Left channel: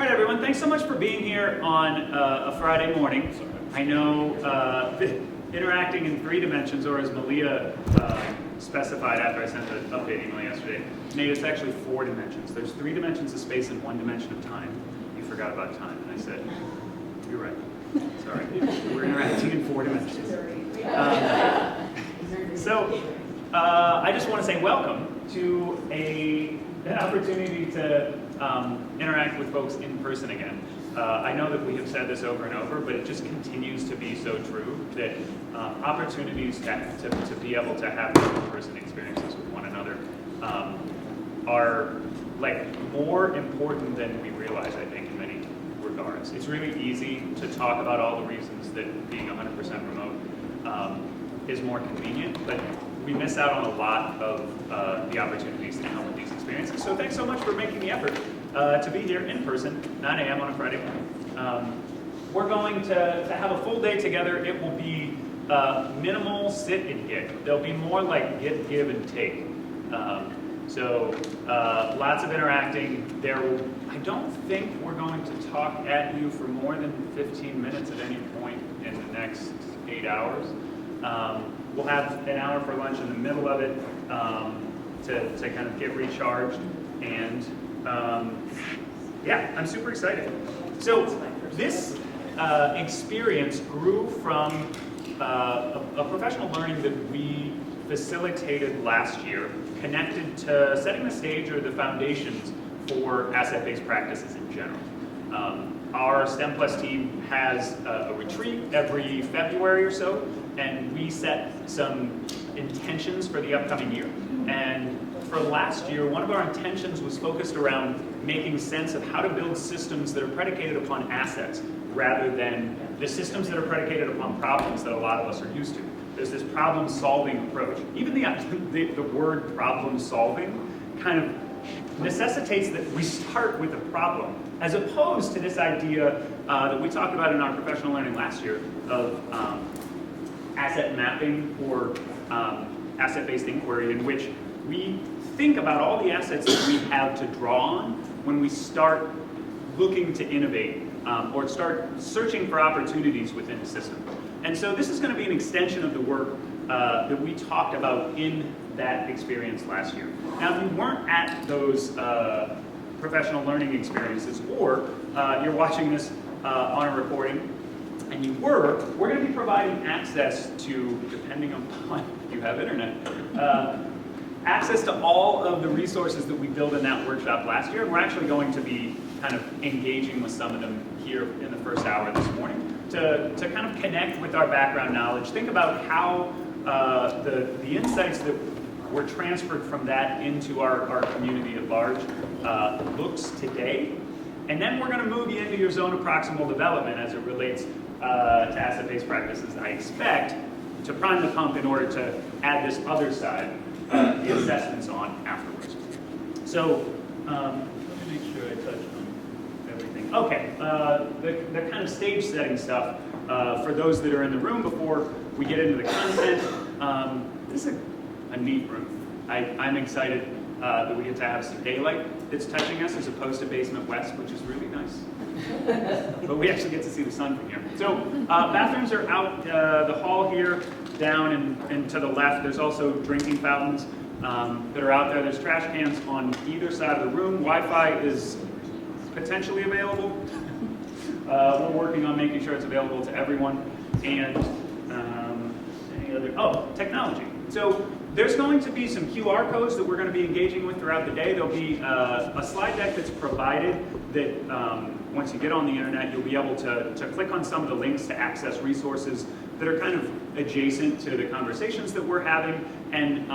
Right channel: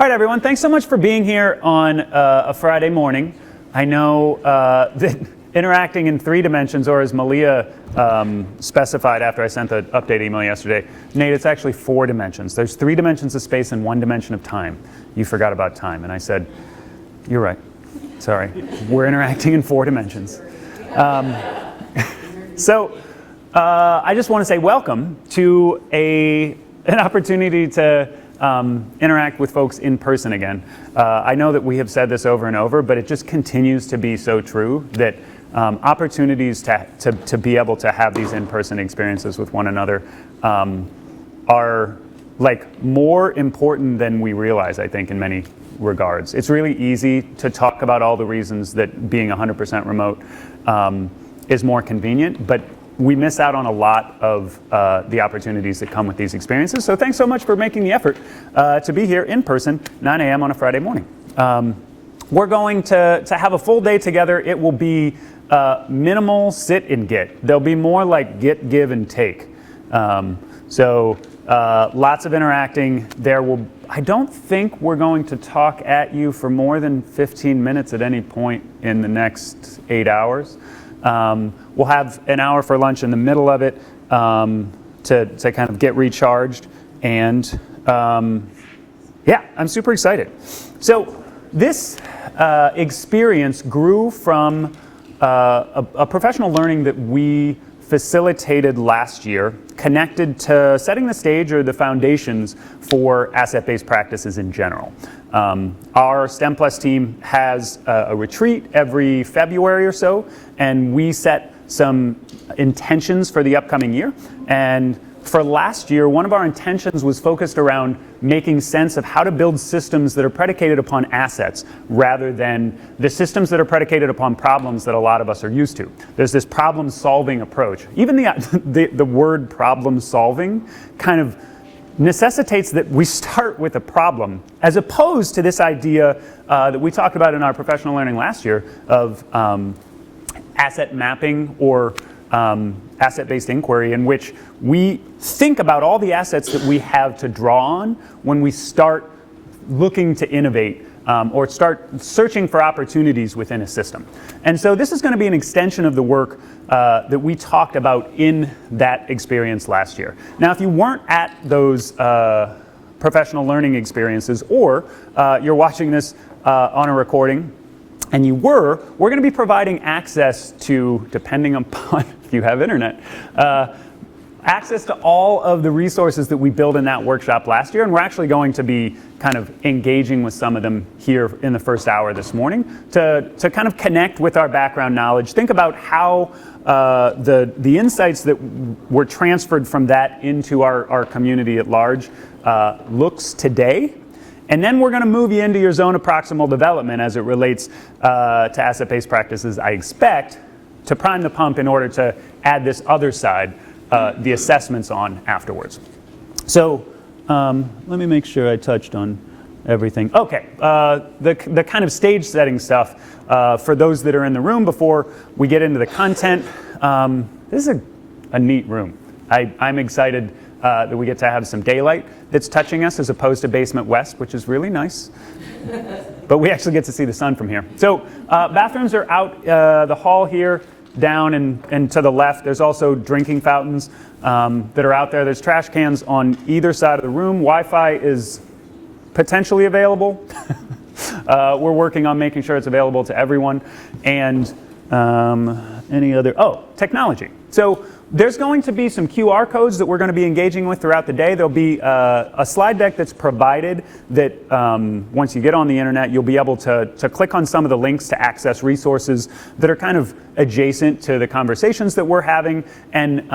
All right, everyone, thanks so much for being here on a Friday morning. I know that interacting in 3 dimensions, or as Malia specified after I sent the update email yesterday, Nate, it's actually 4 dimensions. There's 3 dimensions of space and 1 dimension of time. You forgot about time, and I said, you're right. Sorry, we're interacting in 4 dimensions. I just want to say welcome to an opportunity to interact with folks in person again. I know that we have said this over and over, but it just continues to be so true that opportunities to be able to have these in-person experiences with one another are like more important than we realize, I think, in many regards. It's really easy to talk about all the reasons that being 100% remote is more convenient, but we miss out on a lot of the opportunities that come with these experiences. So thanks so much for making the effort to be here in person, 9 a.m. on a Friday morning. We're going to have a full day together. It will be minimal sit and get. There'll be more like get, give, and take. Lots of interacting. I don't think we're going to talk at you for more than 15 minutes at any point in the next 8 hours. We'll have an hour for lunch in the middle of it to kind of get recharged. And yeah, I'm super excited. So this experience grew from a professional learning that we facilitated last year, connected to setting the stage or the foundations for asset-based practices in general. Our STEM Plus team has a retreat every February or so, and we set some intentions for the upcoming year. And for last year, one of our intentions was focused around making sense of how to build systems that are predicated upon assets rather than the systems that are predicated upon problems that a lot of us are used to. There's this problem-solving approach. Even the word problem-solving kind of necessitates that we start with a problem, as opposed to this idea that we talked about in our professional learning last year of asset mapping or asset-based inquiry, in which we think about all the assets that we have to draw on when we start looking to innovate or start searching for opportunities within a system. And so this is going to be an extension of the work that we talked about in that experience last year. Now, if you weren't at those professional learning experiences, or you're watching this on a recording, and we're going to be providing access to, depending upon if you have internet, access to all of the resources that we built in that workshop last year, and we're actually going to be kind of engaging with some of them here in the first hour this morning to kind of connect with our background knowledge, think about how the insights that were transferred from that into our community at large looks today. And then we're going to move you into your zone of proximal development as it relates to asset-based practices, I expect, to prime the pump in order to add this other side, the assessments on afterwards. So let me make sure I touched on everything. Okay, the kind of stage setting stuff for those that are in the room before we get into the content. This is a neat room. I'm excited that we get to have some daylight that's touching us as opposed to basement west, which is really nice. But we actually get to see the sun from here. So bathrooms are out the hall here, down and to the left. There's also drinking fountains that are out there. There's trash cans on either side of the room. Wi-Fi is potentially available. We're working on making sure it's available to everyone. And any other, technology. So there's going to be some QR codes that we're going to be engaging with throughout the day. There'll be a slide deck that's provided that once you get on the internet, you'll be able to click on some of the links to access resources that are kind of adjacent to the conversations that we're having, and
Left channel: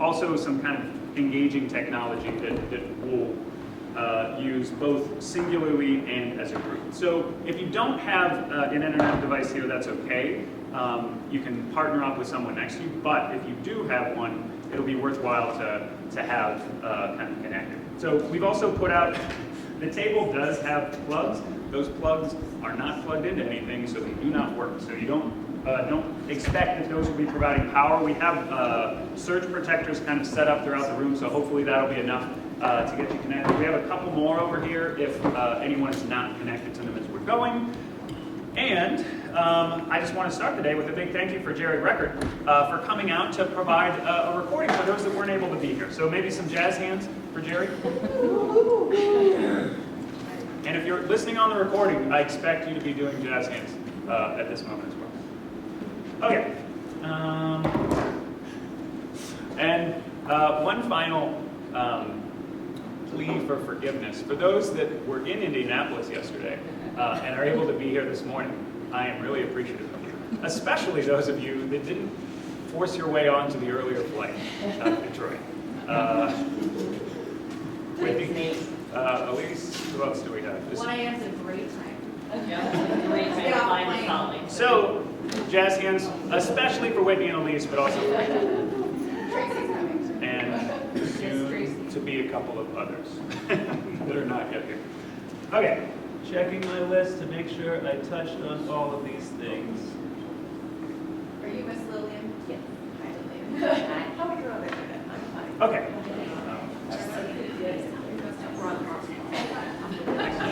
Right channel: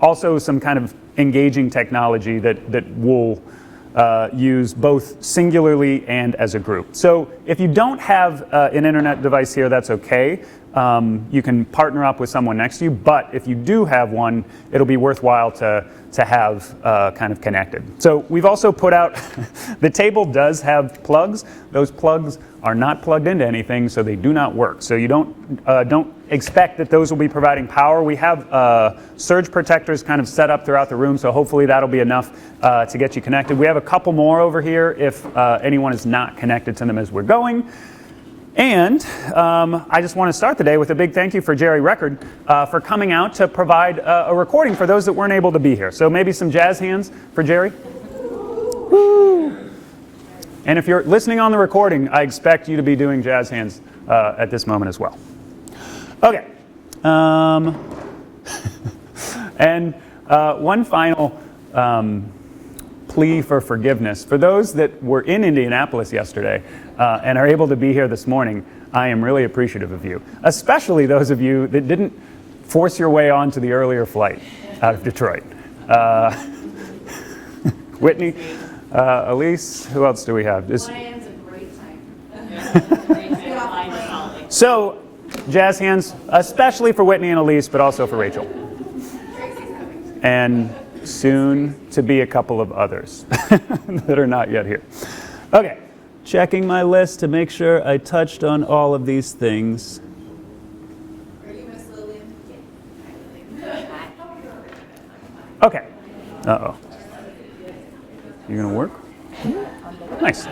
also some kind of engaging technology that we'll use both singularly and as a group. So if you don't have an internet device here, that's okay. You can partner up with someone next to you, but if you do have one, it'll be worthwhile to have kind of connected. So we've also put out, the table does have plugs. Those plugs are not plugged into anything, so they do not work. So you don't expect that those will be providing power. We have surge protectors kind of set up throughout the room, so hopefully that'll be enough to get you connected. We have a couple more over here if anyone is not connected to them as we're going. And I just want to start the day with a big thank you for Jerry Record for coming out to provide a recording for those that weren't able to be here. So maybe some jazz hands for Jerry. And if you're listening on the recording, I expect you to be doing jazz hands at this moment as well. Okay. And one final plea for forgiveness. For those that were in Indianapolis yesterday and are able to be here this morning, I am really appreciative of you, especially those of you that didn't force your way onto the earlier flight out of Detroit. Whitney, Elise, who else do we have? 1 a.m. is a great time. So, jazz hands, especially for Whitney and Elise, but also for Rachel. And soon to be a couple of others that are not yet here. Okay, checking my list to make sure I touched on all of these things. Are you Miss Lillian? Yes. Okay. Uh-oh. You gonna work? Nice.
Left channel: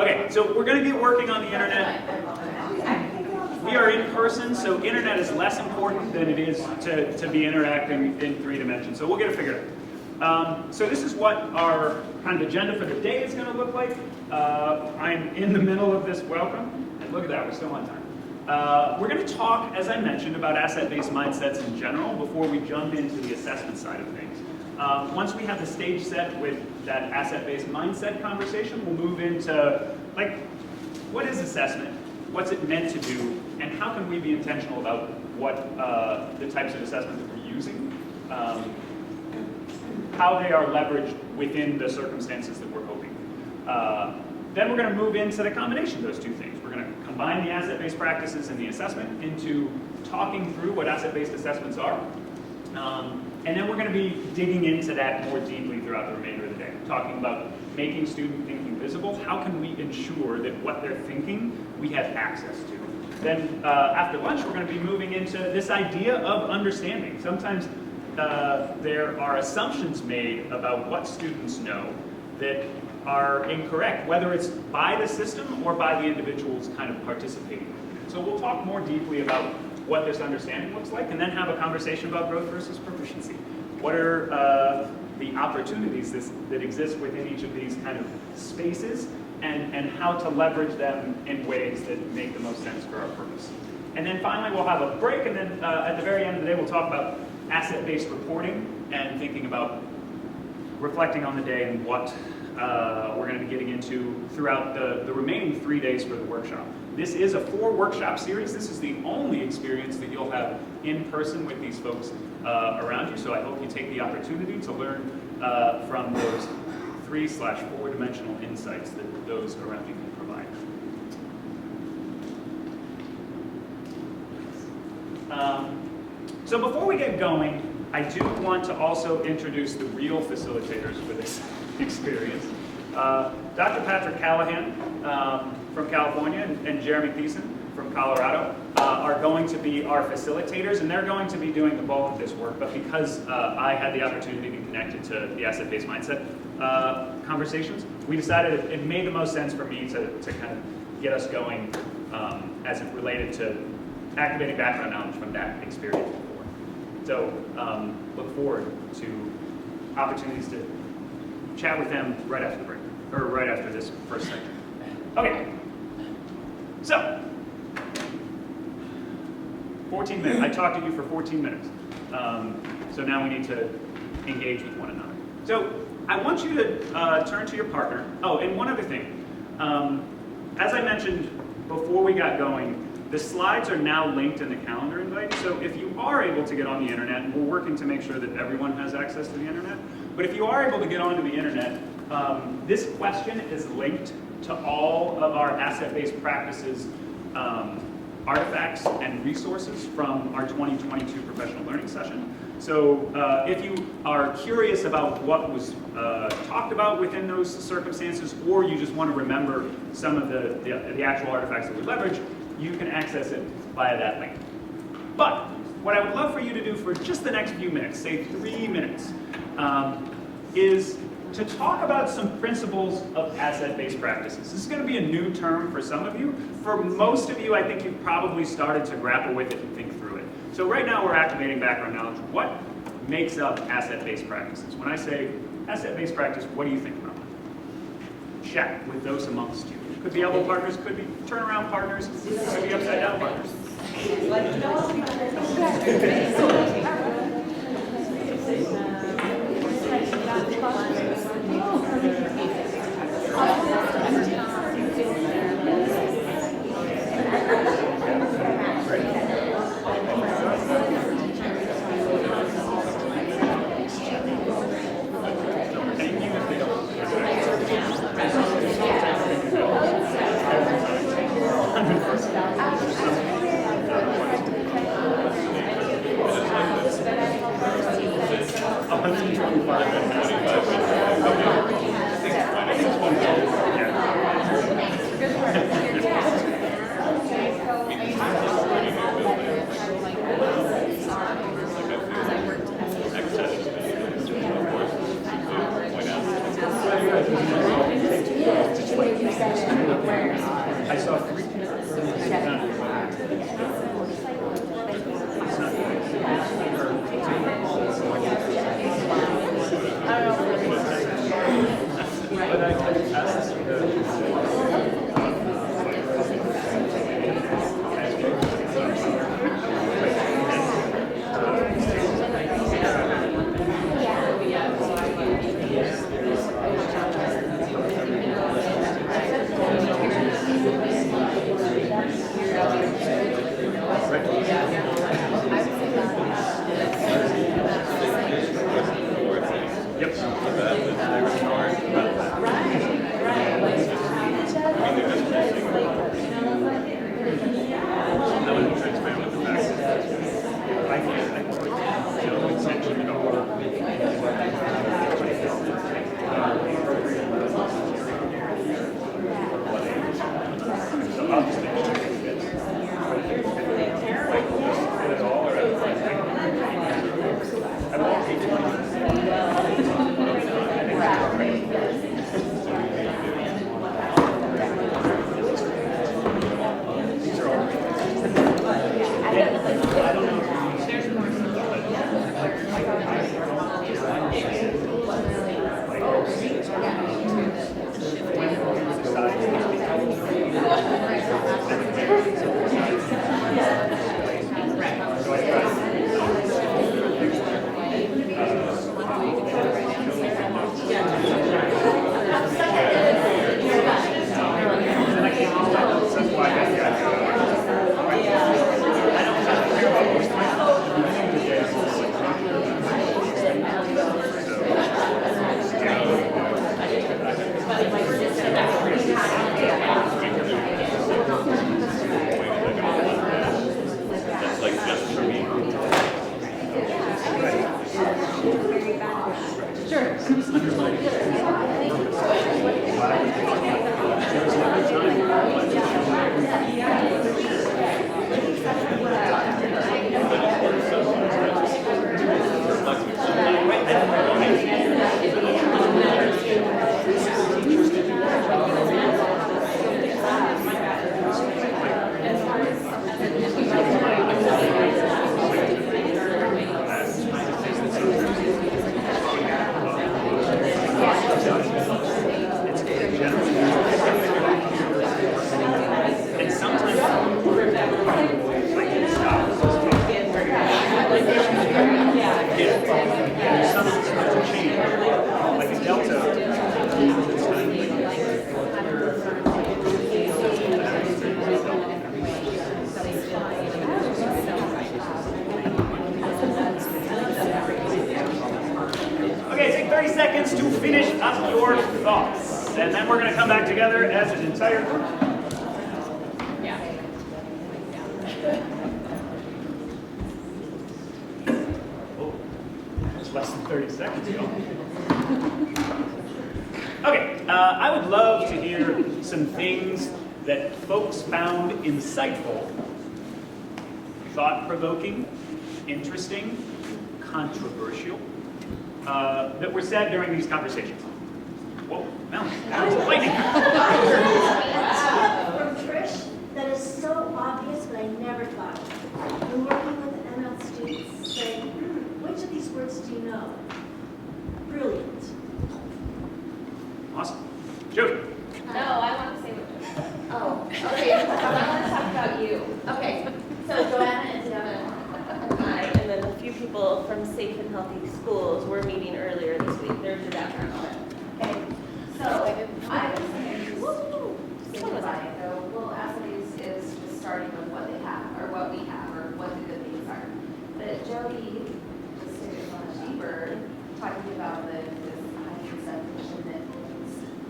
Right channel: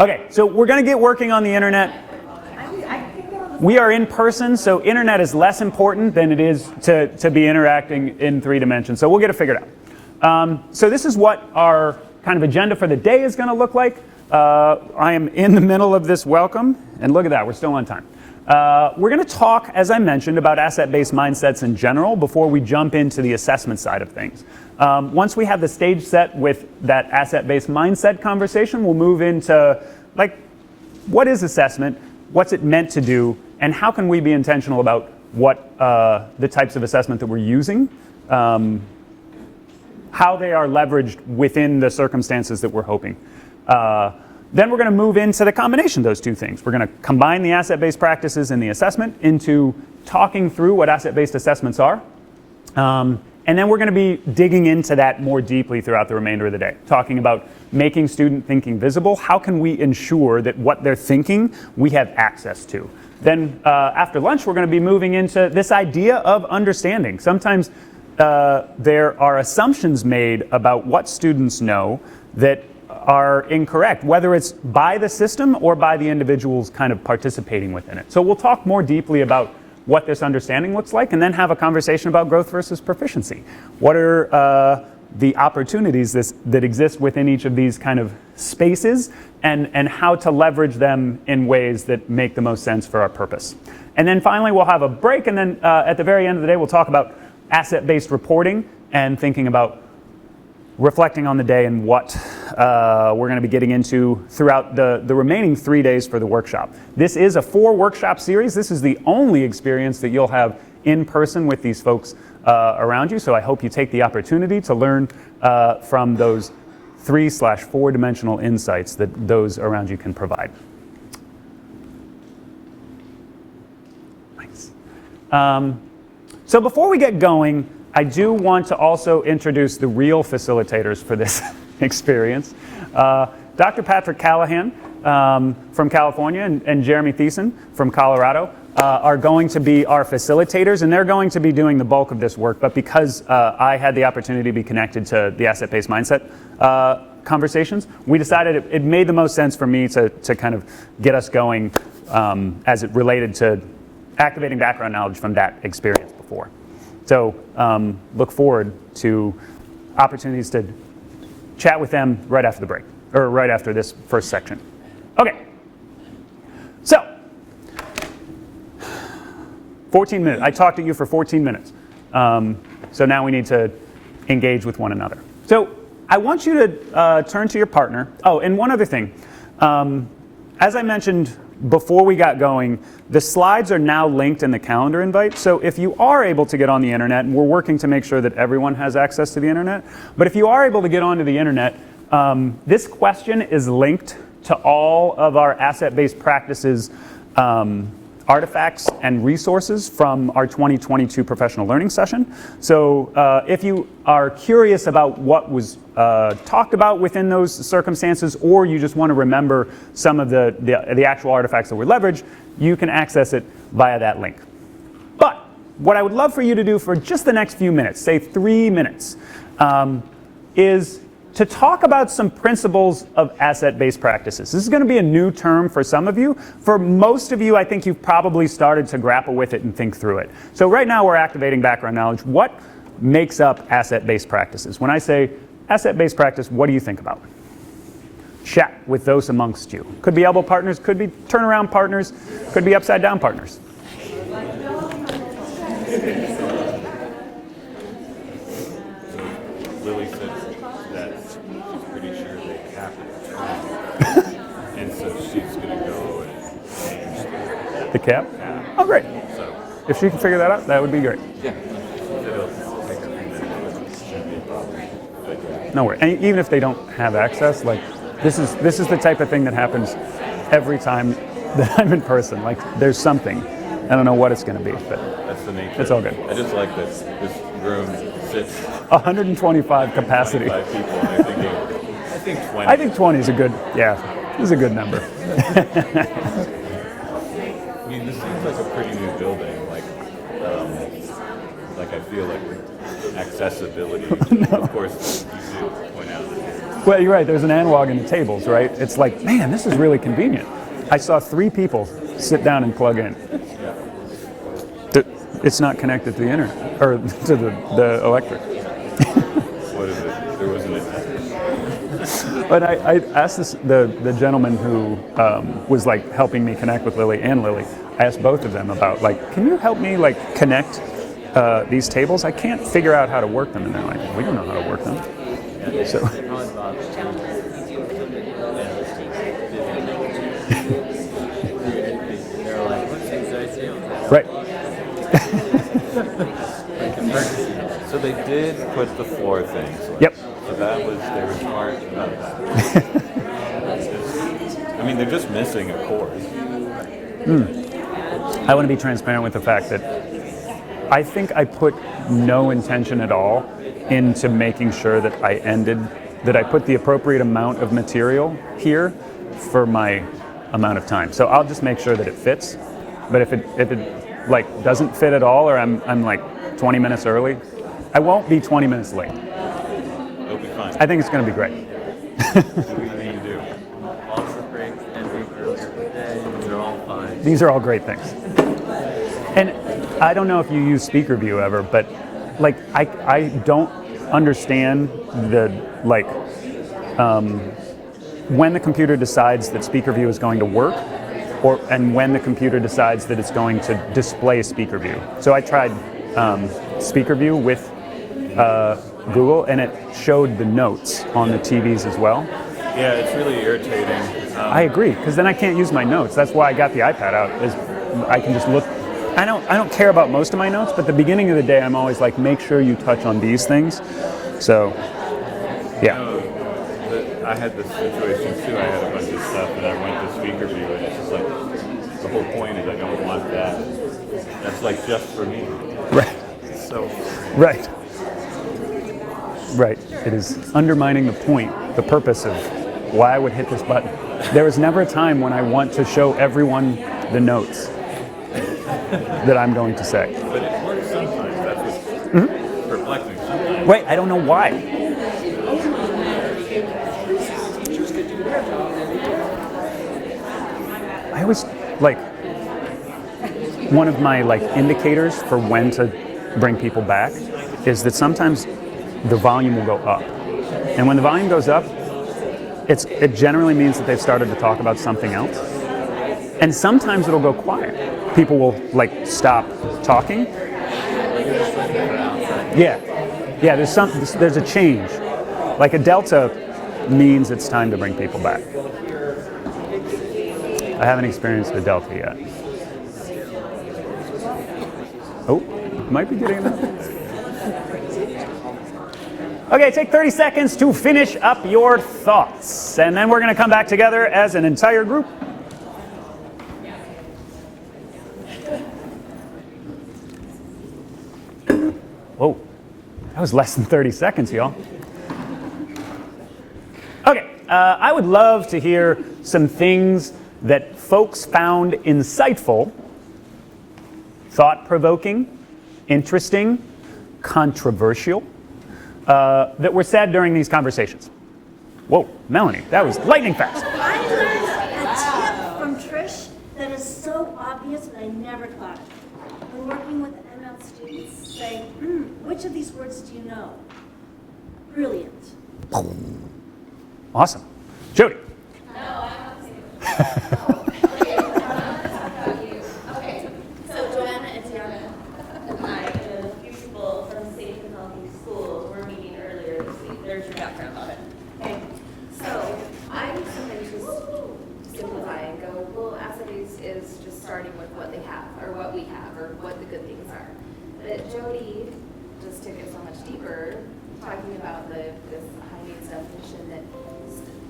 Okay, so we're going to get working on the internet. We are in person, so internet is less important than it is to be interacting in 3 dimensions. So we'll get it figured out. So this is what our kind of agenda for the day is going to look like. I am in the middle of this welcome, and look at that, we're still on time. We're going to talk, as I mentioned, about asset-based mindsets in general before we jump into the assessment side of things. Once we have the stage set with that asset-based mindset conversation, we'll move into, like, what is assessment, what's it meant to do, and how can we be intentional about what the types of assessment that we're using, how they are leveraged within the circumstances that we're hoping. Then we're going to move into the combination of those two things. We're going to combine the asset-based practices and the assessment into talking through what asset-based assessments are. And then we're going to be digging into that more deeply throughout the remainder of the day, talking about making student thinking visible. How can we ensure that what they're thinking we have access to? Then after lunch, we're going to be moving into this idea of understanding. Sometimes there are assumptions made about what students know that are incorrect, whether it's by the system or by the individuals kind of participating within it. So we'll talk more deeply about what this understanding looks like, and then have a conversation about growth versus proficiency. What are the opportunities that exist within each of these kind of spaces, and how to leverage them in ways that make the most sense for our purpose. And then finally, we'll have a break, and then at the very end of the day, we'll talk about asset-based reporting and thinking about reflecting on the day and what we're going to be getting into throughout the remaining 3 days for the workshop. This is a 4-workshop series. This is the only experience that you'll have in person with these folks around you, so I hope you take the opportunity to learn from those 3/4 dimensional insights that those around you can provide. Nice. So before we get going, I do want to also introduce the real facilitators for this experience. Dr. Patrick Callahan from California and Jeremy Thiessen from Colorado are going to be our facilitators, and they're going to be doing the bulk of this work. But because I had the opportunity to be connected to the asset-based mindset conversations, we decided it made the most sense for me to kind of get us going as it related to activating background knowledge from that experience before. So look forward to opportunities to chat with them right after the break, or right after this first section. Okay, so 14 minutes. I talked to you for 14 minutes. So now we need to engage with one another. So I want you to turn to your partner. Oh, and one other thing. As I mentioned before we got going, the slides are now linked in the calendar invite. So if you are able to get on the internet, we're working to make sure that everyone has access to the internet. But if you are able to get onto the internet, this question is linked to all of our asset-based practices artifacts and resources from our 2022 professional learning session. So if you are curious about what was talked about within those circumstances, or you just want to remember some of the actual artifacts that were leveraged, you can access it via that link. what I would love for you to do for just the next few minutes, say 3 minutes, is to talk about some principles of asset-based practices. This is going to be a new term for some of you. For most of you, I think you've probably started to grapple with it and think through it. So right now we're activating background knowledge. What makes up asset-based practices? When I say asset-based practice, what do you think about? Chat with those amongst you. Could be elbow partners, could be turnaround partners, could be upside down partners. The cap? Oh, great. If she can figure that out, that would be great. No worries. And even if they don't have access, like this is the type of thing that happens every time that I'm in person. Like there's something. I don't know what it's going to be, but it's all good. It is like this room. 125 capacity. I think 20 is a good, yeah, it's a good number. Well, you're right, there's an analog in tables, right? It's like, man, this is really convenient. I saw 3 people sit down and plug in. It's not connected to the internet, or to the electric. But I asked the gentleman who was like helping me connect with Lily and Lily, I asked both of them about like, can you help me like connect these tables? I can't figure out how to work them. And I'm like, I don't know how to work them. So. Right. So they did put the 4 things. Yep. So that was their smart about that. I mean, they're just missing a course. I want to be transparent with the fact that I think I put no intention at all into making sure that that I put the appropriate amount of material here for my amount of time. So I'll just make sure that it fits. But if it like doesn't fit at all, or I'm like 20 minutes early, I won't be 20 minutes late. I think it's going to be great. These are all great things. And I don't know if you use Speaker View ever, but like I don't understand the like when the computer decides that Speaker View is going to work, and when the computer decides that it's going to display Speaker View. So I tried Speaker View with Google, and it showed the notes on the TVs as well. Yeah, it's really irritating. I agree, because then I can't use my notes. That's why I got the iPad out. Is I can just look. I don't care about most of my notes, but the beginning of the day, I'm always like, make sure you touch on these things. So, yeah. I had this situation too. I went to Speaker View, and it's just like the whole point is I don't want that. That's like just for me. Right. So. Right. Right. It is undermining the point, the purpose of why I would hit this button. There was never a time when I want to show everyone the notes that I'm going to say. Mm-hmm. Wait, I don't know why. I was like, one of my like indicators for when to bring people back is that sometimes the volume will go up. And when the volume goes up, it generally means that they started to talk about something else. And sometimes it'll go quiet. People will like stop talking. Yeah, there's a change. Like a delta means it's time to bring people back. I haven't experienced the delta yet. Oh, might be getting there. Okay, take 30 seconds to finish up your thoughts. And then we're going to come back together as an entire group. Oh, that was less than 30 seconds, y'all. Okay, I would love to hear some things that folks found insightful, thought-provoking, interesting, controversial, that were said during these conversations. Whoa, Melanie, that was lightning fast. From Trish that is so obvious, but I never thought of it. When working with the ML students, say, which of these words do you know? Brilliant. Awesome. Sure. No, I want to say what. Oh, okay. I want to talk about you. Okay. So Joanna and Devin. Hi, and then a few people from Safe and Healthy Schools were meeting earlier this week. There's your background on it. Okay. So I was going to just simplify it. Go, well, assays is just starting with what they have, or what we have, or what the good things are. But Jody just did it on a deeper, talking about this definition that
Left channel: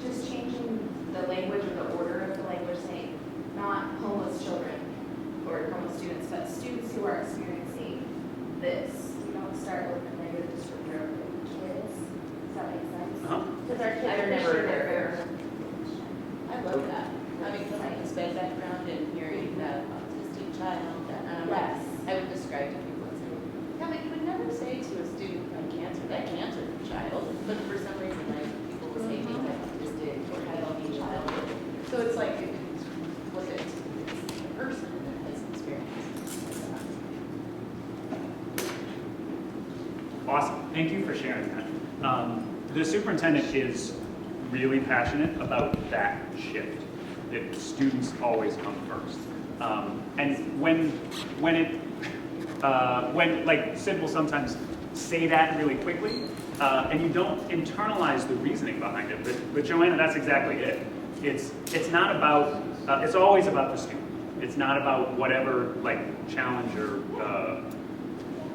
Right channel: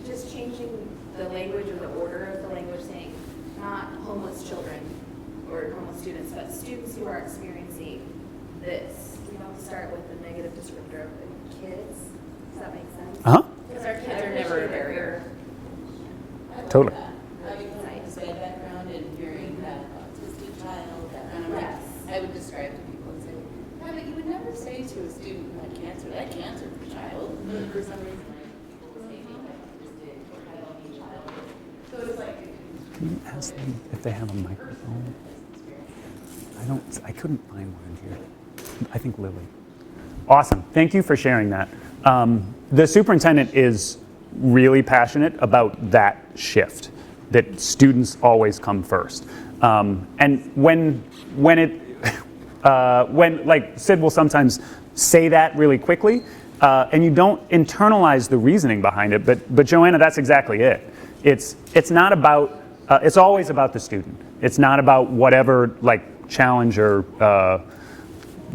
just changing the language or the order of the language, saying not homeless children or homeless students, but students who are experiencing this. You don't start with the negative descriptor of the kids. Does that make sense? Uh-huh. Because our kids are never there. I love Totally. that. Having my background and hearing that autistic child, Yes. I would describe to people as, yeah, but you would never say to a student like that cancer child, but for some reason, like, people will say things like autistic or healthy child. So it's like, look at If they have the them. person as an experience. I couldn't find it. I think Lily. Awesome. Thank you for sharing that. The superintendent is really passionate about that shift, that students always come first. And when like Sid will sometimes say that really quickly, and you don't internalize the reasoning behind it, but Joanna, that's exactly it. It's not about, it's always about the student. It's not about whatever like challenge or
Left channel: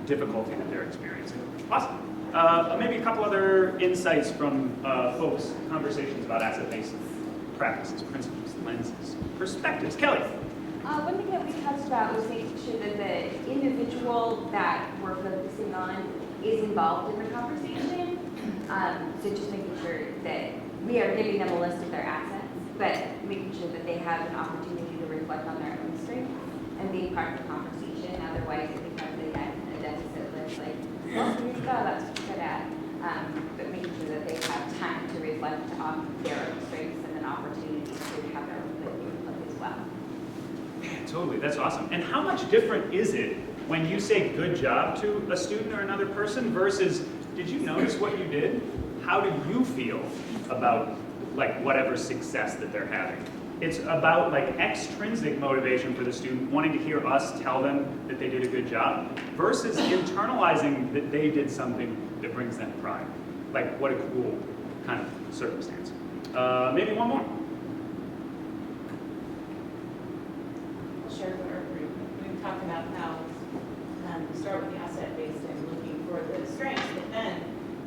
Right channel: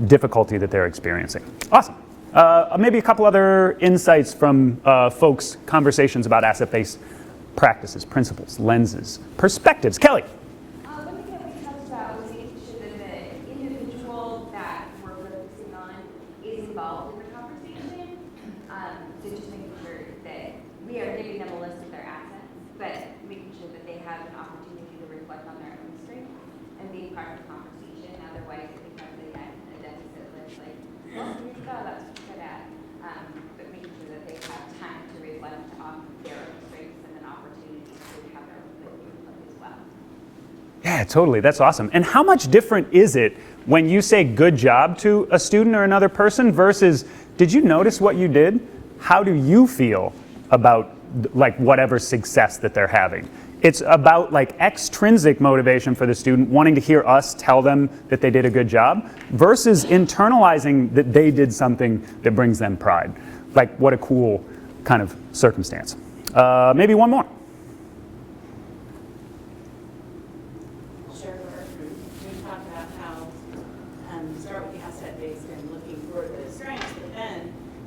difficulty that they're experiencing. Awesome. Maybe a couple other insights from folks' conversations about asset-based practices, principles, lenses, perspectives. Kelly. One thing that we touched about was making sure that the individual that we're focusing on is involved in the conversation. So just making sure that we are giving them a list of their assets, but making sure that they have an opportunity to reflect on their own strengths and be part of the conversation. Otherwise, it becomes a deficit list, like, well, here you go, that's what you're good at. But making sure that they have time to reflect on their own strengths and an opportunity to have their own input as well. Yeah, totally. That's awesome. And how much different is it when you say good job to a student or another person versus did you notice what you did? How do you feel about like whatever success that they're having? It's about like extrinsic motivation for the student wanting to hear us tell them that they did a good job versus internalizing that they did something that brings them pride. Like what a cool kind of circumstance. Maybe one more. Share with our group. We've talked about how start with the asset base and looking for the strengths, but then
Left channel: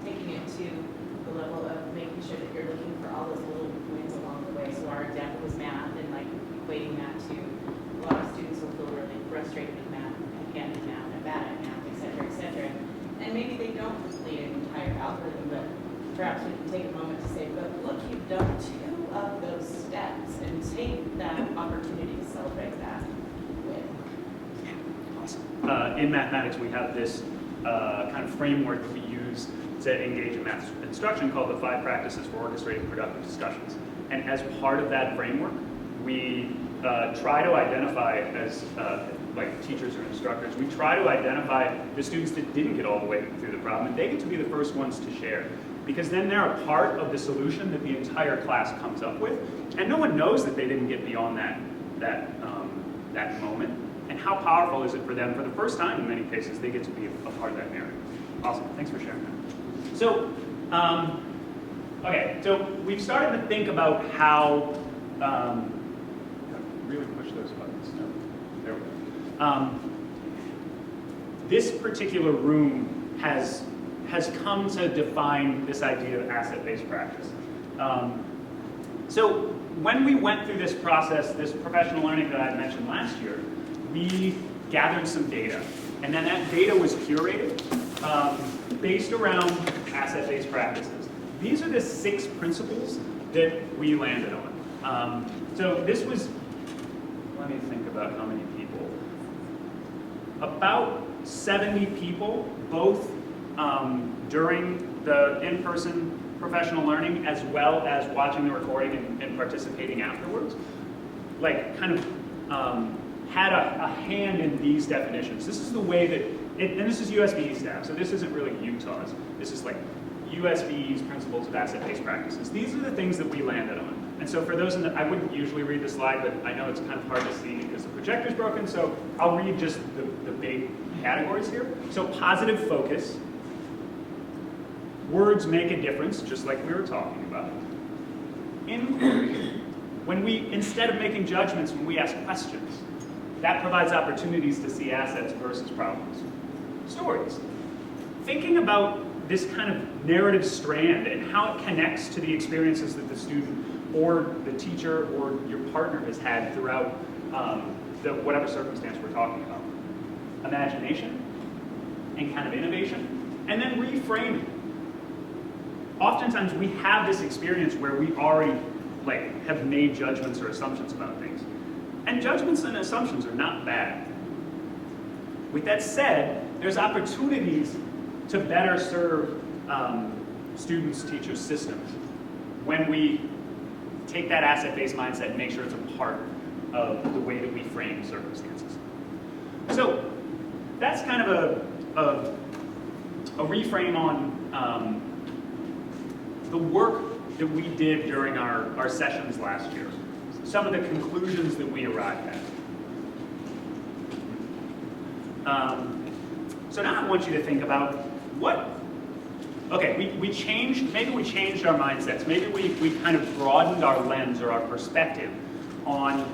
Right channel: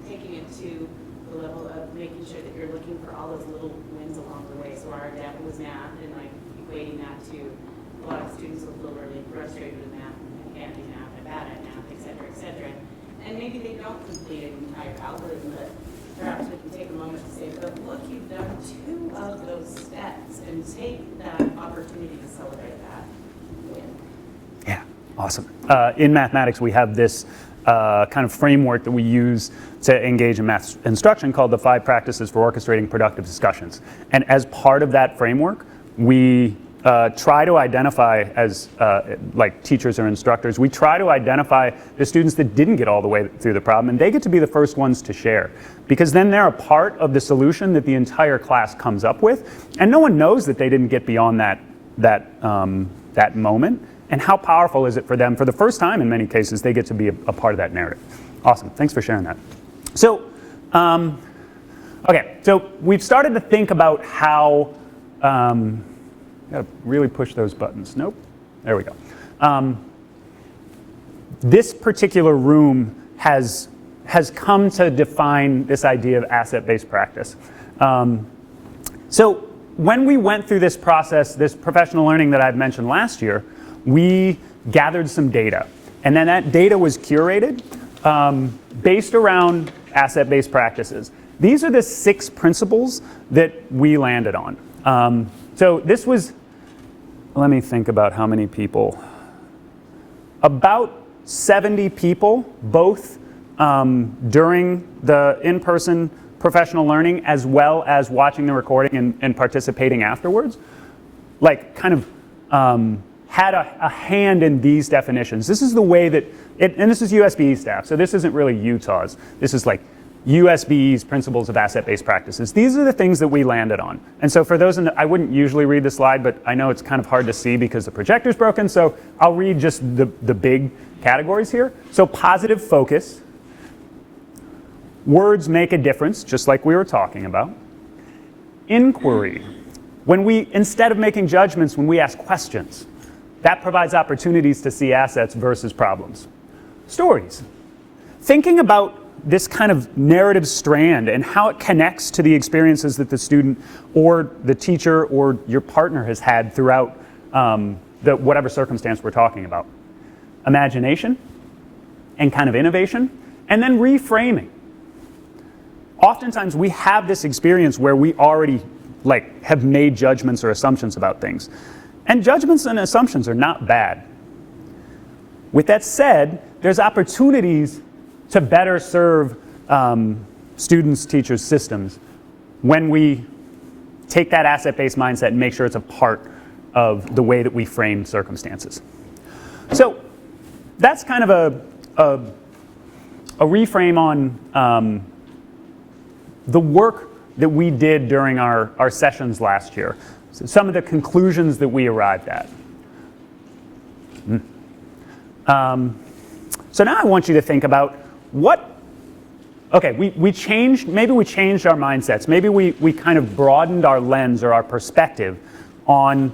taking it to the level of making sure that you're looking for all those little wins along the way. So our depth was math and like equating that to a lot of students will feel really frustrated with math and can't do math and bad at math, et cetera, et cetera. And maybe they don't complete an entire algorithm, but perhaps we can take a moment to say, but look, you've done 2 of those steps and take that opportunity to celebrate that win. Yeah, awesome. In mathematics, we have this kind of framework that we use to engage in math instruction called the 5 practices for orchestrating productive discussions. And as part of that framework, we try to identify as like teachers or instructors, we try to identify the students that didn't get all the way through the problem, and they get to be the first ones to share. Because then they're a part of the solution that the entire class comes up with, and no one knows that they didn't get beyond that moment. And how powerful is it for them? For the first time, in many cases, they get to be a part of that narrative. Awesome. Thanks for sharing that. So, okay. So we've started to think about how. Gotta really push those buttons. Nope. There we go. This particular room has come to define this idea of asset-based practice. So when we went through this process, this professional learning that I've mentioned last year, we gathered some data. And then that data was curated based around asset-based practices. These are the 6 principles that we landed on. So this was, let me think about how many people. About 70 people, both during the in-person professional learning as well as watching the recording and participating afterwards, like kind of had a hand in these definitions. This is the way that, and this is USBE staff, so this isn't really Utah's. This is like USBE's principles of asset-based practices. These are the things that we landed on. And so for those, I wouldn't usually read the slide, but I know it's kind of hard to see because the projector's broken, so I'll read just the big categories here. So positive focus. Words make a difference, just like we were talking about. Inquiry. When we, instead of making judgments, when we ask questions, that provides opportunities to see assets versus problems. Stories. Thinking about this kind of narrative strand and how it connects to the experiences that the student or the teacher or your partner has had throughout whatever circumstance we're talking about. Imagination and kind of innovation, and then reframing. Oftentimes we have this experience where we already have made judgments or assumptions about things. And judgments and assumptions are not bad. With that said, there's opportunities to better serve students, teachers, systems when we take that asset-based mindset and make sure it's a part of the way that we frame circumstances. So that's kind of a reframe on the work that we did during our sessions last year. So some of the conclusions that we arrived at. So now I want you to think about maybe we changed our mindsets. Maybe we kind of broadened our lens or our perspective on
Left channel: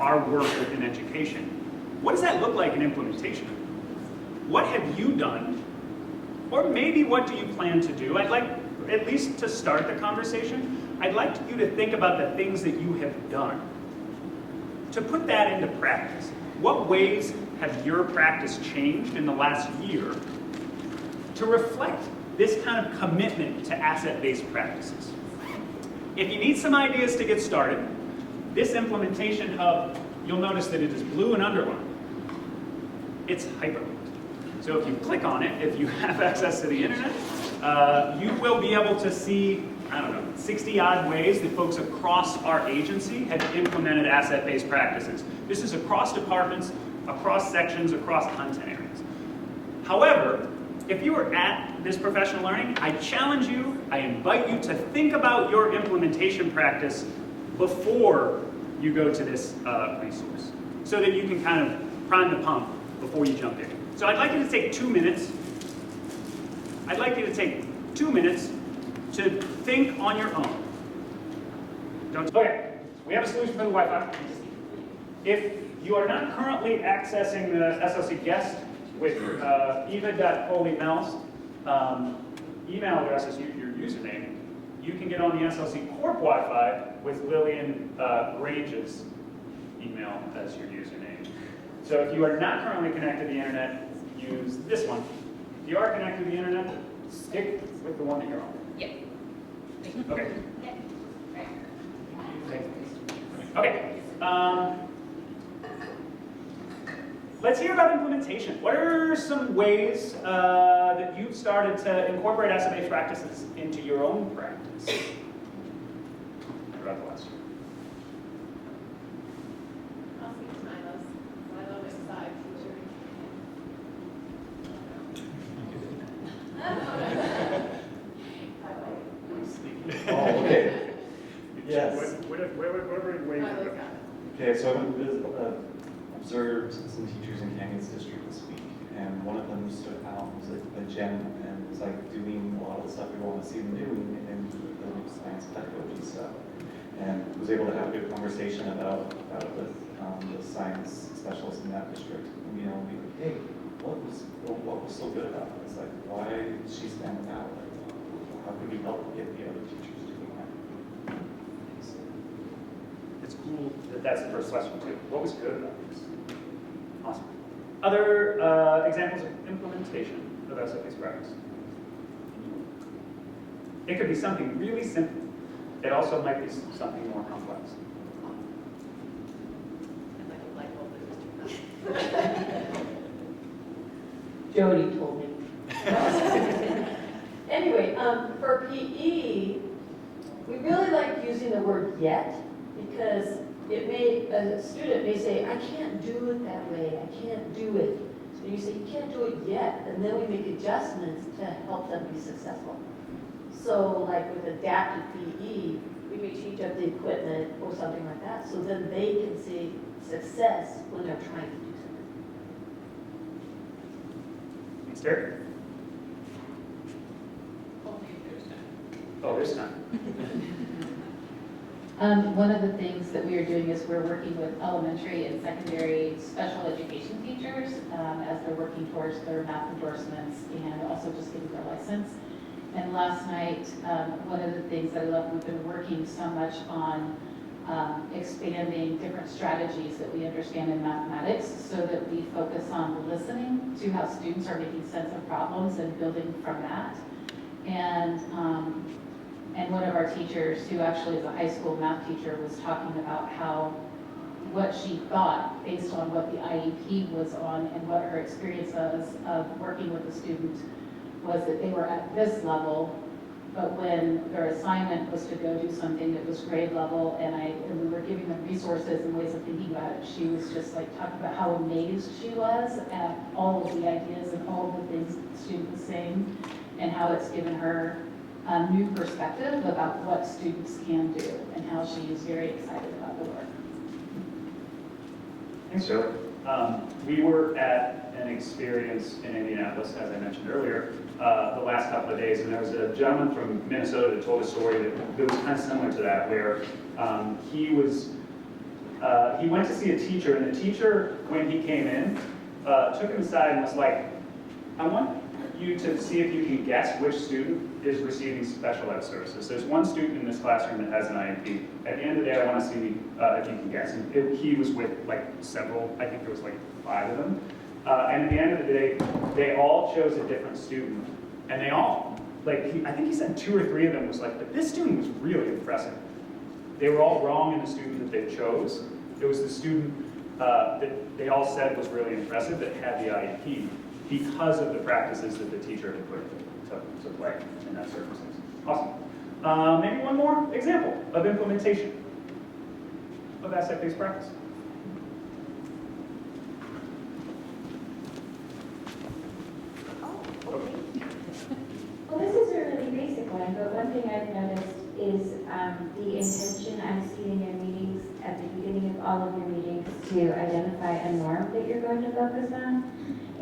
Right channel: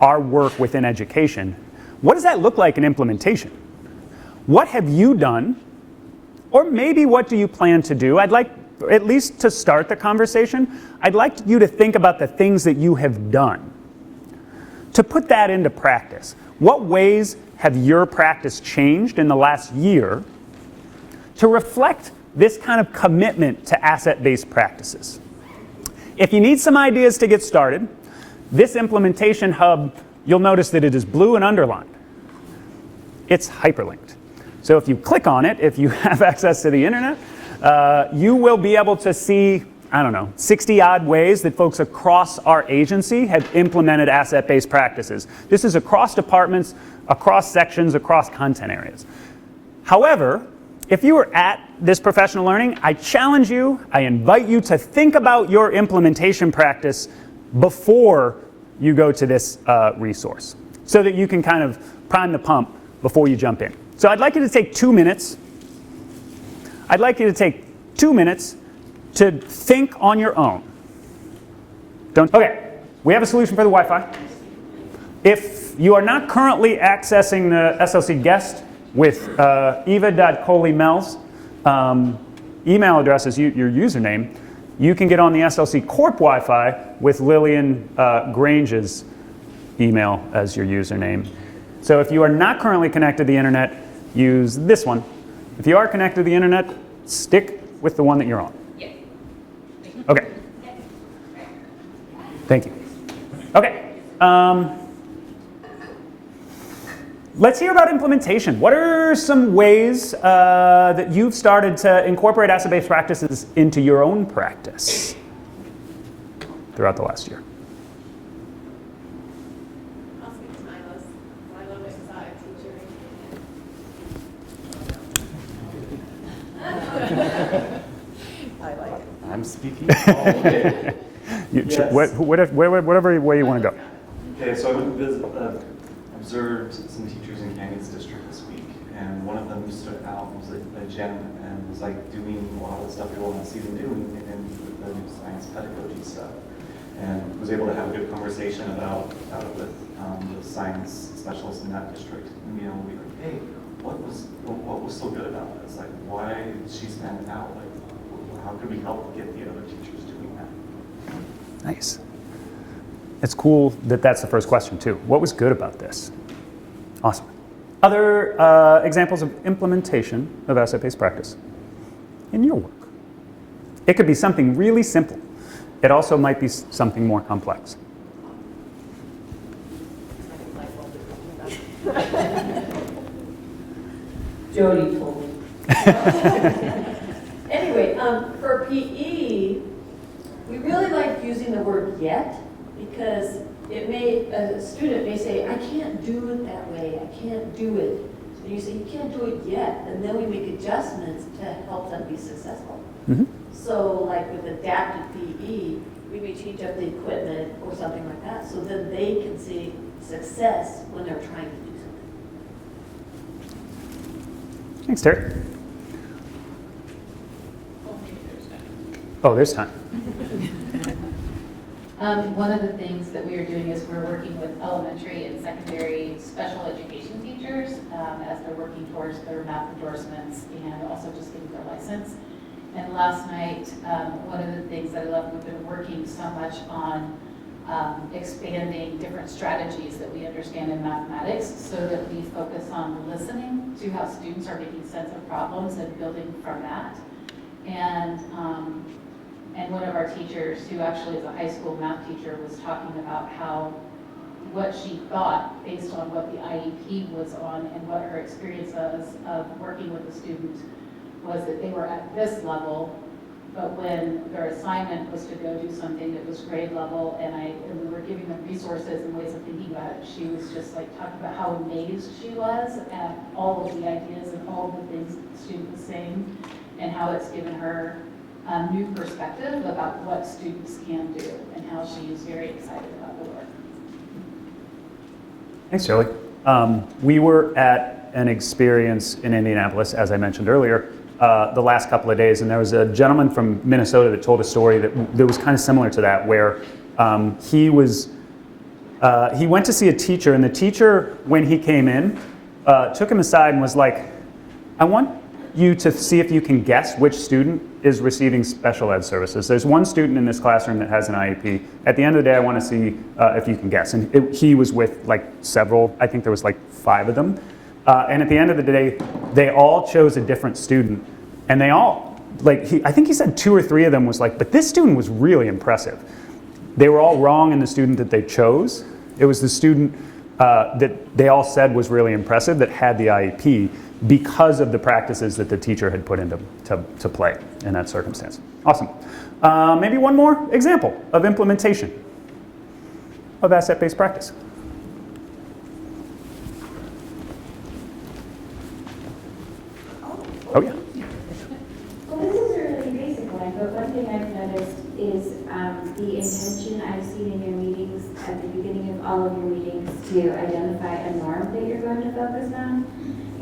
our work within education. What does that look like in implementation? What have you done? Or maybe what do you plan to do? I'd like, at least to start the conversation, I'd like you to think about the things that you have done. To put that into practice. What ways have your practice changed in the last year to reflect this kind of commitment to asset-based practices? If you need some ideas to get started, this implementation hub, you'll notice that it is blue and underlined. It's hyperlinked. So if you click on it, if you have access to the internet, you will be able to see, 60 odd ways that folks across our agency have implemented asset-based practices. This is across departments, across sections, across content areas. However, if you are at this professional learning, I challenge you, I invite you to think about your implementation practice before you go to this resource, so that you can kind of prime the pump before you jump in. So I'd like you to take 2 minutes. I'd like you to take 2 minutes to think on your own. Okay, we have a solution for the Wi-Fi. If you are not currently accessing the SLC guest with eva.coleymel's email address as your username, you can get on the SLC Corp Wi-Fi with Lillian Grange's email as your username. So if you are not currently connected to the internet, use this one. If you are connected to the internet, stick with the one that you're on. Yes. Okay. Thank you. Okay. Let's hear about implementation. What are some ways that you've started to incorporate asset-based practices into your own practice throughout the last year? I'll speak to Milo's. Milo is side teacher. I like it. I'm speaking. Oh, okay. Yes. Whatever way you want to go. Okay, so I went to observed some teachers in Canyons District this week, and one of them stood out, was a Jen, and was like doing a lot of the stuff we want to see them doing in the new science pedagogy stuff, and was able to have a good conversation about it with the science specialists in that district. And, we were like, hey, what was so good about this? Like, why did she stand out? Like, how could we help get the other teachers doing that? Nice. It's cool that that's the first question, too. What was good about this? Awesome. Other examples of implementation of asset-based practice in your work? It could be something really simple. It also might be something more complex. Jody told me. Anyway, for PE, we really like using the word yet because a student may say, I can't do it that way, I can't do it. So you say, you can't do it yet, and then we make adjustments to help them be successful. Mhm. So like with adapted PE, we may change up the equipment or something like that, so then they can see success when they're trying to do something. Thanks, Terry. Oh, there's time. One of the things that we are doing is we're working with elementary and secondary special education teachers as they're working towards their math endorsements and also just getting their license. And last night, one of the things that I love, we've been working so much on expanding different strategies that we understand in mathematics so that we focus on listening to how students are making sense of problems and building from that. And one of our teachers, who actually is a high school math teacher, was talking about how what she thought based on what the IEP was on and what her experience was of working with a student was that they were at this level, but when their assignment was to go do something that was grade level and we were giving them resources and ways of thinking about it, she was just like talking about how amazed she was at all of the ideas and all of the things that the student was saying and how it's given her a new perspective about what students can do and how she is very excited about the work. Thanks, Joey. We were at an experience in Indianapolis, as I mentioned earlier, the last couple of days, and there was a gentleman from Minnesota that told a story that was kind of similar to that, where he went to see a teacher, and the teacher, when he came in, took him aside and was like, I want you to see if you can guess which student is receiving special ed services. There's one student in this classroom that has an IEP. At the end of the day, I want to see if you can guess. And he was with like several, I think there was like 5 of them. And at the end of the day, they all chose a different student. And they all, I think he said 2 or 3 of them was like, but this student was really impressive. They were all wrong in the student that they chose. It was the student that they all said was really impressive that had the IEP because of the practices that the teacher had put into to play in that circumstance. Awesome. Maybe one more example of implementation of asset-based practice. Oh, yeah. Well, this is a really basic one, but one thing I've noticed is the intention I've seen in your meetings at the beginning of all of your meetings to identify a norm that you're going to focus on.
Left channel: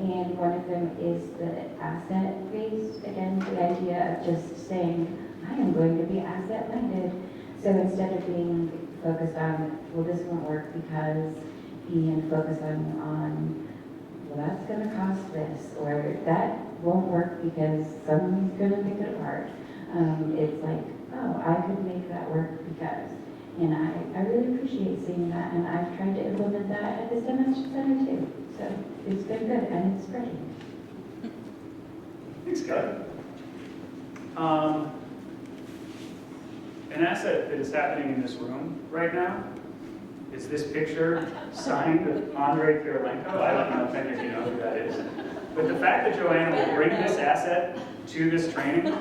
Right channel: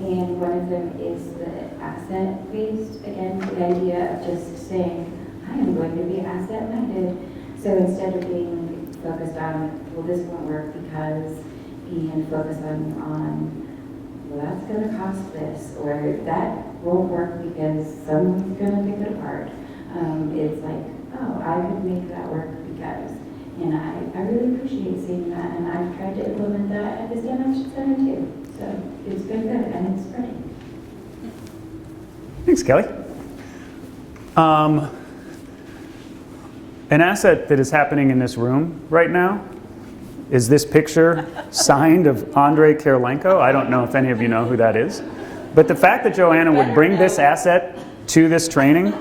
And one of them is the asset-based, again, the idea of just saying, I am going to be asset-minded. So instead of being focused on, well, this won't work because, and focus on well, that's going to cost this, or that won't work because someone's going to pick it apart. It's like, oh, I could make that work because. And I really appreciate seeing that, and I've tried to implement that at the STEM Center too. So it's been good, and it's spreading. Thanks, Kelly. An asset that is happening in this room right now is this picture signed of Andrei Kirilenko. I don't know if any of you know who that is. But the fact that Joanna would bring this asset to this training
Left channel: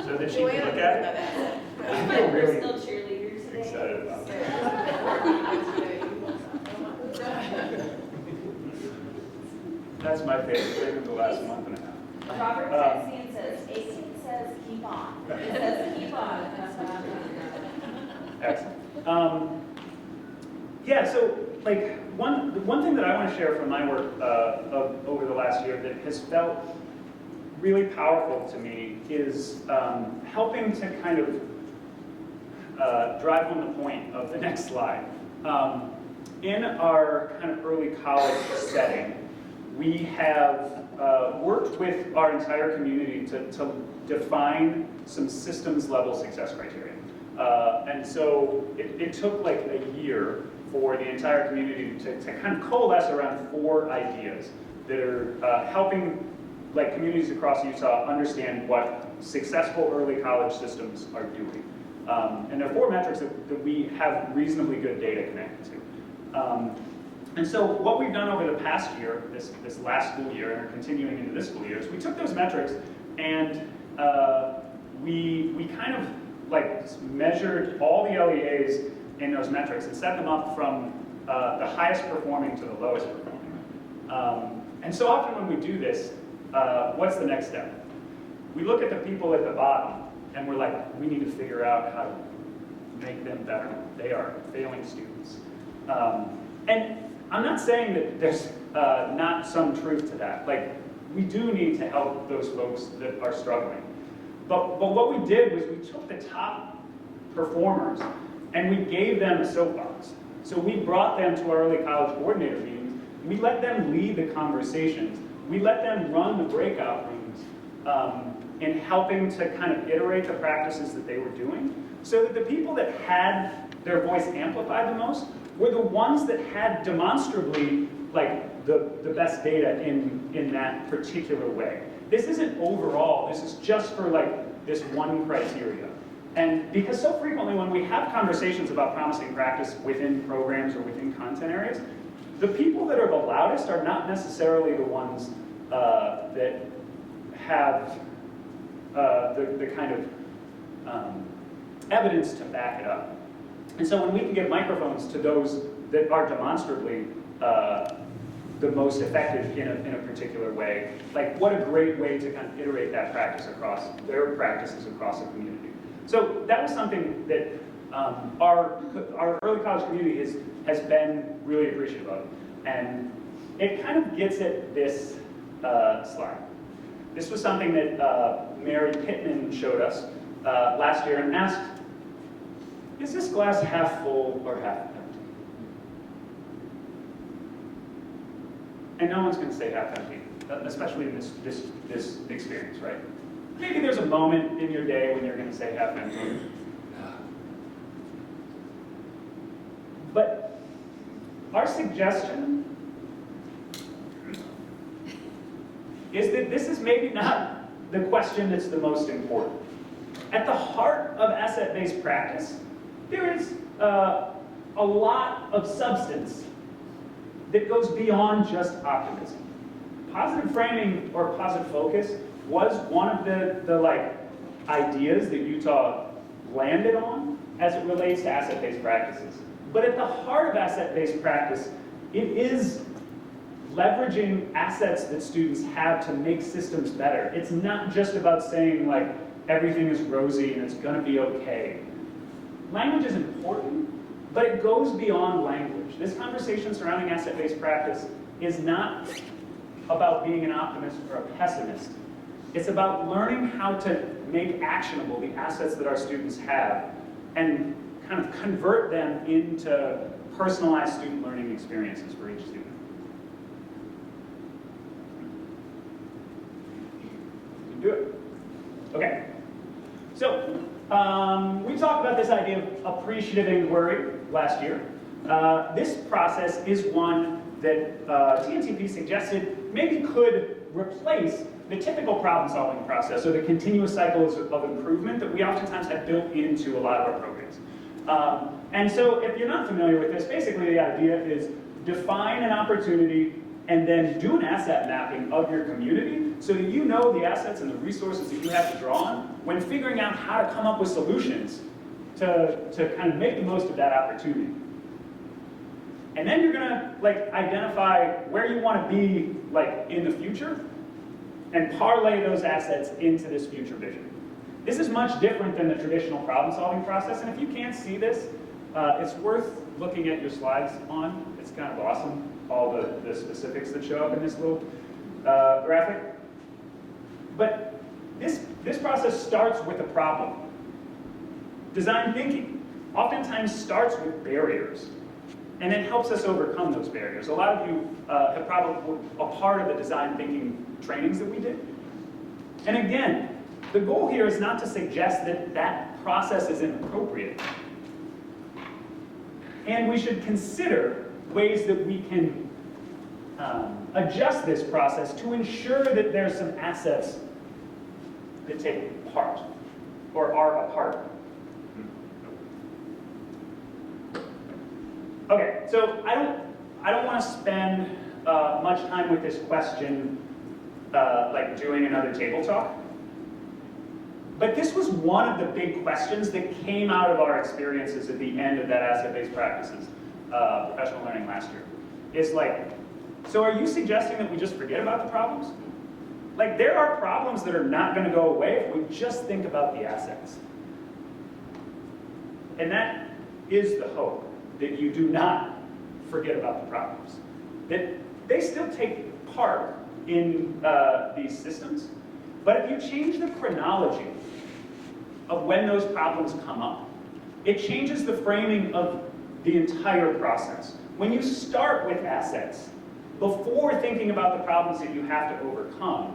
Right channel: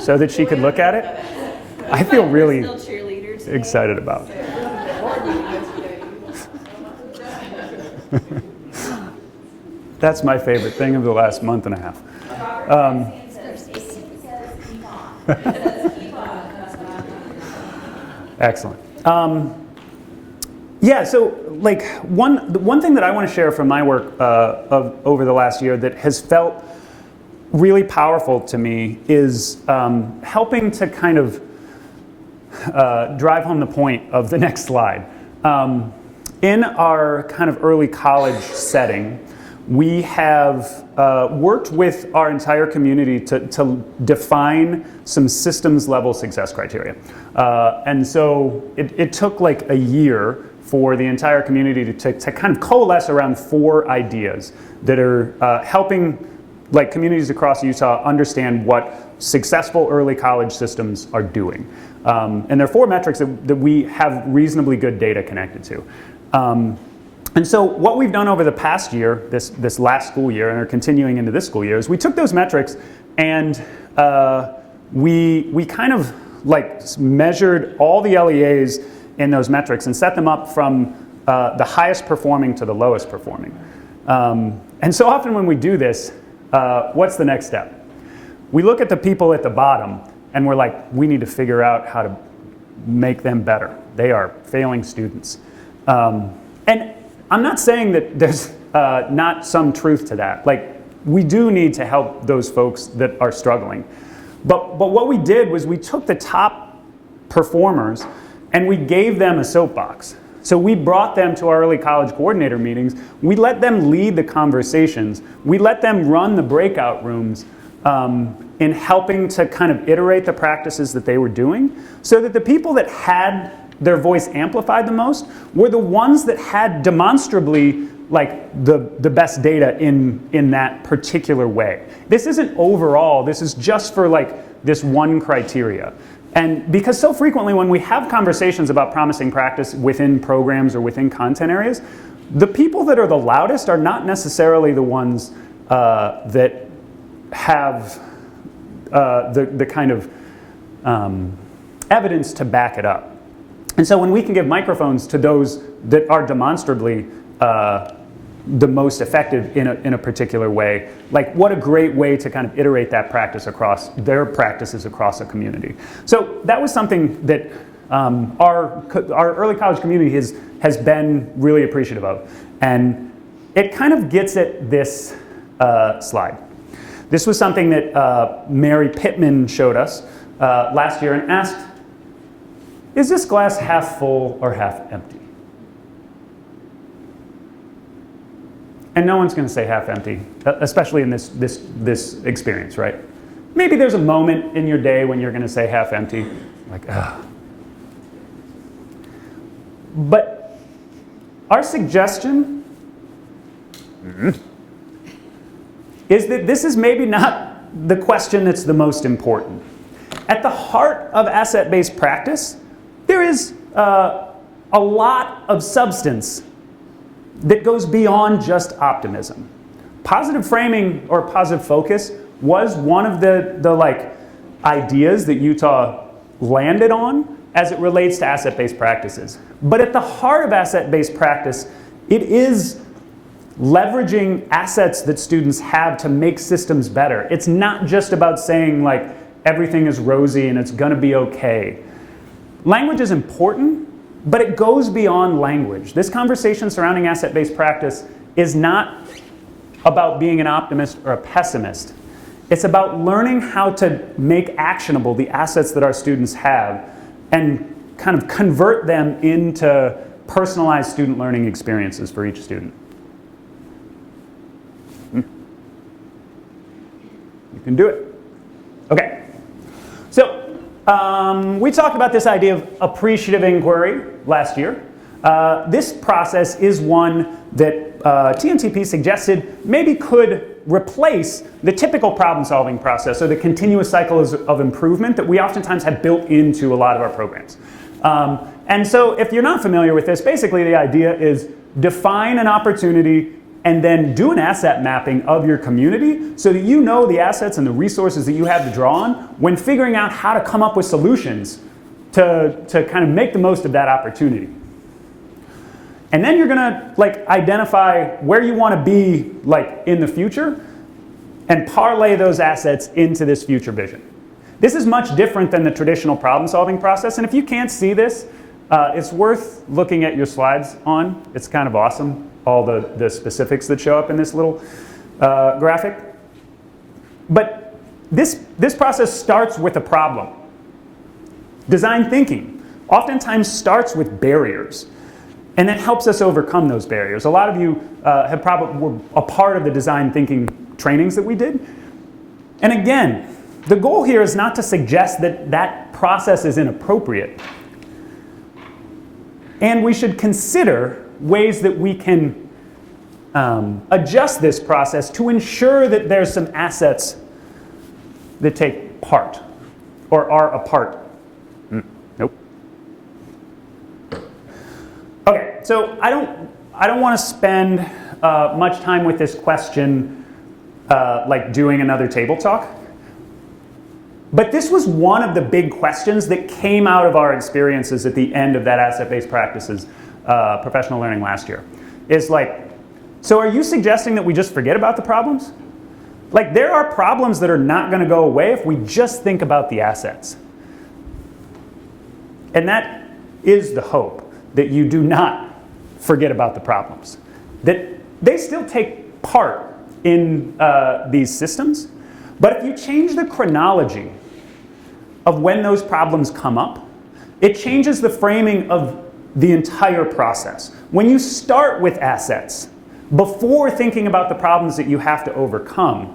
so that she could look at it, I feel really excited about. That's my favorite thing of the last month and a half. Robert says, keep on. It says, keep on. Excellent. Yeah, so one thing that I want to share from my work over the last year that has felt really powerful to me is helping to kind of drive home the point of the next slide. In our kind of early college setting, we have worked with our entire community to define some systems level success criteria. And so it took like a year for the entire community to kind of coalesce around 4 ideas that are helping like communities across Utah understand what successful early college systems are doing. And there are 4 metrics that we have reasonably good data connected to. And so what we've done over the past year, this last school year, and are continuing into this school year, is we took those metrics and we kind of like measured all the LEAs in those metrics and set them up from the highest performing to the lowest performing. And so often when we do this, what's the next step? We look at the people at the bottom and we're like, we need to figure out how to make them better. They are failing students. And I'm not saying that there's not some truth to that. Like, we do need to help those folks that are struggling. But what we did was we took the top performers and we gave them a soapbox. So we brought them to our early college coordinator meetings. We let them lead the conversations. We let them run the breakout rooms in helping to kind of iterate the practices that they were doing, so that the people that had their voice amplified the most were the ones that had demonstrably like the best data in that particular way. This isn't overall, this is just for like this one criteria. And because so frequently when we have conversations about promising practice within programs or within content areas, the people that are the loudest are not necessarily the ones that have the kind of evidence to back it up. And so when we can give microphones to those that are demonstrably the most effective in a particular way, like what a great way to kind of iterate that practice across their practices across a community. So that was something that our early college community has been really appreciative of. And it kind of gets at this slide. This was something that Mary Pittman showed us last year and asked, is this glass half full or half empty? And no one's going to say half empty, especially in this experience, right? Maybe there's a moment in your day when you're going to say half empty, like, ah. But our suggestion is that this is maybe not the question that's the most important. At the heart of asset-based practice, there is a lot of substance that goes beyond just optimism. Positive framing or positive focus was one of the like ideas that Utah landed on as it relates to asset-based practices. But at the heart of asset-based practice, it is leveraging assets that students have to make systems better. It's not just about saying like everything is rosy and it's going to be okay. Language is important, but it goes beyond language. This conversation surrounding asset-based practice is not about being an optimist or a pessimist. It's about learning how to make actionable the assets that our students have and kind of convert them into personalized student learning experiences for each student. You can do it. Okay. So we talked about this idea of appreciative inquiry last year. This process is one that TNTP suggested maybe could replace the typical problem-solving process, or the continuous cycles of improvement that we oftentimes have built into a lot of our programs. And so if you're not familiar with this, basically the idea is define an opportunity and then do an asset mapping of your community so that you know the assets and the resources that you have to draw on when figuring out how to come up with solutions to kind of make the most of that opportunity. And then you're gonna like identify where you want to be like in the future and parlay those assets into this future vision. This is much different than the traditional problem-solving process, and if you can't see this, it's worth looking at your slides on. It's kind of awesome, all the specifics that show up in this little graphic. But this process starts with a problem. Design thinking oftentimes starts with barriers, and then helps us overcome those barriers. A lot of you have probably were a part of the design thinking trainings that we did. And again, the goal here is not to suggest that that process is inappropriate. And we should consider ways that we can adjust this process to ensure that there's some assets that take part or are a part. Nope. Okay, so I don't I don't want to spend much time with this question like doing another table talk. But this was one of the big questions that came out of our experiences at the end of that asset-based practices professional learning last year. It's like, so are you suggesting that we just forget about the problems? Like, there are problems that are not going to go away if we just think about the assets. And that is the hope, that you do not forget about the problems. That they still take part in these systems, but if you change the chronology of when those problems come up, it changes the framing of the entire process. When you start with assets, before thinking about the problems that you have to overcome,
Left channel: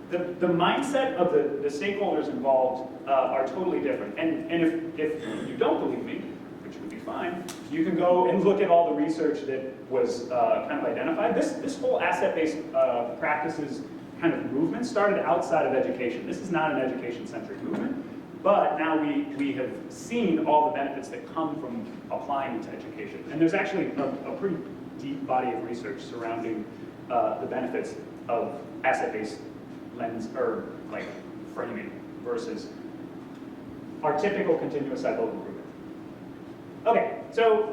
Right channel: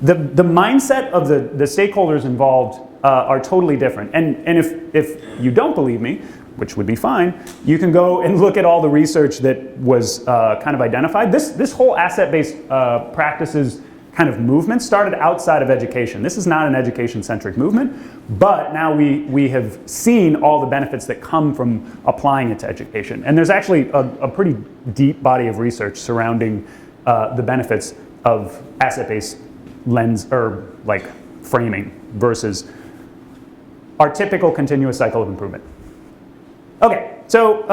the mindset of the stakeholders involved are totally different. And if you don't believe me, which would be fine, you can go and look at all the research that was kind of identified. This whole asset-based practices kind of movement started outside of education. This is not an education-centric movement, but now we have seen all the benefits that come from applying it to education. And there's actually a pretty deep body of research surrounding the benefits of asset-based lens or like framing versus our typical continuous cycle of improvement. Okay, so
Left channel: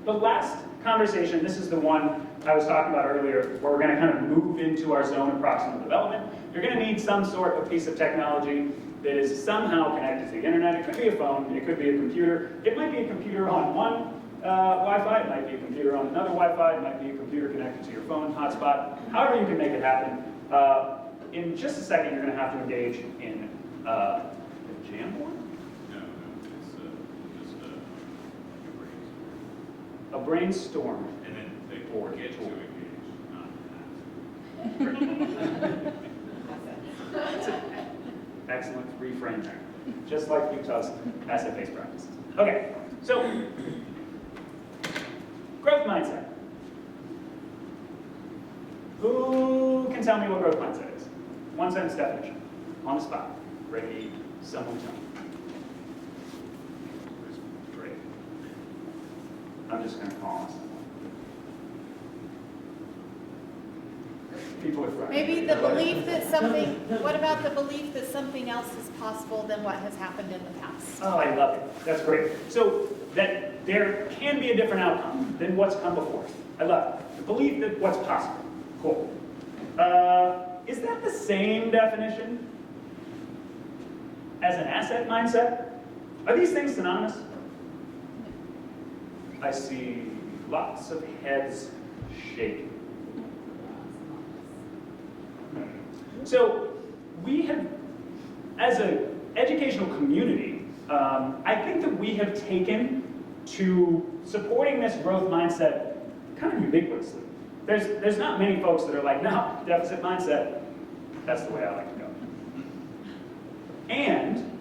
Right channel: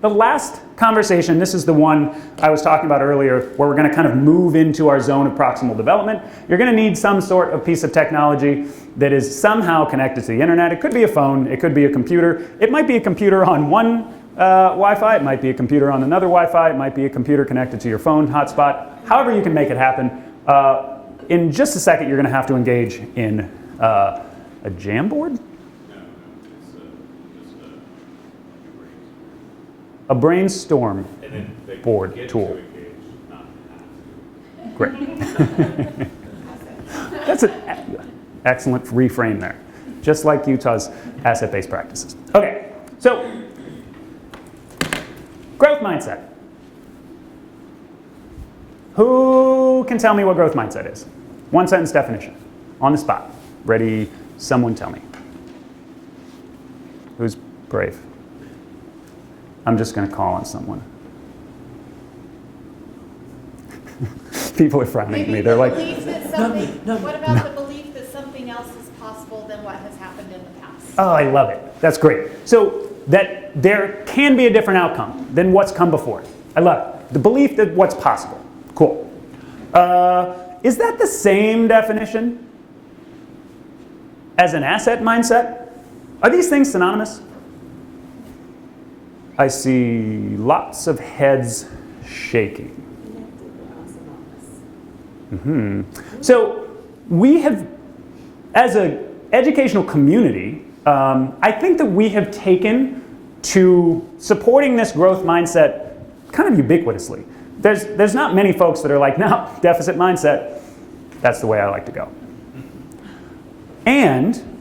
the last conversation, this is the one I was talking about earlier, where we're going to kind of move into our zone of proximal development. You're going to need some sort of piece of technology that is somehow connected to the internet. It could be a phone, it could be a computer. It might be a computer on one Wi-Fi, it might be a computer on another Wi-Fi, it might be a computer connected to your phone hotspot. However you can make it happen. In just a second, you're going to have to engage in a Jamboard? A brainstorm board tool. Great. That's an excellent reframe there. Just like Utah's asset-based practices. Okay, so growth mindset. Who can tell me what growth mindset is? One sentence definition. On the spot. Ready? Someone tell me. Who's brave? I'm just going to call on someone. People are frowning at me. Maybe They're the like, belief that something, what about the belief that something else is possible than what has happened in the past? oh, I love it. That's great. So that there can be a different outcome than what's come before. I love it. The belief that what's possible. Cool. Is that the same definition as an asset mindset? Are these things synonymous? I see lots of heads shaking. Mm-hmm. So we have, as an educational community, I think that we have taken to supporting this growth mindset kind of ubiquitously. There's not many folks that are like, no, deficit mindset, that's the way I like to go. And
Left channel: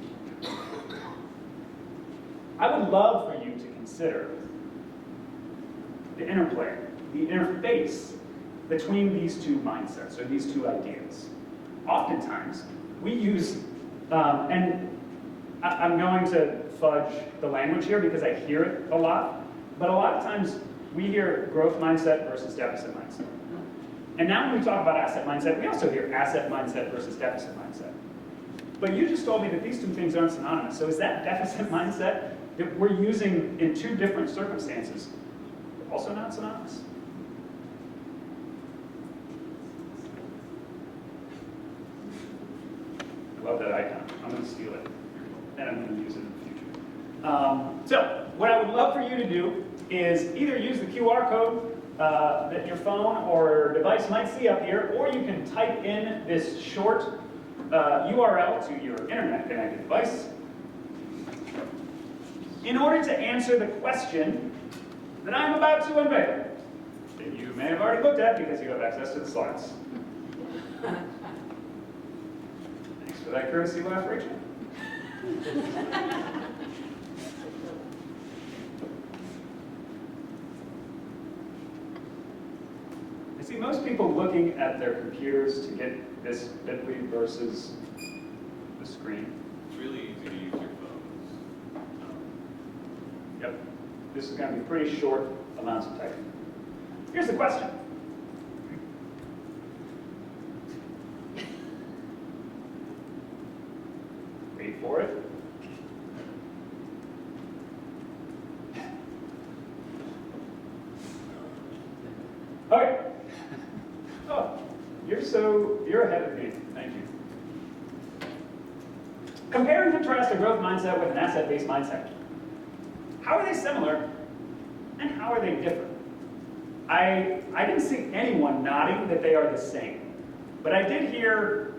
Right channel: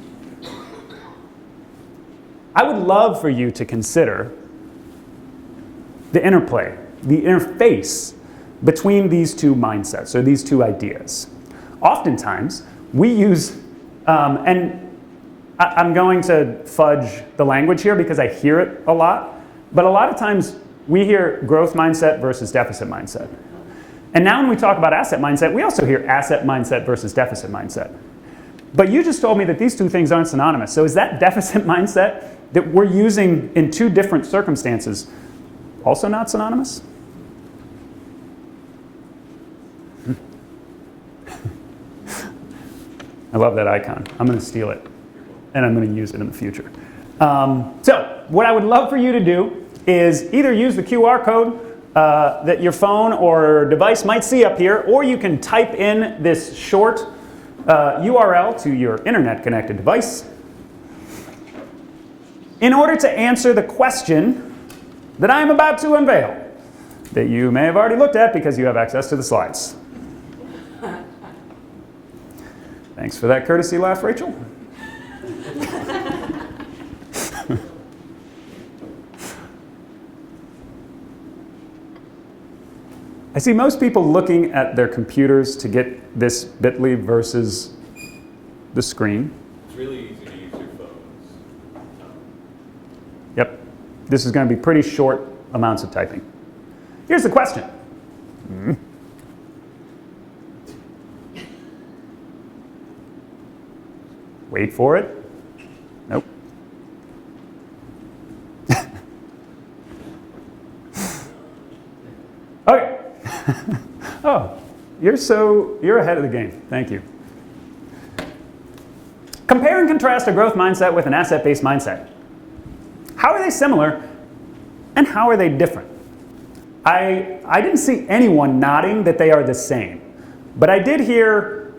I would love for you to consider the interplay, the interface between these two mindsets, or these two ideas. Oftentimes, we use, and I'm going to fudge the language here because I hear it a lot, but a lot of times we hear growth mindset versus deficit mindset. And now when we talk about asset mindset, we also hear asset mindset versus deficit mindset. But you just told me that these two things aren't synonymous. So is that deficit mindset that we're using in two different circumstances also not synonymous? I love that icon. I'm going to steal it, and I'm going to use it in the future. So what I would love for you to do is either use the QR code that your phone or device might see up here, or you can type in this short URL to your internet-connected device in order to answer the question that I am about to unveil, that you may have already looked at because you have access to the slides. Thanks for that courtesy laugh, Rachel. I see most people looking at their computers to get this bit.ly versus the screen. It's really easy to use your phones. Yep. This is going to be pretty short amounts of typing. Here's the question. Wait for it. Nope. Okay. Oh, you're ahead of the game. Thank you. Compare and contrast a growth mindset with an asset-based mindset. How are they similar and how are they different? I didn't see anyone nodding that they are the same, but I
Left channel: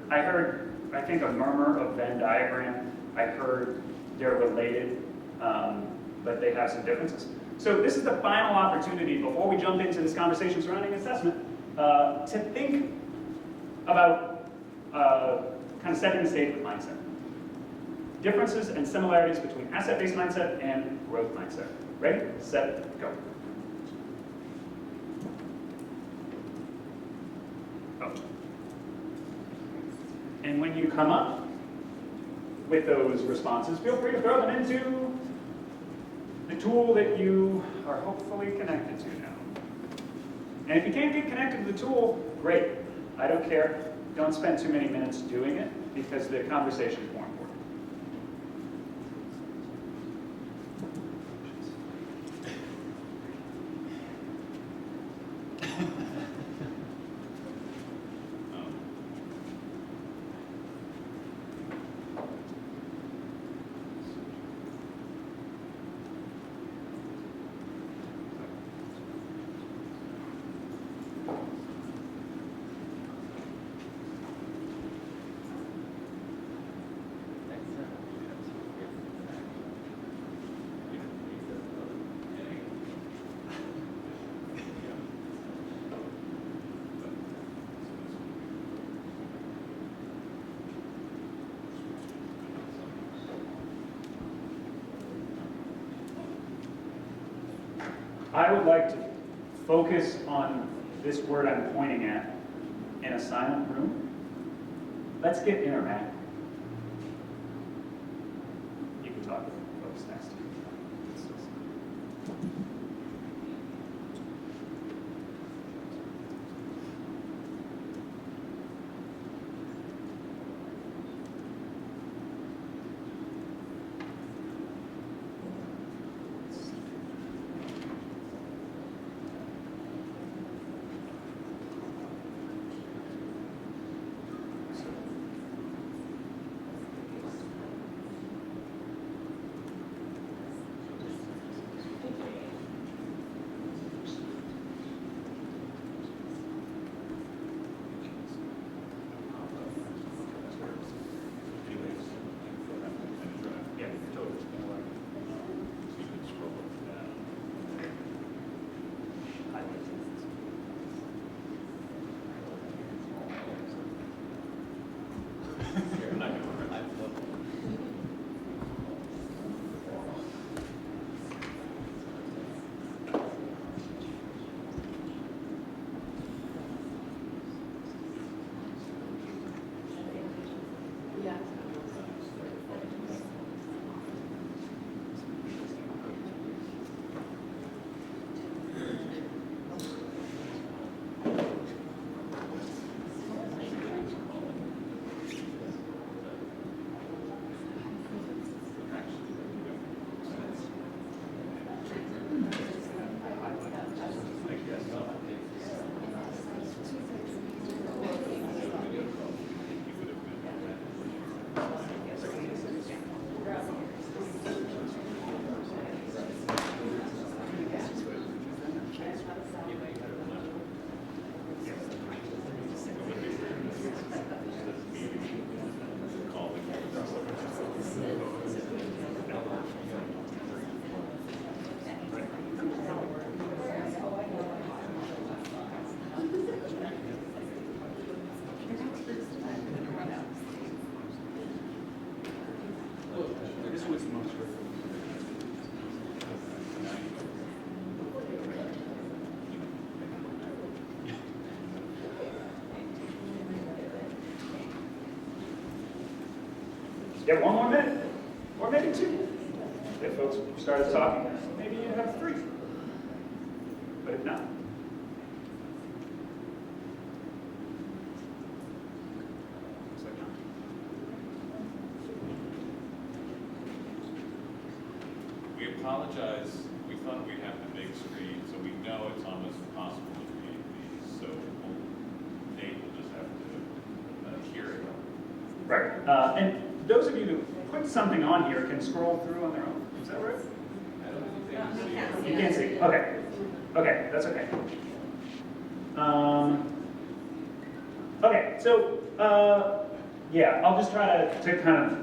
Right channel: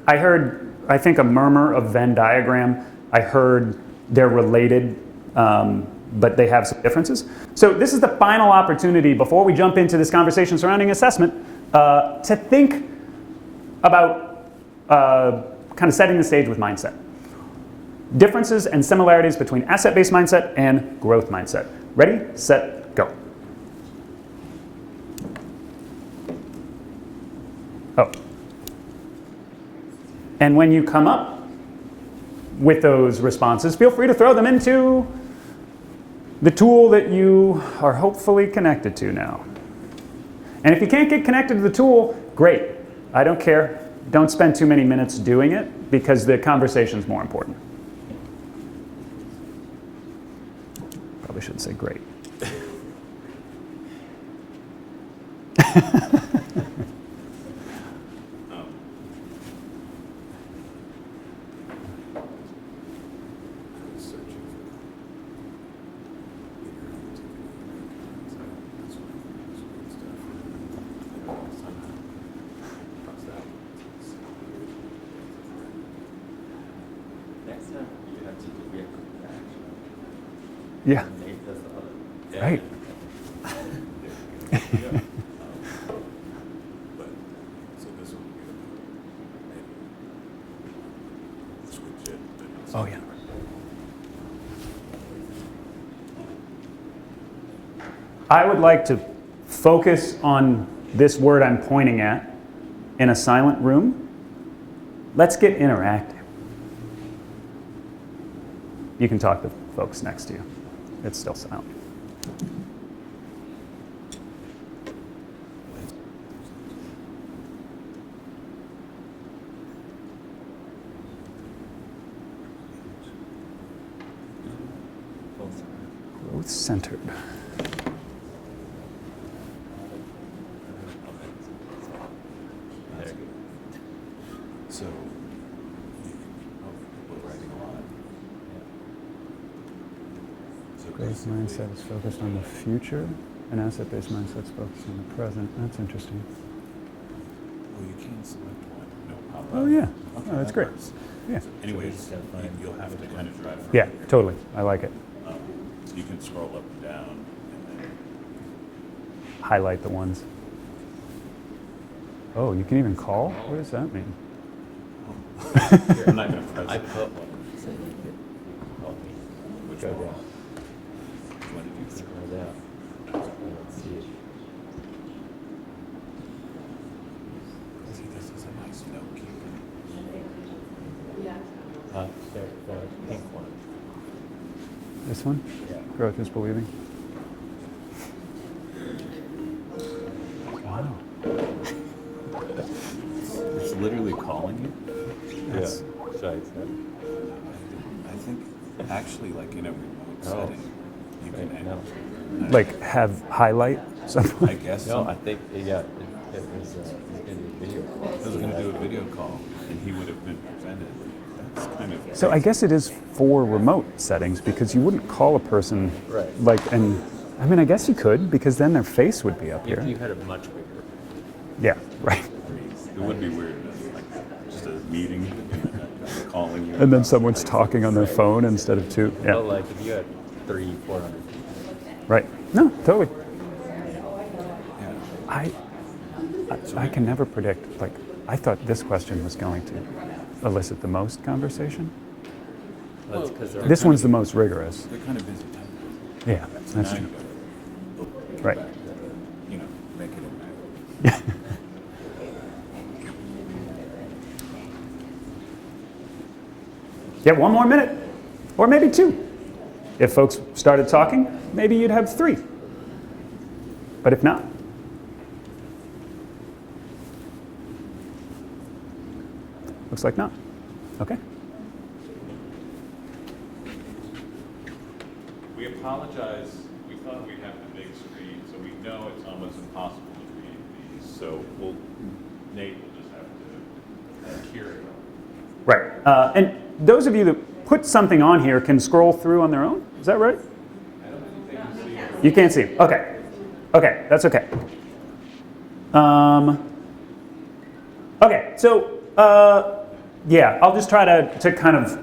heard, I think, a murmur of Venn diagram. I heard they're related, but they have some differences. So this is the final opportunity before we jump into this conversation surrounding assessment to think about kind of setting the stage with mindset. Differences and similarities between asset-based mindset and growth mindset. Ready, set, go. Oh. And when you come up with those responses, feel free to throw them into the tool that you are hopefully connected to now. And if you can't get connected to the tool, great. I don't care. Don't spend too many minutes doing it because the conversation is more important. Probably should say great. Yeah. Right. Oh, yeah. I would like to focus on this word I'm pointing at in a silent room. Let's get interactive. You can talk to folks next to you. It's still silent. It's centered. Growth mindset is focused on the future, and asset-based mindset is focused on the present. That's interesting. Oh yeah, oh, that's great. Yeah. Anyways, you'll have to kind of drive. Yeah, totally. I like it. You can scroll up and down. Highlight the ones. Oh, you can even call? What does that mean? I'm not going to press it. This one? Growth is believing. Wow. It's literally calling you. Yeah. Sorry. I think actually, like in a setting, you can actually Like have highlight something? I guess. No, I think, yeah. I was going to do a video call, and he would have been presented. It's kind of So I guess it is for remote settings because you wouldn't call a person like, and I mean, I guess you could because then their face would be up here. You had it much bigger. Yeah, right. It would be weird. Just a meeting, calling. And then someone's talking on their phone instead of two. Yeah, Well, like, you had 3, 4. right. No, totally. I can never predict, like, I thought this question was going to elicit the most conversation. This one's the most rigorous. They're kind of busy. Yeah, that's true. Right. You know, make it Yeah. Get one more minute, or maybe 2. If folks started talking, maybe you'd have 3. But if not, looks like not. Okay. We apologize, we thought we'd have the big screen, so we know it's almost impossible to read these, so Nate will just have to hear it. Right. And those of you that put something on here can scroll through on their own? Is that right? I don't think they can see it. You can't see. Okay. Okay, that's okay. Okay, so yeah, I'll just try to kind of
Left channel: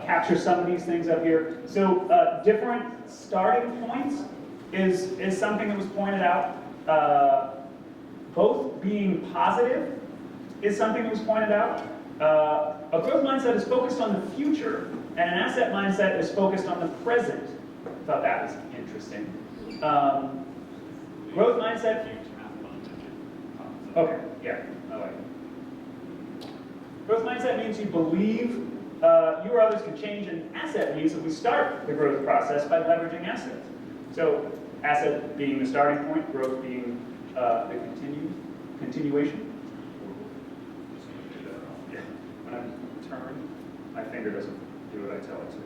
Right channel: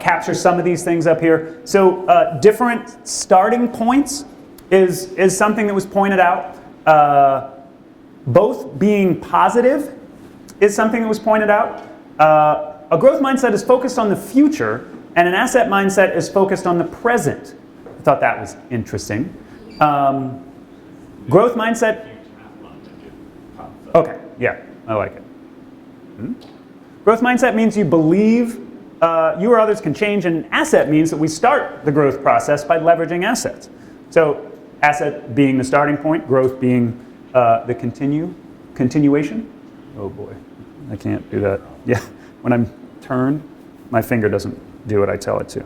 capture some of these things up here. So different starting points is something that was pointed out. Both being positive is something that was pointed out. A growth mindset is focused on the future, and an asset mindset is focused on the present. I thought that was interesting. Growth mindset. Okay, yeah, I like it. Growth mindset means you believe you or others can change, and asset means that we start the growth process by leveraging assets. So asset being the starting point, growth being the continuation. Oh boy, I can't do that. Yeah, when I'm turned, my finger doesn't do what I tell it to.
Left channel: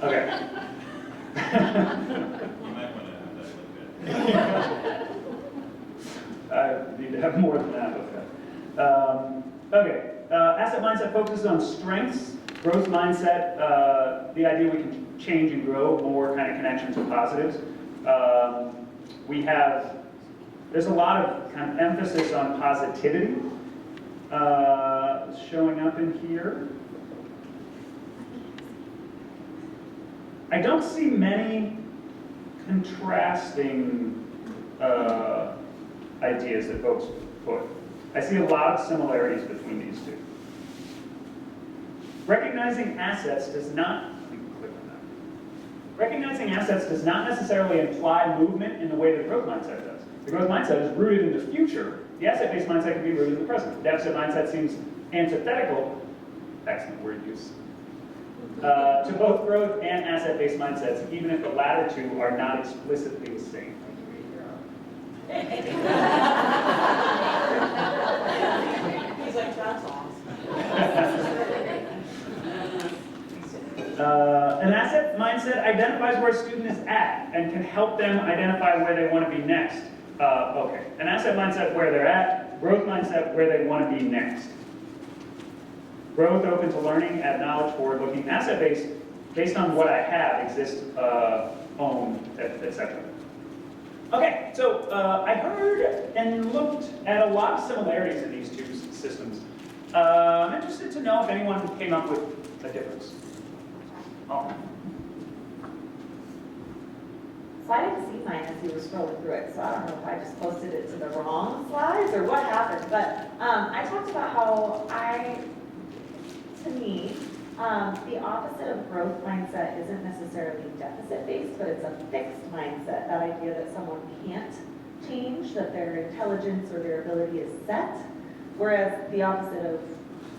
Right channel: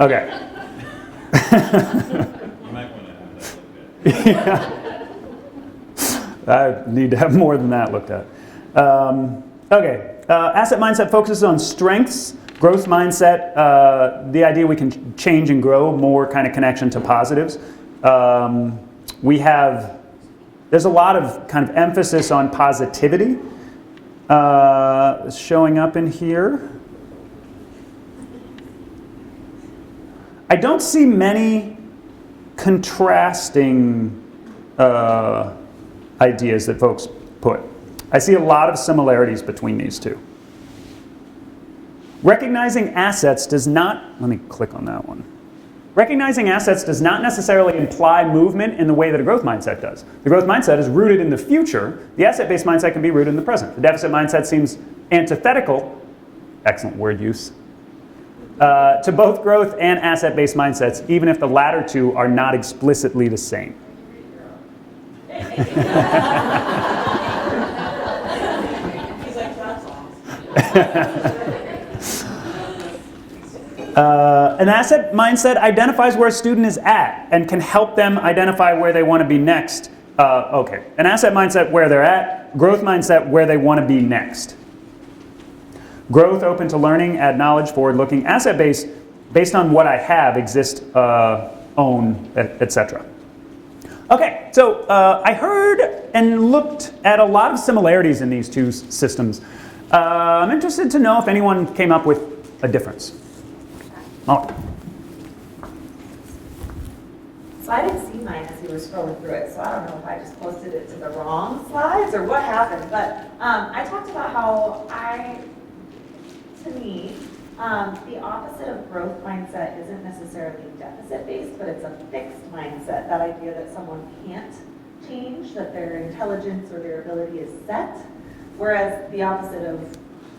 Okay. You might want to have that looked at. Yeah. I need to have more than that looked at. Okay, asset mindset focuses on strengths. Growth mindset, the idea we can change and grow, more kind of connection to positives. There's a lot of kind of emphasis on positivity showing up in here. I don't see many contrasting ideas that folks put. I see a lot of similarities between these two. Recognizing assets does not, let me click on that one. Recognizing assets does not necessarily imply movement in the way that a growth mindset does. The growth mindset is rooted in the future. The asset-based mindset can be rooted in the present. The deficit mindset seems antithetical, excellent word use, to both growth and asset-based mindsets, even if the latter two are not explicitly the same. He's like, that's awesome. An asset mindset identifies where a student is at and can help them identify where they want to be next. Okay, an asset mindset where they're at, growth mindset where they want to be next. Growth, open to learning, add knowledge, forward-looking. Asset-based, based on what I have, exist, own, etc. Okay, so I heard and looked at a lot of similarities in these two systems. I'm interested to know if anyone came up with a difference. Oh. So I didn't see mine as you were scrolling through it, so I don't know if I just posted it to the wrong slides or what happened, but I talked about how to me, the opposite of growth mindset isn't necessarily deficit-based, but it's a fixed mindset, that idea that someone can't change, that their intelligence or their ability is set, whereas the opposite of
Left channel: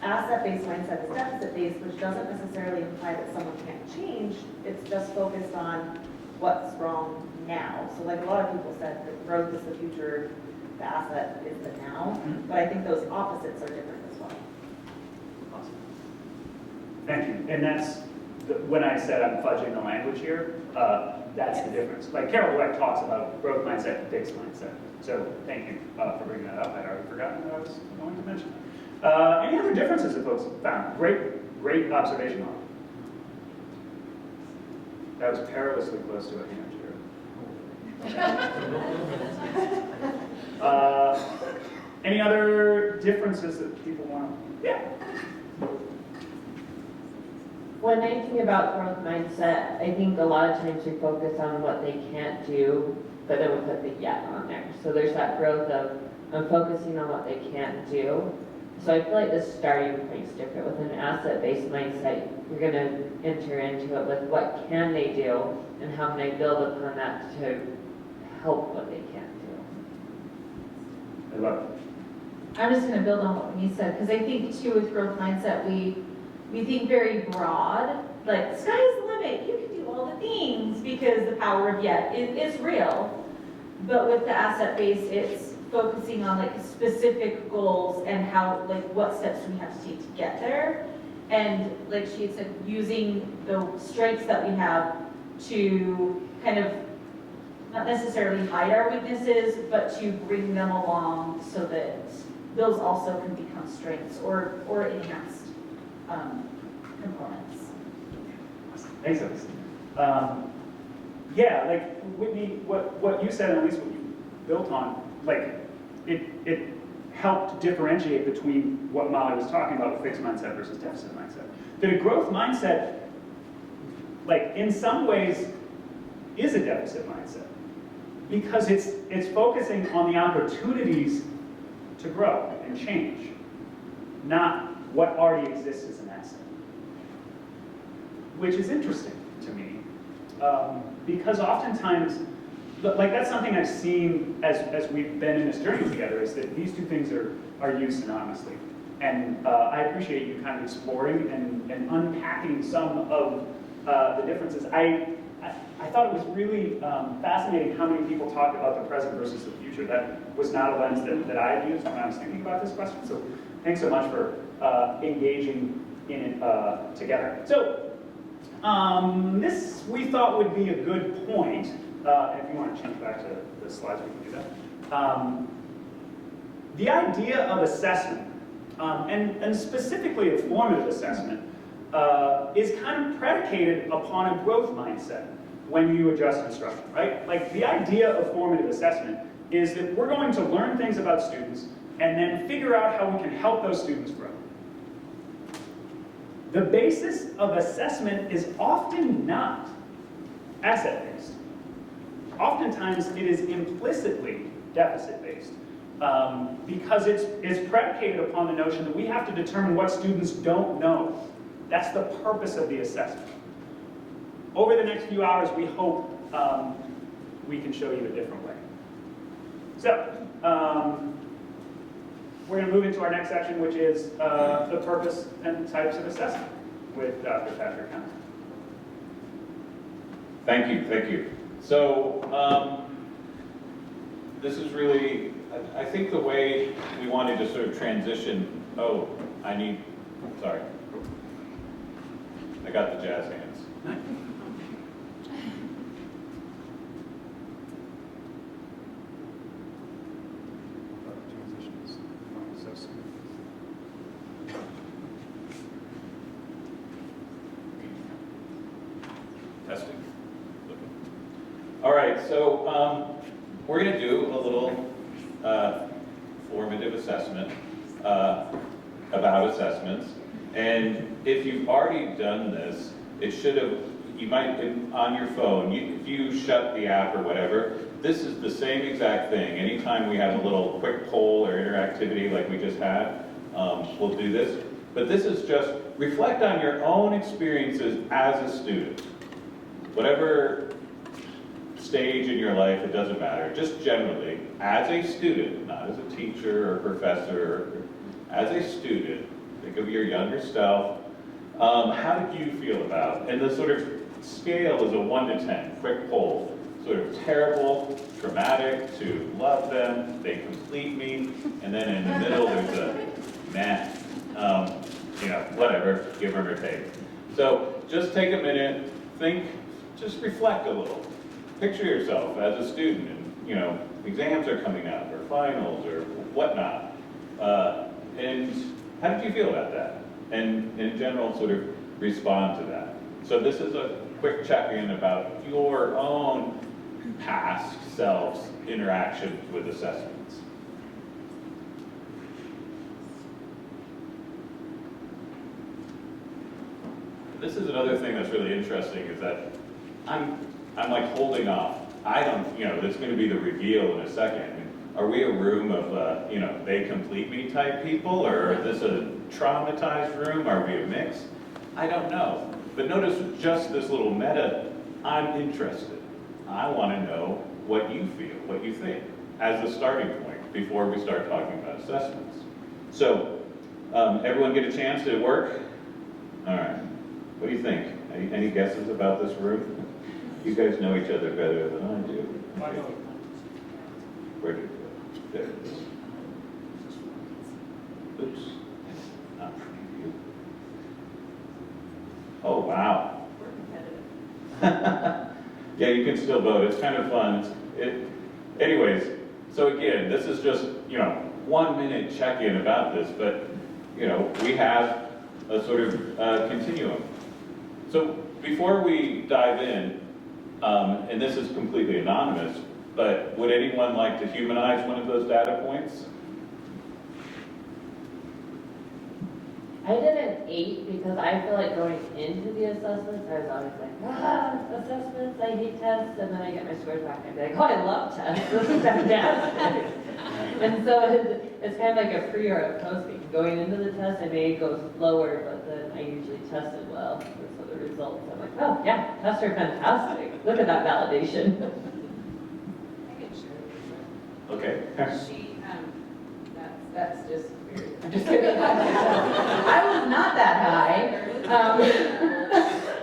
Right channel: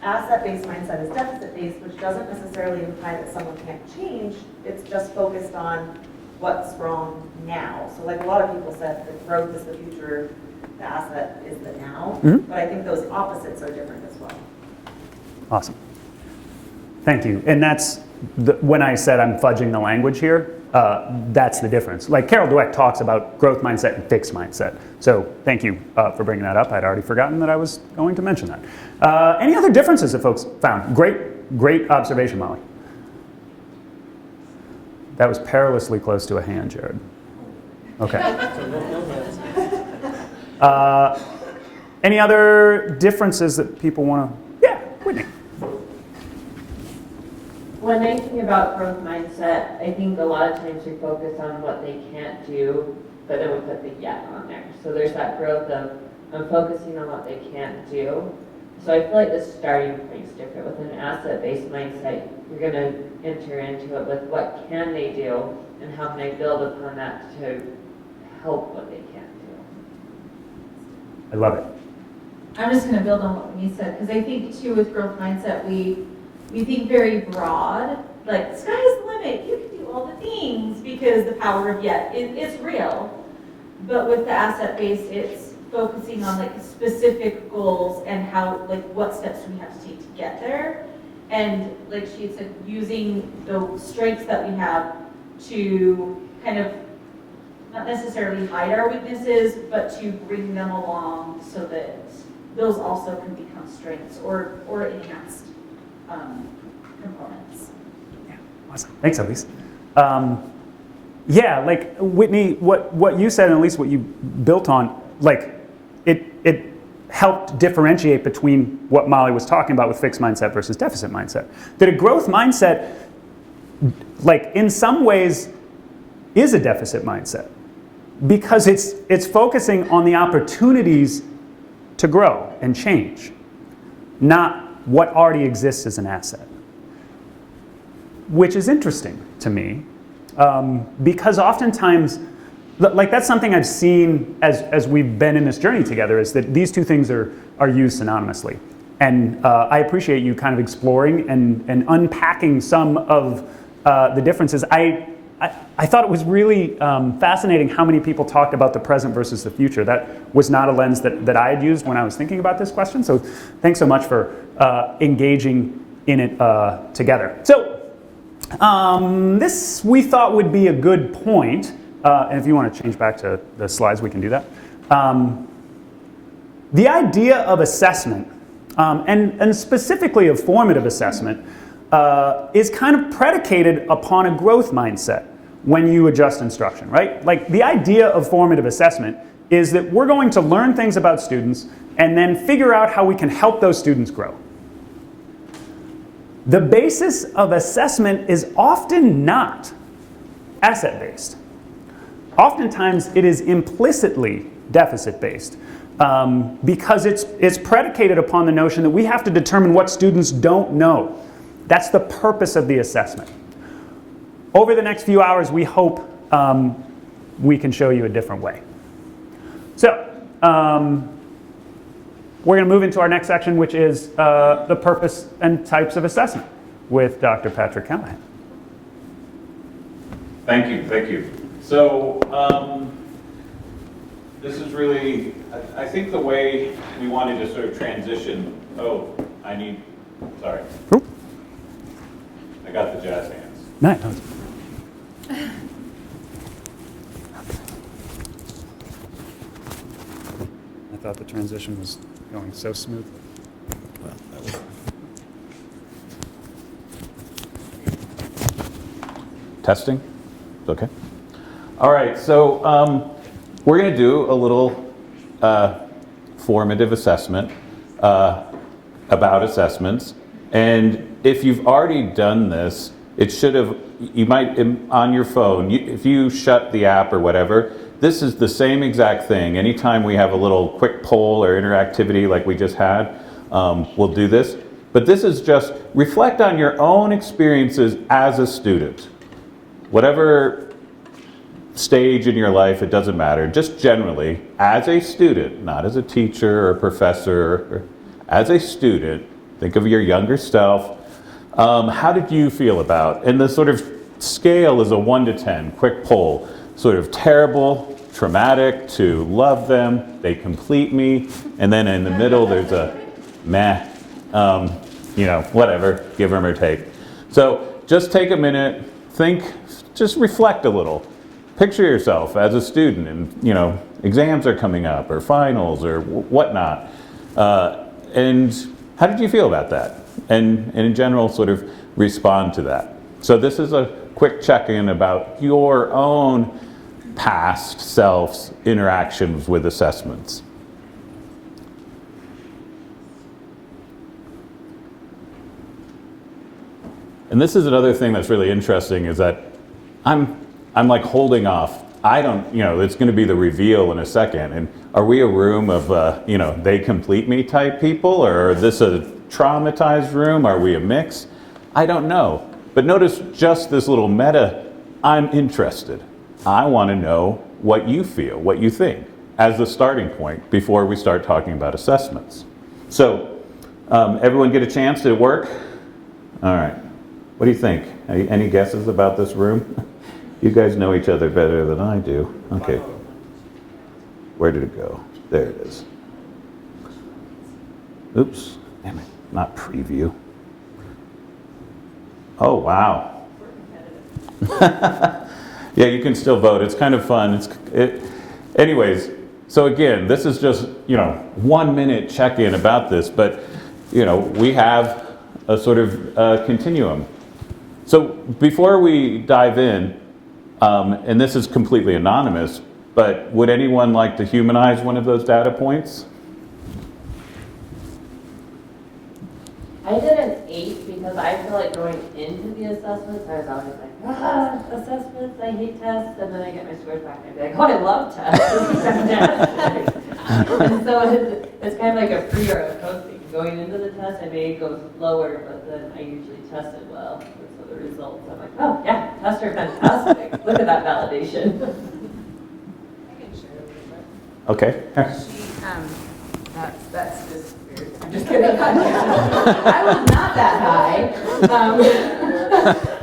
asset-based mindset is deficit-based, which doesn't necessarily imply that someone can't change, it's just focused on what's wrong now. So like a lot of people said, that growth is the future, the asset is the now, but I think those opposites are different as well. Awesome. Thank you. And that's, when I said I'm fudging the language here, that's the difference. Like Carol Dweck talks about growth mindset and fixed mindset. So thank you for bringing that up. I'd already forgotten that I was going to mention that. Any other differences that folks found? Great observation, Molly. That was perilously close to a hand, Jared. Okay. Any other differences that people want to? Yeah, Whitney. One nice thing about growth mindset, I think a lot of times we focus on what they can't do, but then we put the yet on there. So there's that growth of, I'm focusing on what they can't do. So I feel like the starting point is different. With an asset-based mindset, you're going to enter into it with what can they do, and how can I build upon that to help what they can't do. I love it. I'm just going to build on what Winnie said, because I think too with growth mindset, we think very broad, like sky's the limit, you can do all the things, because the power of yet is real. But with the asset base, it's focusing on like specific goals and how, like what steps we have to take to get there. And like she had said, using the strengths that we have to kind of not necessarily hide our weaknesses, but to bring them along so that those also can become strengths or enhanced components. Awesome. Thanks, Elise. Yeah, like Whitney, what you said, and at least what you built on, like it helped differentiate between what Molly was talking about with fixed mindset versus deficit mindset. That a growth mindset, like in some ways, is a deficit mindset because it's focusing on the opportunities to grow and change, not what already exists as an asset. Which is interesting to me, because oftentimes, like that's something I've seen as we've been in this journey together, is that these two things are used synonymously. And I appreciate you kind of exploring and unpacking some of the differences. I thought it was really fascinating how many people talked about the present versus the future. That was not a lens that I had used when I was thinking about this question. So thanks so much for engaging in it together. So this we thought would be a good point. And if you want to change back to the slides, we can do that. The idea of assessment, and specifically of formative assessment, is kind of predicated upon a growth mindset when you adjust instruction, right? Like the idea of formative assessment is that we're going to learn things about students and then figure out how we can help those students grow. The basis of assessment is often not asset-based. Oftentimes it is implicitly deficit-based because it's predicated upon the notion that we have to determine what students don't know. That's the purpose of the assessment. Over the next few hours, we hope we can show you a different way. So we're going to move into our next section, which is the purpose and types of assessment with Dr. Patrick Kempe. Thank you. So this is really, I think the way we wanted to sort of transition, sorry. Oop. I got the jazz hands. Nice. I thought the transition was going so smooth. Testing? Okay. All right, so we're going to do a little formative assessment about assessments. And if you've already done this, it should have, you might, on your phone, if you shut the app or whatever, this is the same exact thing. Anytime we have a little quick poll or interactivity like we just had, we'll do this. But this is just reflect on your own experiences as a student. Whatever stage in your life, it doesn't matter. Just generally, as a student, not as a teacher or professor, as a student, think of your younger self. How did you feel about? And the sort of scale is a 1 to 10, quick poll. Sort of terrible, traumatic, to love them, they complete me. And then in the middle, there's a meh, whatever, give them or take. So just take a minute, think, just reflect a little. Picture yourself as a student and, exams are coming up or finals or whatnot. And how did you feel about that? And in general, sort of respond to that. So this is a quick check-in about your own past self's interactions with assessments. And this is another thing that's really interesting is that I'm like holding off. I don't, it's going to be the reveal in a second. And are we a room of, they complete me type people, or is this a traumatized room? Are we a mix? I don't know. But notice just this little meta, I'm interested. I want to know what you feel, what you think, as the starting point before we start talking about assessments. So, everyone get a chance to work? All right. What do you think? Any guesses about this room? You guys know each other better than I do. Okay. Where did it go? There it is. Oops, damn it, not preview. Oh, wow. Yeah, you can still vote. It's kind of fun. Anyways, so again, this is just, 1 minute check-in about this, but, we have a sort of continuum. So before we dive in, and this is completely anonymous, but would anyone like to humanize one of those data points? I did an 8 because I feel like going into the assessments, I was always like, assessments, I hate tests, and then I get my scores back and I'd be like, oh, I love tests, this is fantastic. And so it's kind of like a pre or a post thing. Going into the test, I may go lower, but then I usually tested well. And so the results, I'm like, oh yeah, tests are fantastic. Look at that validation. I can share it with her. Okay. That's just weird. I'm just kidding. I was not that high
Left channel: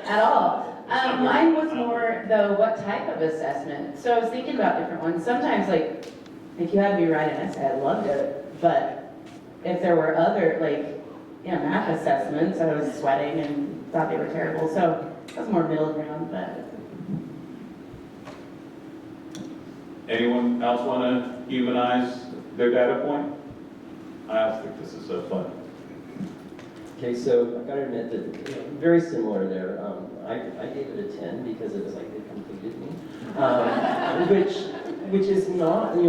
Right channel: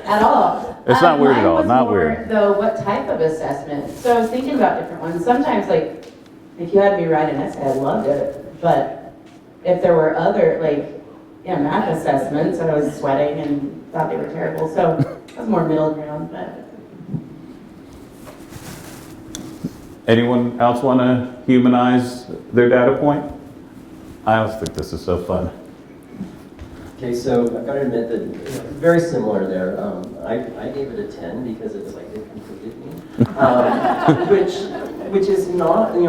at all. It's not weird at all, Mine was not more, weird. though, what type of assessment? So I was thinking about different ones. Sometimes, like, if you had me write an essay, I loved it. But if there were other, math assessments, I was sweating and thought they were terrible. So it was more middle ground, but. Anyone else want to humanize their data point? I always think this is so fun. Okay, so I've got to admit that very similar there. I gave it a 10 because it was like it completed me, which is not, in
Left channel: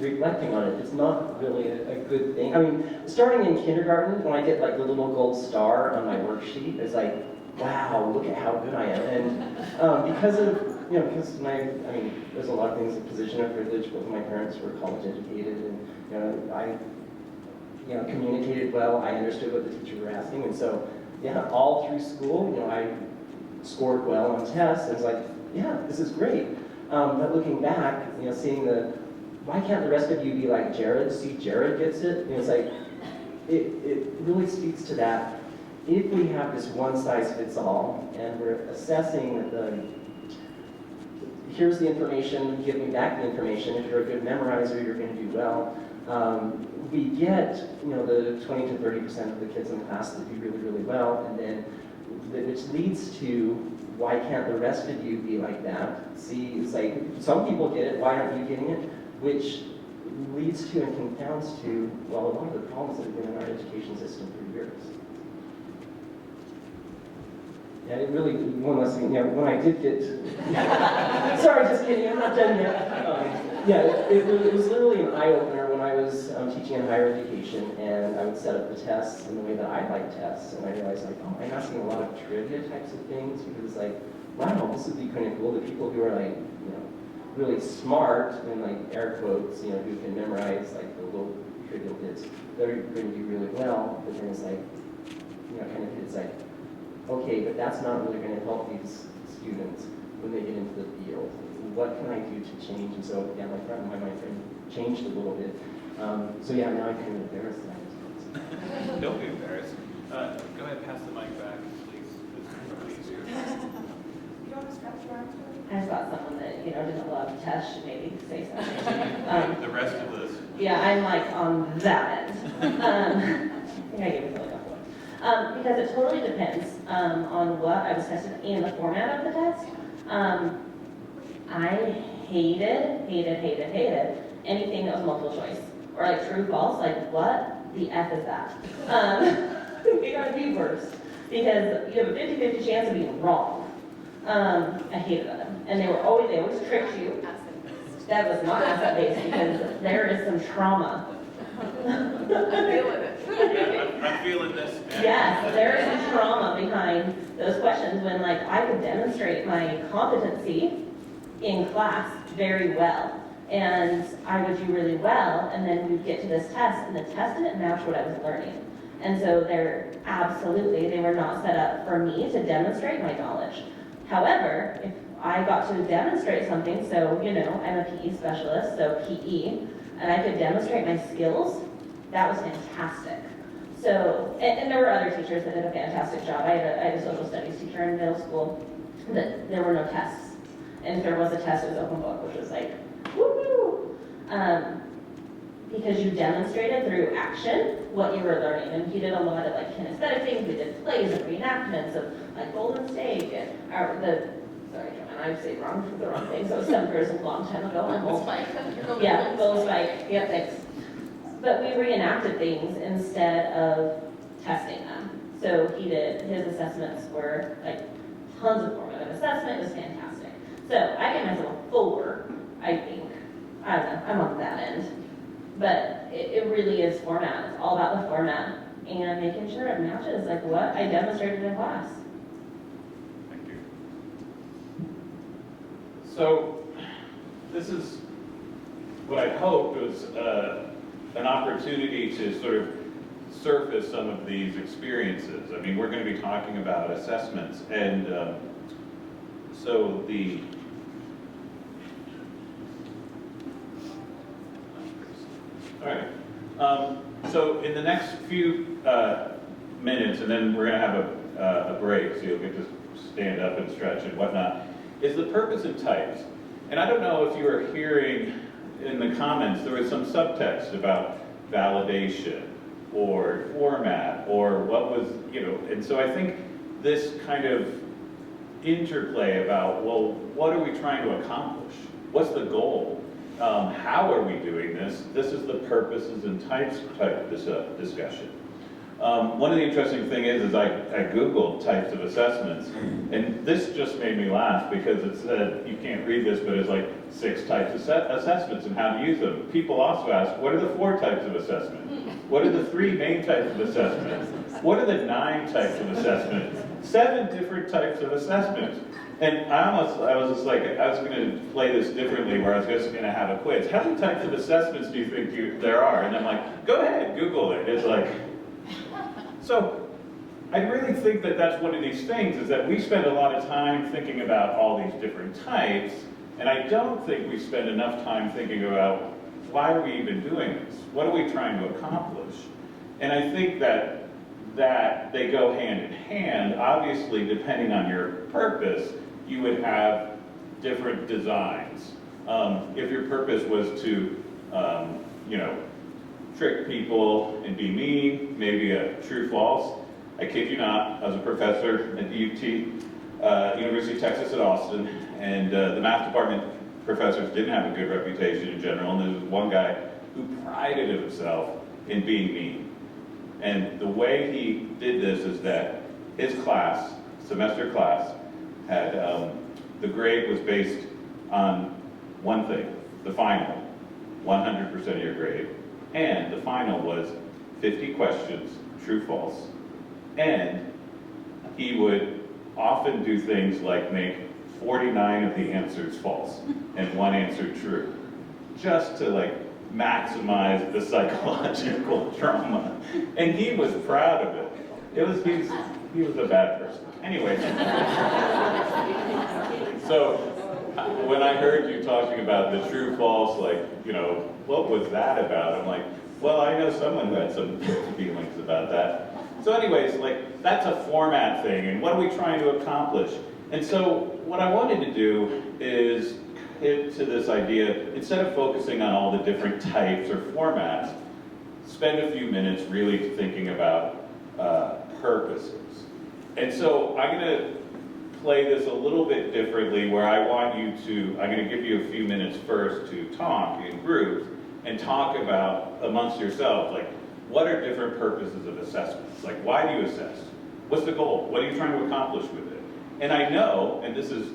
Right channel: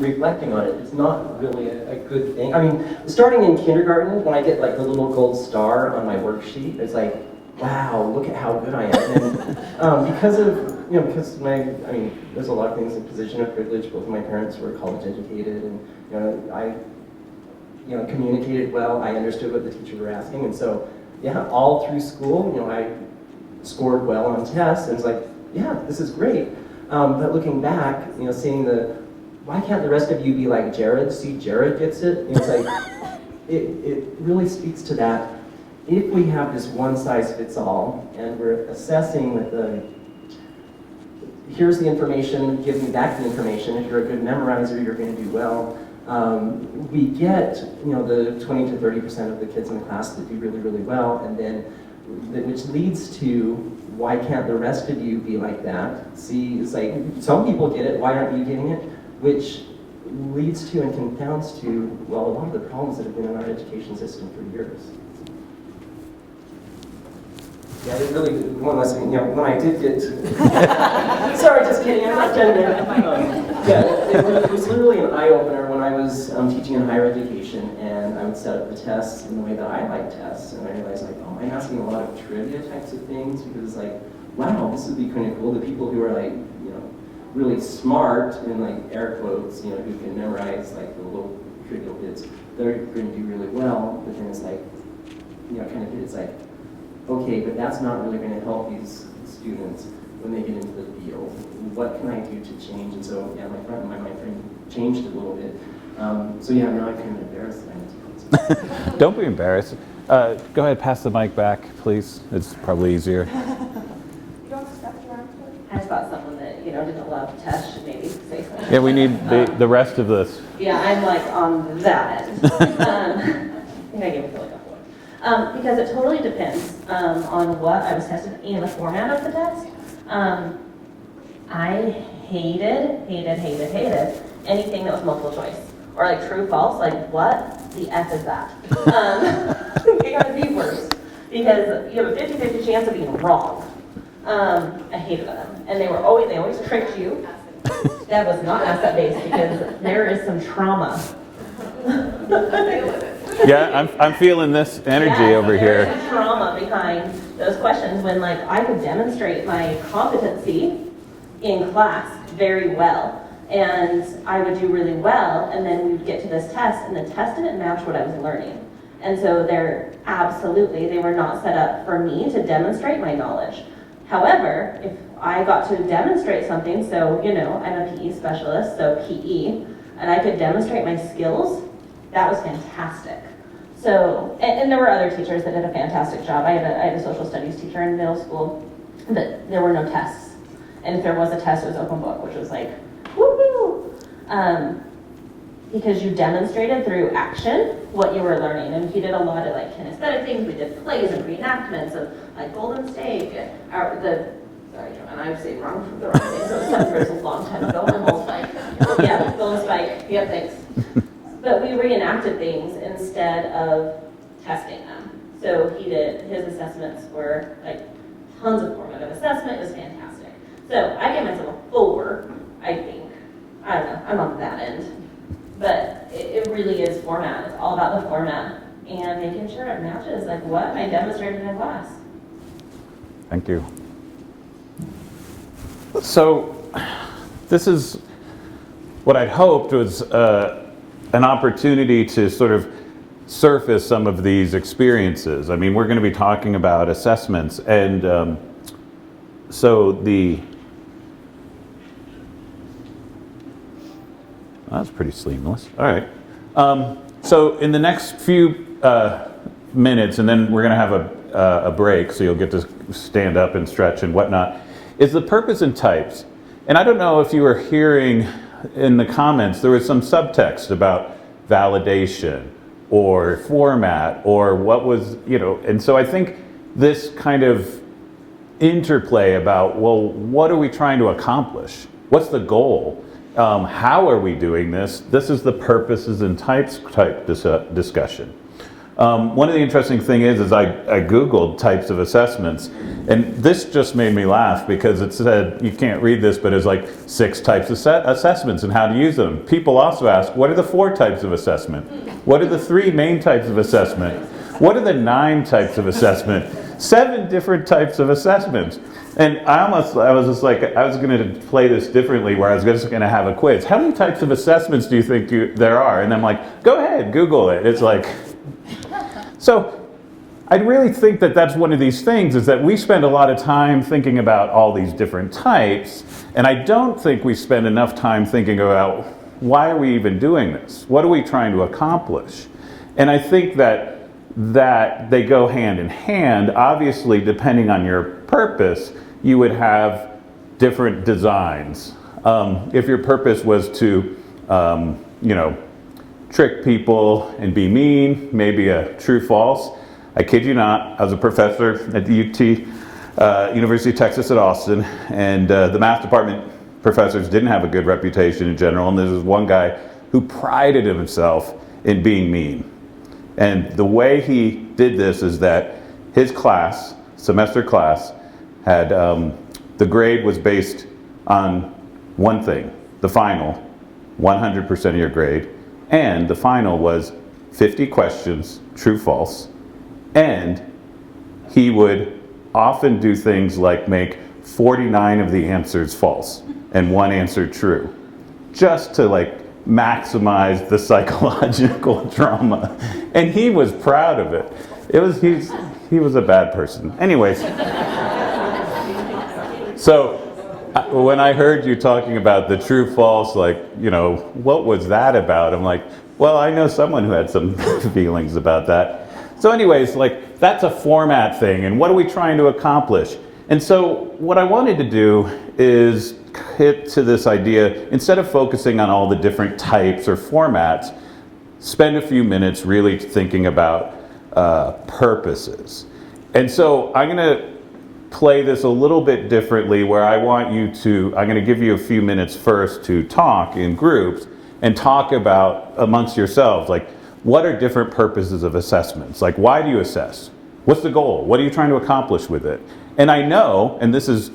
reflecting on it, it's not really a good thing. I mean, starting in kindergarten, when I get like the little gold star on my worksheet, it's like, wow, look at how good I am. And because of, because there's a lot of things in position of privilege. Both of my parents were college educated, and I communicated well. I understood what the teachers were asking, and so yeah, all through school, I scored well on tests. And it's like, yeah, this is great. But looking back, seeing why can't the rest of you be like Jared? See, Jared gets it. It's like, it really speaks to that. If we have this one size fits all, and we're assessing here's the information, give me back the information. If you're a good memorizer, you're going to do well. We get, the 20 to 30% of the kids in the class that do really, really well, and then, which leads to, why can't the rest of you be like that? See, it's like, some people get it, why aren't you getting it? Which leads to and confounds to, well, a lot of the problems that have been in our education system for years. Yeah, it really, one last thing, when I did get, sorry, just kidding, I'm not done yet. It was literally an eye-opener when I was teaching in higher education, and I would set up the tests in the way that I like tests, and I realized, like, oh, I'm asking a lot of trivia types of things, because, like, wow, this would be kind of cool. The people who are, like, really smart, in, like, air quotes, who can memorize, like, the little trivial bits, they're going to do really well, but then it's like, kind of, it's like, okay, but that's not really going to help these students when they get into the field. What can I do to change? And so, yeah, my mind changed a little bit. So yeah, now I'm kind of embarrassed. Don't be embarrassed. Go ahead, pass the mic back, please. It's probably easier. You don't scratch your arms? I thought someone that, didn't love tests should maybe say something. Yeah, we need the rest of this. Yeah, I'm like on that. I think I gave it like a 4. Because it totally depends on what I was tested and the format of the test. I hated anything that was multiple choice. Or like true, false, like what the F is that? It got to be worse. Because you have a 50-50 chance of being wrong. I hated them. And they always tricked you. That was not asset-based because there is some trauma. Yeah, I'm feeling this energy over here. There's some trauma behind those questions when, like, I could demonstrate my competency in class very well, and I would do really well, and then we'd get to this test, and the test didn't match what I was learning. And so they were not set up for me to demonstrate my knowledge. However, if I got to demonstrate something, so, I'm a PE specialist, so PE, and I could demonstrate my skills, that was fantastic. So, and there were other teachers that did a fantastic job. I had a social studies teacher in middle school, but there were no tests. And if there was a test, it was open book, which was like, woo-hoo! because you demonstrated through action what you were learning. And he did a lot of like kinesthetic things. We did plays and reenactments of like Golden State, or sorry, Joanne, I was saying the wrong thing, so it was something for a long time ago. Bull Spike. Yeah, Bull Spike, yeah, thanks. But we reenacted things instead of testing them. So his assessments were like tons of formative assessment. It was fantastic. So I gave myself a 4, I think. I don't know, I'm on that end. But it really is format. It's all about the format and making sure it matches like what I demonstrated in class. Thank you. So this is what I'd hoped was an opportunity to sort of surface some of these experiences. I mean, we're going to be talking about assessments, and that's pretty seamless. All right. So in the next few minutes, and then we're going to have a break, so you'll get to stand up and stretch and whatnot, is the purpose and types. And I don't know if you were hearing in the comments, there was some subtext about validation or format or what was, and so I think this kind of interplay about, well, what are we trying to accomplish? What's the goal? How are we doing this? This is the purposes and types type discussion. One of the interesting things is I Googled types of assessments, and this just made me laugh because it said, you can't read this, but it's like 6 types of assessments and how to use them. People also ask, what are the 4 types of assessment? What are the 3 main types of assessment? What are the 9 types of assessment? 7 different types of assessments. And I was just like, I was going to play this differently where I was just going to have a quiz. How many types of assessments do you think there are? And I'm like, go ahead, Google it. It's like, so I really think that that's one of these things, is that we spend a lot of time thinking about all these different types, and I don't think we spend enough time thinking about why are we even doing this? What are we trying to accomplish? And I think that they go hand in hand. Obviously, depending on your purpose, you would have different designs. If your purpose was to, trick people and be mean, maybe a true-false. I kid you not, I was a professor at the UT, University of Texas at Austin, and the math department professors didn't have a good reputation in general, and there was one guy who prided himself in being mean. And the way he did this is that his class, semester class, had, the grade was based on one thing, the final, 100% of your grade, and the final was 50 questions, true, false, and he would often do things like make 49 of the answers false and 1 answer true, just to like maximize the psychological drama. And he was proud of it. He was a bad person. Anyways, so when I heard you talking about the true false, like, what was that about? I'm like, well, I know someone who had some feelings about that. So anyways, like, that's a format thing, and what are we trying to accomplish? And so what I wanted to do is hit to this idea, instead of focusing on all the different types or formats, spend a few minutes really thinking about purposes. And so I'm going to play this a little bit differently, where I want you to, I'm going to give you a few minutes first to talk in groups and talk about amongst yourselves, like, what are different purposes of assessments? Like, why do you assess? What's the goal? What are you trying to accomplish with it? And I know, and this is,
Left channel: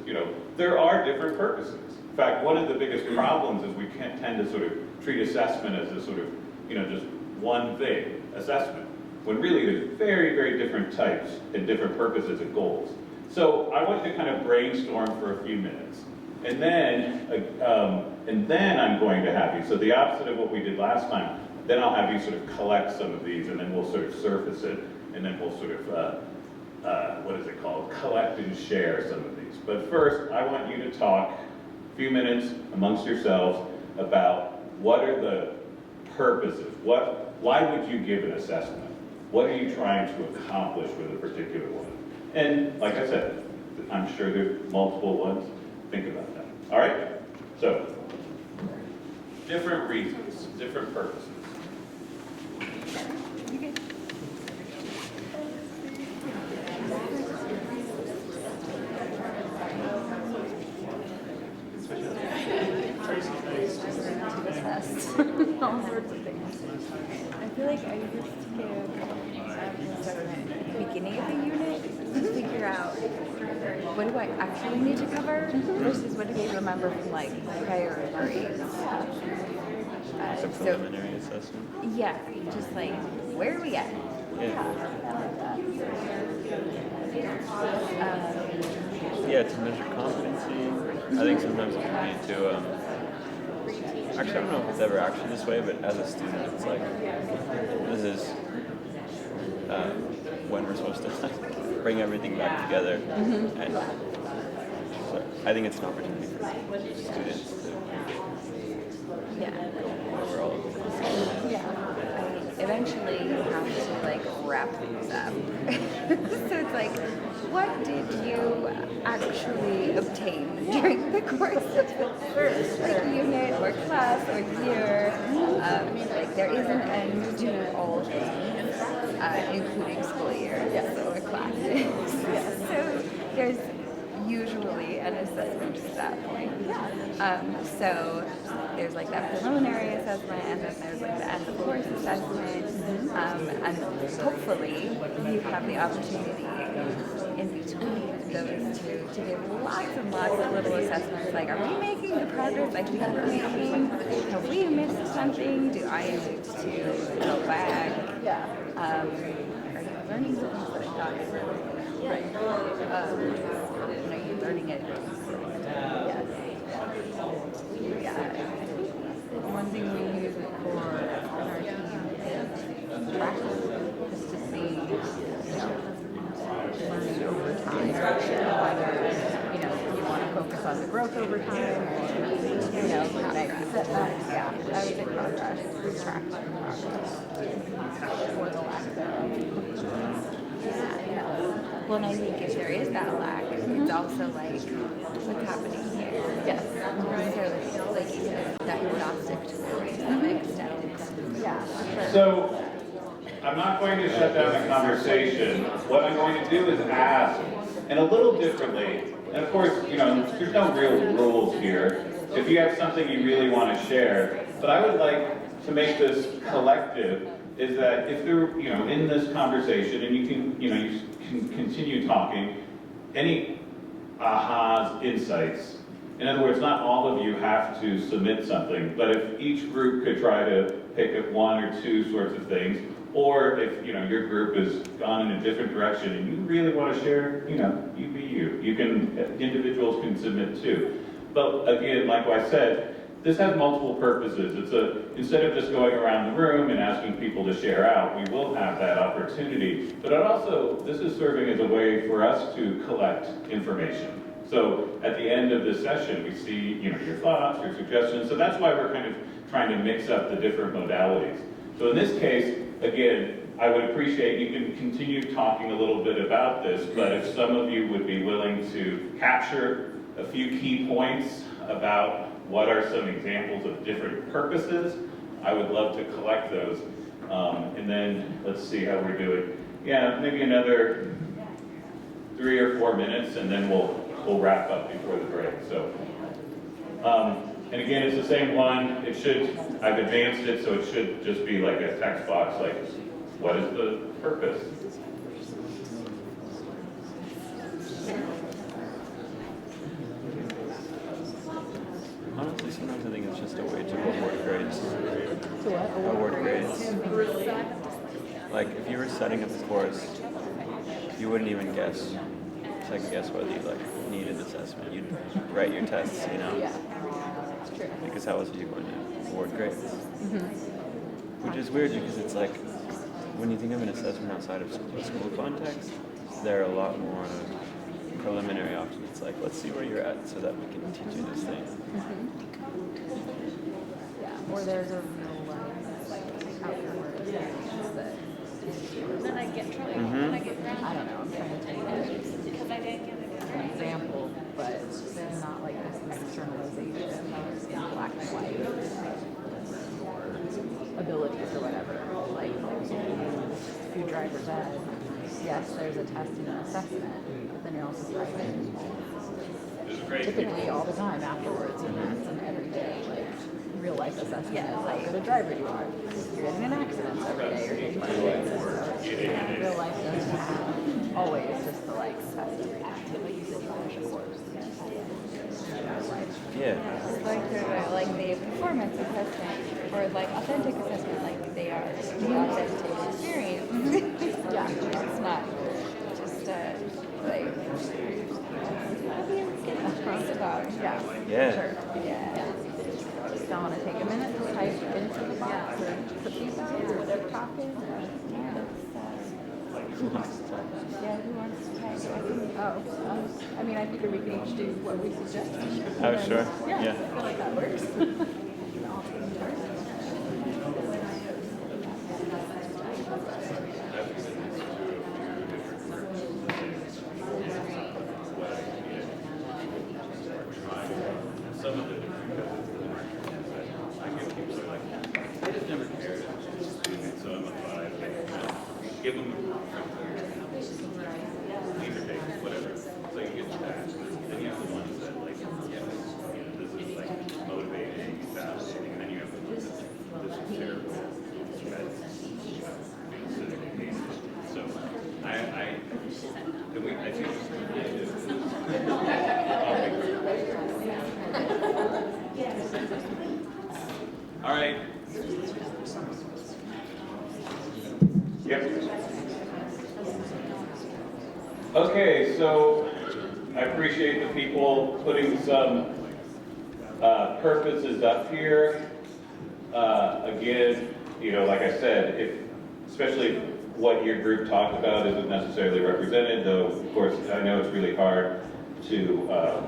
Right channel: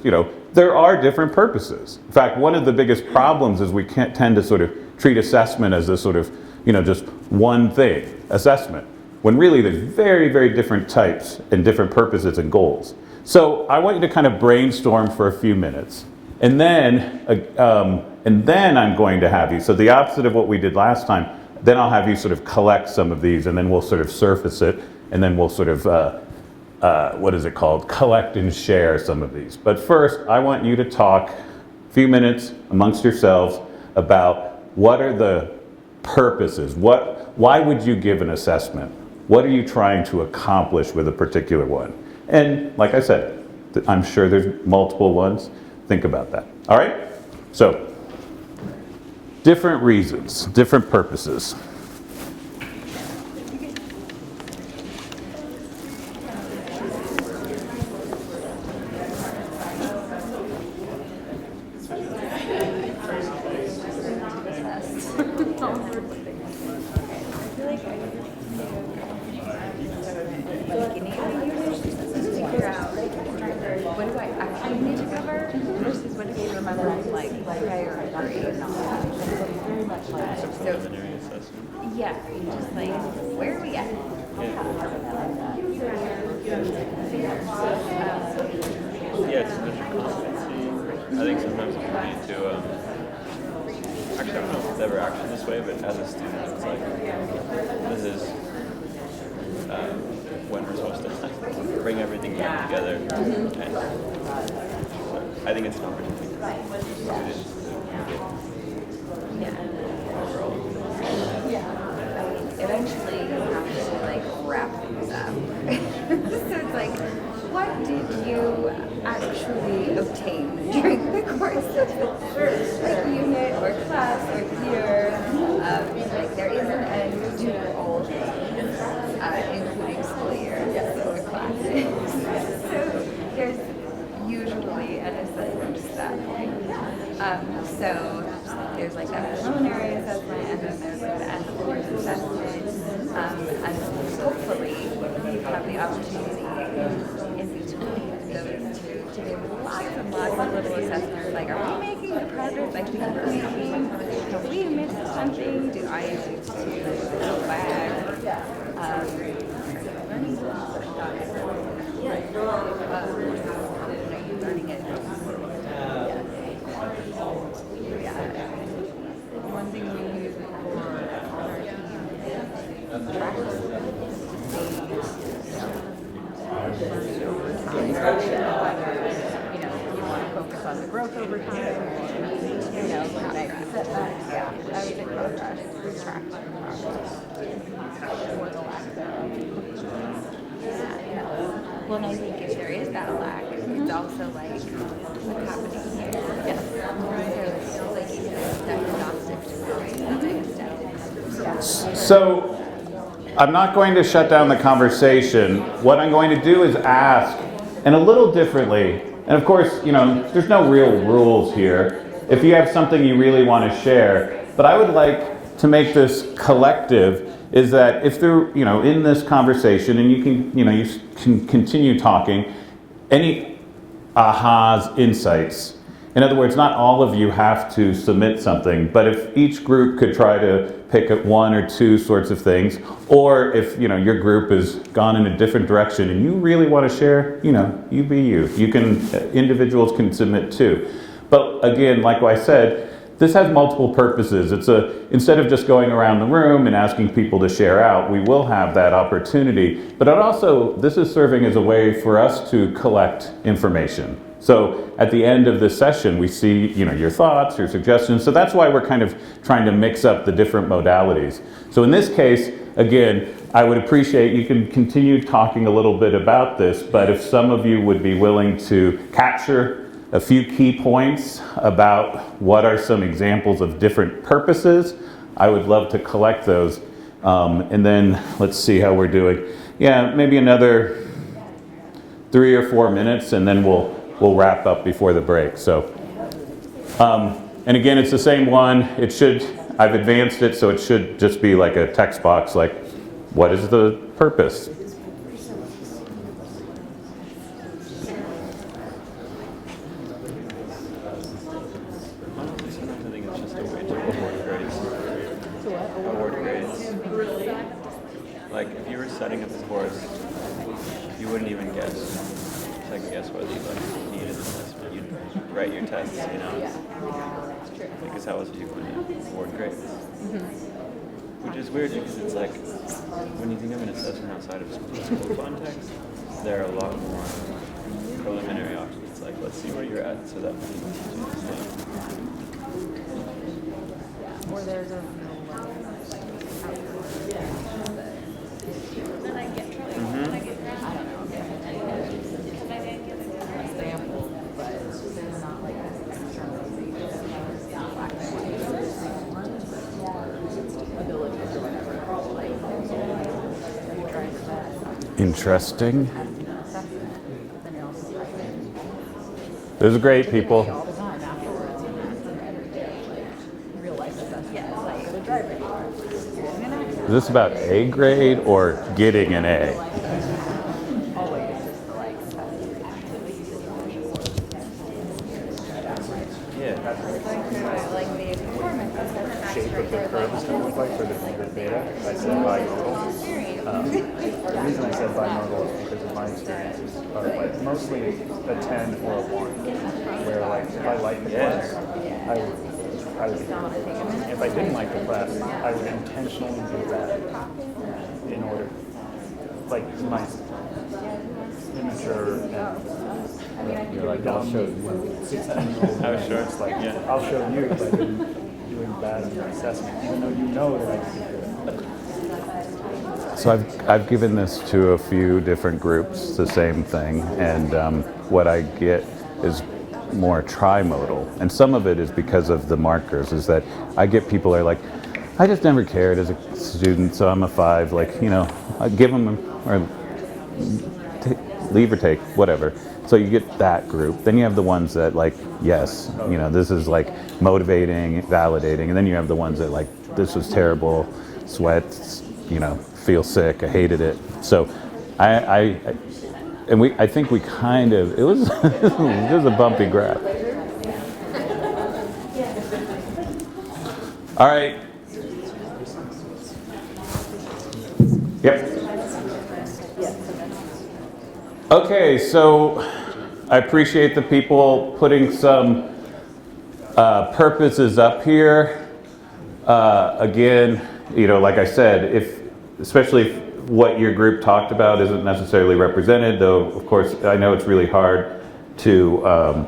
there are different purposes. In fact, one of the biggest problems is we can't tend to sort of treat assessment as a sort of, just one thing, assessment, when really there's very, very different types and different purposes and goals. So I want you to kind of brainstorm for a few minutes. And then I'm going to have you, so the opposite of what we did last time, then I'll have you sort of collect some of these, and then we'll sort of surface it, and then we'll sort of, what is it called? Collect and share some of these. But first, I want you to talk a few minutes amongst yourselves about what are the purposes? Why would you give an assessment? What are you trying to accomplish with a particular one? And like I said, I'm sure there's multiple ones. Think about that. All right? So, different reasons, different purposes. I feel like I used to beginning of the unit to figure out what do I actually need to cover versus what do they remember from like prior grades. Preliminary assessment. Yeah, just like where are we at? Yeah, to measure competency. I think sometimes it can lead to actually, I don't know if it's ever actually this way, but as a student, it's like, this is when we're supposed to like, bring everything back together. And so I think it's an opportunity for students to overall. Eventually you have to like wrap things up. So it's like, what did you actually obtain during the course of the unit or class or year? Like there is an end to all things, including school years or classes. So there's usually an assessment to that point. So there's like that preliminary assessment, and then there's like the end of course assessment, and hopefully you have the opportunity in between those two to give lots and lots of little assessments, like are we making the progress I think we're making? Have we missed something? Do I need to go back? Are you learning things that I thought you were right? Are you learning it? One thing we use it for on our team is practice, just to see, learning over time, whether, you want to focus on the growth over time, or, next setbacks. Yeah, I would say progress, we track progress. Or the lack thereof. Well, and I think if there is that lack, it's also like, what's happening here? Yes. So it's like even a diagnostic tool to the extent. Yeah. So I'm not going to shut down the conversation. What I'm going to do is ask, and a little differently, and of course, there's no real rules here. If you have something you really want to share, but I would like to make this collective, is that if they're, in this conversation, and you can continue talking, any ahas, insights. In other words, not all of you have to submit something, but if each group could try to pick up one or two sorts of things, or if your group has gone in a different direction and you really want to share, you be you. You can, individuals can submit too. But again, like I said, this has multiple purposes. Instead of just going around the room and asking people to share out, we will have that opportunity. But this is serving as a way for us to collect information. So at the end of this session, we see, your thoughts, your suggestions. So that's why we're kind of trying to mix up the different modalities. So in this case, again, I would appreciate, you can continue talking a little bit about this, but if some of you would be willing to capture a few key points about what are some examples of different purposes, I would love to collect those. And then let's see how we're doing. Yeah, maybe another 3 or 4 minutes, and then we'll wrap up before the break. So, and again, it's the same one. I've advanced it, so it should just be like a text box, like, what is the purpose? Honestly, sometimes I think it's just a way to award grades. Award grades. Like, if you were setting up a course, you wouldn't even second guess whether you needed assessment. You'd write your tests, Yeah, it's true. Because how else are you going to award grades? Which is weird because it's like, when you think of an assessment outside of school context, there are a lot more preliminary options. It's like, let's see where you're at so that we can teach you this thing. Yeah, or there's a real outcome. Then I get trouble. Then I get grounded. I don't know, I'm trying to take Because I didn't get a good an grade. example, but there's not like this externalization in black and white. Interesting. Testing and assessment, but then you're also writing. Those are great people. All the time afterwards, and that's an everyday, like, real life assessment. Yeah, like, good driver you are. You're getting an accident. Is this about A grade or getting an A? Always just the, like, activity you said you finish a course. Yeah. It's like the performance assessment or like authentic assessment, like they are the authentic experience. It's not just like Yeah. Just don't want to take a minute to type into the piece or whatever topic. Like, who wants to try? Yeah, who wants to try? Oh, I mean, I think we can do what we suggested. Oh, sure. Yeah. I'll show you that assessment. So I've given this to a few different groups, the same thing, and what I get is more trimodal. And some of it is because of the markers, is that I get people that are like, I just never cared as a student, so I'm a 5, like, you know, I give them, or leave or take, whatever. So you get that group. Then you have the ones that like, yes, you know, this is like motivating, validating. And then you have the ones that like, this was terrible, sweats, you know, feel sick, I hated it. So I think we kind of, it was, it was a bumpy graph. All right. Yep. Okay, so I appreciate the people putting some purposes up here. Again, you know, like I said, especially if what your group talked about isn't necessarily represented, though, of course, I know it's really hard to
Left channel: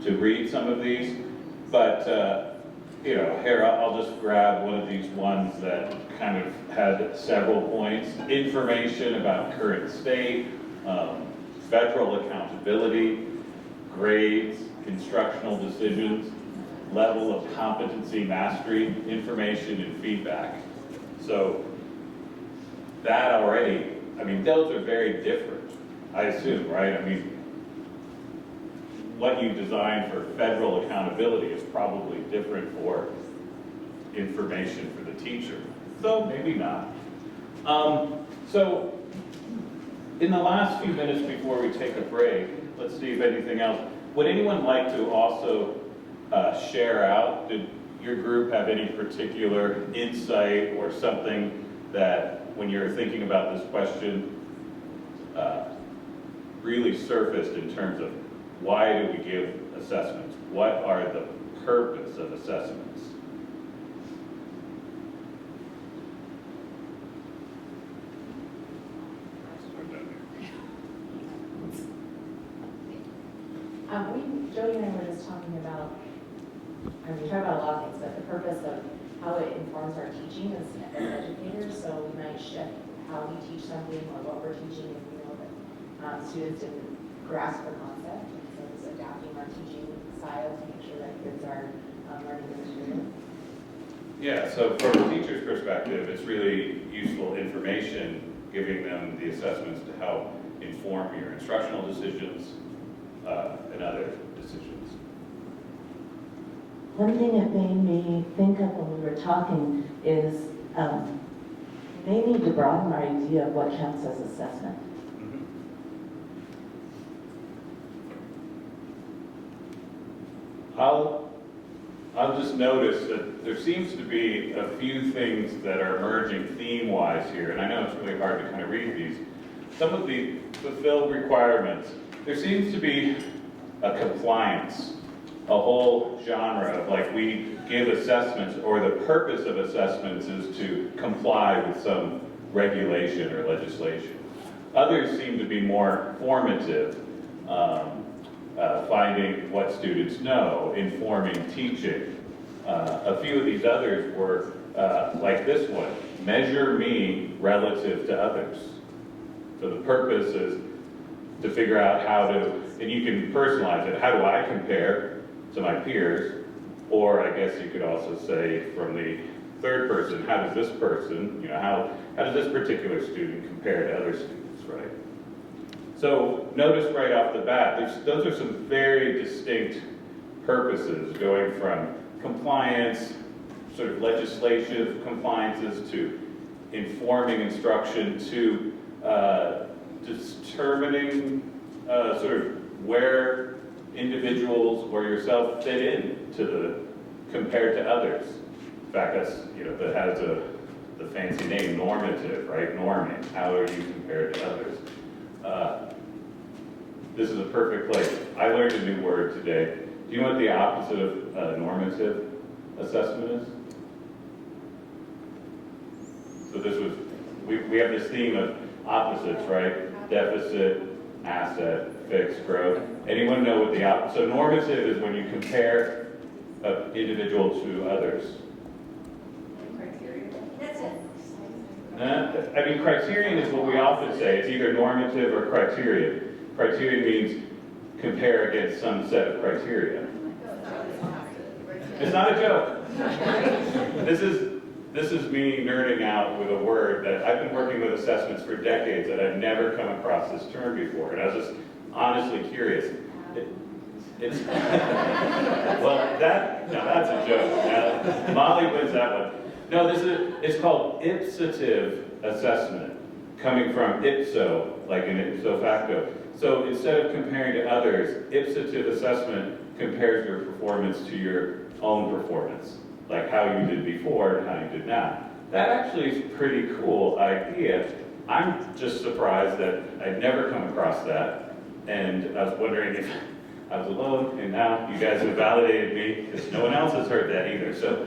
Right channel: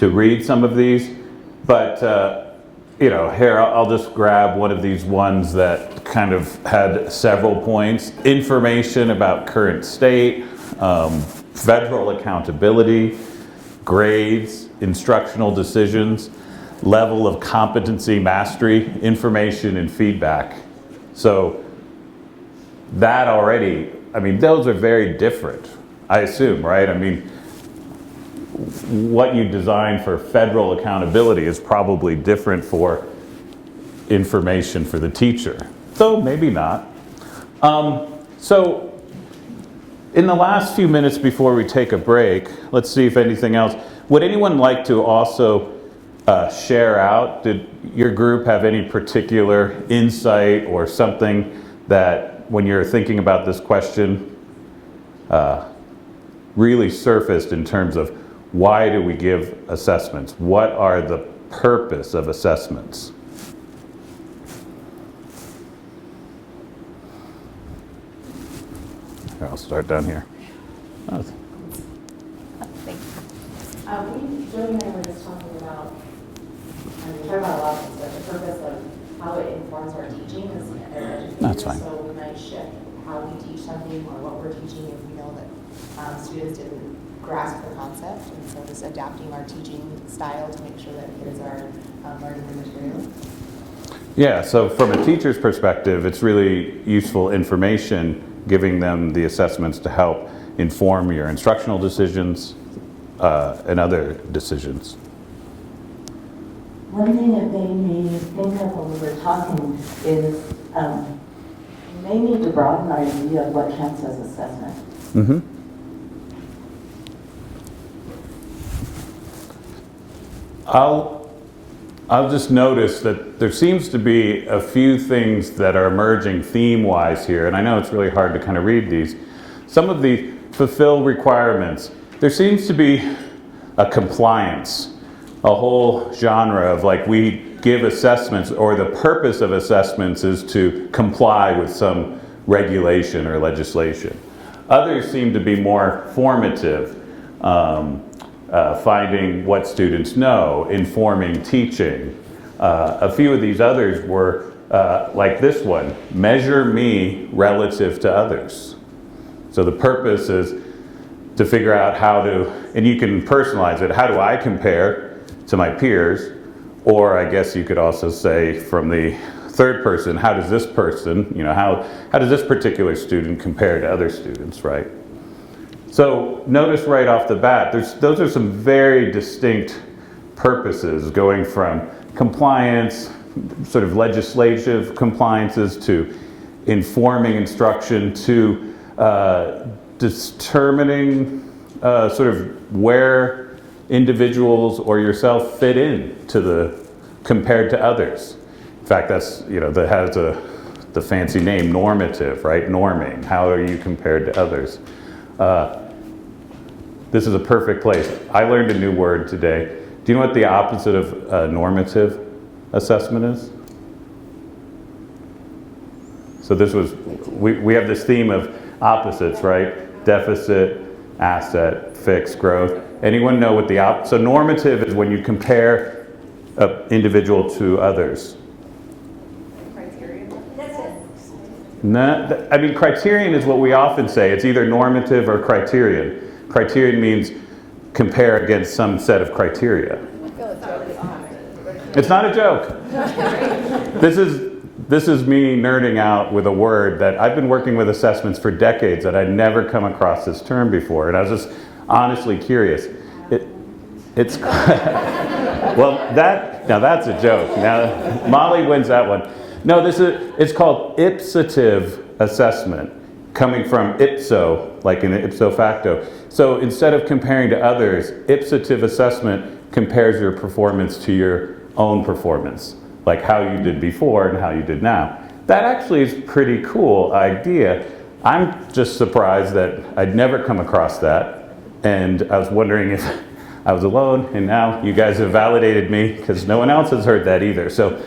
read some of these, but you know, here, I'll just grab one of these ones that kind of had several points. Information about current state, federal accountability, grades, instructional decisions, level of competency mastery, information and feedback. So that already, I mean, those are very different, I assume, right? I mean, what you design for federal accountability is probably different for information for the teacher. So maybe not. So in the last few minutes before we take a break, let's see if anything else. Would anyone like to also share out? Did your group have any particular insight or something that when you're thinking about this question really surfaced in terms of why do we give assessments? What are the purpose of assessments? I'll start down here. Oh. Jody and I were just talking about, I mean, we talk about a lot of things, but the purpose of how it informs our teaching is educators. That's fine. So we might shift how we teach something or what we're teaching if we know that students didn't grasp the concept. And so just adapting our teaching style to make sure that kids are learning the material. Yeah, so from a teacher's perspective, it's really useful information, giving them the assessments to help inform your instructional decisions and other decisions. One thing that made me think of when we were talking is we may need to broaden our idea of what counts as assessment. Mm-hmm. I'll just notice that there seems to be a few things that are emerging theme-wise here, and I know it's really hard to kind of read these. Some of the fulfill requirements. There seems to be a compliance, a whole genre of like we give assessments, or the purpose of assessments is to comply with some regulation or legislation. Others seem to be more formative. Finding what students know, informing teaching. A few of these others were like this one, measure me relative to others. So the purpose is to figure out how to, and you can personalize it, how do I compare to my peers? Or I guess you could also say from the third person, how does this person, how does this particular student compare to other students, right? So notice right off the bat, those are some very distinct purposes, going from compliance, sort of legislative compliances, to informing instruction, to determining sort of where individuals or yourself fit in compared to others. In fact, that's, that has the fancy name, normative, right? Norming, how are you compared to others? This is a perfect place. I learned a new word today. Do you know what the opposite of normative assessment is? So we have this theme of opposites, right? Deficit, asset, fixed, growth. Anyone know what so normative is when you compare an individual to others. No, I mean, criterion is what we often say. It's either normative or criterion. Criterion means compare against some set of criteria. It's not a joke. This is me nerding out with a word that I've been working with assessments for decades that I'd never come across this term before, and I was just honestly curious. It's well, now that's a joke. Now Molly wins that one. No, it's called ipsative assessment, coming from ipso, like in ipso facto. So instead of comparing to others, ipsative assessment compares your performance to your own performance, like how you did before and how you did now. That actually is a pretty cool idea. I'm just surprised that I'd never come across that, and I was wondering if I was alone, and now you guys have validated me, because no one else has heard that either. So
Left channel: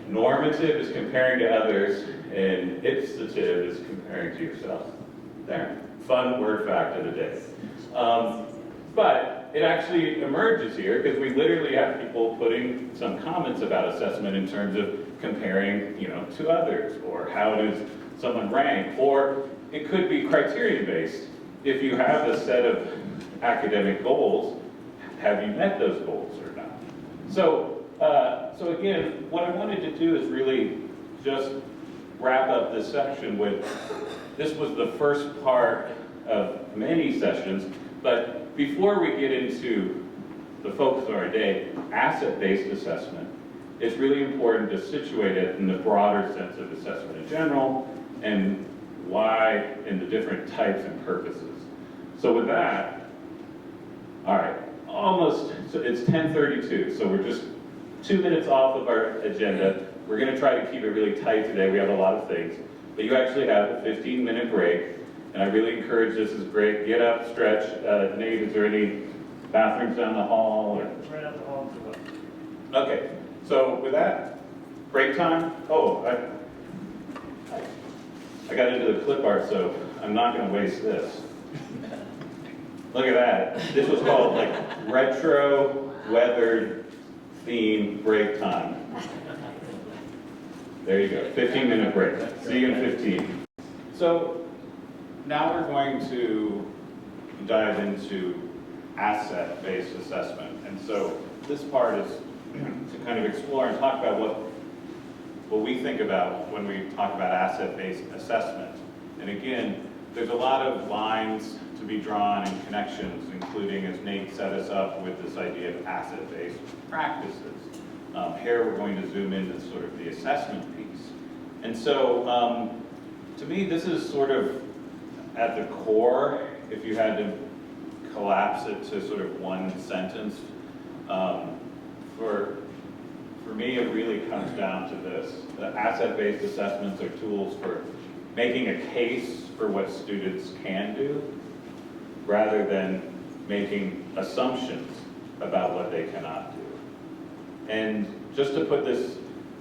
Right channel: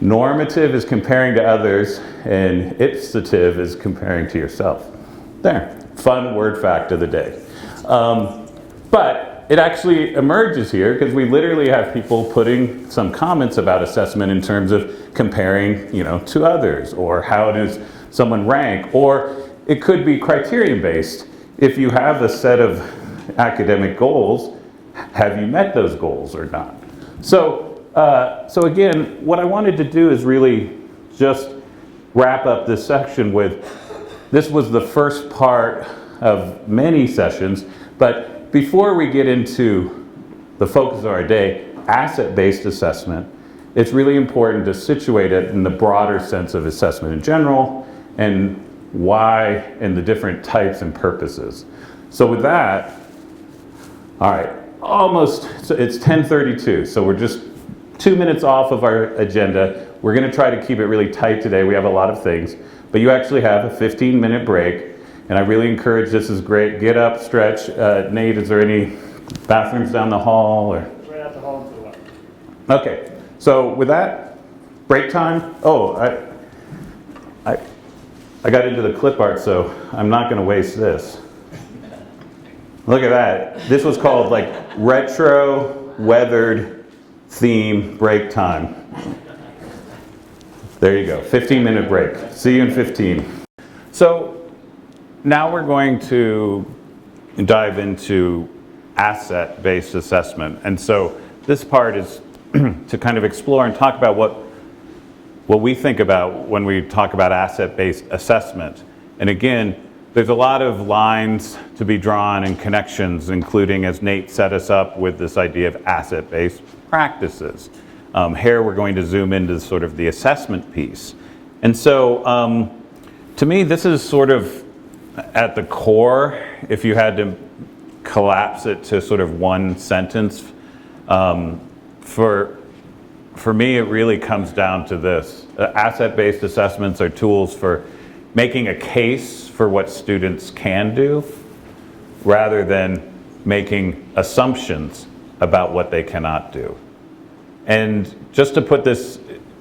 normative is comparing to others, and ipsative is comparing to yourself. There, fun word fact of the day. But it actually emerges here because we literally have people putting some comments about assessment in terms of comparing, to others, or how does someone rank, or it could be criterion based. If you have a set of academic goals, have you met those goals or not? So again, what I wanted to do is really just wrap up this section with, this was the first part of many sessions, but before we get into the focus of our day, asset-based assessment, it's really important to situate it in the broader sense of assessment in general, and why, and the different types and purposes. So with that, all right, it's 10:32, so we're just 2 minutes off of our agenda. We're gonna try to keep it really tight today. We have a lot of things, but you actually have a 15-minute break, and I really encourage, this is great. Get up, stretch. Nate, is there any bathrooms down the hall? Or? Right out the hall. Okay, so with that, break time. Oh, I got into the clip art, so I'm not gonna waste this. Look at that. This was called like retro weathered theme break time. There you go, 15-minute break. See you in 15. So now we're going to dive into asset-based assessment. And so this part is to kind of explore and talk about what we think about when we talk about asset-based assessment. And again, there's a lot of lines to be drawn and connections, including, as Nate set us up with, this idea of asset-based practices. Here we're going to zoom into sort of the assessment piece. And so to me, this is sort of at the core, if you had to collapse it to sort of one sentence. For me, it really comes down to this. Asset-based assessments are tools for making a case for what students can do, rather than making assumptions about what they cannot do. And just to put this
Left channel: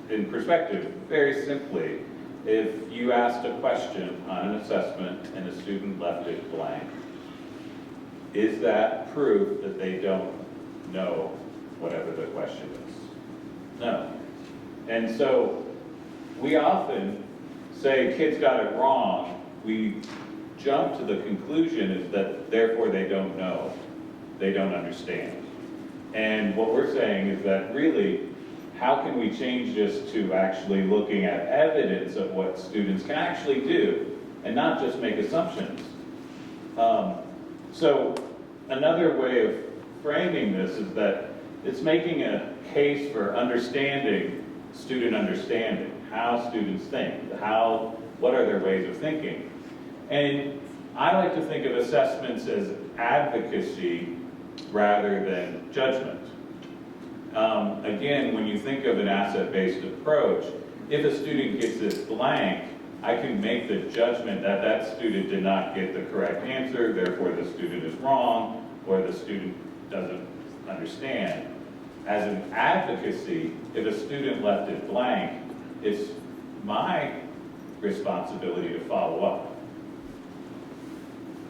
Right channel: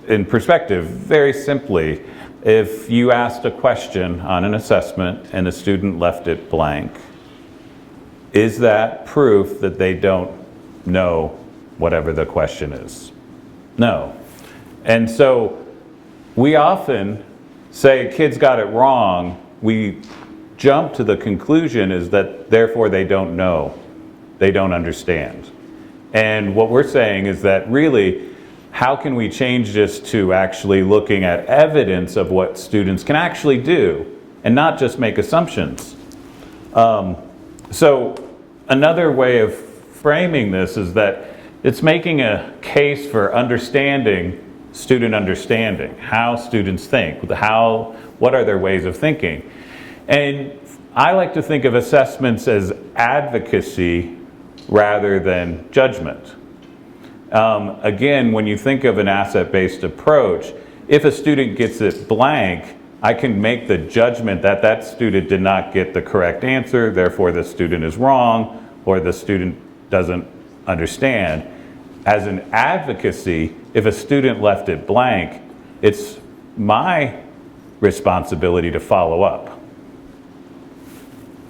in perspective, very simply, if you asked a question on an assessment and the student left it blank, is that proof that they don't know whatever the question is? No. And so we often say kids got it wrong. We jump to the conclusion is that therefore they don't know, they don't understand. And what we're saying is that really how can we change this to actually looking at evidence of what students can actually do and not just make assumptions? So another way of framing this is that it's making a case for understanding student understanding, how students think, what are their ways of thinking. And I like to think of assessments as advocacy rather than judgment. Again, when you think of an asset-based approach, if a student gets it blank, I can make the judgment that that student did not get the correct answer, therefore the student is wrong, or the student doesn't understand. As an advocacy, if a student left it blank, it's my responsibility to follow up.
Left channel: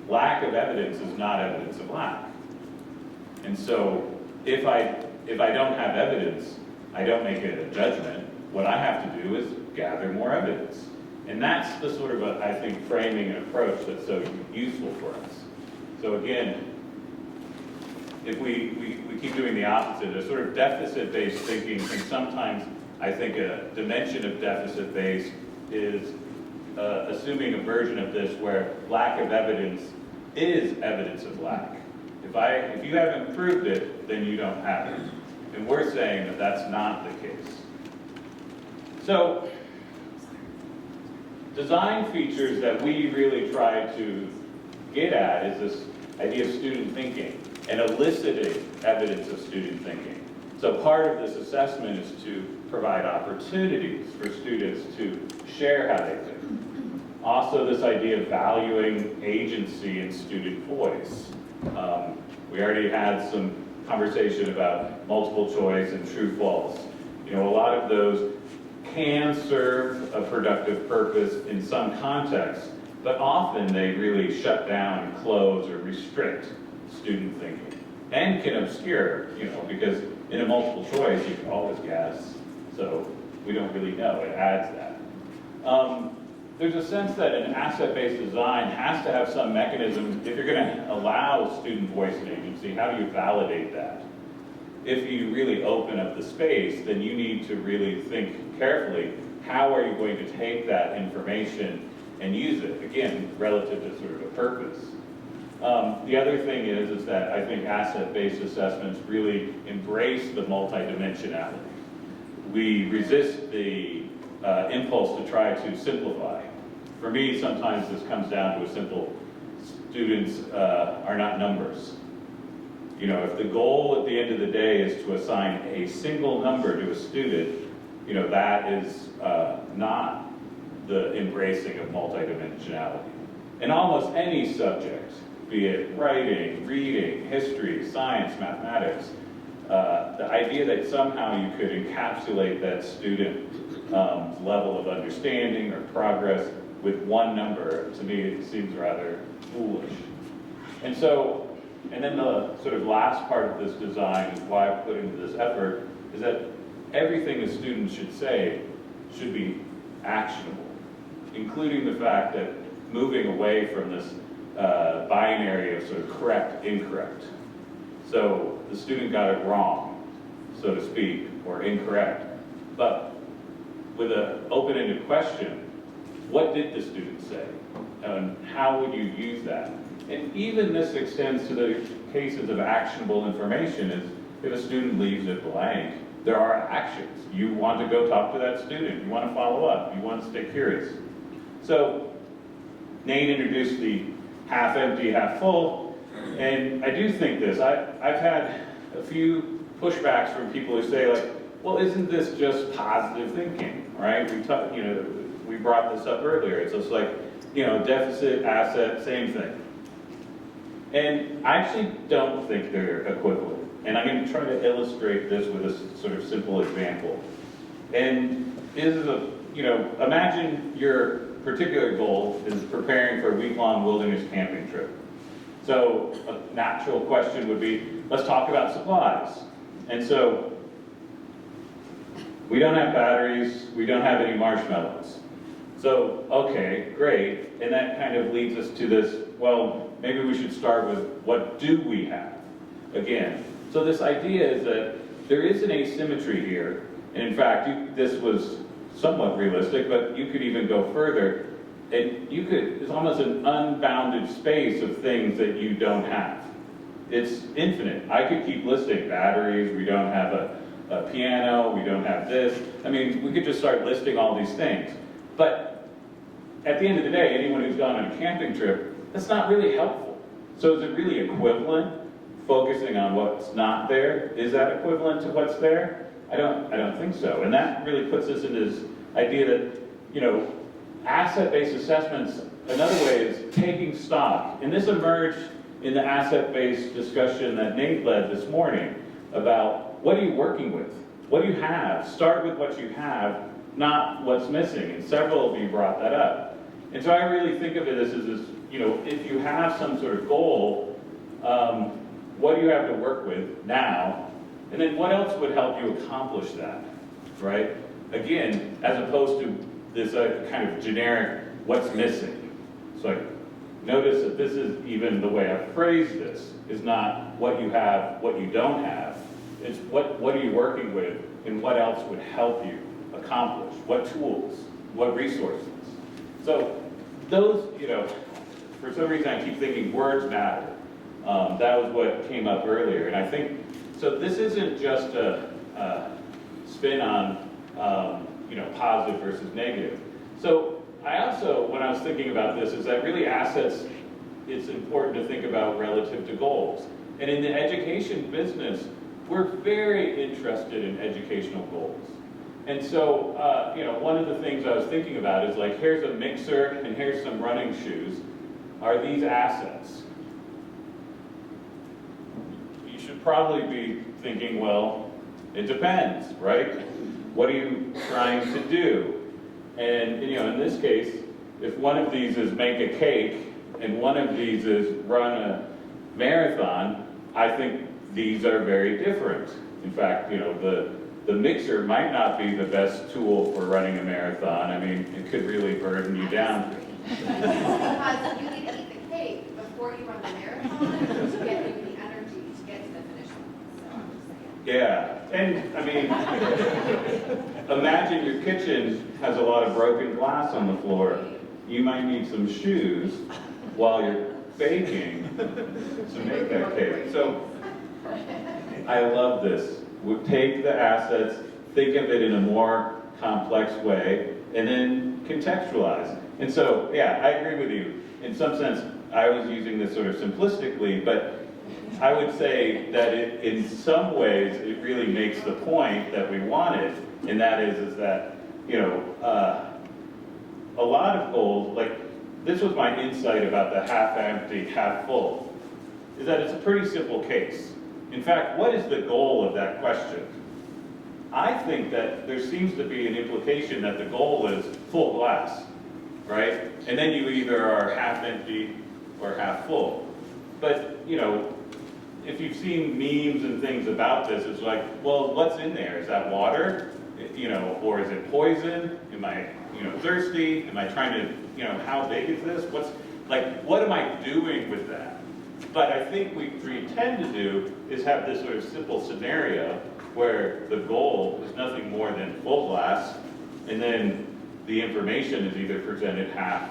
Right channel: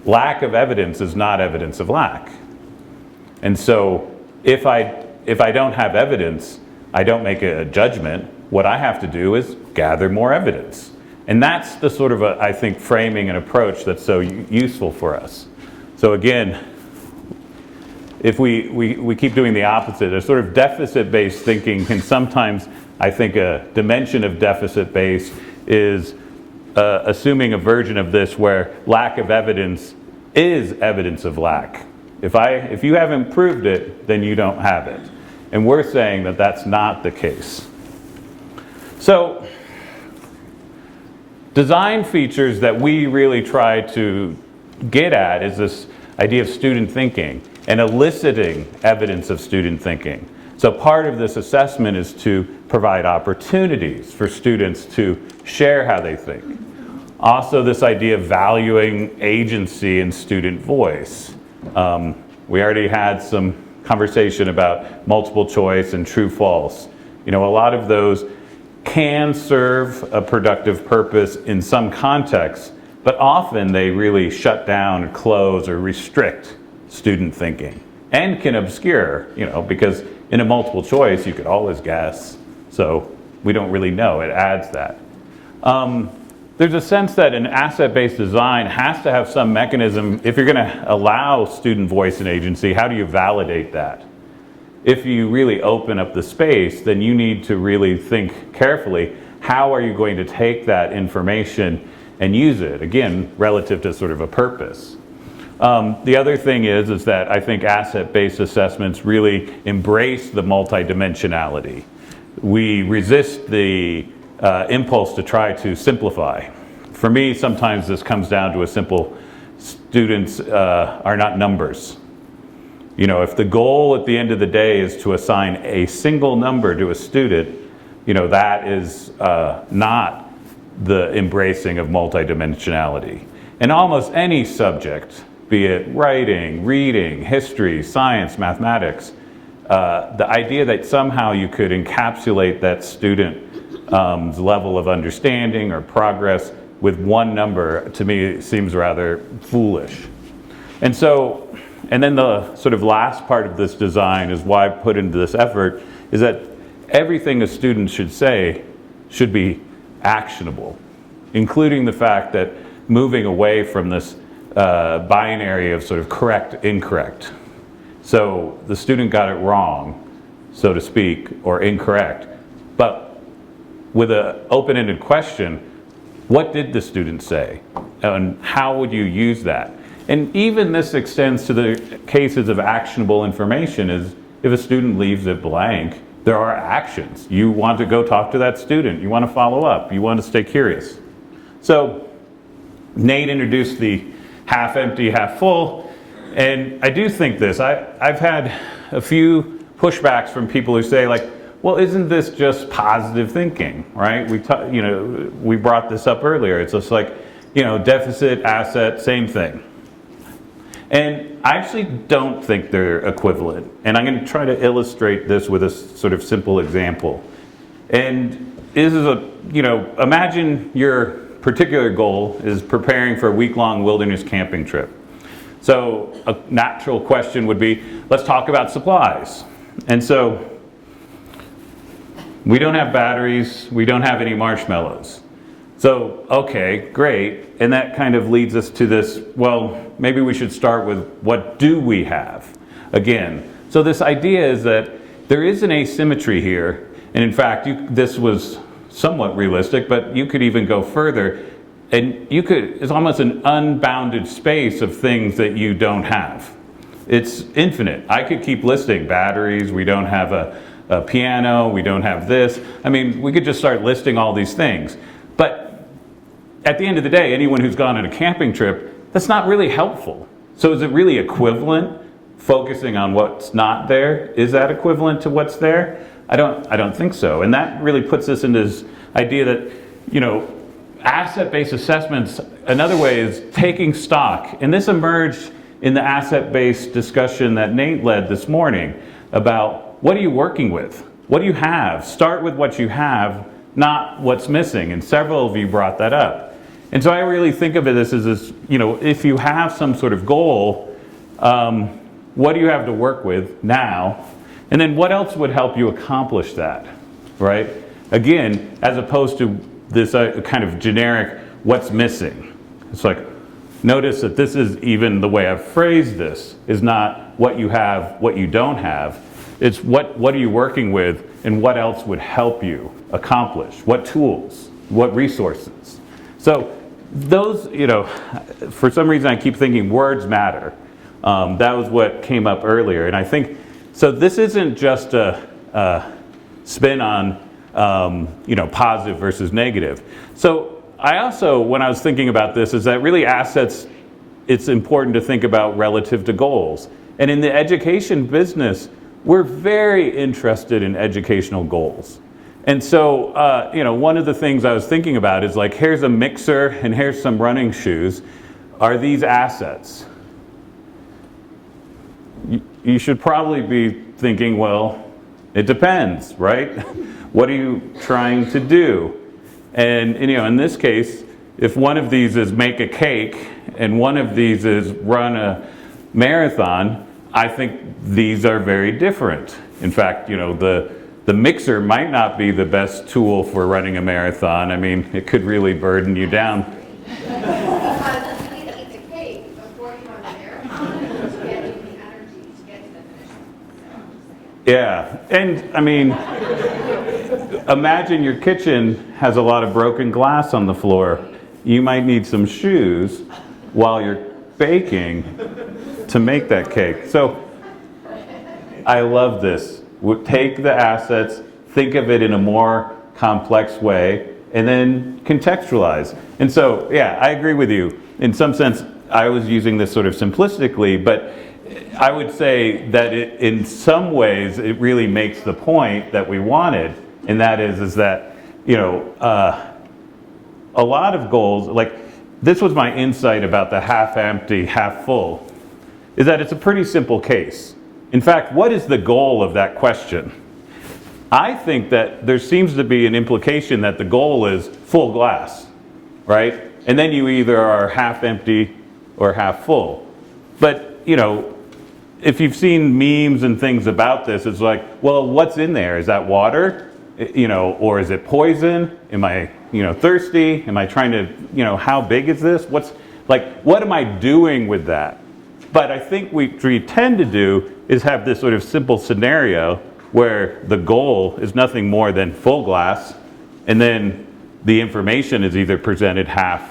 Lack of evidence is not evidence of lack. And so if I don't have evidence, I don't make a judgment. What I have to do is gather more evidence. And that's the sort of, I think, framing and approach that's so useful for us. So again, if we keep doing the opposite, a sort of deficit-based thinking can sometimes, I think a dimension of deficit-based is assuming a version of this where lack of evidence is evidence of lack. If you haven't proved it, then you don't have it. And we're saying that that's not the case. So, design features that we really try to get at is this idea of student thinking and eliciting evidence of student thinking. So part of this assessment is to provide opportunities for students to share how they think. Also, this idea of valuing agency and student voice. We already had some conversation about multiple choice and true false. You know, a lot of those can serve a productive purpose in some contexts, but often they really shut down, close, or restrict student thinking and can obscure, you know, because in a multiple choice you could always guess, so we don't really know. It adds that. There's a sense that an asset-based design has to have some mechanism. If you're going to allow student voice and agency, how do you validate that? If you really open up the space, then you need to really think carefully, how are you going to take that information and use it, again, relative to sort of a purpose. The other thing is that I think asset-based assessments really embrace the multidimensionality. We resist the impulse to try to simplify. For me, sometimes this comes down to a simple, students are not numbers. You know, if the goal at the end of the day is to assign a single number to a student, you know, that is not the embracing of multidimensionality. In almost any subject, be it writing, reading, history, science, mathematics, the idea that somehow you could encapsulate that student's level of understanding or progress with one number, to me, seems rather foolish. And so, and then the sort of last part of this design is why I put into this effort, is that everything a student should say should be actionable, including the fact that moving away from this binary of sort of correct, incorrect. So the student got it wrong, so to speak, or incorrect. But with an open-ended question, what did the student say? And how would you use that? And even this extends to the cases of actionable information. Is if a student leaves it blank, there are actions. You want to go talk to that student. You want to follow up. You want to stay curious. So Nate introduced the half empty, half full. And I do think this. I've had a few pushbacks from people who say, like, well, isn't this just positive thinking, right? We brought this up earlier. It's just like, deficit, asset, same thing. And I actually don't think they're equivalent. And I'm going to try to illustrate this with a sort of simple example. And this is imagine your particular goal is preparing for a week-long wilderness camping trip. So a natural question would be, let's talk about supplies. And so we don't have batteries, we don't have any marshmallows. So, okay, great. And that kind of leads us to this, well, maybe we should start with what do we have? Again, so this idea is that there is an asymmetry here, And in fact, this was somewhat realistic, but you could even go further. And it's almost an unbounded space of things that you don't have. It's infinite. I could keep listing batteries, we don't have a piano, we don't have this. I mean, we could just start listing all these things. But at the end of the day, anyone who's gone on a camping trip, that's not really helpful. So is it really equivalent? Focusing on what's not there, is that equivalent to what's there? I don't think so. And that really puts us into this idea that, you know, asset-based assessments, another way is taking stock. And this emerged in the asset-based discussion that Nate led this morning about what are you working with? What do you have? Start with what you have, not what's missing. And several of you brought that up. And so I really think of it as this, you know, if you have some sort of goal, what do you have to work with now? And then what else would help you accomplish that, right? Again, as opposed to this kind of generic, what's missing? It's like, notice that this is even the way I've phrased this, is not what you have, what you don't have. It's what are you working with and what else would help you accomplish? What tools, what resources? So those, you know, for some reason I keep thinking words matter. That was what came up earlier. And I think, so this isn't just a spin on, you know, positive versus negative. So I also, when I was thinking about this, is that really assets, it's important to think about relative to goals. And in the education business, we're very interested in educational goals. And so, you know, one of the things I was thinking about is like, here's a mixer and here's some running shoes. Are these assets? You should probably be thinking, well, it depends, right? What are you trying to do? And you know, in this case, if one of these is make a cake and one of these is run a marathon, I think these are very different. In fact, you know, the mixer might not be the best tool for running a marathon. I mean, it could really burden you down. Because you need to eat the cake before you run the marathon to get you the energy to get to the finish line. So I'm just saying. Yeah, and I mean, imagine your kitchen has a lot of broken glass on the floor. You might need some shoes while you're baking to make that cake. So I love this. Take the assets, think of it in a more complex way, and then contextualize. And so, yeah, I agree with you. In some sense, I was using this sort of simplistically, but I would say that in some ways, it really makes the point that we wanted, and that is that, you know, a lot of goals, like this was my insight about the half empty, half full, is that it's a pretty simple case. In fact, what is the goal of that question? I think that there seems to be an implication that the goal is full glass, right? And then you either are half empty or half full. But, you know, if you've seen memes and things about this, it's like, well, what's in there? Is that water? You know, or is it poison? Am I, you know, thirsty? Am I trying to, you know, how big is this? What am I doing with that? But I think what we tend to do is have this sort of simple scenario where the goal is nothing more than full glass, and then the information is either presented half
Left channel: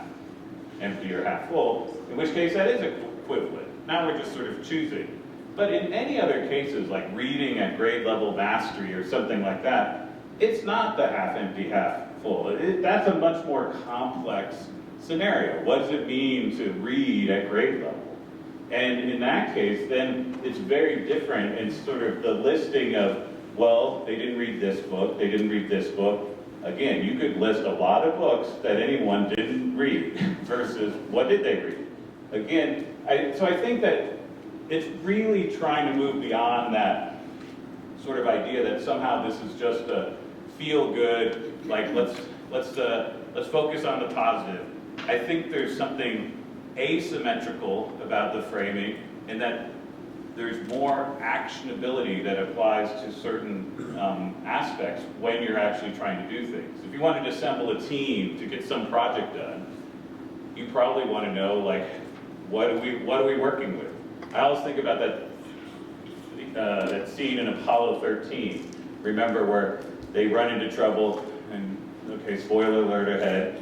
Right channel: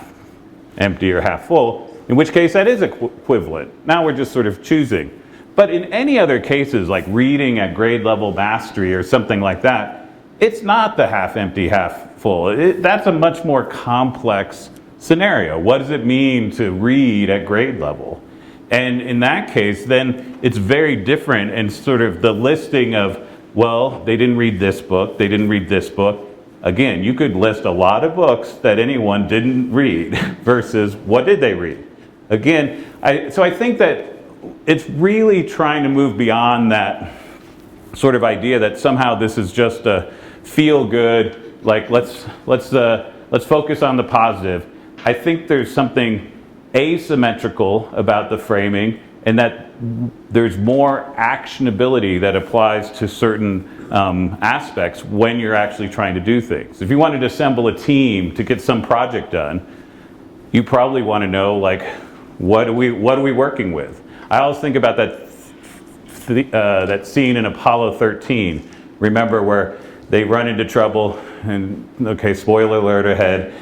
empty or half full, in which case that is equivalent. Now we're just sort of choosing. But in any other cases, like reading at grade level mastery or something like that, it's not the half empty, half full. That's a much more complex scenario. What does it mean to read at grade level? And in that case, then it's very different, and sort of the listing of, well, they didn't read this book, they didn't read this book. Again, you could list a lot of books that anyone didn't read versus what did they read? Again, so I think that it's really trying to move beyond that sort of idea that somehow this is just a feel good, like let's focus on the positive. I think there's something asymmetrical about the framing, and that there's more actionability that applies to certain aspects when you're actually trying to do things. If you wanted to assemble a team to get some project done, you probably want to know, like, what are we working with? I always think about that scene in Apollo 13. Remember where they run into trouble, and okay, spoiler alert ahead.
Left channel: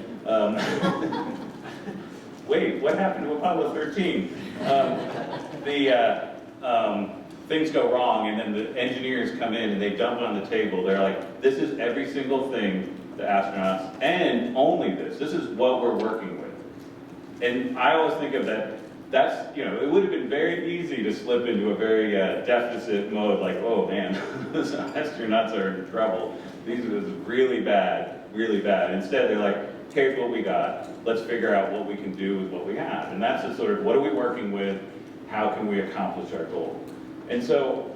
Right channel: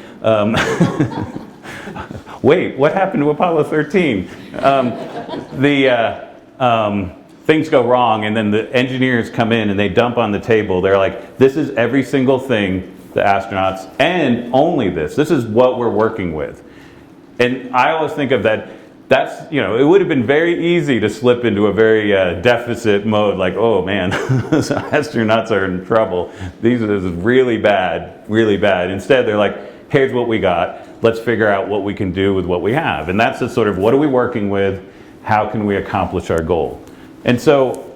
Wait, what happened to Apollo 13? Things go wrong, and then the engineers come in and they dump on the table. They're like, this is every single thing the astronauts, and only this. This is what we're working with. And I always think of that, that's, it would have been very easy to slip into a very deficit mode, like, oh man, astronauts are in trouble. This is really bad, really bad. Instead, they're like, here's what we got. Let's figure out what we can do with what we have. And that's the sort of, what are we working with? How can we accomplish our goal? And so,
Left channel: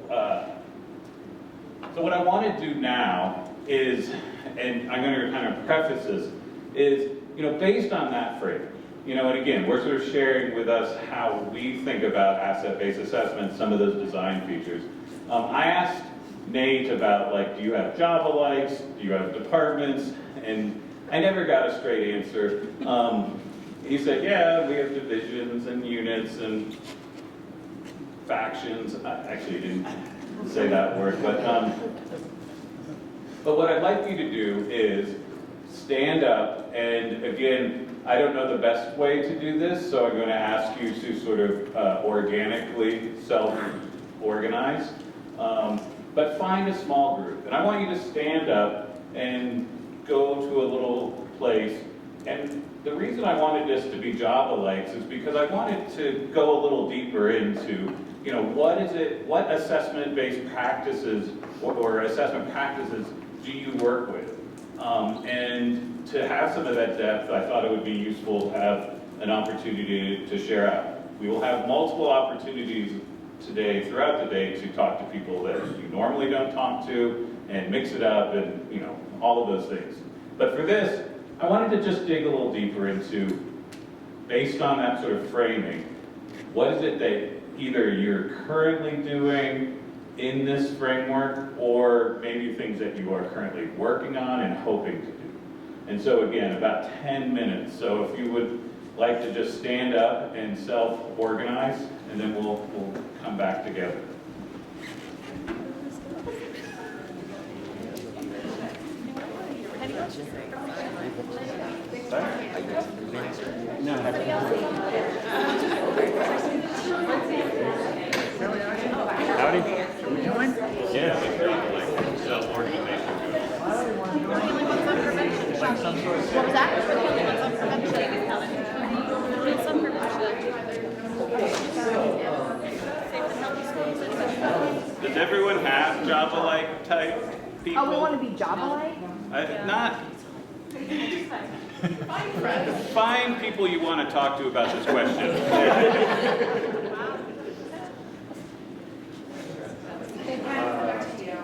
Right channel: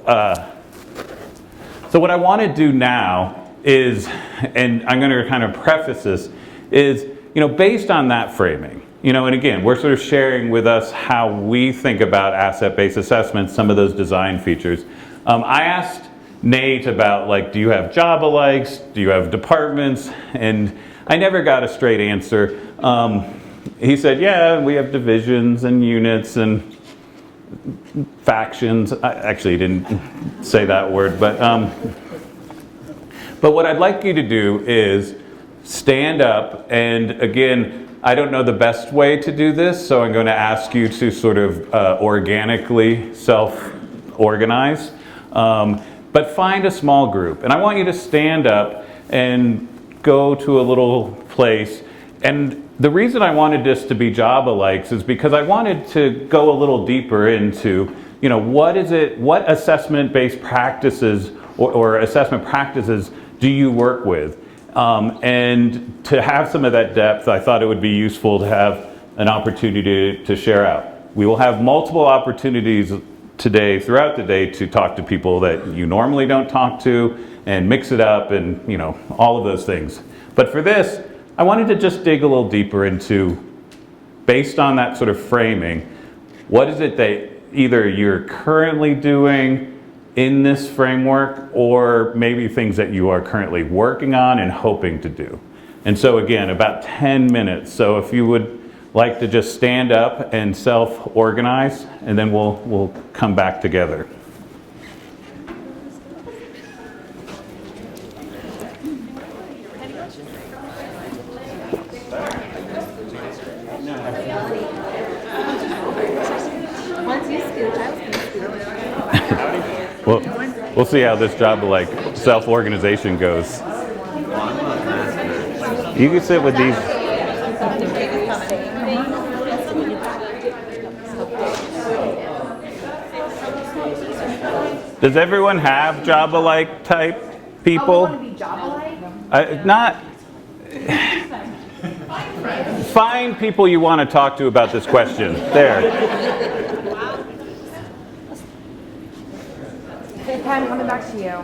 so what I want to do now is, and I'm going to kind of preface this, is, based on that framing, and again, we're sort of sharing with us how we think about asset-based assessments, some of those design features. I asked Nate about, like, do you have job alikes? Do you have departments? And I never got a straight answer. He said, yeah, we have divisions and units and factions. Actually, he didn't say that word, but what I'd like you to do is stand up, and again, I don't know the best way to do this, so I'm going to ask you to sort of organically self-organize, but find a small group. And I want you to stand up and go to a little place. And the reason I wanted this to be job alikes is because I wanted to go a little deeper into, what assessment-based practices or assessment practices do you work with? And to have some of that depth, I thought it would be useful to have an opportunity to share out. We will have multiple opportunities today, throughout the day, to talk to people that you normally don't talk to, and mix it up, and all of those things. But for this, I wanted to just dig a little deeper into, based on that sort of framing, what is it that either you're currently doing in this framework, or maybe things that you are currently working on and hoping to do. And so again, about 10 minutes. So if you would like to just stand up and self-organize, and then we'll come back together. We'll see how this job of self-organization goes. You can sit with these. Does everyone have job alike type people? Oh, we want to be job alike? Not. Find people you want to talk to about this question. There. They kind of come back to you.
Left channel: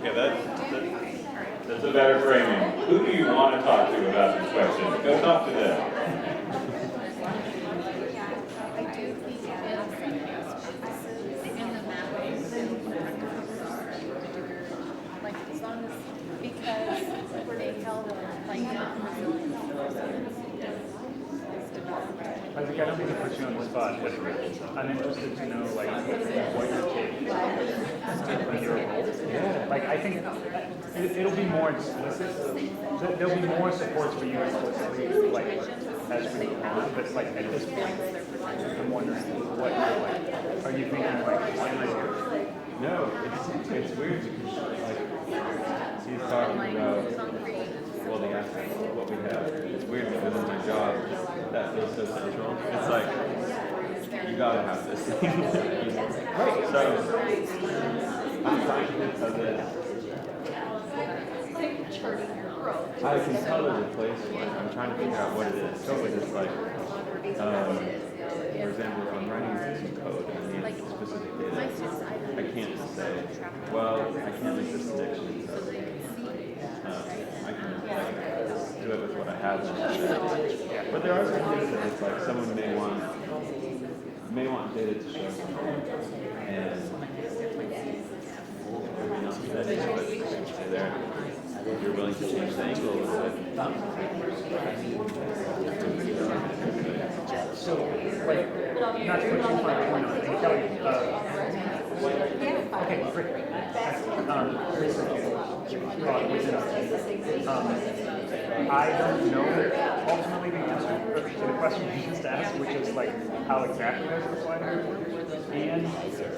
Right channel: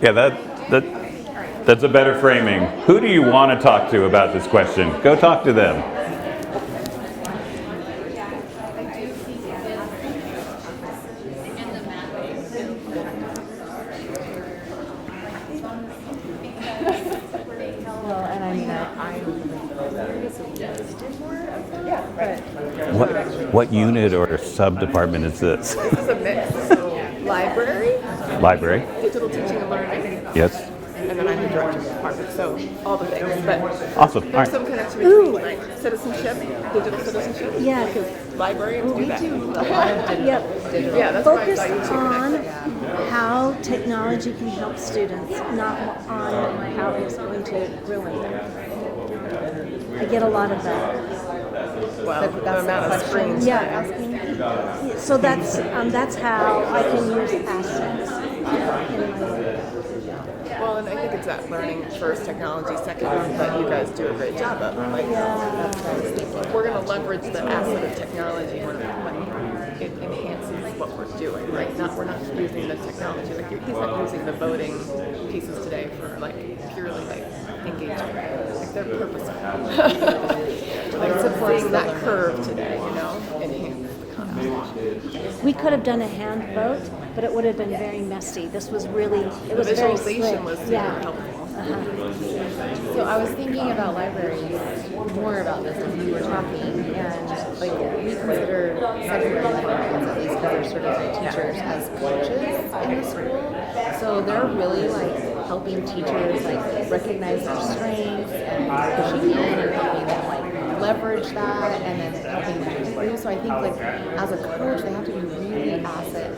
Yeah, that's a better framing. Who do you want to talk to about this question? Go talk to them. What unit or sub-department is this? Library? Library? Yes. It'll be more, so all the things. Awesome. All right. Ooh, like citizenship, digital citizenship. Yeah. Library. Yep. Focus on how technology can help students, not on how it's going to really. I get a lot of that. Yeah. So that's how I can use assets. Well, and I think it's that learning first, technology second. You guys do a great job of we're going to leverage the asset of technology and what we're doing. Like, not we're not using this technology. We're using the voting piece today for like simplifying that curve. We could have done a hand vote, but it would have been very messy. This was really, it was very slick. Yeah. So I was thinking about libraries, more about this when we were talking, and So they're really like helping teachers recognize their strengths and leverage that. And so I think like as a coach, they have to be really asset.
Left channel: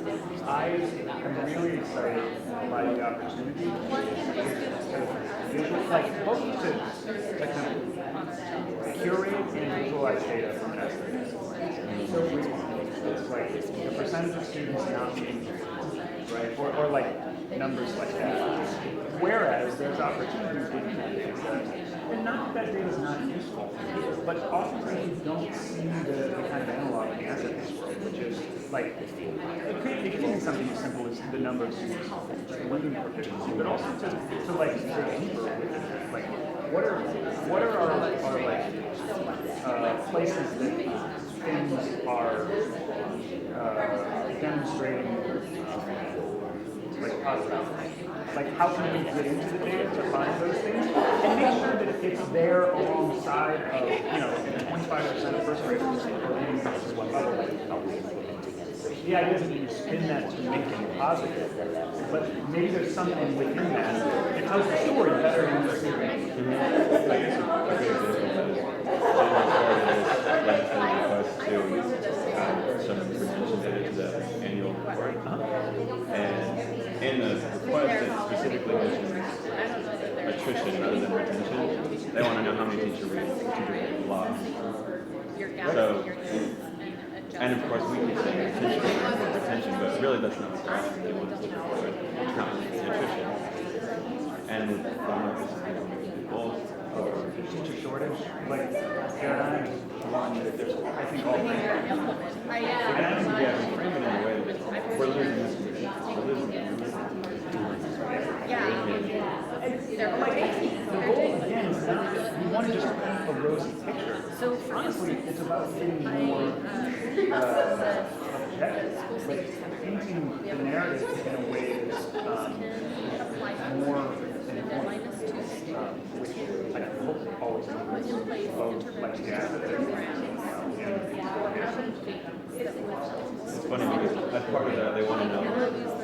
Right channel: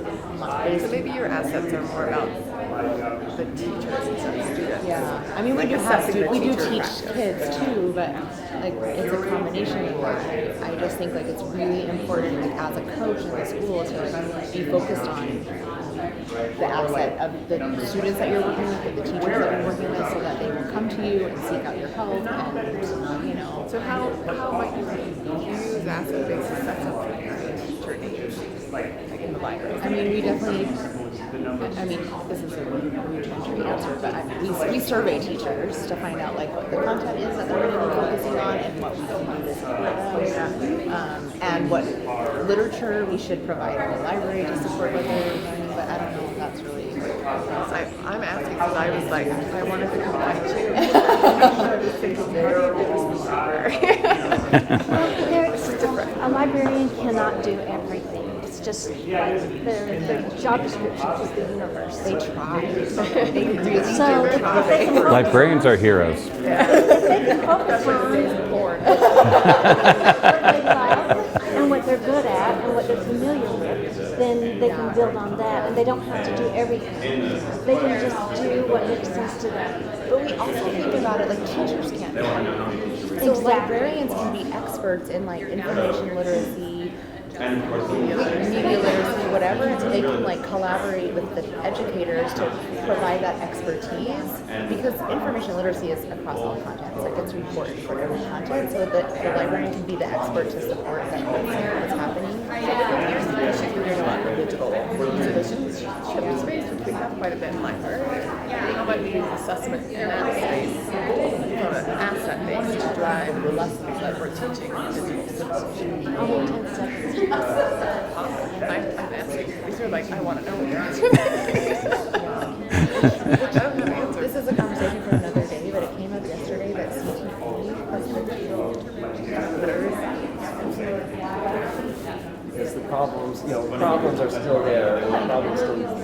So maybe your assets are yeah. I mean, we do teach kids too, but like it's a combination. I just think that it's really important as a coach in the school, especially to focus on the asset of the students that you're looking at, the teachers that you're working with, so that they can come to you and seek out your help. Not that there's not, You know, so how but oftentimes you don't see the kind of a lot of answers, which is like, something as simple as the number of students. But also to like, we survey teachers to find out like what are our places and what literature we should provide our library to support with. But I don't know if that's really I'm asking because I'm excited because I want to find it's there alongside of, a librarian cannot do everything. It's just the job description. Librarians are heroes. And what they're good at, and what they're familiar with, then they can build on that, and they don't have to do everything. They can just do what makes sense to them. They want to know how many teachers we So librarians can be experts in like information literacy, and of course we can whatever, they can like collaborate with the educators to provide that expertise. Because information literacy is across all content, so it's reported content, so that everyone can be the experts in everything that's happening. Quite a bit of they're so honestly, it's about getting more this is a conversation for another day, but it came up yesterday that problems are still there. They want to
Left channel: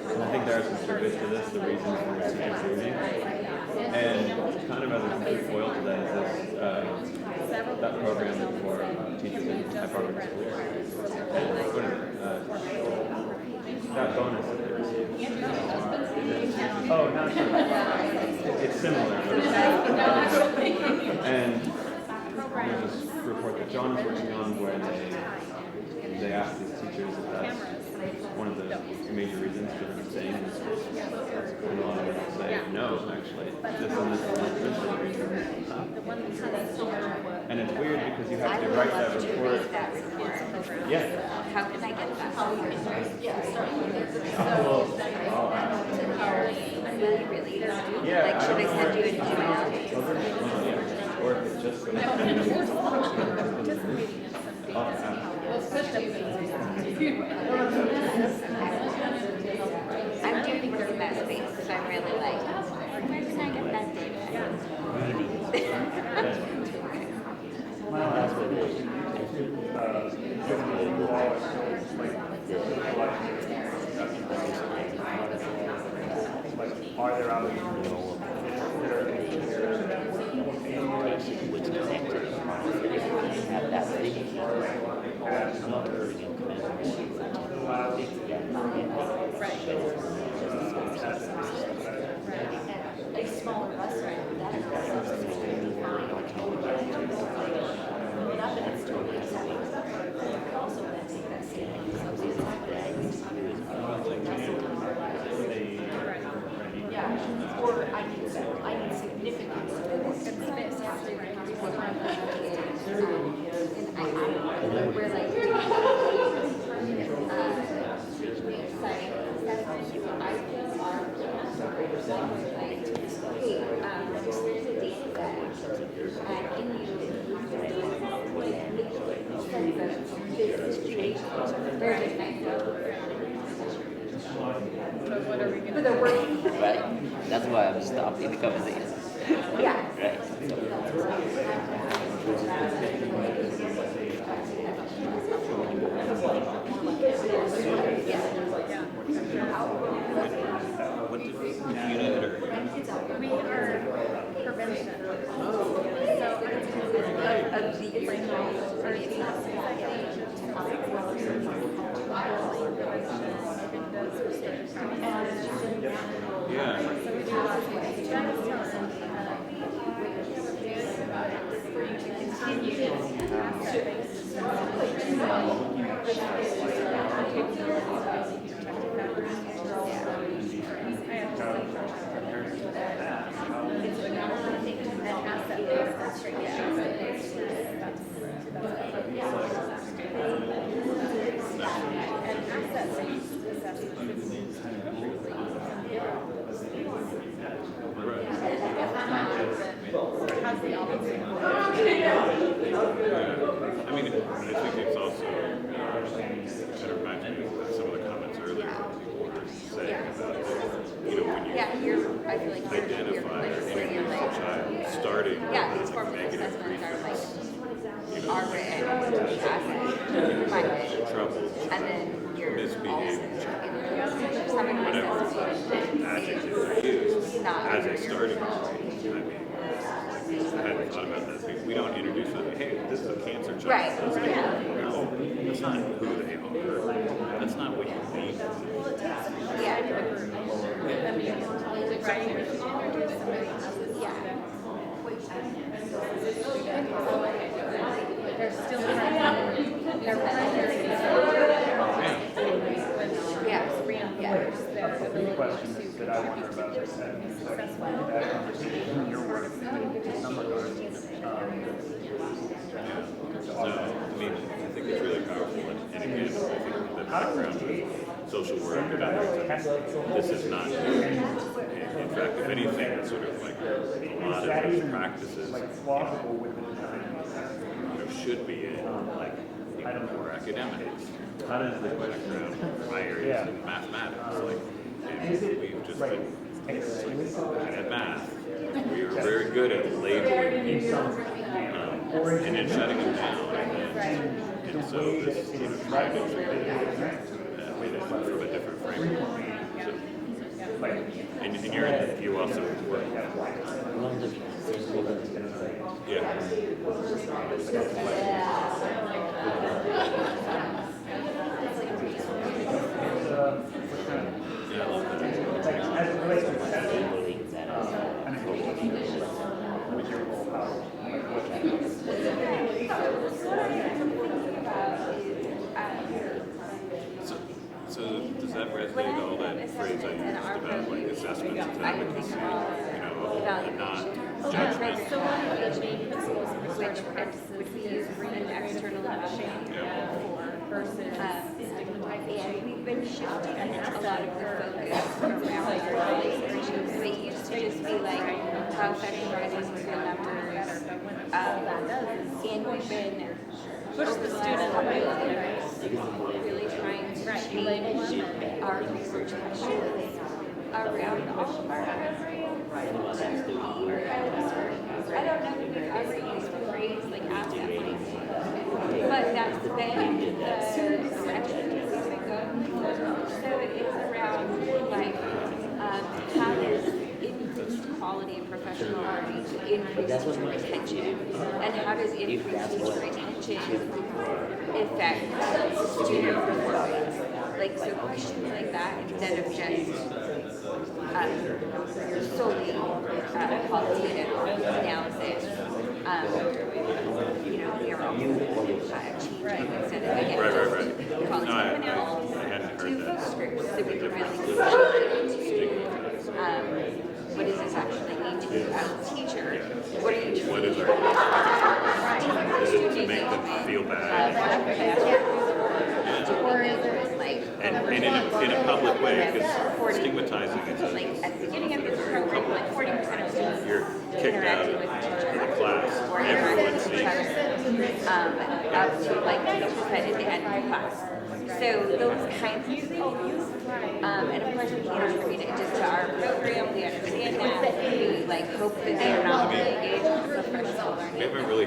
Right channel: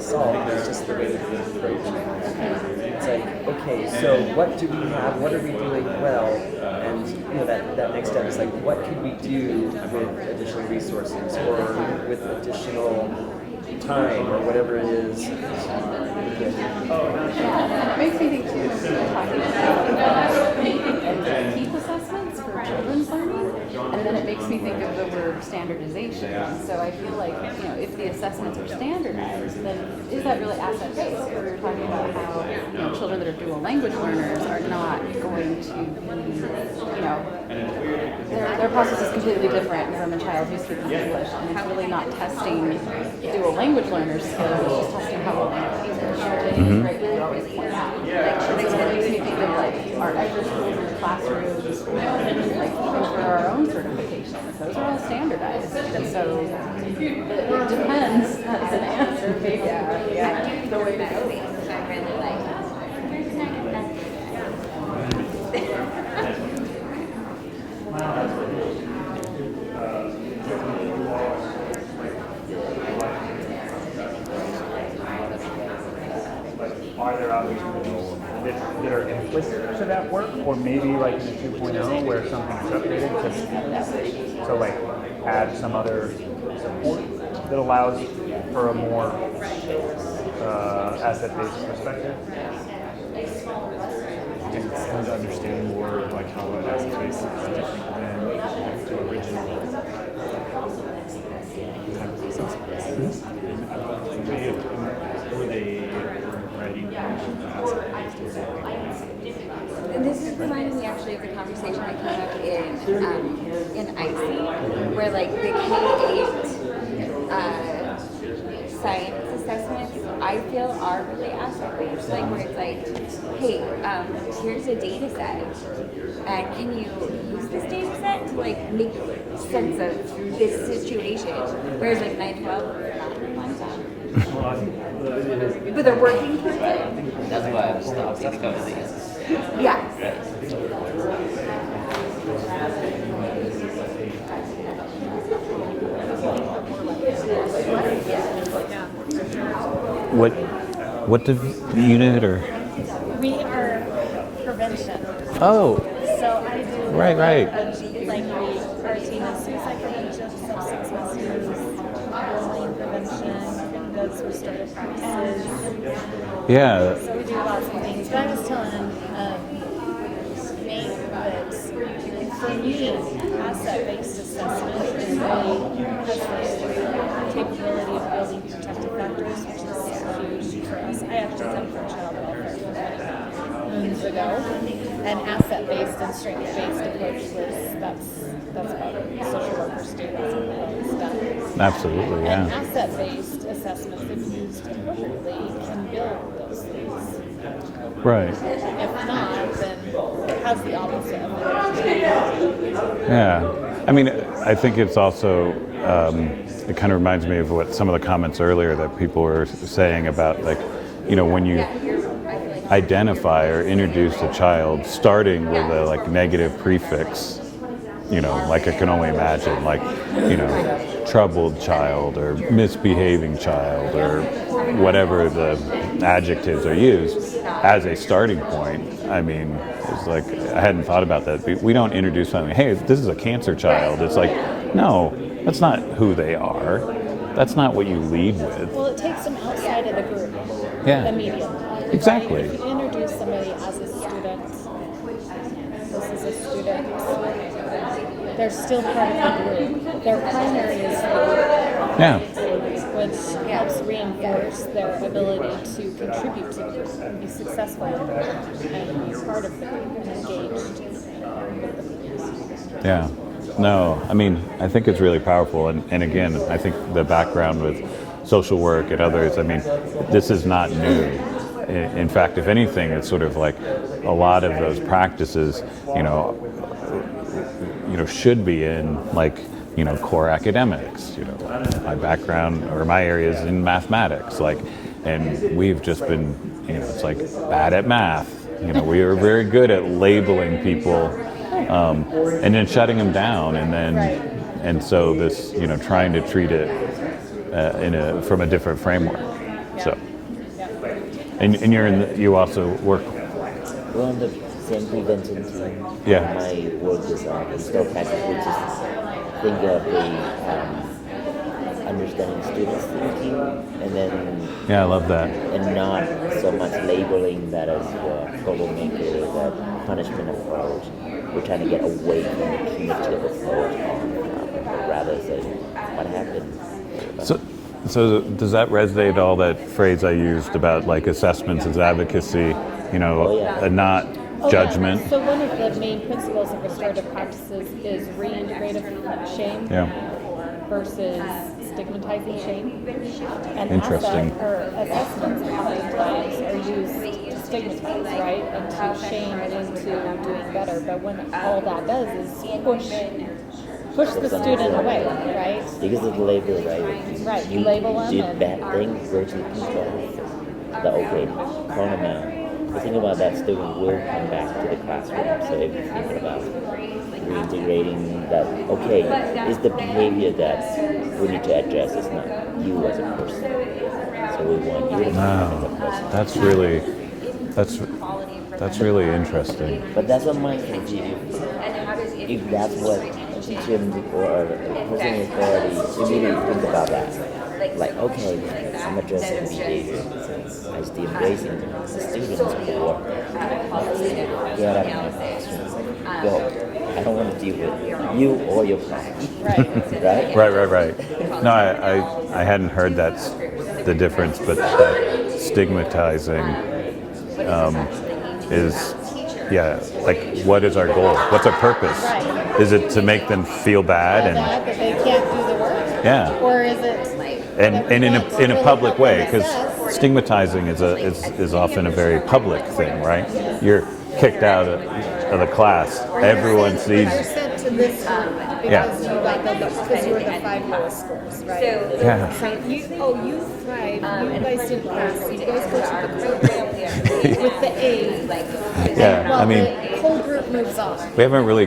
solve. I think there's the reason okay, so what do we have, what are we doing well? That next step is like, what can we do with additional resources or with additional time or whatever it is? Oh, not sure. It's similar. And John was working on where standardization. they asked So I feel like if the one of assessment the is standardized, major reasons is that really asset based for children that are dual language learners are not going to and it's weird because you have their process is completely different from a child who's speaking English. How are they not testing dual language learners? Like, should they send you anything or it's just I'm doing good with that space because I'm really like, where can I get that Are there others that are implicit to that work, or maybe like 2.0 where someone so like add some other that allows for a more asset-based perspective? And understanding where like how it takes This reminds me actually of the conversation I had in IC, where like the K-8 science assessments, I feel are really asset-based, like where it's like, hey, here's a data set, and can you use this data set to like make sense of this situation? Whereas like I know, but they're working for it. That's why I'm stopping the conversation. Yeah. what did unit or? We are prevention. Oh, So I do right. like our team of suicide prevention, 6 months prevention. I think those were started practices. Yeah. So we do lots of things. But I was telling me you did asset-based assessment and the capability of building protective factors, which is huge for us. I actually sent for a child moons ago, and asset-based and strength-based approaches, that's what social worker students and stuff. Absolutely, yeah. And asset-based assessment is used appropriately can build those things. Right. If not, then how's the opposite? Yeah. I mean, I think it's also, it kind of reminds me of what some of the comments earlier that people were saying about, like, you know, when you identify or introduce a child starting with a like negative prefix, you know, like I can only imagine, like, you know, troubled child or misbehaving child or whatever the adjectives are used as a starting point. I mean, it's like, I hadn't thought about that. We don't introduce something, hey, this is a cancer child. It's like, no, that's not who they are. That's not what you lead with. Well, it takes them outside of the group. Yeah. Immediately. Exactly. Right? If you introduce somebody as a student, this is a student, they're still part of the group. Their primary is the group, which helps reinforce their ability to contribute to the group and be successful and be part of the group and engaged. Yeah. No, I mean, I think it's really powerful. And again, I think the background with social work and others, I mean, this is not new. In fact, if anything, it's sort of like a lot of those practices, you know, should be in like, you know, core academics. You know, my background or my area is in mathematics, like, and we've just been, you know, it's like bad at math. You know, we are very good at labeling people, and then shutting them down, and so this, you know, trying to treat it from a different framework. So, and you also work. Well, on the same prevention team. Yeah. My work is still kind of think of understanding students, and then. Yeah, I love that. And not so much labeling that as bullying or the punishment approach. We're trying to get away from the punitive approach, rather say what happened. So does that resonate, all that phrase I used about like assessments as advocacy, you know, and not judgment? So one of the main principles of restorative practices is reintegrative shame versus stigmatizing shame. And Interesting. assessments are used to stigmatize, right? And to shame into doing better. But when all that does is push the student away, right? Because of the label, right? Right, you label them. Did bad things versus people. The okay, formative. The thing about that student will come back to the classroom. So if you think about integrating that, okay, is the behavior that we need to address, is not you as a person. So we want you. Wow, that's really interesting. But that's what my if that's what children before or person authority, you really think about that. Like okay, I'm addressing this behavior. I still embracing the students. I don't want to deal with you or your class. Right. No, I hadn't heard that's the difference, but stigmatizing is, yeah, like what is our goal? What's our purpose? Is it to make them feel bad They can't do the work. Yeah. Or is it like and in a public way, because stigmatizing is often a very public thing, right? You're kicked out of the class. Everyone sees. to this Yeah. so like the class. So you thrive. And of course, we contributed to our program, we understand With the A, like, Yeah, I mean, the whole group moves on. we haven't really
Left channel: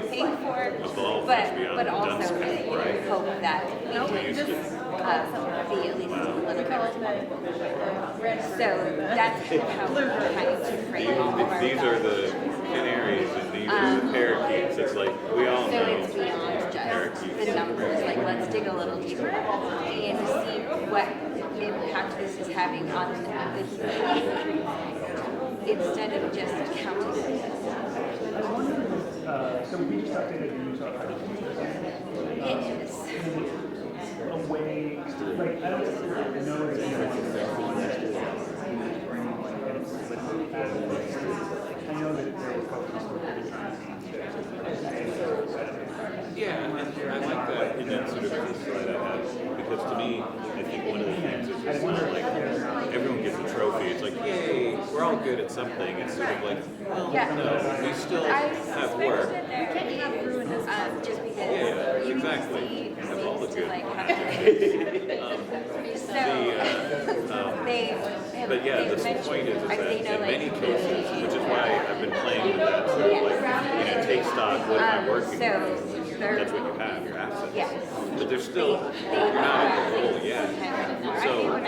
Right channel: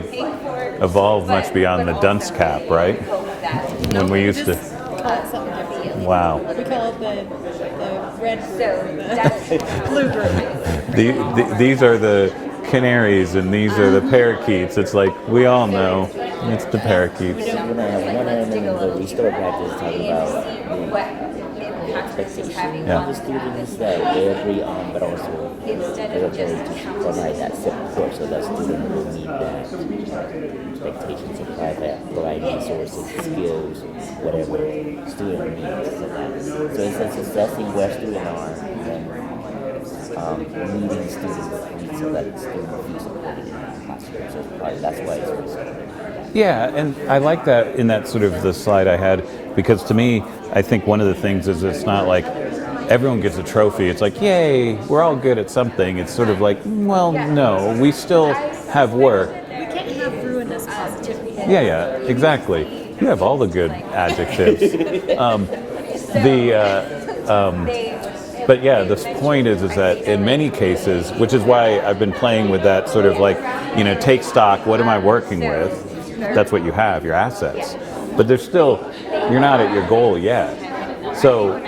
evolved much beyond the dunce cap, right? When we used to Wow. We call it the red group. So that's Blue group. These are the canaries and these are the parakeets. It's like, we all know it's the parakeets. Let's dig a little deeper and see what impact this is having on students. Instead of just counting. So we just updated the expectations and providing resources, skills, whatever student needs. So instead of assessing where students are, leading students so that that's why it's Yeah, and I like that in that sort of the slide I had, because to me, I think one of the things is it's not like everyone gets a trophy. It's like, yay, we're all good at something. It's sort of like, well, no, we still have work. Yeah, exactly. You have all the good adjectives. But yeah, the point is that in many cases, which is why I've been playing with that sort of like, take stock, what am I working with? That's what you have, your assets. But there's still, you're not at your goal yet. So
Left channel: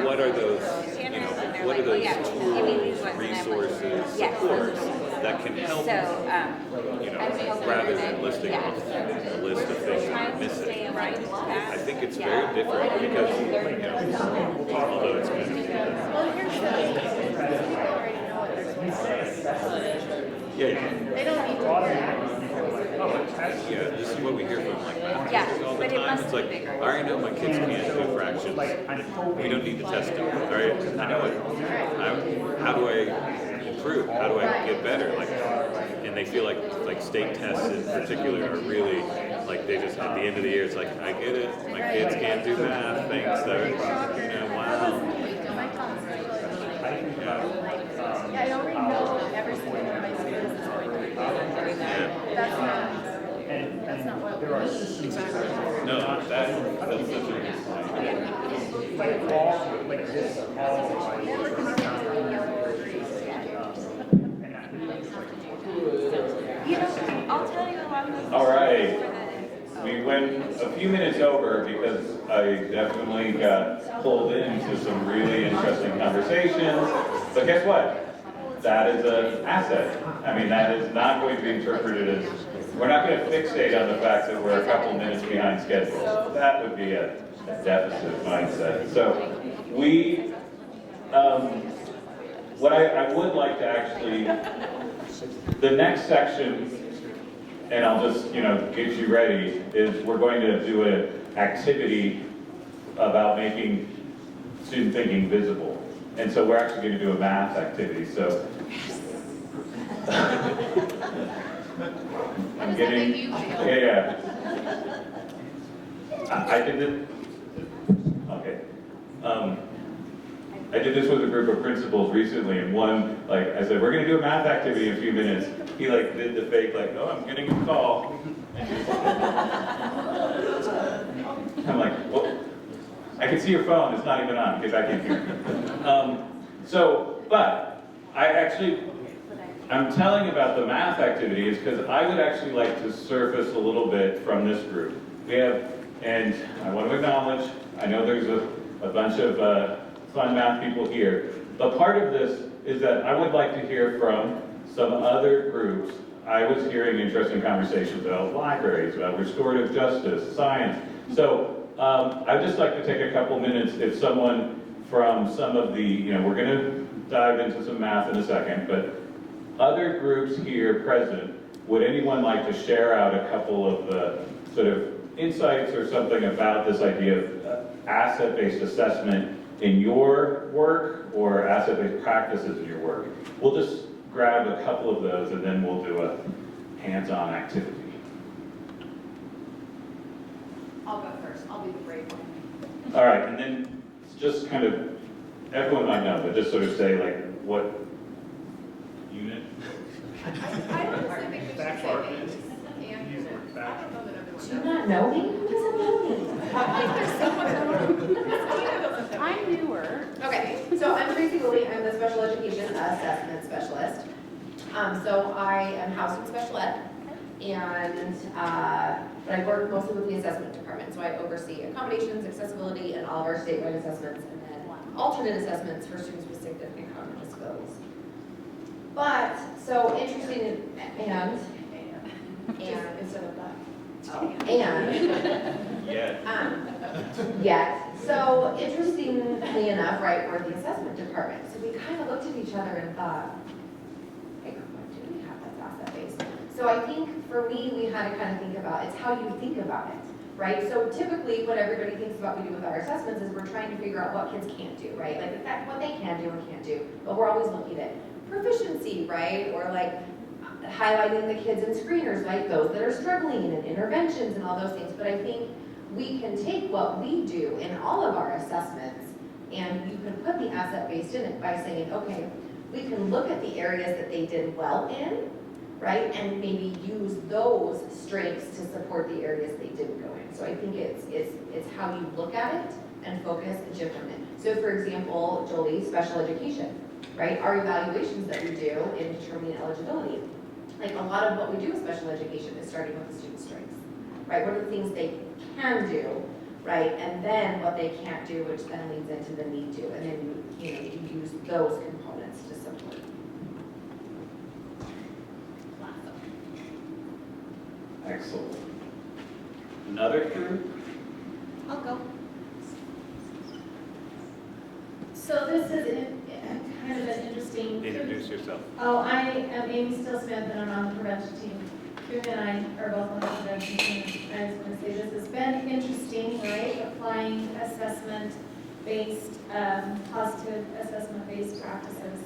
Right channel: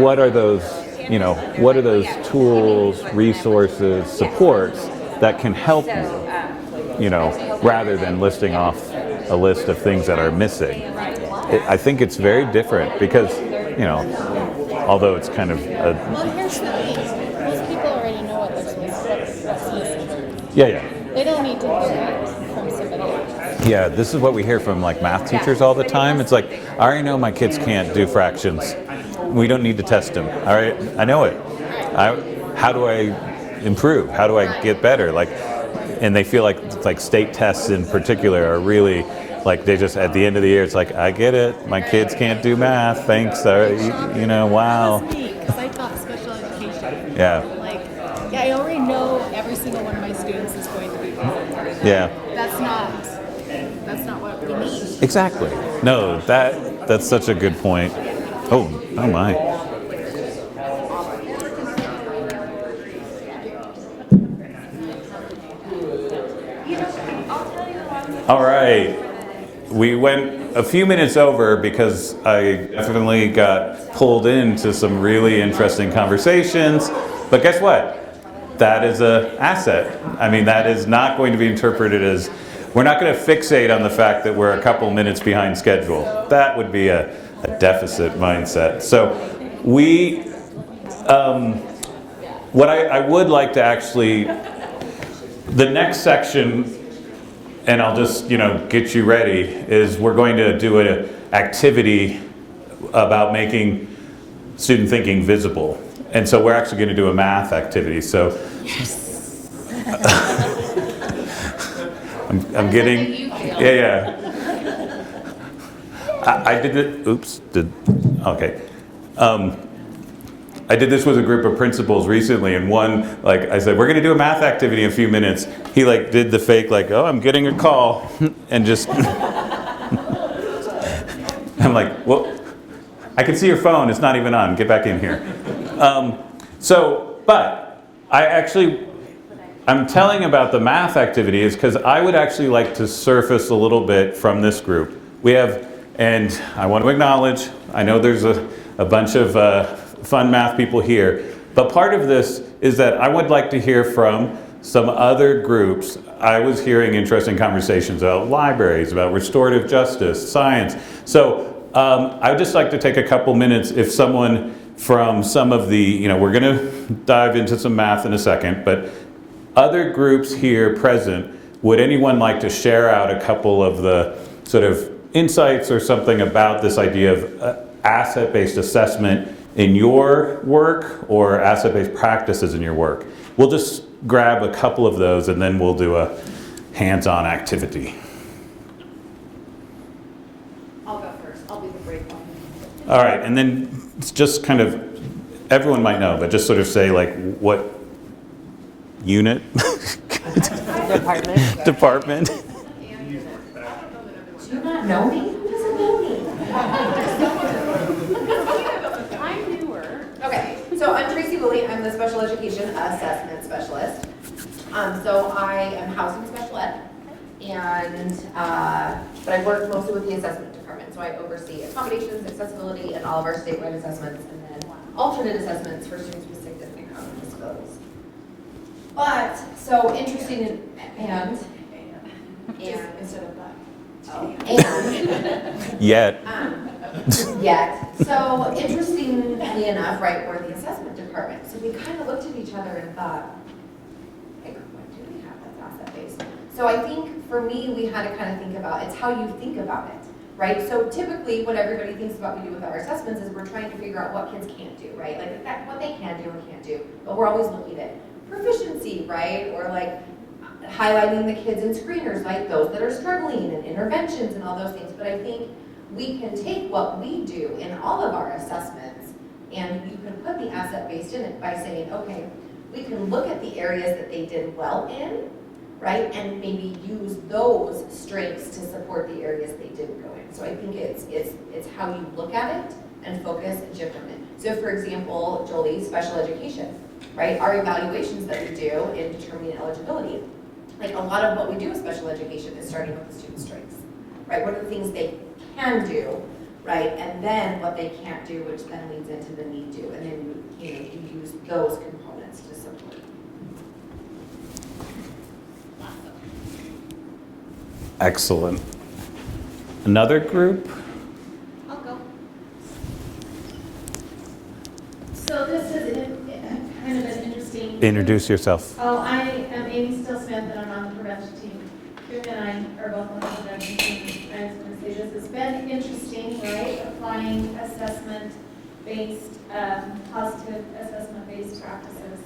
what are those, what are those tools, resources, supports that can help you, rather than listing off a list of things that are missing? I think it's very different because, although it's kind of yeah. They don't need to hear that from somebody else. Yeah, this is what we hear from like math teachers all the time. It's like, I already know my kids can't do fractions. We don't need to test them. All right, I know it. How do I improve? How do I get better? And they feel like state tests in particular are really like they just at the end of the year it's like, I get it. My kids can't do math. Thanks. Wow. Because I taught special education. Yeah. I already know every single one of my students is going to be perfect. Yeah. That's not what we need. Exactly. No, that's such a good point. Oh my. All right. We went a few minutes over because I definitely got pulled into some really interesting conversations. But guess what? That is an asset. I mean, that is not going to be interpreted as, we're not going to fixate on the fact that we're a couple minutes behind schedule. That would be a deficit mindset. So what I would like to actually, the next section, and I'll just get you ready, is we're going to do an activity about making student thinking visible. And so we're actually going to do a math activity. So I'm getting, yeah. I did it, okay. I did this with a group of principals recently, and one, I said, we're going to do a math activity in a few minutes. He did the fake, oh, I'm getting a call, and just, I'm like, well, I can see your phone, it's not even on, get back in here. But I'm telling about the math activity is because I would actually like to surface a little bit from this group. We have, and I want to acknowledge, I know there's a bunch of fun math people here, but part of this is that I would like to hear from some other groups. I was hearing interesting conversations about libraries, about restorative justice, science. So I'd just like to take a couple minutes if someone from some of the, we're going to dive into some math in a second, but other groups here present, would anyone like to share out a couple of the sort of insights or something about this idea of asset-based assessment in your work or asset-based practices in your work? We'll just grab a couple of those and then we'll do a hands-on activity. I'll go first. I'll be the brave one. All right, and then it's just kind of, everyone might know, but just sort of say what unit? Department. Do you not know me? Who doesn't know me? I'm newer. Okay, so I'm Tracy Willie. I'm the special education assessment specialist. So I am housing special ed, and but I work mostly with the assessment department. So I oversee accommodations, accessibility, and all of our statewide assessments, and then alternate assessments for students with significant cognitive disabilities. But, so interesting and Instead of that. Yet. Yet. So interestingly enough, right, we're the assessment department. So we kind of looked at each other and thought, hey, what do we have that's asset-based? So I think for me, we had to kind of think about, it's how you think about it, right? So typically what everybody thinks about we do with our assessments is we're trying to figure out what kids can't do, right? Like what they can do and can't do. But we're always looking at proficiency, right? Or like highlighting the kids in screeners, like those that are struggling and interventions and all those things. But I think we can take what we do in all of our assessments and you can put the asset-based in it by saying, okay, we can look at the areas that they did well in, right? And maybe use those strengths to support the areas they didn't go in. So I think it's how you look at it and focus and shift from it. So for example, Jolie, special education, right? Our evaluations that we do in determining eligibility. Like a lot of what we do with special education is starting with the student strengths, right? What are the things they can do, right? And then what they can't do, which then leads into the need to. And then you use those components to support. Excellent. Another group? I'll go. So this is kind of an interesting. Introduce yourself. Oh, I am Amy Still-Smith, and I'm on the prevention team. Kieran and I are both on the prevention team. I was going to say this has been interesting, right? Applying assessment-based, positive assessment-based practices.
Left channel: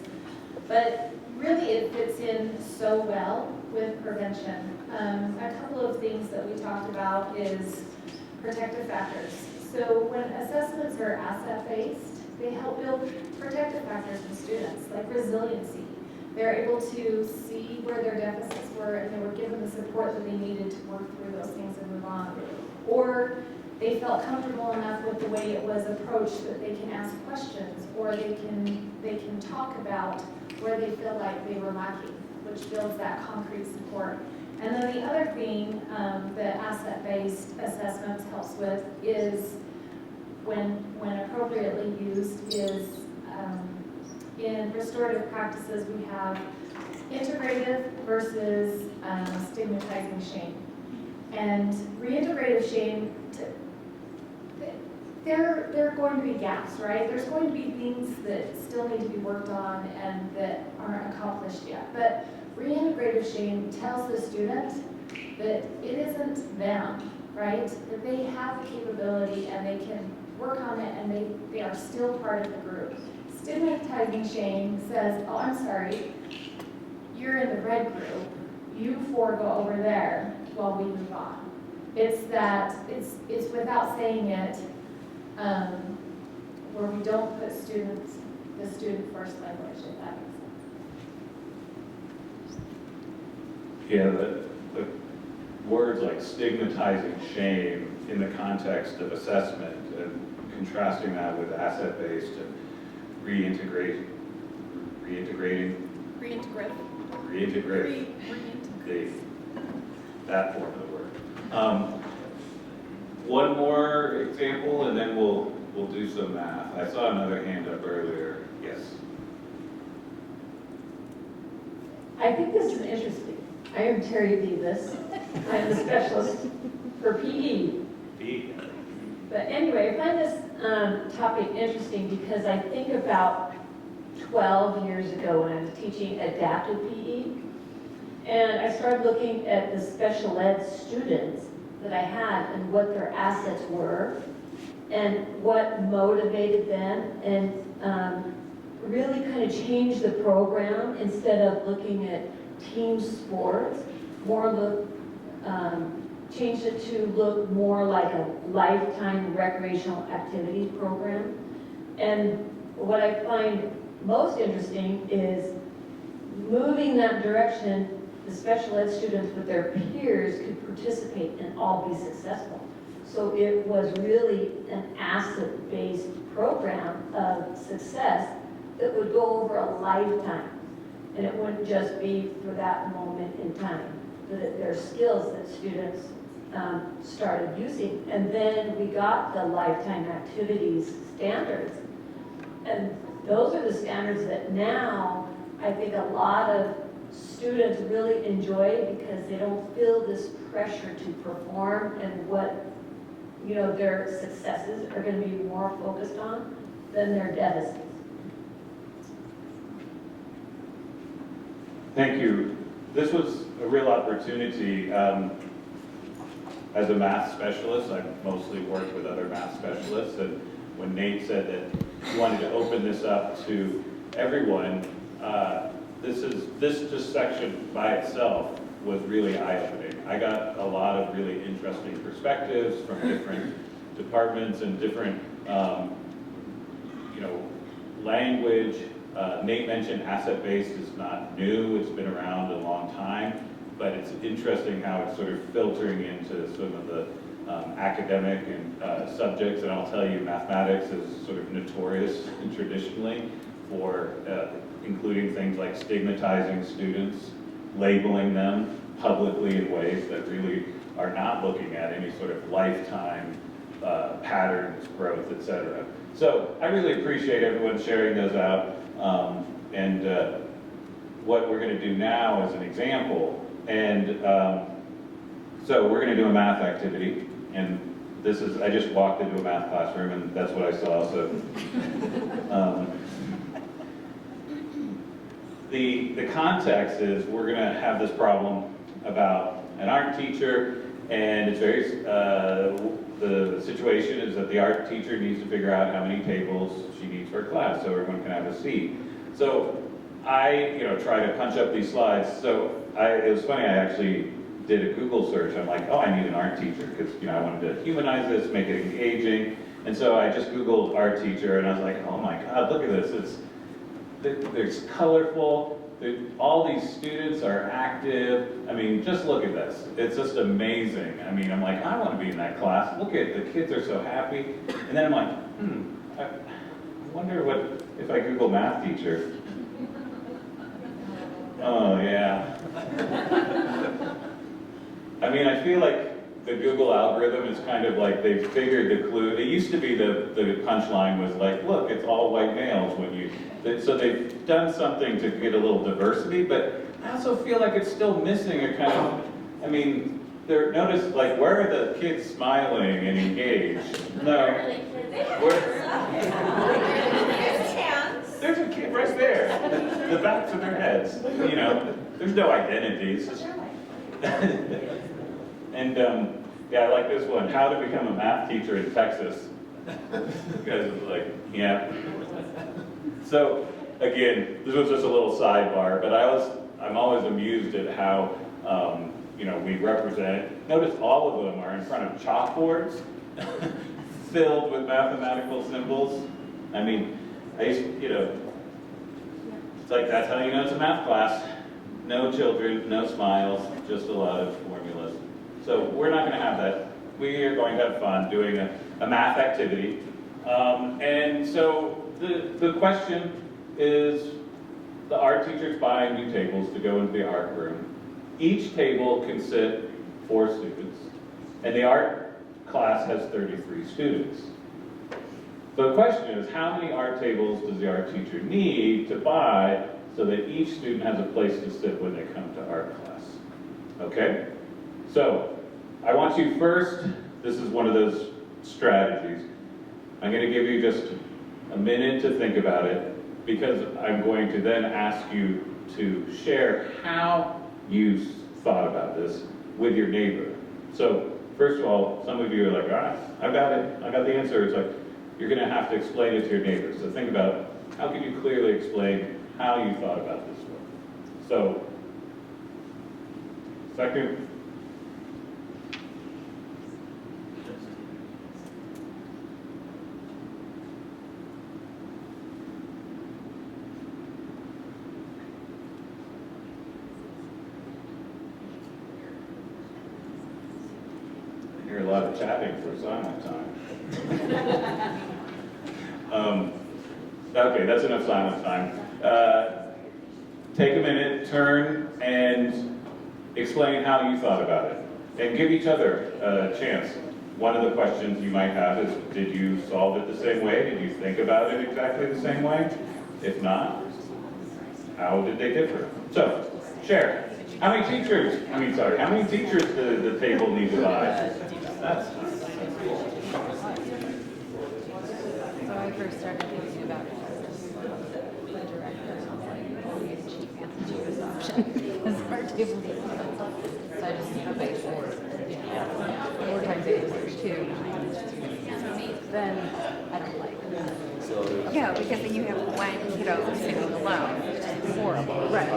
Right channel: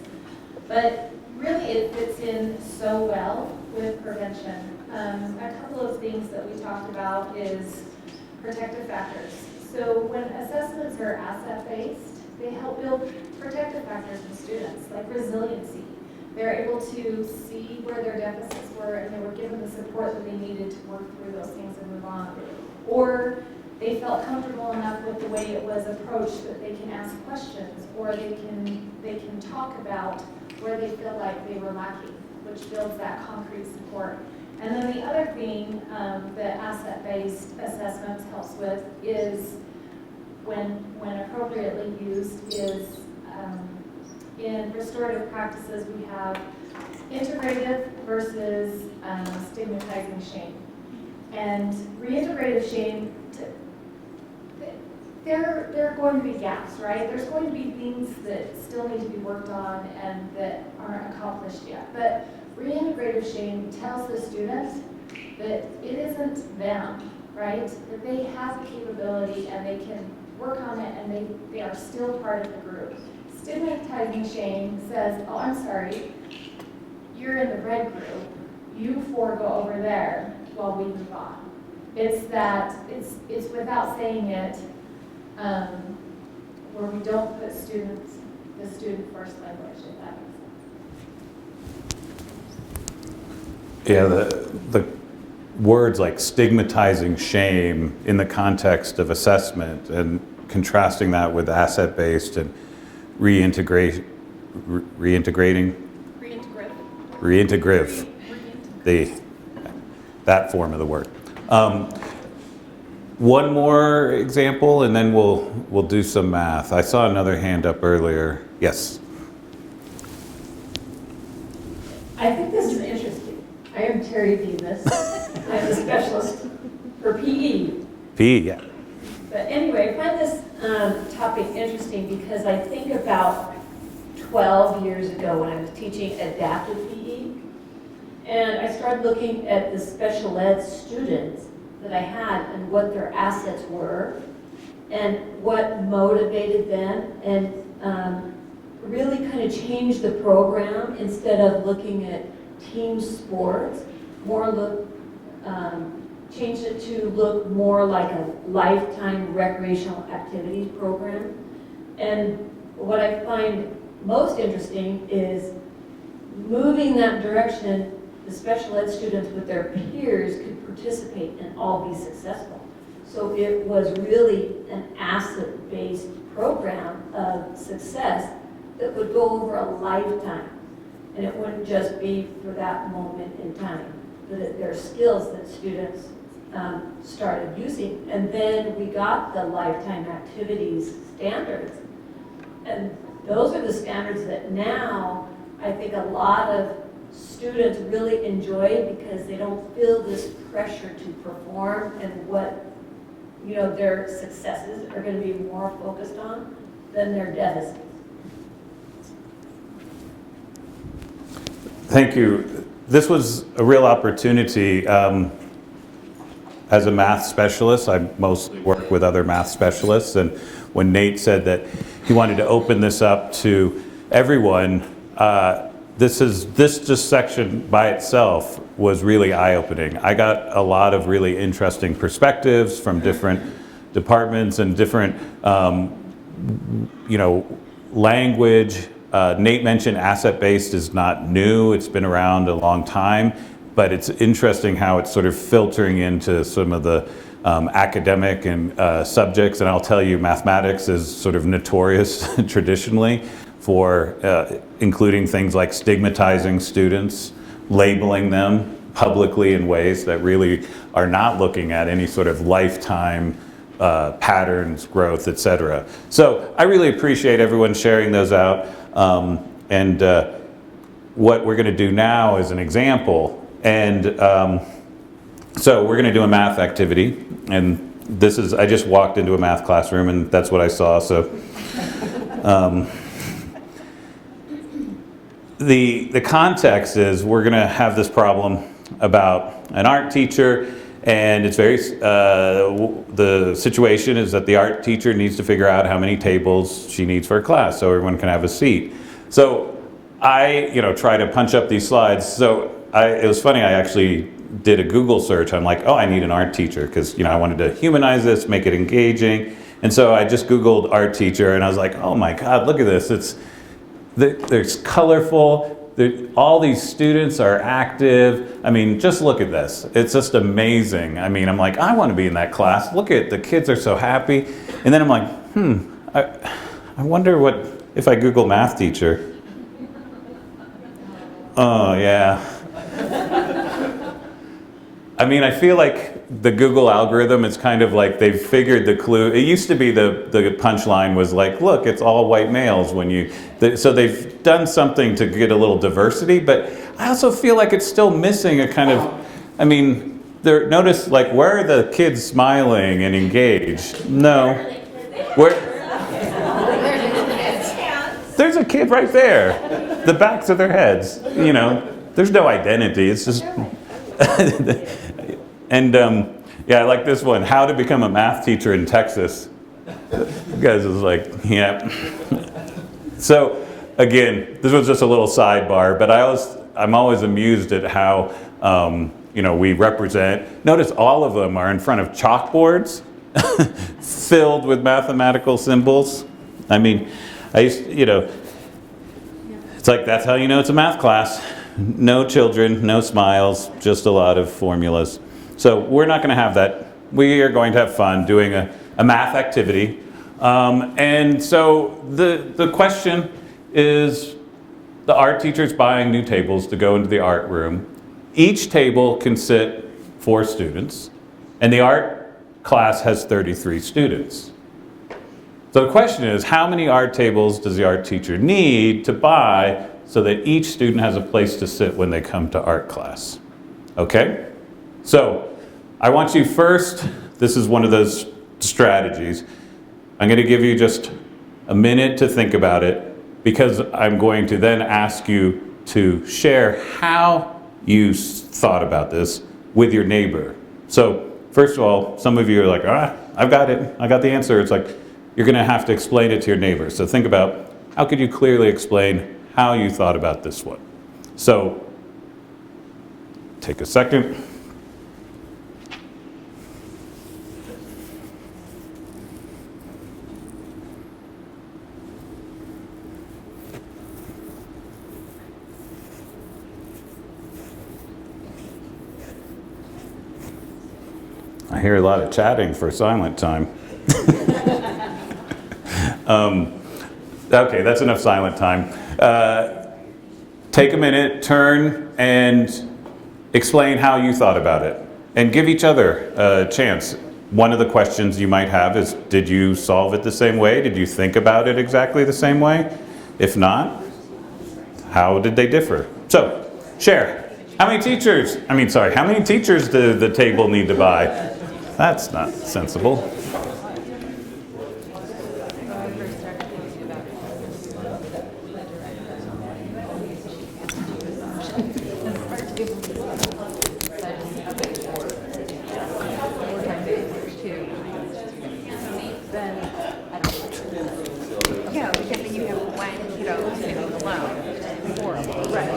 But really it fits in so well with prevention. A couple of things that we talked about is protective factors. So when assessments are asset-based, they help build protective factors in students, like resiliency. They're able to see where their deficits were and they were given the support that they needed to work through those things and move on. Or they felt comfortable enough with the way it was approached that they can ask questions, or they can talk about where they feel like they were lacking, which builds that concrete support. And then the other thing that asset-based assessments helps with is when appropriately used is in restorative practices we have integrative versus stigmatizing shame. And reintegrative shame, there are going to be gaps, right? There's going to be things that still need to be worked on and that aren't accomplished yet. But reintegrative shame tells the student that it isn't them, right? That they have the capability and they can work on it and they are still part of the group. Stigmatizing shame says, oh, I'm sorry, you're in the red group, you four go over there while we move on. It's that, it's without saying it, where we don't put the student first language, if that makes sense. Yeah, the words like stigmatizing shame in the context of assessment and contrasting that with asset-based and reintegrative, that form of the word. One more example, and then we'll do some math. I saw another hand up earlier. Yes. I think this is interesting. I am Terry Beavis. I'm a specialist for PE. PE, yeah. But anyway, I find this topic interesting because I think about 12 years ago when I was teaching adaptive PE, and I started looking at the special ed students that I had and what their assets were and what motivated them, and really kind of changed the program. Instead of looking at team sports, changed it to look more like a lifetime recreational activity program. And what I find most interesting is moving that direction. The special ed students with their peers could participate and all be successful. So it was really an asset-based program of success that would go over a lifetime. And it wouldn't just be for that moment in time. That there are skills that students started using. And then we got the lifetime activities standards. And those are the standards that now I think a lot of students really enjoy because they don't feel this pressure to perform, and what, you know, their successes are going to be more focused on than their deficits. Thank you. This was a real opportunity. As a math specialist, I mostly work with other math specialists, and when Nate said that he wanted to open this up to everyone, this just section by itself was really eye-opening. I got a lot of really interesting perspectives from different departments and different, you know, language. Nate mentioned asset-based is not new. It's been around a long time, but it's interesting how it's sort of filtering into some of the academic and subjects. And I'll tell you, mathematics is sort of notorious traditionally for including things like stigmatizing students, labeling them publicly in ways that really are not looking at any sort of lifetime patterns, growth, etc. So I really appreciate everyone sharing those out. What we're going to do now is an example. And so we're going to do a math activity. And this is, I just walked into a math classroom and that's what I saw. So the context is we're going to have this problem about an art teacher, and it's very, the situation is that the art teacher needs to figure out how many tables she needs for a class so everyone can have a seat. So I, try to punch up these slides. So it was funny, I actually did a Google search. I'm like, oh, I need an art teacher because, I wanted to humanize this, make it engaging. And so I just Googled art teacher and I was like, oh my God, look at this. There's colorful. All these students are active. I mean, just look at this. It's just amazing. I mean, I'm like, I want to be in that class. Look at the kids are so happy. And then I'm like, I wonder what if I Google math teacher. Oh yeah. I mean, I feel like the Google algorithm is kind of like they've figured the clue. It used to be the punchline was like, look, it's all white males when you. So they've done something to get a little diversity, but I also feel like it's still missing a kind of. I mean, notice like where are the kids smiling and engaged? No. Where? There's a kid right there. The backs of their heads. There's no identity. It's just. And yeah, I like this one, how to become a math teacher in Texas. You guys was like, yeah. So again, this was just a little sidebar, but I'm always amused at how we represent. Notice all of them are in front of chalkboards filled with mathematical symbols. I mean, it's like that's how you know it's a math class. No children, no smiles, just a lot of formulas. So we're not going to have that. We are going to have fun doing a math activity. And so the question is, the art teacher's buying new tables to go into the art room. Each table can sit 4 students, and the art class has 33 students. So the question is, how many art tables does the art teacher need to buy so that each student has a place to sit when they come to art class? Okay? So, I want you first, this is one of those strategies. I'm going to give you just a minute to think about it because I'm going to then ask you to share how you thought about this with your neighbor. So, first of all, some of you are like, I've got it, I got the answer. It's like, you're going to have to explain it to your neighbor. So think about, how could you clearly explain how you thought about this one? So, take a second. I hear a lot of chatting for silent time. Okay, that's enough silent time. Take a minute, turn, and explain how you thought about it. and give each other a chance. One of the questions you might have is, did you solve it the same way? Did you think about it exactly the same way? If not, how did they differ? So, share. How many teachers does the table need to buy? That's not sensible. So I first started thinking about it the director, she gets to choose option as our table. So I just okay, 4 times 8 is 32. Then I don't like it. Yeah, because then you have one kiddo sitting alone. Horrible. Right.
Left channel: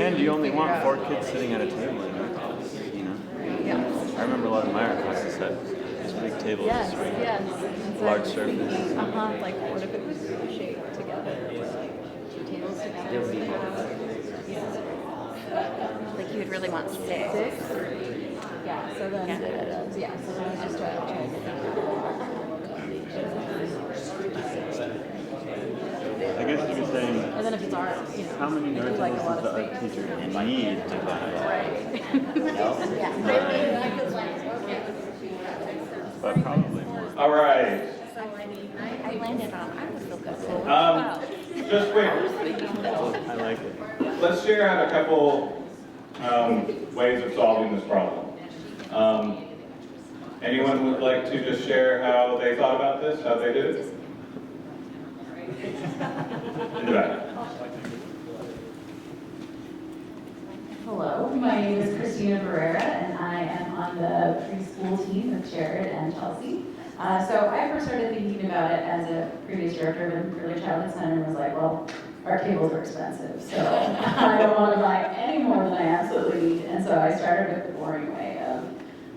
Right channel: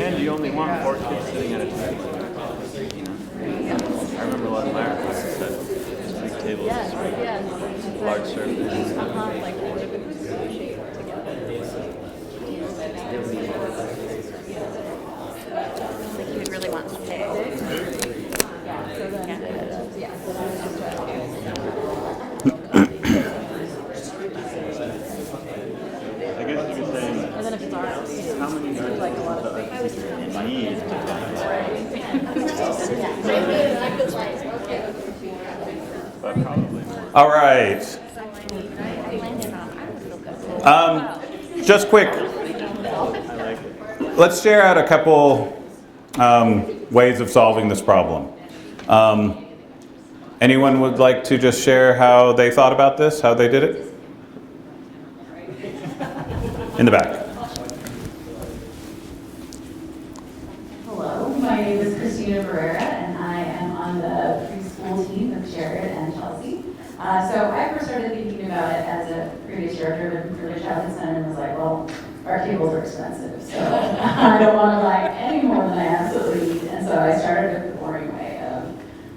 And you only want 4 kids sitting at a table in your class, you know? Yeah. I remember a lot of my art classes had these big tables, Yes, this big, yes. large surface. Like what if it was shaped together? Tables together. Like you would really want 6. Yeah, so then, yeah, so then it's just trying I guess you could say, and then if it's art, you know, how many art like a tables lot does of the art space. teacher need to But probably more. All right. I landed on, I would feel good. Just quick, I like it. let's share out a couple ways of solving this problem. Anyone would like to just share how they thought about this, how they did it? In the back. Hello, my name is Christina Barrera, and I am on the preschool team with Jared and Chelsea. So I first started thinking about it as a previous director of an early childhood center and was like, well, our tables are expensive, so I don't want to buy any more than I absolutely need. And so I started with the boring way of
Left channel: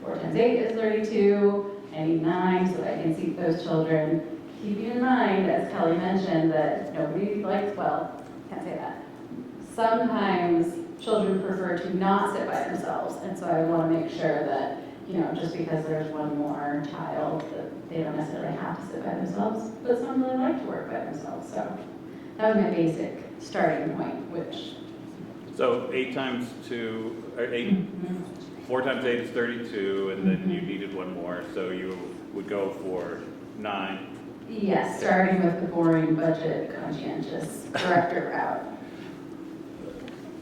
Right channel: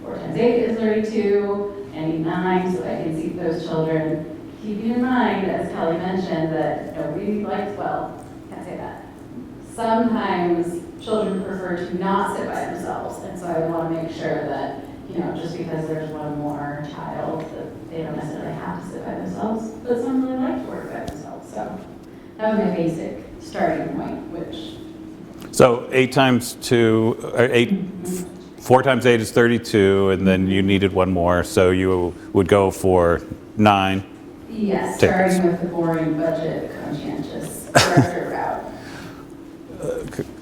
4 times 8 is 32, and 9 so that I can seat those children. Keeping in mind, as Kelly mentioned, that nobody likes, well, can't say that. Sometimes children prefer to not sit by themselves, and so I want to make sure that, just because there's one more child, that they don't necessarily have to sit by themselves, but some really like to work by themselves. So that was my basic starting point, which. So 4 times 8 is 32, and then you needed one more, so you would go for 9. Yes, starting with the boring budget conscientious director route.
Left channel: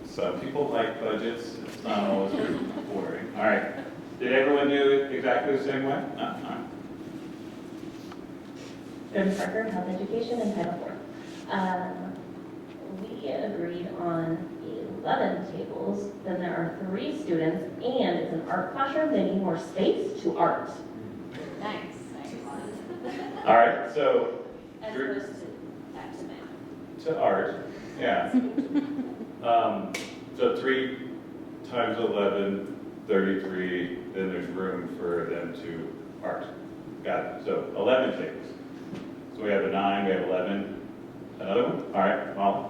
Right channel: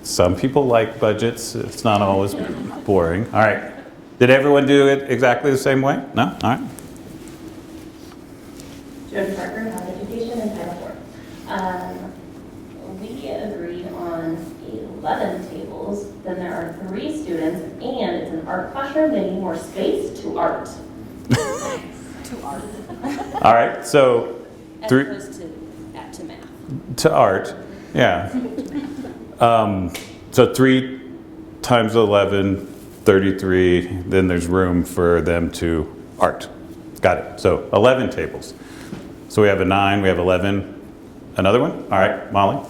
Some people like budgets. It's not always boring. All right. Did everyone do it exactly the same way? No? All right. Jim Parker, Health Education, and Title IV. We agreed on 11 tables. Then there are 3 students, and it's an art classroom. They need more space to art. Nice. To art. All right. So As opposed to math. to art. Yeah. So 3 times 11, 33. Then there's room for them to art. Got it. So 11 tables. So we have a 9, we have 11. Another one? All right, Molly.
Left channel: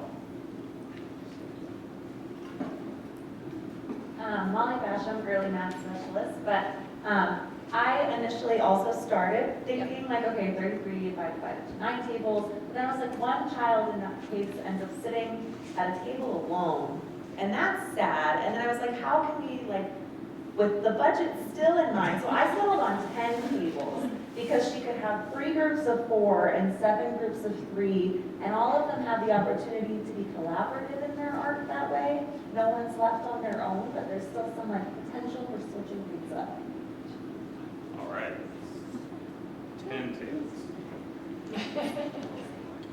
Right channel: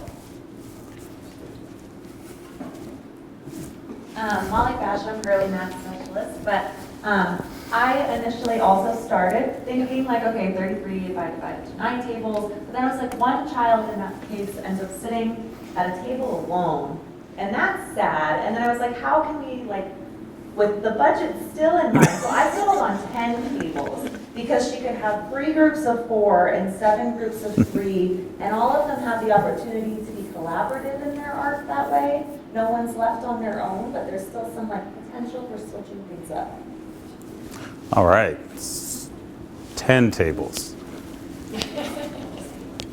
Molly Basham, early math specialist, but I initially also started thinking like, okay, 33, if I divide it to 9 tables, but then I was like, one child in that case ends up sitting at a table alone, and that's sad, and then I was like, how can we, like, with the budget still in mind, so I settled on 10 tables, because she could have 3 groups of 4 and 7 groups of 3, and all of them have the opportunity to be collaborative in their art that way. No one's left on their own, but there's still some like potential for switching things up. All right. 10 tables.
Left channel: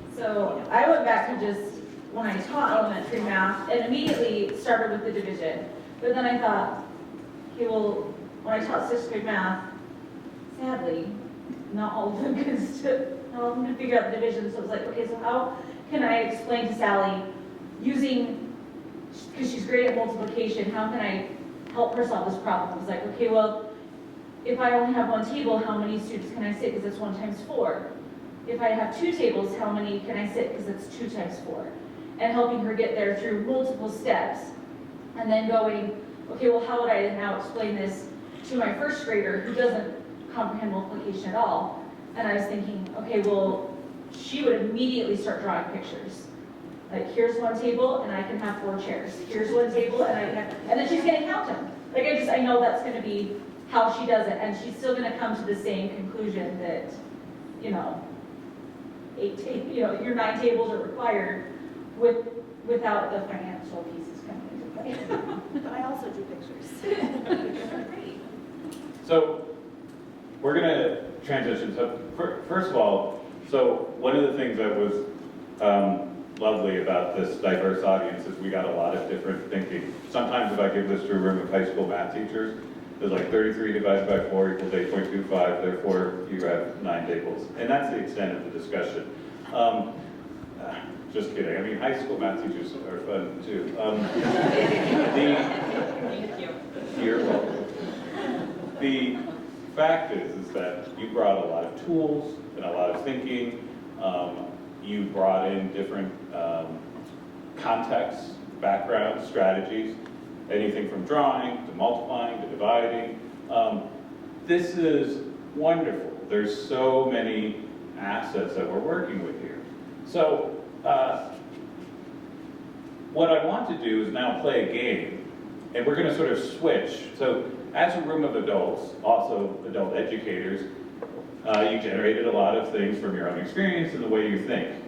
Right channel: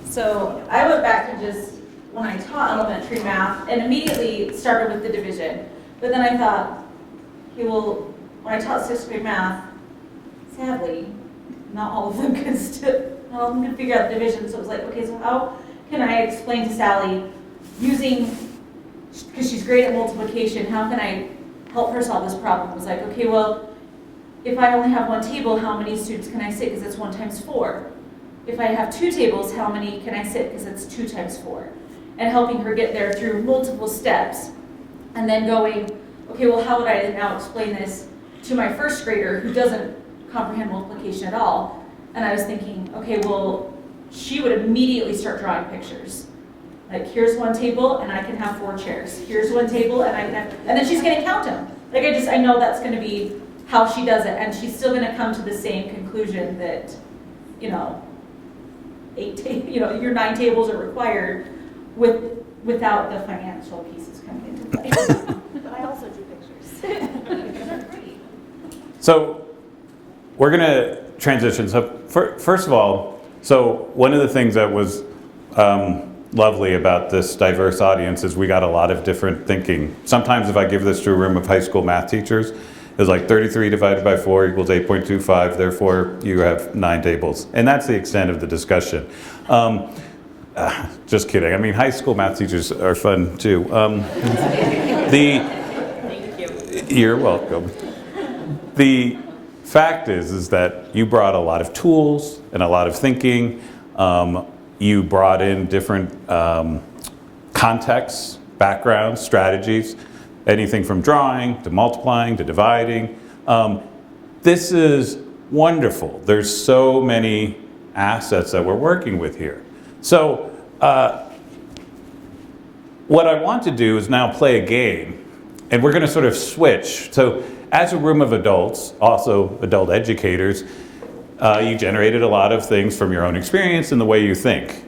So I went back to just, when I taught elementary math, and immediately started with the division. But then I thought, okay, well, when I taught 6th grade math, sadly, not all of them could figure out the division. So it was like, okay, so how can I explain to Sally using, because she's great at multiplication, how can I help her solve this problem? It was like, okay, well, if I only have 1 table, how many students can I sit? Because it's 1 times 4. If I have 2 tables, how many can I sit? Because it's 2 times 4. And helping her get there through multiple steps. And then going, okay, well, how would I now explain this to my 1st grader who doesn't comprehend multiplication at all? And I was thinking, okay, well, she would immediately start drawing pictures. Like, here's 1 table, and I can have 4 chairs. Here's 1 table, and I can have, and then she's gonna count them. Like, I know that's gonna be how she does it, and she's still gonna come to the same conclusion that, you know, your 9 tables are required without the financial pieces coming into play. But I also drew pictures. So we're going to transition. So first of all, so one of the things that was lovely about this diverse audience is we got a lot of different thinking. Sometimes if I give this to a room of high school math teachers, it's like 33 divided by 4 equals 8.25, therefore you have 9 tables. And that's the extent of the discussion. Just kidding. I mean, high school math teachers are fun too. You're welcome. The fact is that you brought a lot of tools and a lot of thinking. You brought in different contexts, backgrounds, strategies, anything from drawing to multiplying to dividing. This is wonderful. There's so many assets that we're working with here. So what I want to do is now play a game, and we're going to sort of switch. So as a room of adults, also adult educators, you generated a lot of things from your own experience and the way you think.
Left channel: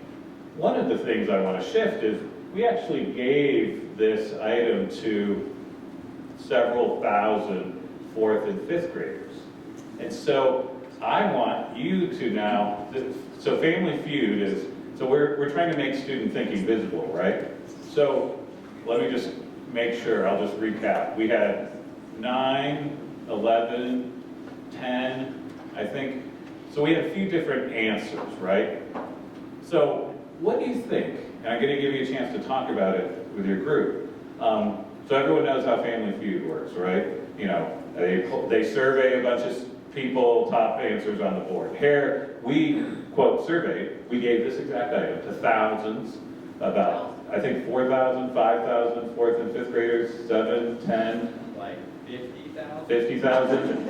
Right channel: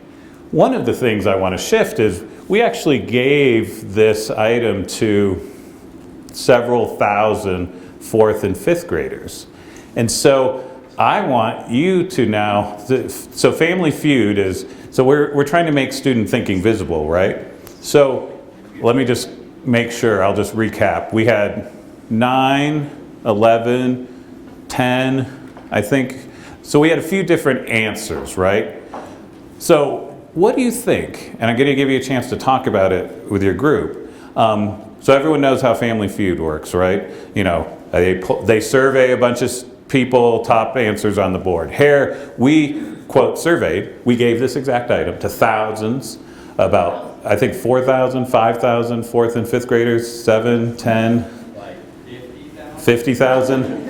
One of the things I want to shift is we actually gave this item to several thousand 4th and 5th graders. And so I want you to now, so Family Feud is, so we're trying to make student thinking visible, right? So let me just make sure, I'll just recap. We had 9, 11, 10, I think. So we had a few different answers, right? So what do you think? And I'm going to give you a chance to talk about it with your group. So everyone knows how Family Feud works, right? You know, they survey a bunch of people, top answers on the board. Here, we, quote, surveyed, we gave this exact item to thousands, about, I think, 4,000, 5,000 4th and 5th graders, 7, 10, 50,000.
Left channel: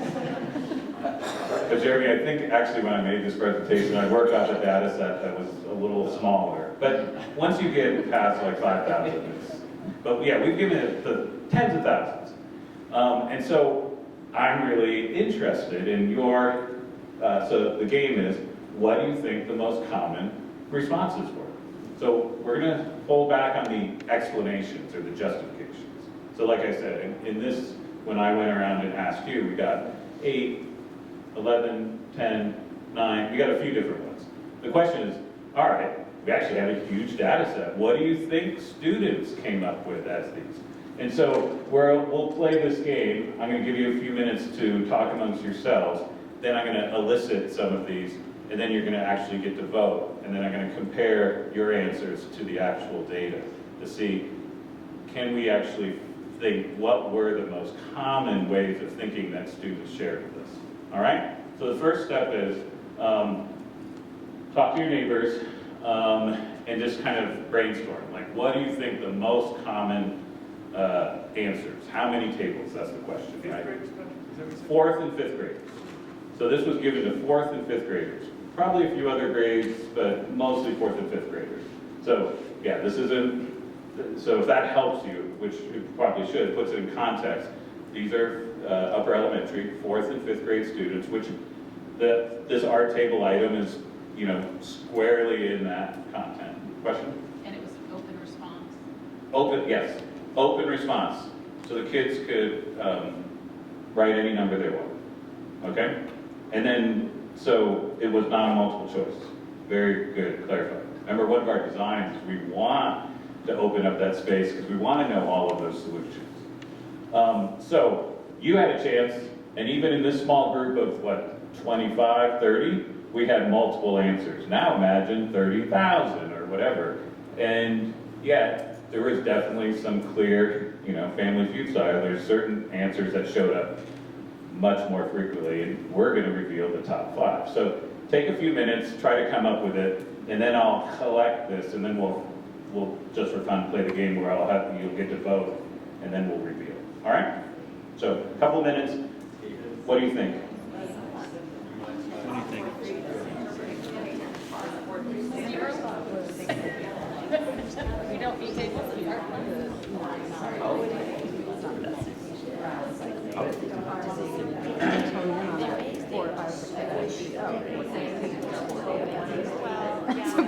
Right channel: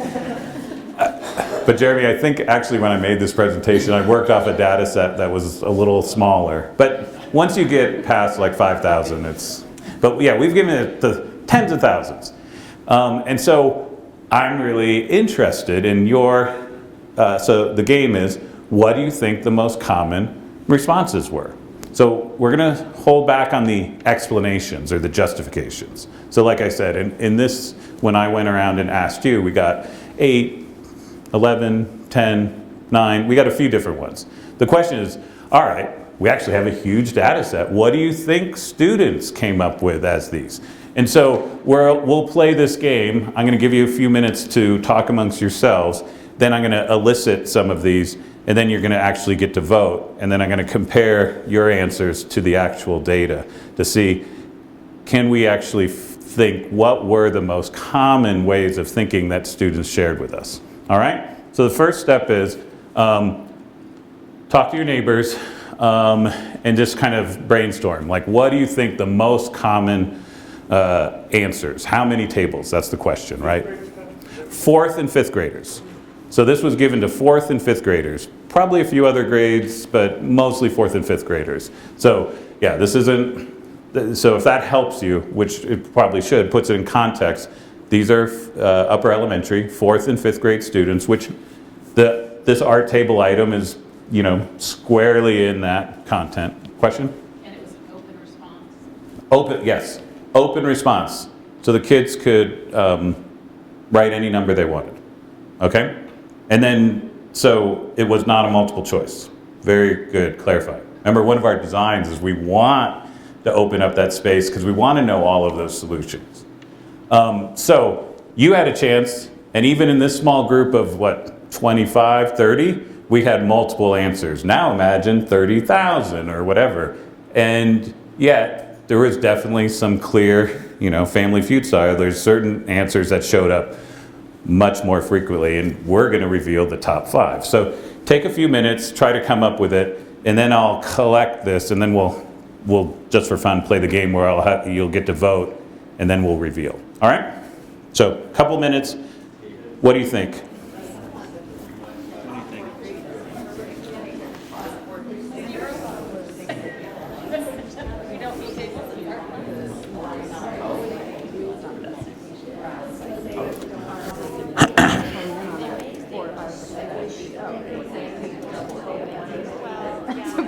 But Jeremy, I think actually when I made this presentation, I worked off a data set that was a little smaller. But once you get past like 5,000, it's, but yeah, we've given it to tens of thousands. And so I'm really interested in your, so the game is, what do you think the most common responses were? So we're going to hold back on the explanations or the justifications. So like I said, in this, when I went around and asked you, we got 8, 11, 10, 9, we got a few different ones. The question is, all right, we actually have a huge data set. What do you think students came up with as these? And so we'll play this game. I'm going to give you a few minutes to talk amongst yourselves. Then I'm going to elicit some of these, and then you're going to actually get to vote. And then I'm going to compare your answers to the actual data to see, can we actually think what were the most common ways of thinking that students shared with us? All right? So the first step is talk to your neighbors and just kind of brainstorm. Like, what do you think the most common answers? How many tables? That's the question, right? 4th and 5th graders. So this was given to 4th and 5th graders. Probably a few other grades, but mostly 4th and 5th graders. So yeah, this isn't, so if that helps you, which it probably should, puts it in context, these are upper elementary, 4th and 5th grade students, which this art table item is, you know, squarely in that content. Question? And it was an open response? Open, yes. Open response. So the kids could write any number they wanted. Okay? And then, so it was not a multiple choice. Very good, clarified. Remember, one of our designs is we want to open up that space because we want to know all of those solutions. So you had a chance, and even in this small group of what, 25, 30, we had multiple answers. Now imagine 30,000 or whatever. And yet, there was definitely some clear, you know, Family Feud style. There's certain answers that showed up much more frequently, and we're going to reveal the top 5. So take a few minutes, try to come up with it, and then I'll collect this, and then we'll just for fun play the game where you'll get to vote, and then we'll reveal. All right? So a couple minutes. What do you think?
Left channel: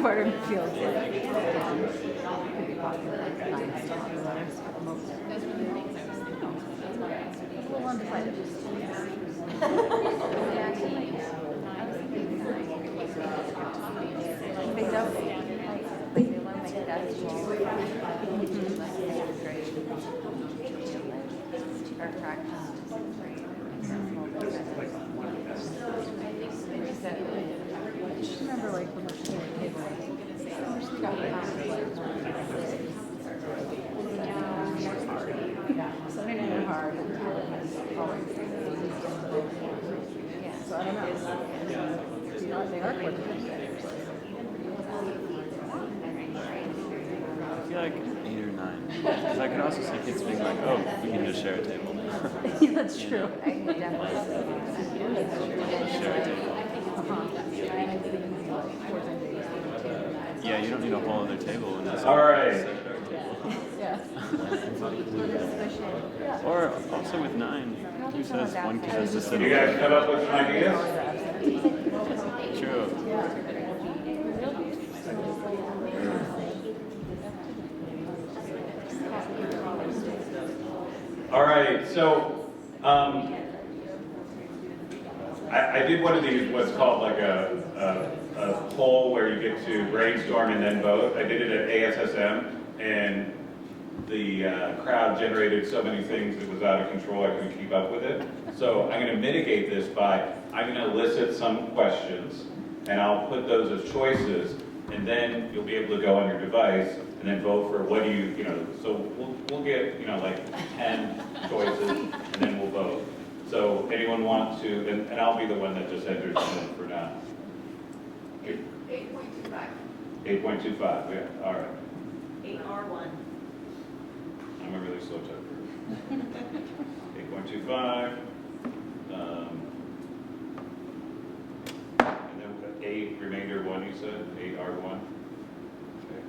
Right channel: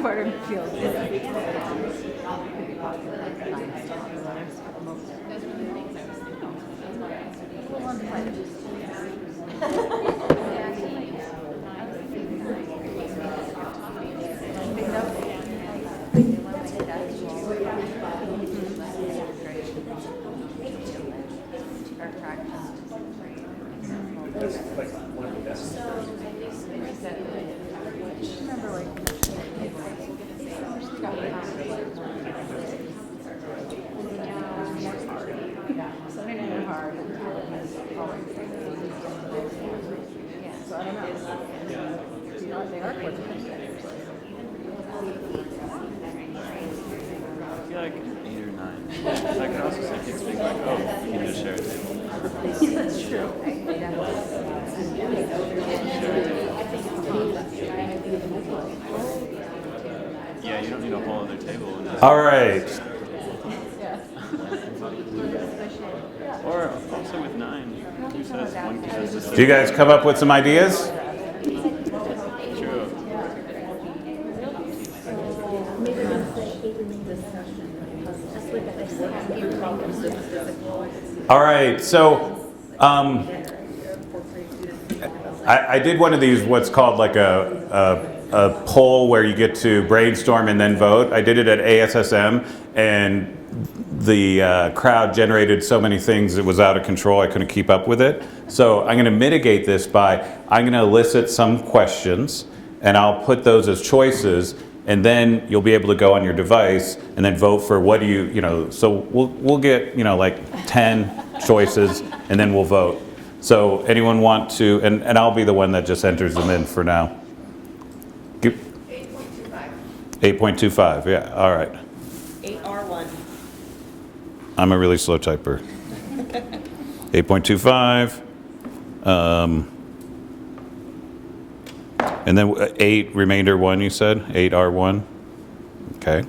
Water fields. So I don't know. They are quick. I feel like 8 or 9. Because I could also see kids being like, oh, we can just share a table. Yeah, that's true. Share a table. Yeah, you don't need a whole other table. All right. Or also with 9. Who says one kid has to sit? Do you guys come up with some ideas? True. All right, so I did one of these, what's called like a poll where you get to brainstorm and then vote. I did it at ASSM, and the crowd generated so many things it was out of control, I couldn't keep up with it. So I'm going to mitigate this by, I'm going to elicit some questions, and I'll put those as choices, and then you'll be able to go on your device and then vote for what do you know, so we'll get, like 10 choices, and then we'll vote. So anyone want to, and I'll be the one that just enters them in for now. 8.25. 8.25, yeah, all right. 8R1. I'm a really slow typer. 8.25. And then 8, remainder 1, you said? 8R1? Okay.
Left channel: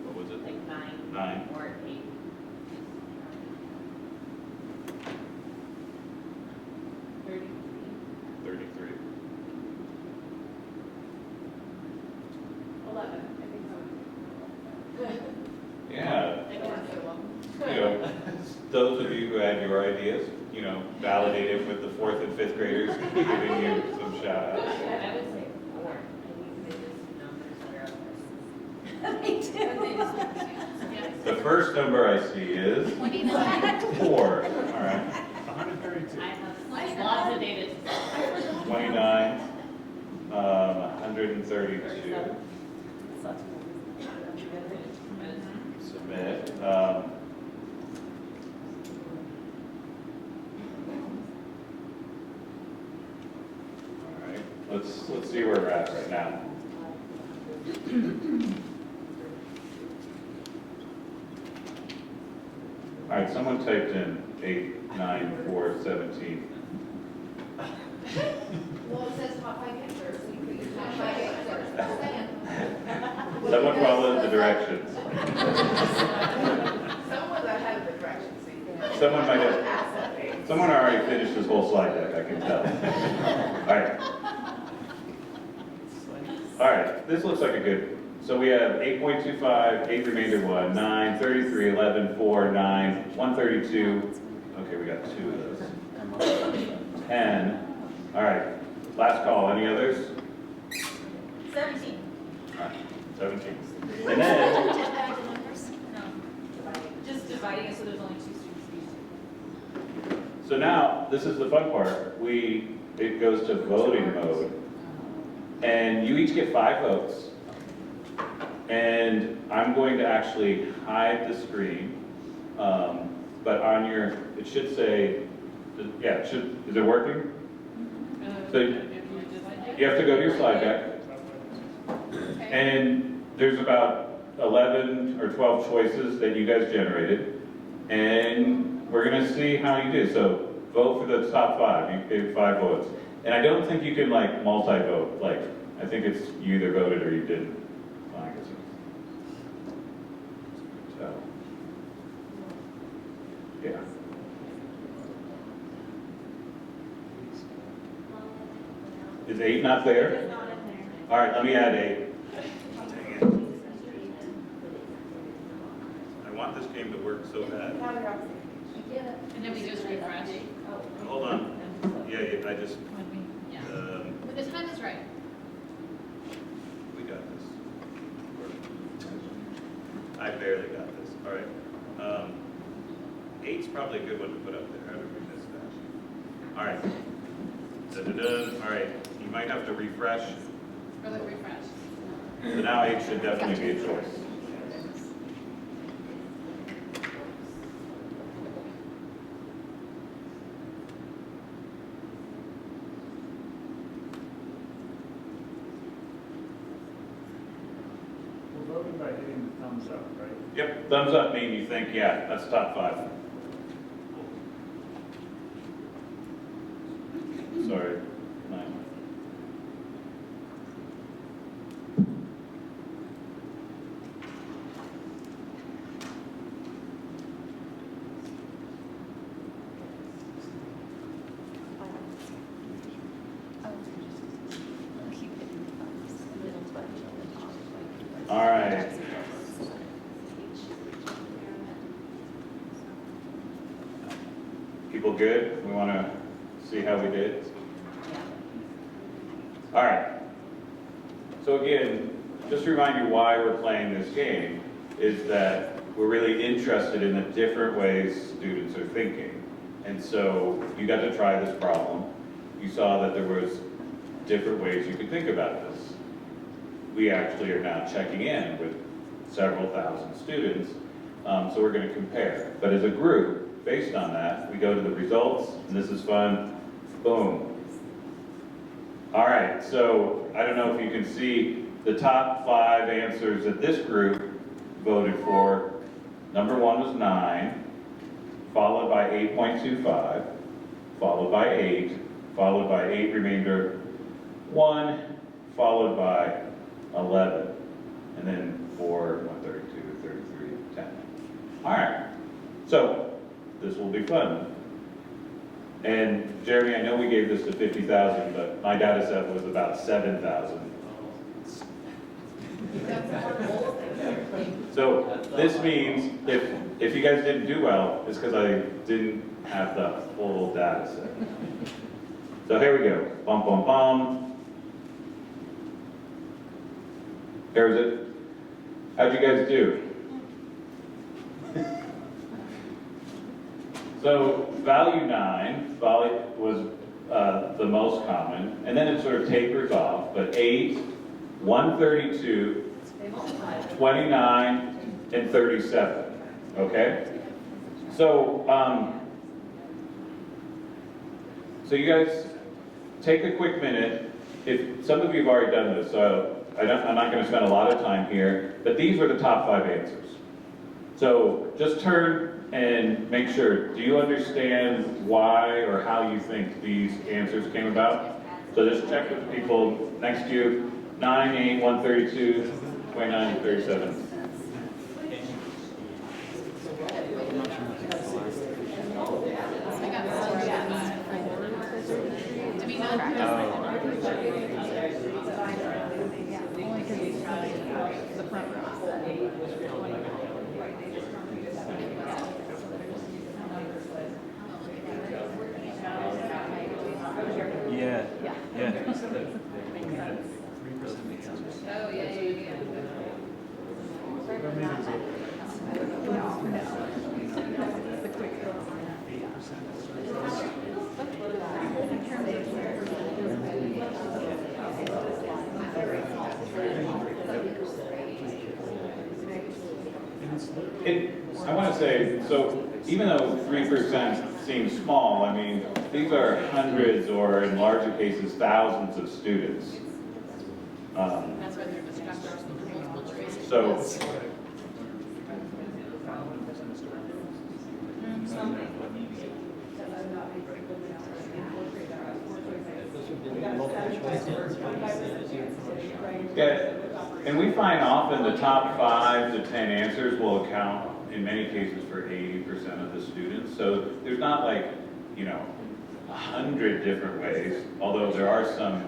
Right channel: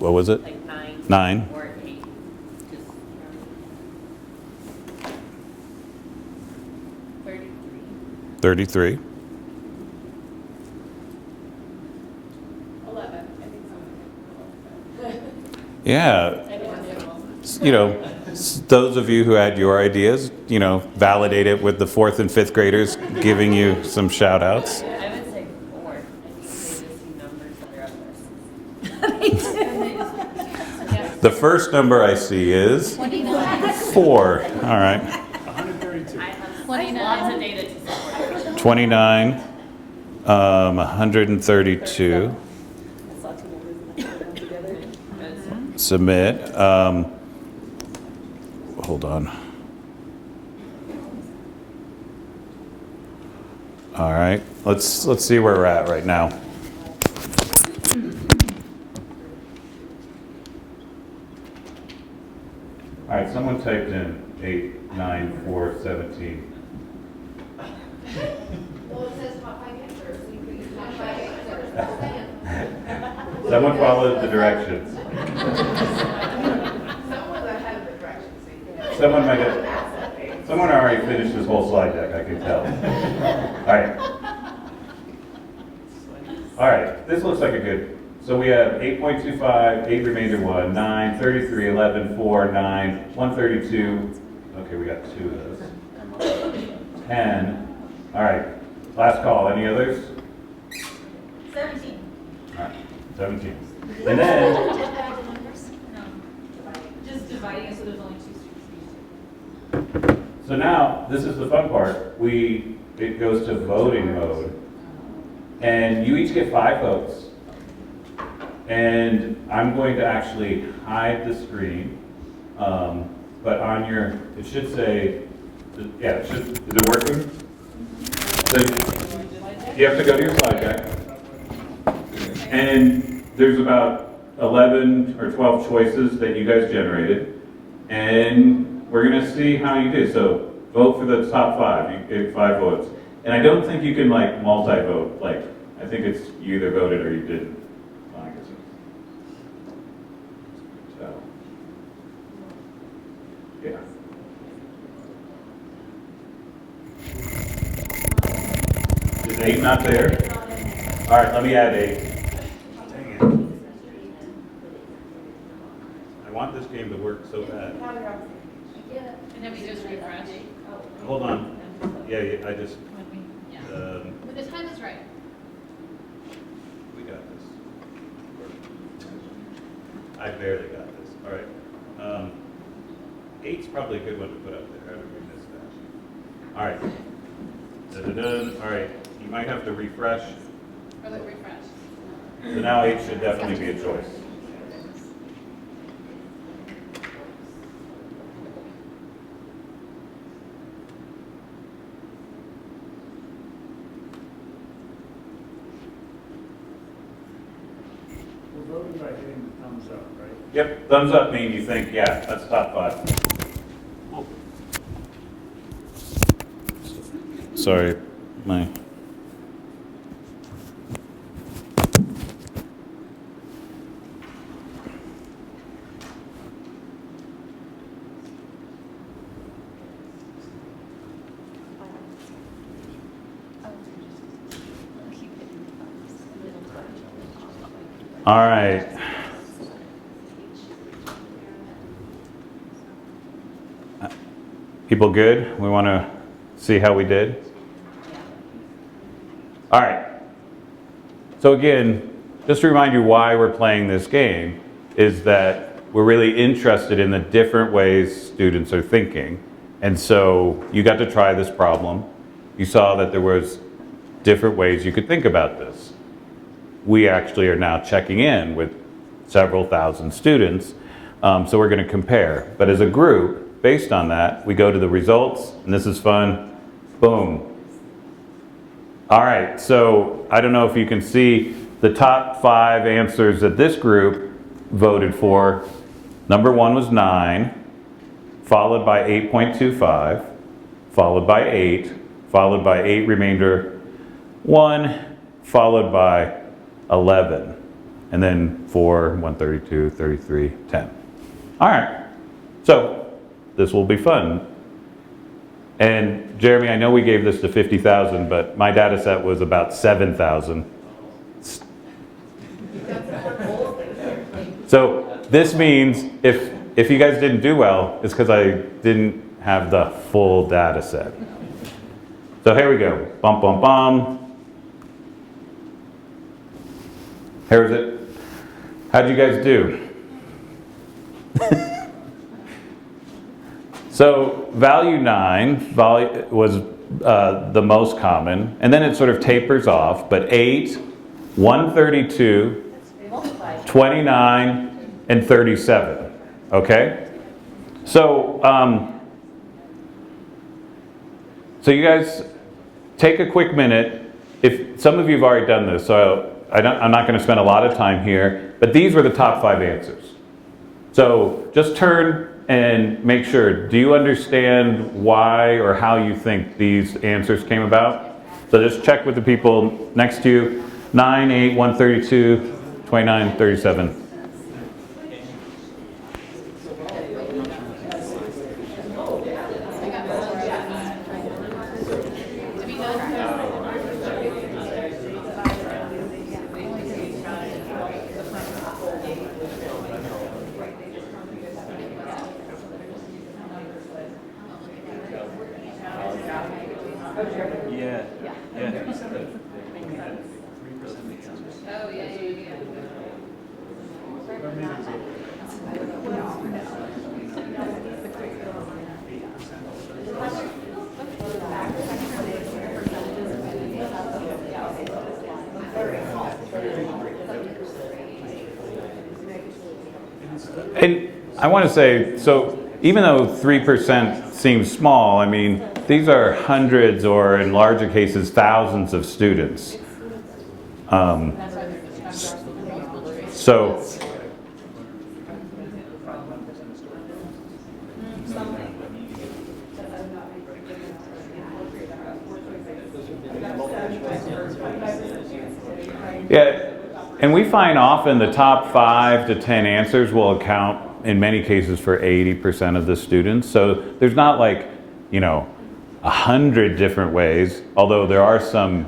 What was it? Like 9. 9. Or 8. 33. 11. I think so. Yeah. Those of you who had your ideas, validate it with the 4th and 5th graders giving you some shout outs. I would say 4. The first number I see is 4. All right. 29. 132. Submit. Hold on. All right. Let's see where we're at right now. All right. Someone typed in 8, 9, 4, 17. Well, it says top 5 answers, so you could use top 5 answers. Someone followed the directions. Someone's ahead of the directions. So you can Someone might have. Someone already finished this whole slide deck, I can tell. All right. All right, this looks like a good. So we have 8.25, 8 remainder 1, 9, 33, 11, 4, 9, 132. Okay, we got 2 of those. 10. All right, last call. Any others? 17. All right, 17. And then, No. Just dividing it so there's only 2 students. so now, this is the fun part. It goes to voting mode. And you each get 5 votes. And I'm going to actually hide the screen. But on your, it should say, yeah, is it working? So you have to go to your slide deck. And there's about 11 or 12 choices that you guys generated. And we're going to see how you do. So vote for the top 5. You get 5 votes. And I don't think you can multi-vote. I think it's you either voted or you didn't. So, yeah. Is 8 not there? All right, let me add 8. Dang it. I want this game to work so bad. And then we just refresh. Hold on. Yeah, I just, When the time is right. we got this. I barely got this. All right. 8's probably a good one to put up there. How did we miss that? All right. Da-da-da. All right. You might have to refresh. Or like refresh. So now 8 should definitely be a choice. We're voting by hitting the thumbs up, right? Yep, thumbs up mean you think, yeah, that's top 5. Sorry, my. All right. People good? We want to see how we did? All right. So again, just to remind you why we're playing this game is that we're really interested in the different ways students are thinking. And so you got to try this problem. You saw that there was different ways you could think about this. We actually are now checking in with several thousand students, so we're going to compare. But as a group, based on that, we go to the results, and this is fun. Boom. All right, so I don't know if you can see the top 5 answers that this group voted for. Number 1 was 9, followed by 8.25, followed by 8, followed by 8 remainder 1, followed by 11, and then 4, 132, 33, 10. All right, so this will be fun. And Jeremy, I know we gave this to 50,000, but my data set was about 7,000. So this means if you guys didn't do well, it's because I didn't have the full data set. So here we go. Bum, bum, bum. Here's it. How'd you guys do? So value 9 was the most common, and then it sort of tapers off, but 8, 132, 29, and 37, okay? So, so you guys take a quick minute. If some of you have already done this, so I'm not going to spend a lot of time here, but these were the top 5 answers. So just turn and make sure, do you understand why or how you think these answers came about? So just check with the people next to you. 9, 8, 132, 29, 37. And I want to say, so even though 3% seems small, I mean, these are hundreds or in larger cases, thousands of students. So, yeah, and we find often the top 5 to 10 answers will account in many cases for 80% of the students. So there's not like, 100 different ways, although there are some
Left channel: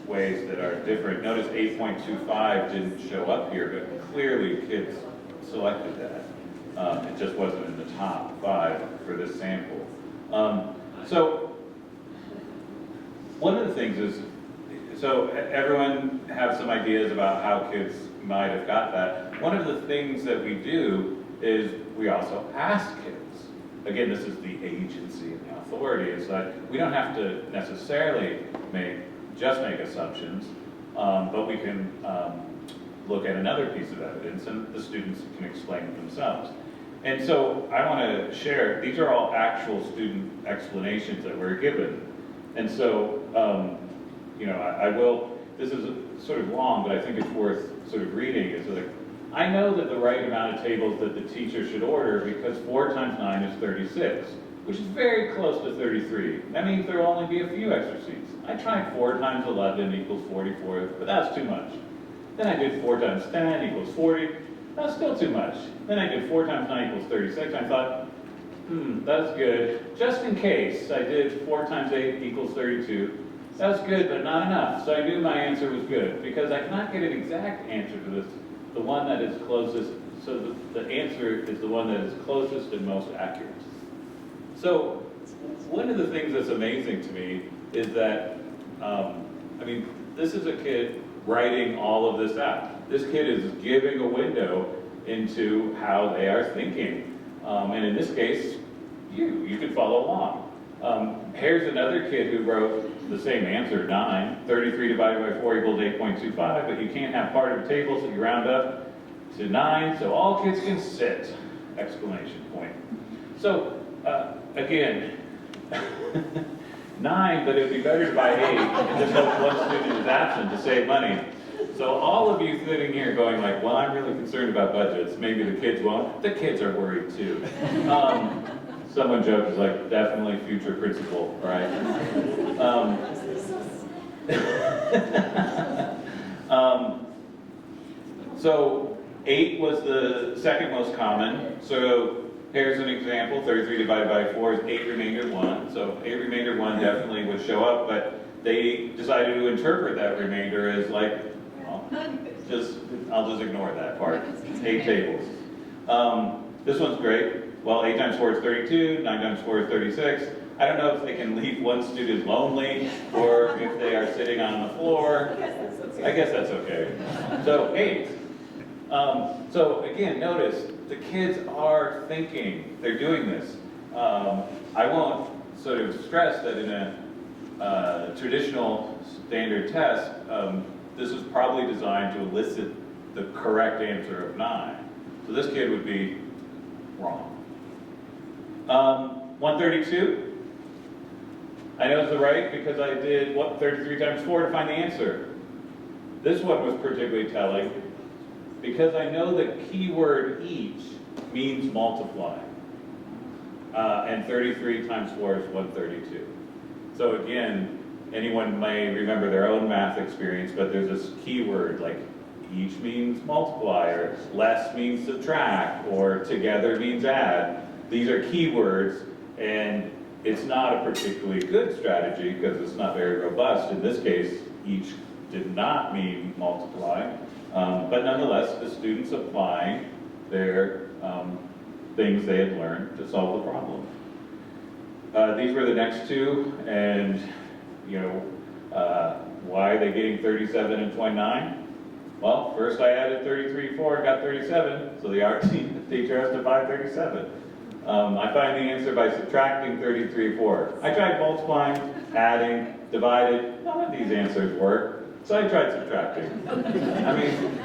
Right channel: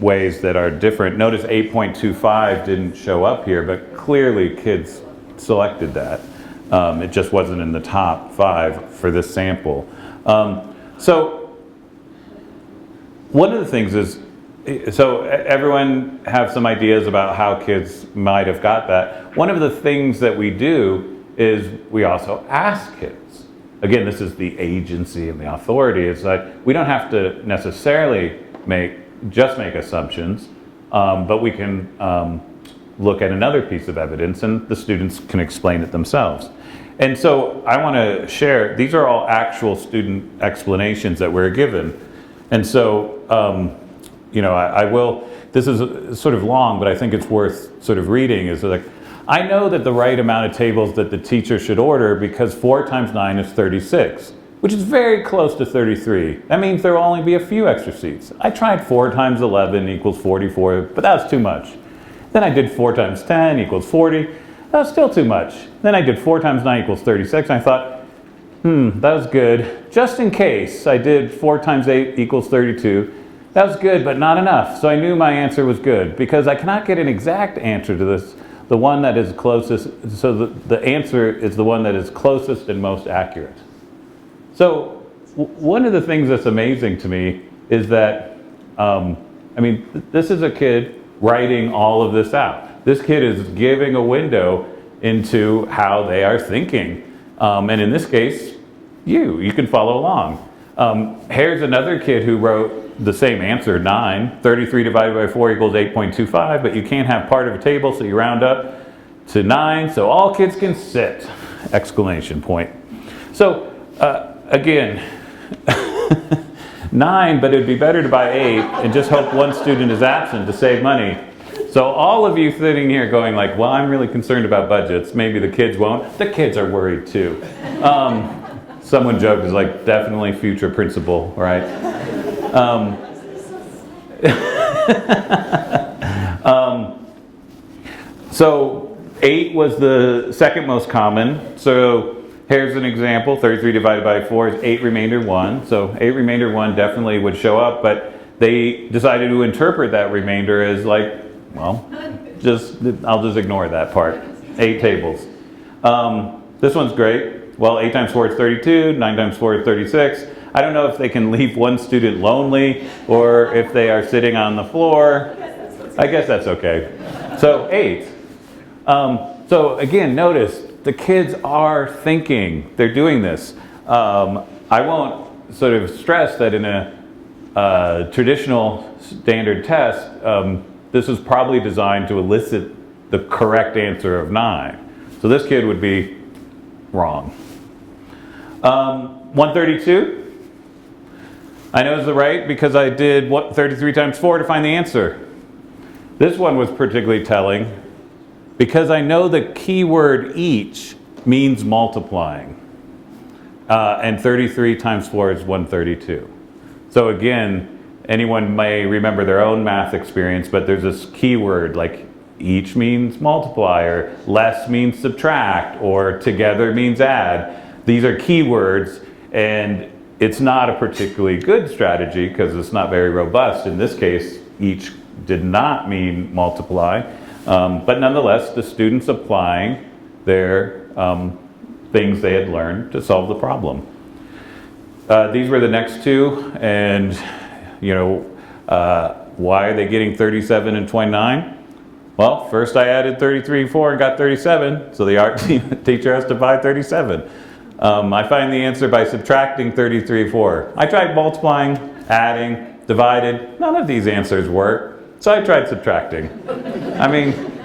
ways that are different. Notice 8.25 didn't show up here, but clearly kids selected that. It just wasn't in the top 5 for this sample. So one of the things is, so everyone have some ideas about how kids might have got that. One of the things that we do is we also ask kids. Again, this is the agency and the authority. It's like we don't have to necessarily just make assumptions, but we can look at another piece of evidence and the students can explain it themselves. And so I want to share, these are all actual student explanations that we're given. And so, you know, I will, this is sort of long, but I think it's worth sort of reading. Is like, I know that the right amount of tables that the teacher should order because 4 times 9 is 36, which is very close to 33. That means there will only be a few extra seats. I tried 4 times 11 equals 44, but that was too much. Then I did 4 times 10 equals 40. That was still too much. Then I did 4 times 9 equals 36, and I thought, that was good. Just in case, I did 4 times 8 equals 32. That was good, but not enough. So I knew my answer was good because I cannot get an exact answer to this. The one that is closest, so the answer is the one that is closest and most accurate. So one of the things that's amazing to me is that, I mean, this is a kid writing all of this out. This kid is giving a window into how they are thinking. And in this case, you can follow along. Here's another kid who wrote the same answer, 9. 33 divided by 4 equals 8.25, but you can't have part of a table, so you round up to 9, so all kids can sit, exclamation point. So, again, 9, but it'd be better to buy 8 and just hope one student is absent to save money. So all of you sitting here going like, well, I'm really concerned about budgets, maybe the kids won't. The kids are worried too. Someone joked, is like, definitely future principal, right? So 8 was the second most common. So here's an example, 33 divided by 4 is 8 remainder 1. So 8 remainder 1 definitely would show up, but they decided to interpret that remainder as like, well, I'll just ignore that part. 8 tables. This one's great. Well, 8 times 4 is 32, 9 times 4 is 36. I don't know if they can leave one student lonely or if they are sitting on the floor. I guess that's okay. So 8. So again, notice the kids are thinking. They're doing this. I won't sort of stress that in a traditional standard test, this is probably designed to elicit the correct answer of 9. So this kid would be wrong. 132. I know it's the right because I did 33 times 4 to find the answer. This one was particularly telling because I know the keyword each means multiplying. And 33 times 4 is 132. So again, anyone may remember their own math experience, but there's this keyword like each means multiply, or less means subtract, or together means add. These are keywords, and it's not a particularly good strategy because it's not very robust. In this case, each did not mean multiply, but nonetheless, the students applying their things they had learned to solve the problem. These were the next two, and you know, why are they getting 37 and 29? Well, first I added 33 and 4 and got 37, so the art teacher has to buy 37. I find the answer by subtracting 33 and 4. I tried multiplying, adding, divided. None of these answers work, so I tried subtracting. I mean,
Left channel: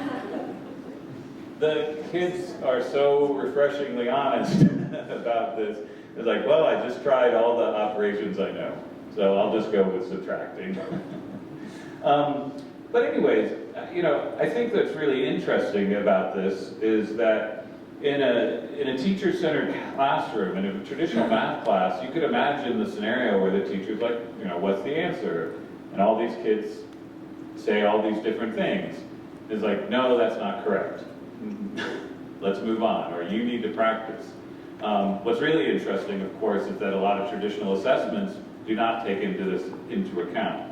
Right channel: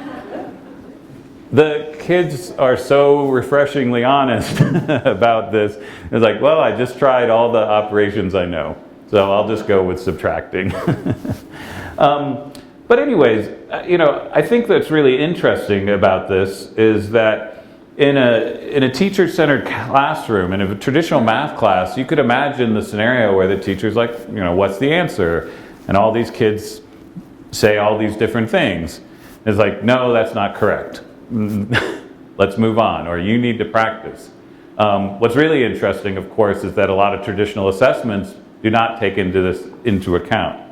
the kids are so refreshingly honest about this. It's like, well, I just tried all the operations I know, so I'll just go with subtracting. But anyways, you know, I think that's really interesting about this is that in a teacher-centered classroom, in a traditional math class, you could imagine the scenario where the teacher's like, you know, what's the answer? And all these kids say all these different things. It's like, no, that's not correct. Let's move on, or you need to practice. What's really interesting, of course, is that a lot of traditional assessments do not take this into account.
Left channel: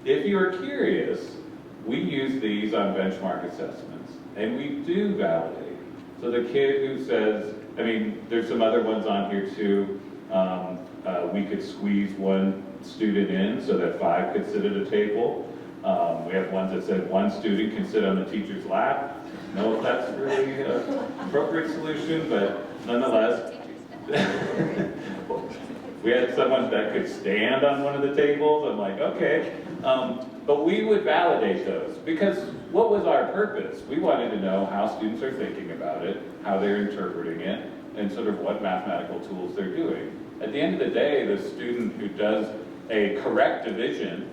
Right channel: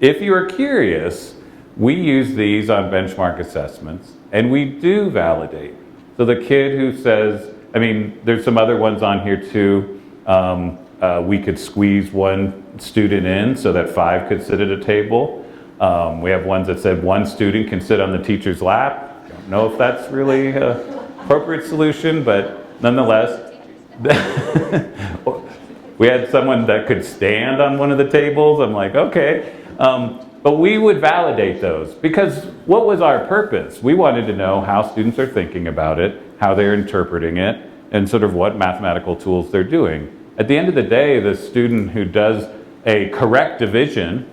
if you're curious, we use these on benchmark assessments, and we do validate. So the kid who says, I mean, there's some other ones on here too. We could squeeze one student in so that 5 could sit at a table. We have ones that said 1 student can sit on the teacher's lap. I don't know if that's really an appropriate solution, but nonetheless. We had someone that could stand on one of the tables. I'm like, okay. But we would validate those because what was our purpose? We wanted to know how students are thinking about it, how they're interpreting it, and sort of what mathematical tools they're doing. At the end of the day, the student who does a correct division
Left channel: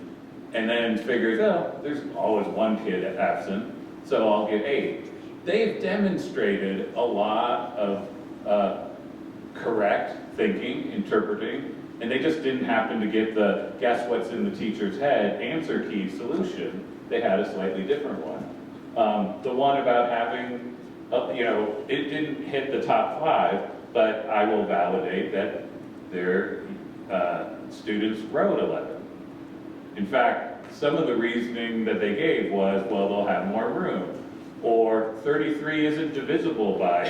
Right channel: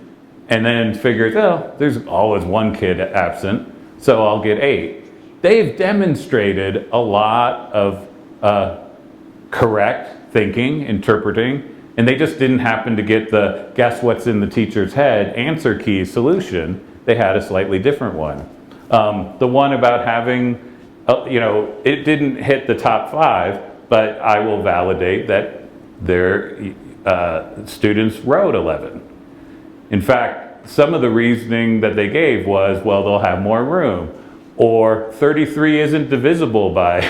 and then figures, oh, there's always one kid absent, so I'll get 8. They've demonstrated a lot of correct thinking, interpreting, and they just didn't happen to get the guess what's in the teacher's head answer key solution. They had a slightly different one. The one about having, it didn't hit the top 5, but I will validate that their students wrote 11. In fact, some of the reasoning that they gave was, well, they'll have more room, or 33 isn't divisible by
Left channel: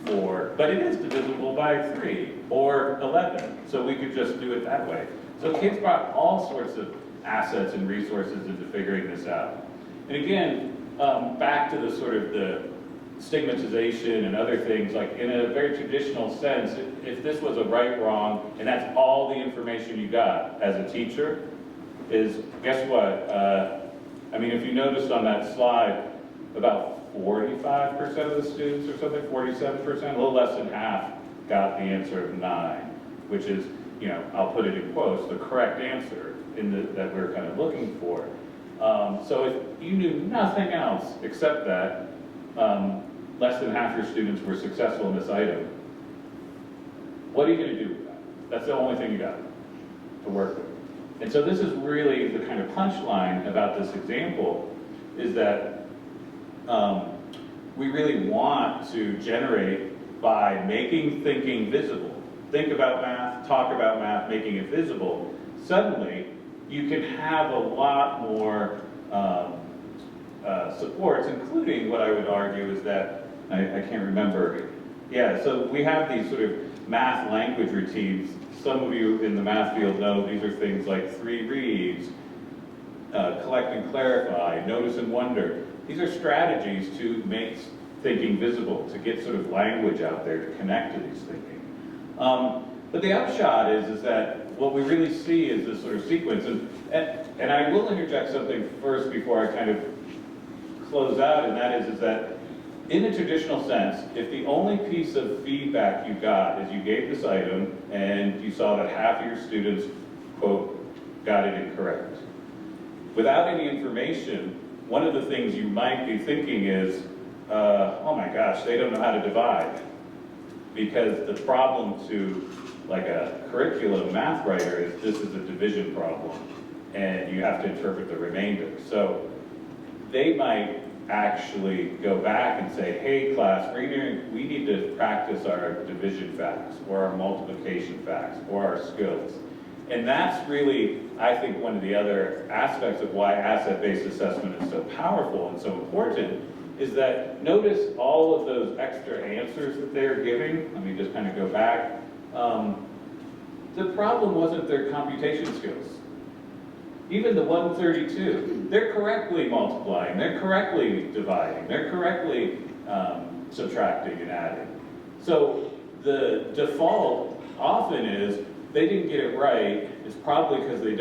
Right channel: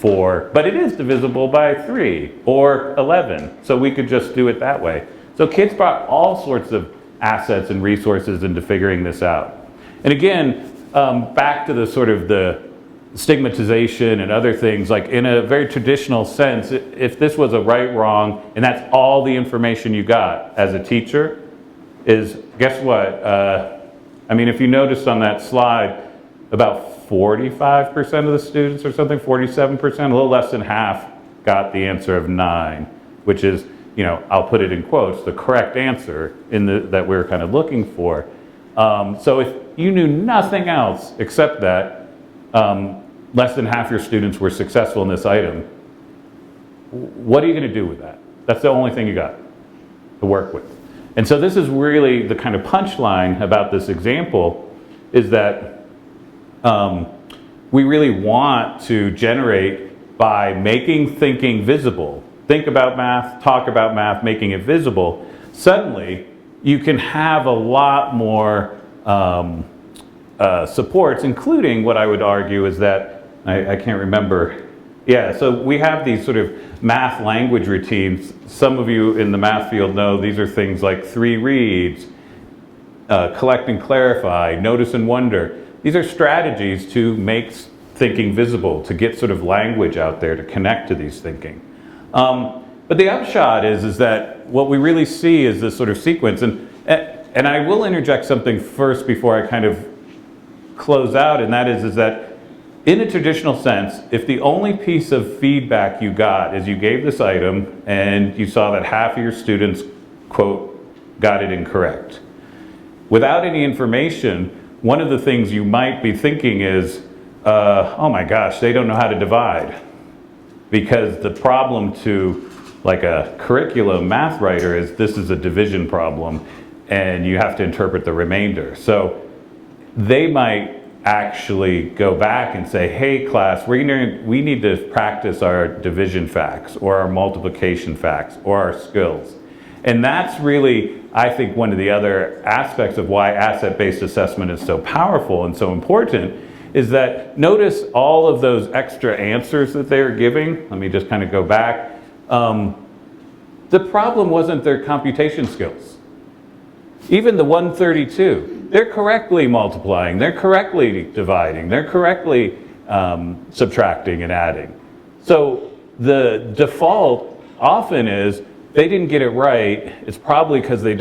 4, but it is divisible by 3, or 11, so we could just do it that way. So kids brought all sorts of assets and resources into figuring this out. And again, back to the sort of the stigmatization and other things, like in a very traditional sense, if this was a right, wrong, and that's all the information you got as a teacher, is, guess what? I mean, if you noticed on that slide, about 45% of the students or something, 47%, a little less than half got the answer of 9, which is, I'll put it in quotes, the correct answer that we're kind of looking for. So if you knew nothing else except that, less than half your students were successful in this item, what are you going to do with that? That's the only thing you got to work with. And so this is really the kind of punchline about this example, is that we really want to generate by making thinking visible. Think about math, talk about math, making it visible. Suddenly, you can have a lot more supports, including what I would argue is that, I can't remember. Yeah, so we have these sort of math language routines. Some of you in the math field know these are things like 3 reads, collect and clarify, notice and wonder. These are strategies to make thinking visible, to get sort of language out there to connect to these thinking. But the upshot is that what we really see is this sort of sequence. And I will interject something first before I kind of close out, and that is that in a traditional sense, if the only piece of feedback you got is you gave this item and you saw that half of your students, quote, got it incorrect. Without any information, one of the things you might be thinking is, oh my gosh, they don't know how to divide. Because the problem to like a curriculum math writer is this is a division problem and you have to interpret the remainder. So they might actually go back and say, hey class, we need to practice our division facts or our multiplication facts or our skills. And that's really, I think, one of the other aspects of why asset-based assessment is so powerful and so important, is that notice all of those extra answers that they were giving. Let me just kind of go back. The problem wasn't their computation skills. Even the 132, they're correctly multiplying, they're correctly dividing, they're correctly subtracting and adding. So the default often is they didn't get it right. It's probably because they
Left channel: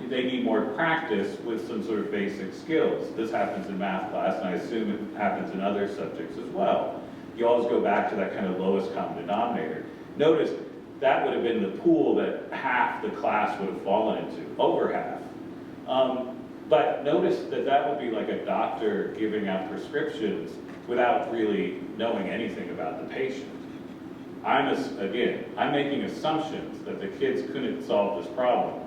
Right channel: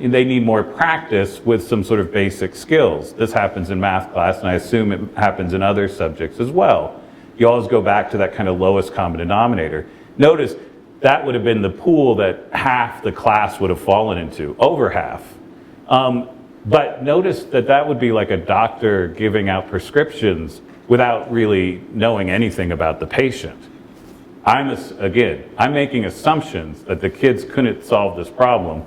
need more practice with some sort of basic skills. This happens in math class, and I assume it happens in other subjects as well. You always go back to that kind of lowest common denominator. Notice that would have been the pool that half the class would have fallen into, over half. But notice that would be like a doctor giving out prescriptions without really knowing anything about the patient. I'm making assumptions that the kids couldn't solve this problem.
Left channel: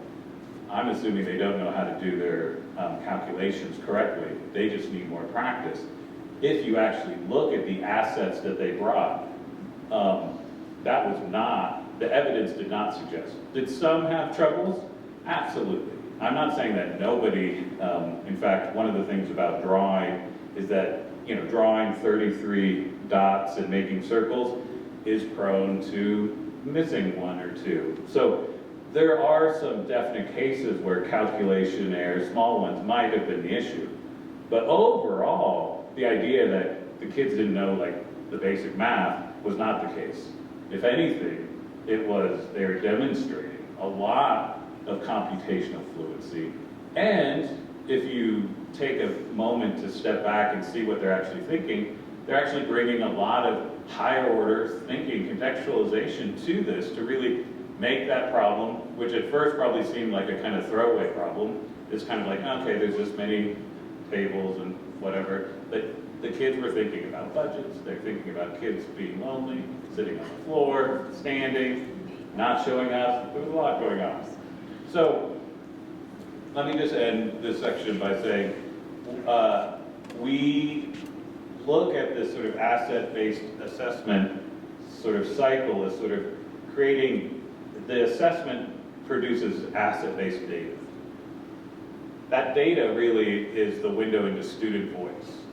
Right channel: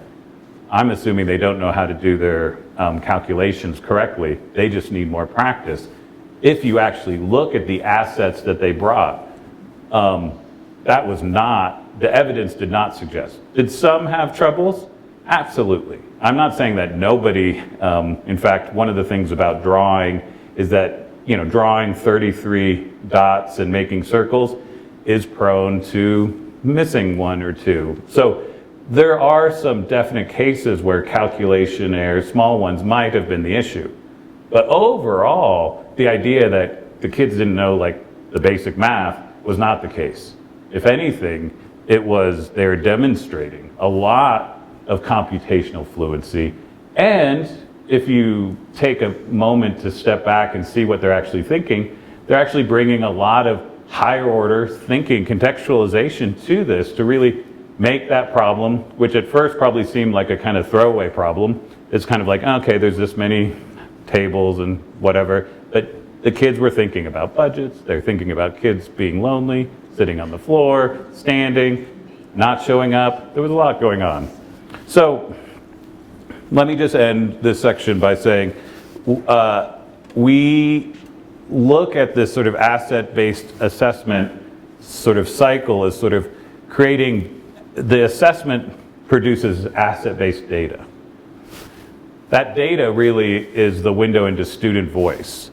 I'm assuming they don't know how to do their calculations correctly. They just need more practice. If you actually look at the assets that they brought, that was not, the evidence did not suggest. Did some have troubles? Absolutely. I'm not saying that nobody, in fact, one of the things about drawing is that, drawing 33 dots and making circles is prone to missing one or two. So there are some definite cases where calculation errors, small ones, might have been the issue. But overall, the idea that the kids didn't know like the basic math was not the case. If anything, they were demonstrating a lot of computational fluency. And if you take a moment to step back and see what they're actually thinking, they're actually bringing a lot of higher order thinking, contextualization to this to really make that problem, which at first probably seemed like a kind of throwaway problem. It's kind of like, okay, there's this many tables and whatever. But the kids were thinking about budgets. They're thinking about kids being lonely, sitting on the floor, standing, not showing up. There was a lot going on. So let me just end this section by saying we look at this sort of asset-based assessment sort of cycle as sort of creating, the assessment produces asset-based data. That data really is the window into student voice.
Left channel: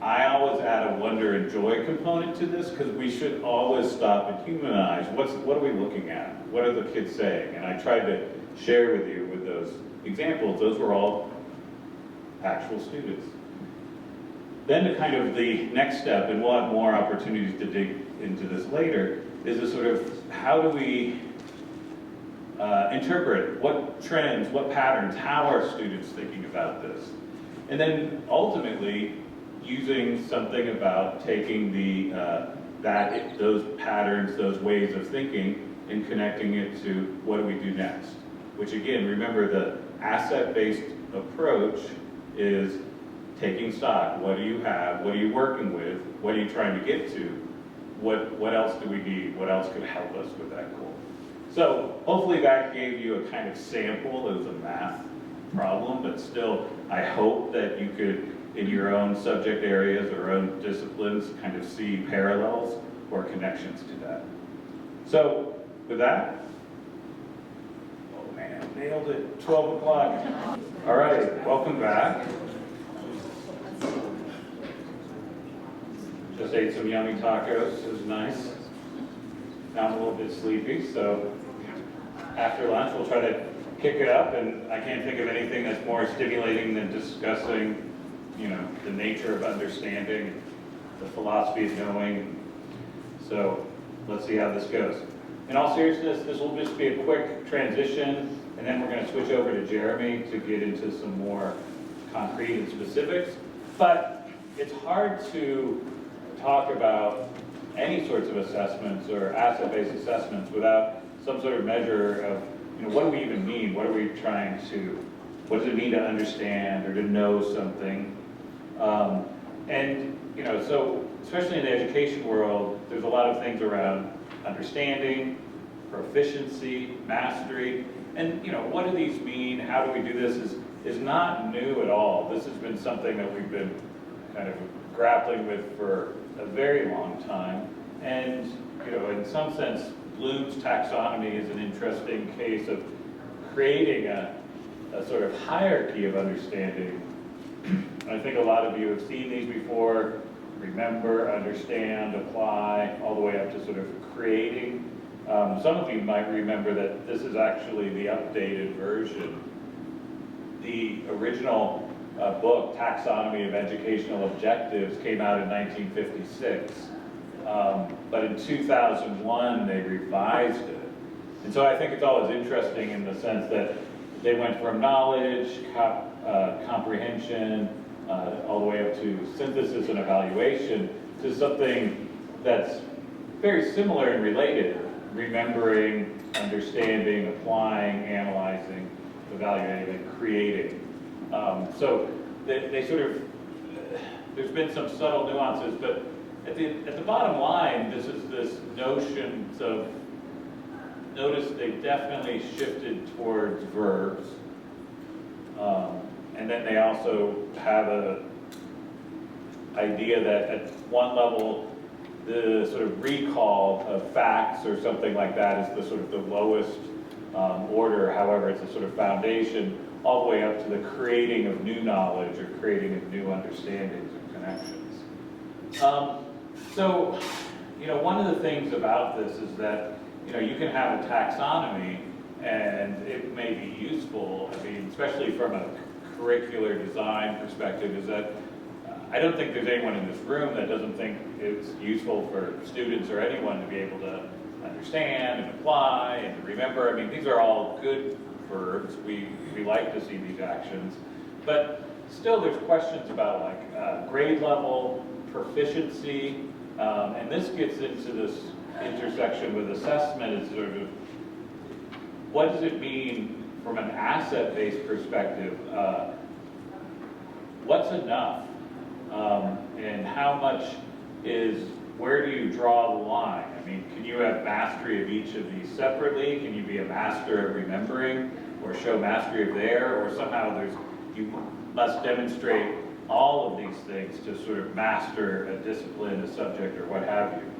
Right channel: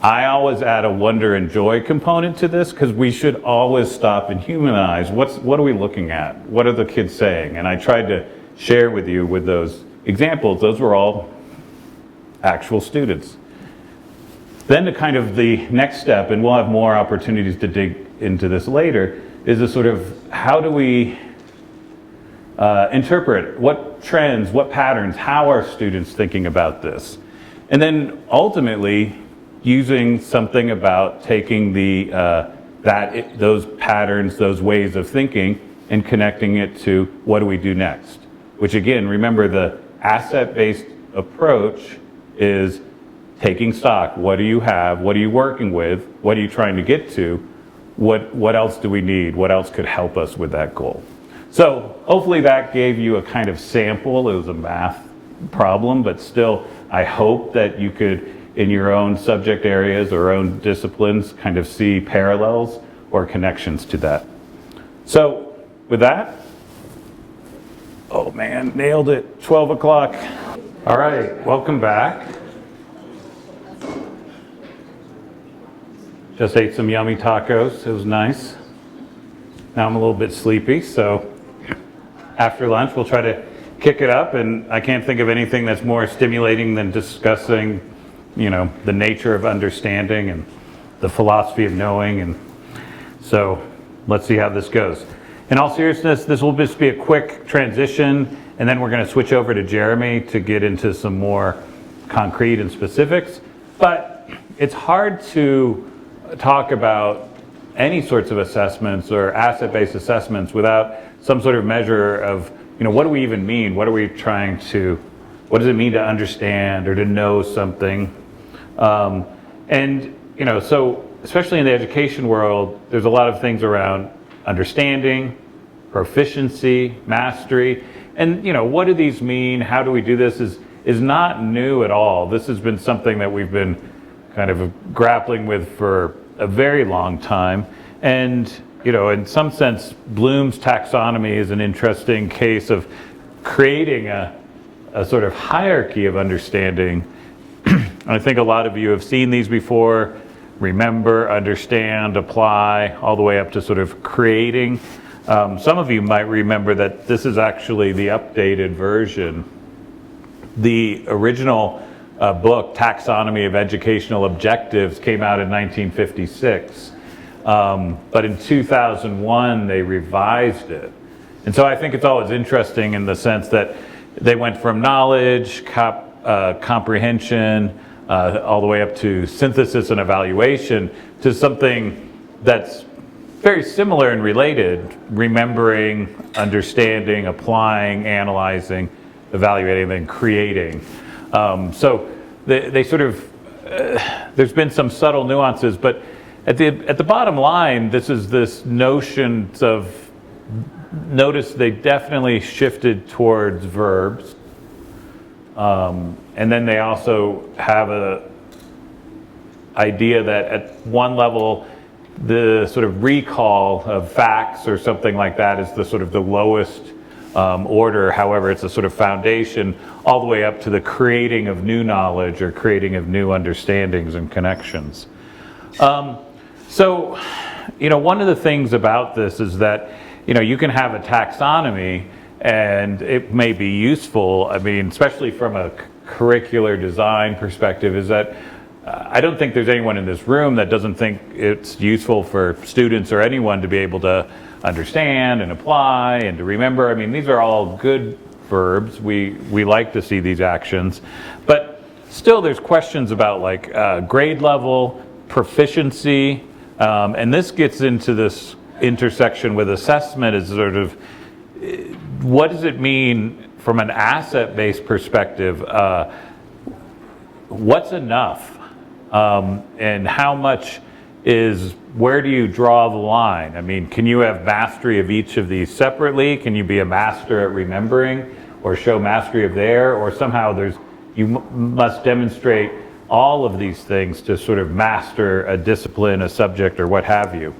I always add a wonder and joy component to this because we should always stop and humanize. What are we looking at? What are the kids saying? And I tried to share with you with those examples. Those were all actual students. Then to kind of the next step, and we'll have more opportunities to dig into this later, is a sort of how do we interpret what trends, what patterns, how are students thinking about this? And then ultimately using something about taking those patterns, those ways of thinking and connecting it to what do we do next? Which again, remember the asset-based approach is taking stock. What do you have? What are you working with? What are you trying to get to? What else do we need? What else could help us with that goal? So hopefully that gave you a kind of sample. It was a math problem, but still I hope that you could, in your own subject areas or own disciplines, kind of see parallels or connections to that. So with that, oh man, nailed it, 12 o'clock. All right, welcome back. Just ate some yummy tacos, it was nice. Now I'm a little bit sleepy, so after lunch we'll try to kick it up, and I can't think of anything that's more stimulating than discussing, the nature of understanding and the philosophy of knowing, and so let's see how this goes. In all seriousness, this will just be a quick transition, and then we're going to switch over to Jeremy to get into some more concrete and specifics, but it's hard to talk about any sorts of assessments or asset-based assessments without some sort of measure of, what do we even mean? What does it mean to understand or to know something? So especially in the education world, there's a lot of things around understanding, proficiency, mastery, and what do these mean? How do we do this is not new at all. This has been something that we've been kind of grappling with for a very long time. And, in some sense, Bloom's taxonomy is an interesting case of creating a sort of hierarchy of understanding. I think a lot of you have seen these before: remember, understand, apply, all the way up to sort of creating. Some of you might remember that this is actually the updated version. The original book, Taxonomy of Educational Objectives, came out in 1956. But in 2001, they revised it. And so I think it's always interesting in the sense that they went from knowledge, comprehension, all the way up to synthesis and evaluation, to something that's very similar and related: remembering, understanding, applying, analyzing, evaluating, and creating. So they sort of, there's been some subtle nuances, but at the bottom line, this notion of, notice they definitely shifted towards verbs. And then they also have a idea that at one level, the sort of recall of facts or something like that is the sort of the lowest order. However, it's a sort of foundation. all the way up to the creating of new knowledge or creating of new understandings and connections. So, one of the things about this is that, you can have a taxonomy and it may be useful, I mean, especially from a curricular design perspective, is that I don't think there's anyone in this room that doesn't think it's useful for students or anyone to be able to understand and apply and to remember. I mean, these are all good verbs. We like to see these actions. But still there's questions about like grade level, proficiency, and this gets into this intersection with assessment is sort of, what does it mean from an asset-based perspective? What's enough? And how much is, where do you draw the line? I mean, can you have mastery of each of these separately? Can you be a master at remembering or show mastery of there? Or somehow you must demonstrate all of these things to sort of master a discipline, a subject, or what have you.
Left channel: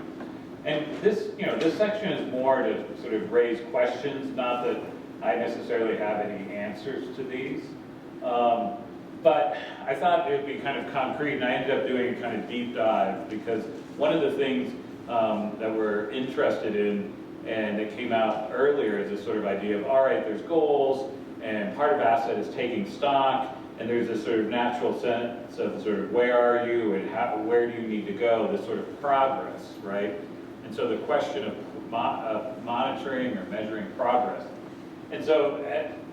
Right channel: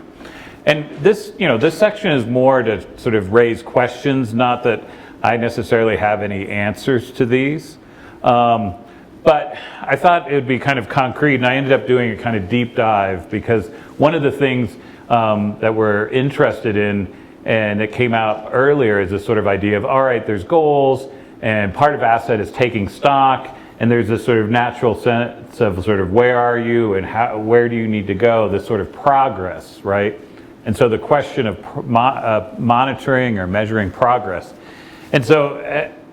And this, this section is more to sort of raise questions, not that I necessarily have any answers to these. But I thought it would be kind of concrete, and I ended up doing a kind of deep dive because one of the things that we're interested in, and it came out earlier, is this sort of idea of, all right, there's goals, and part of asset is taking stock, and there's this sort of natural sense of sort of where are you and where do you need to go, this sort of progress, right? And so the question of monitoring or measuring progress. And so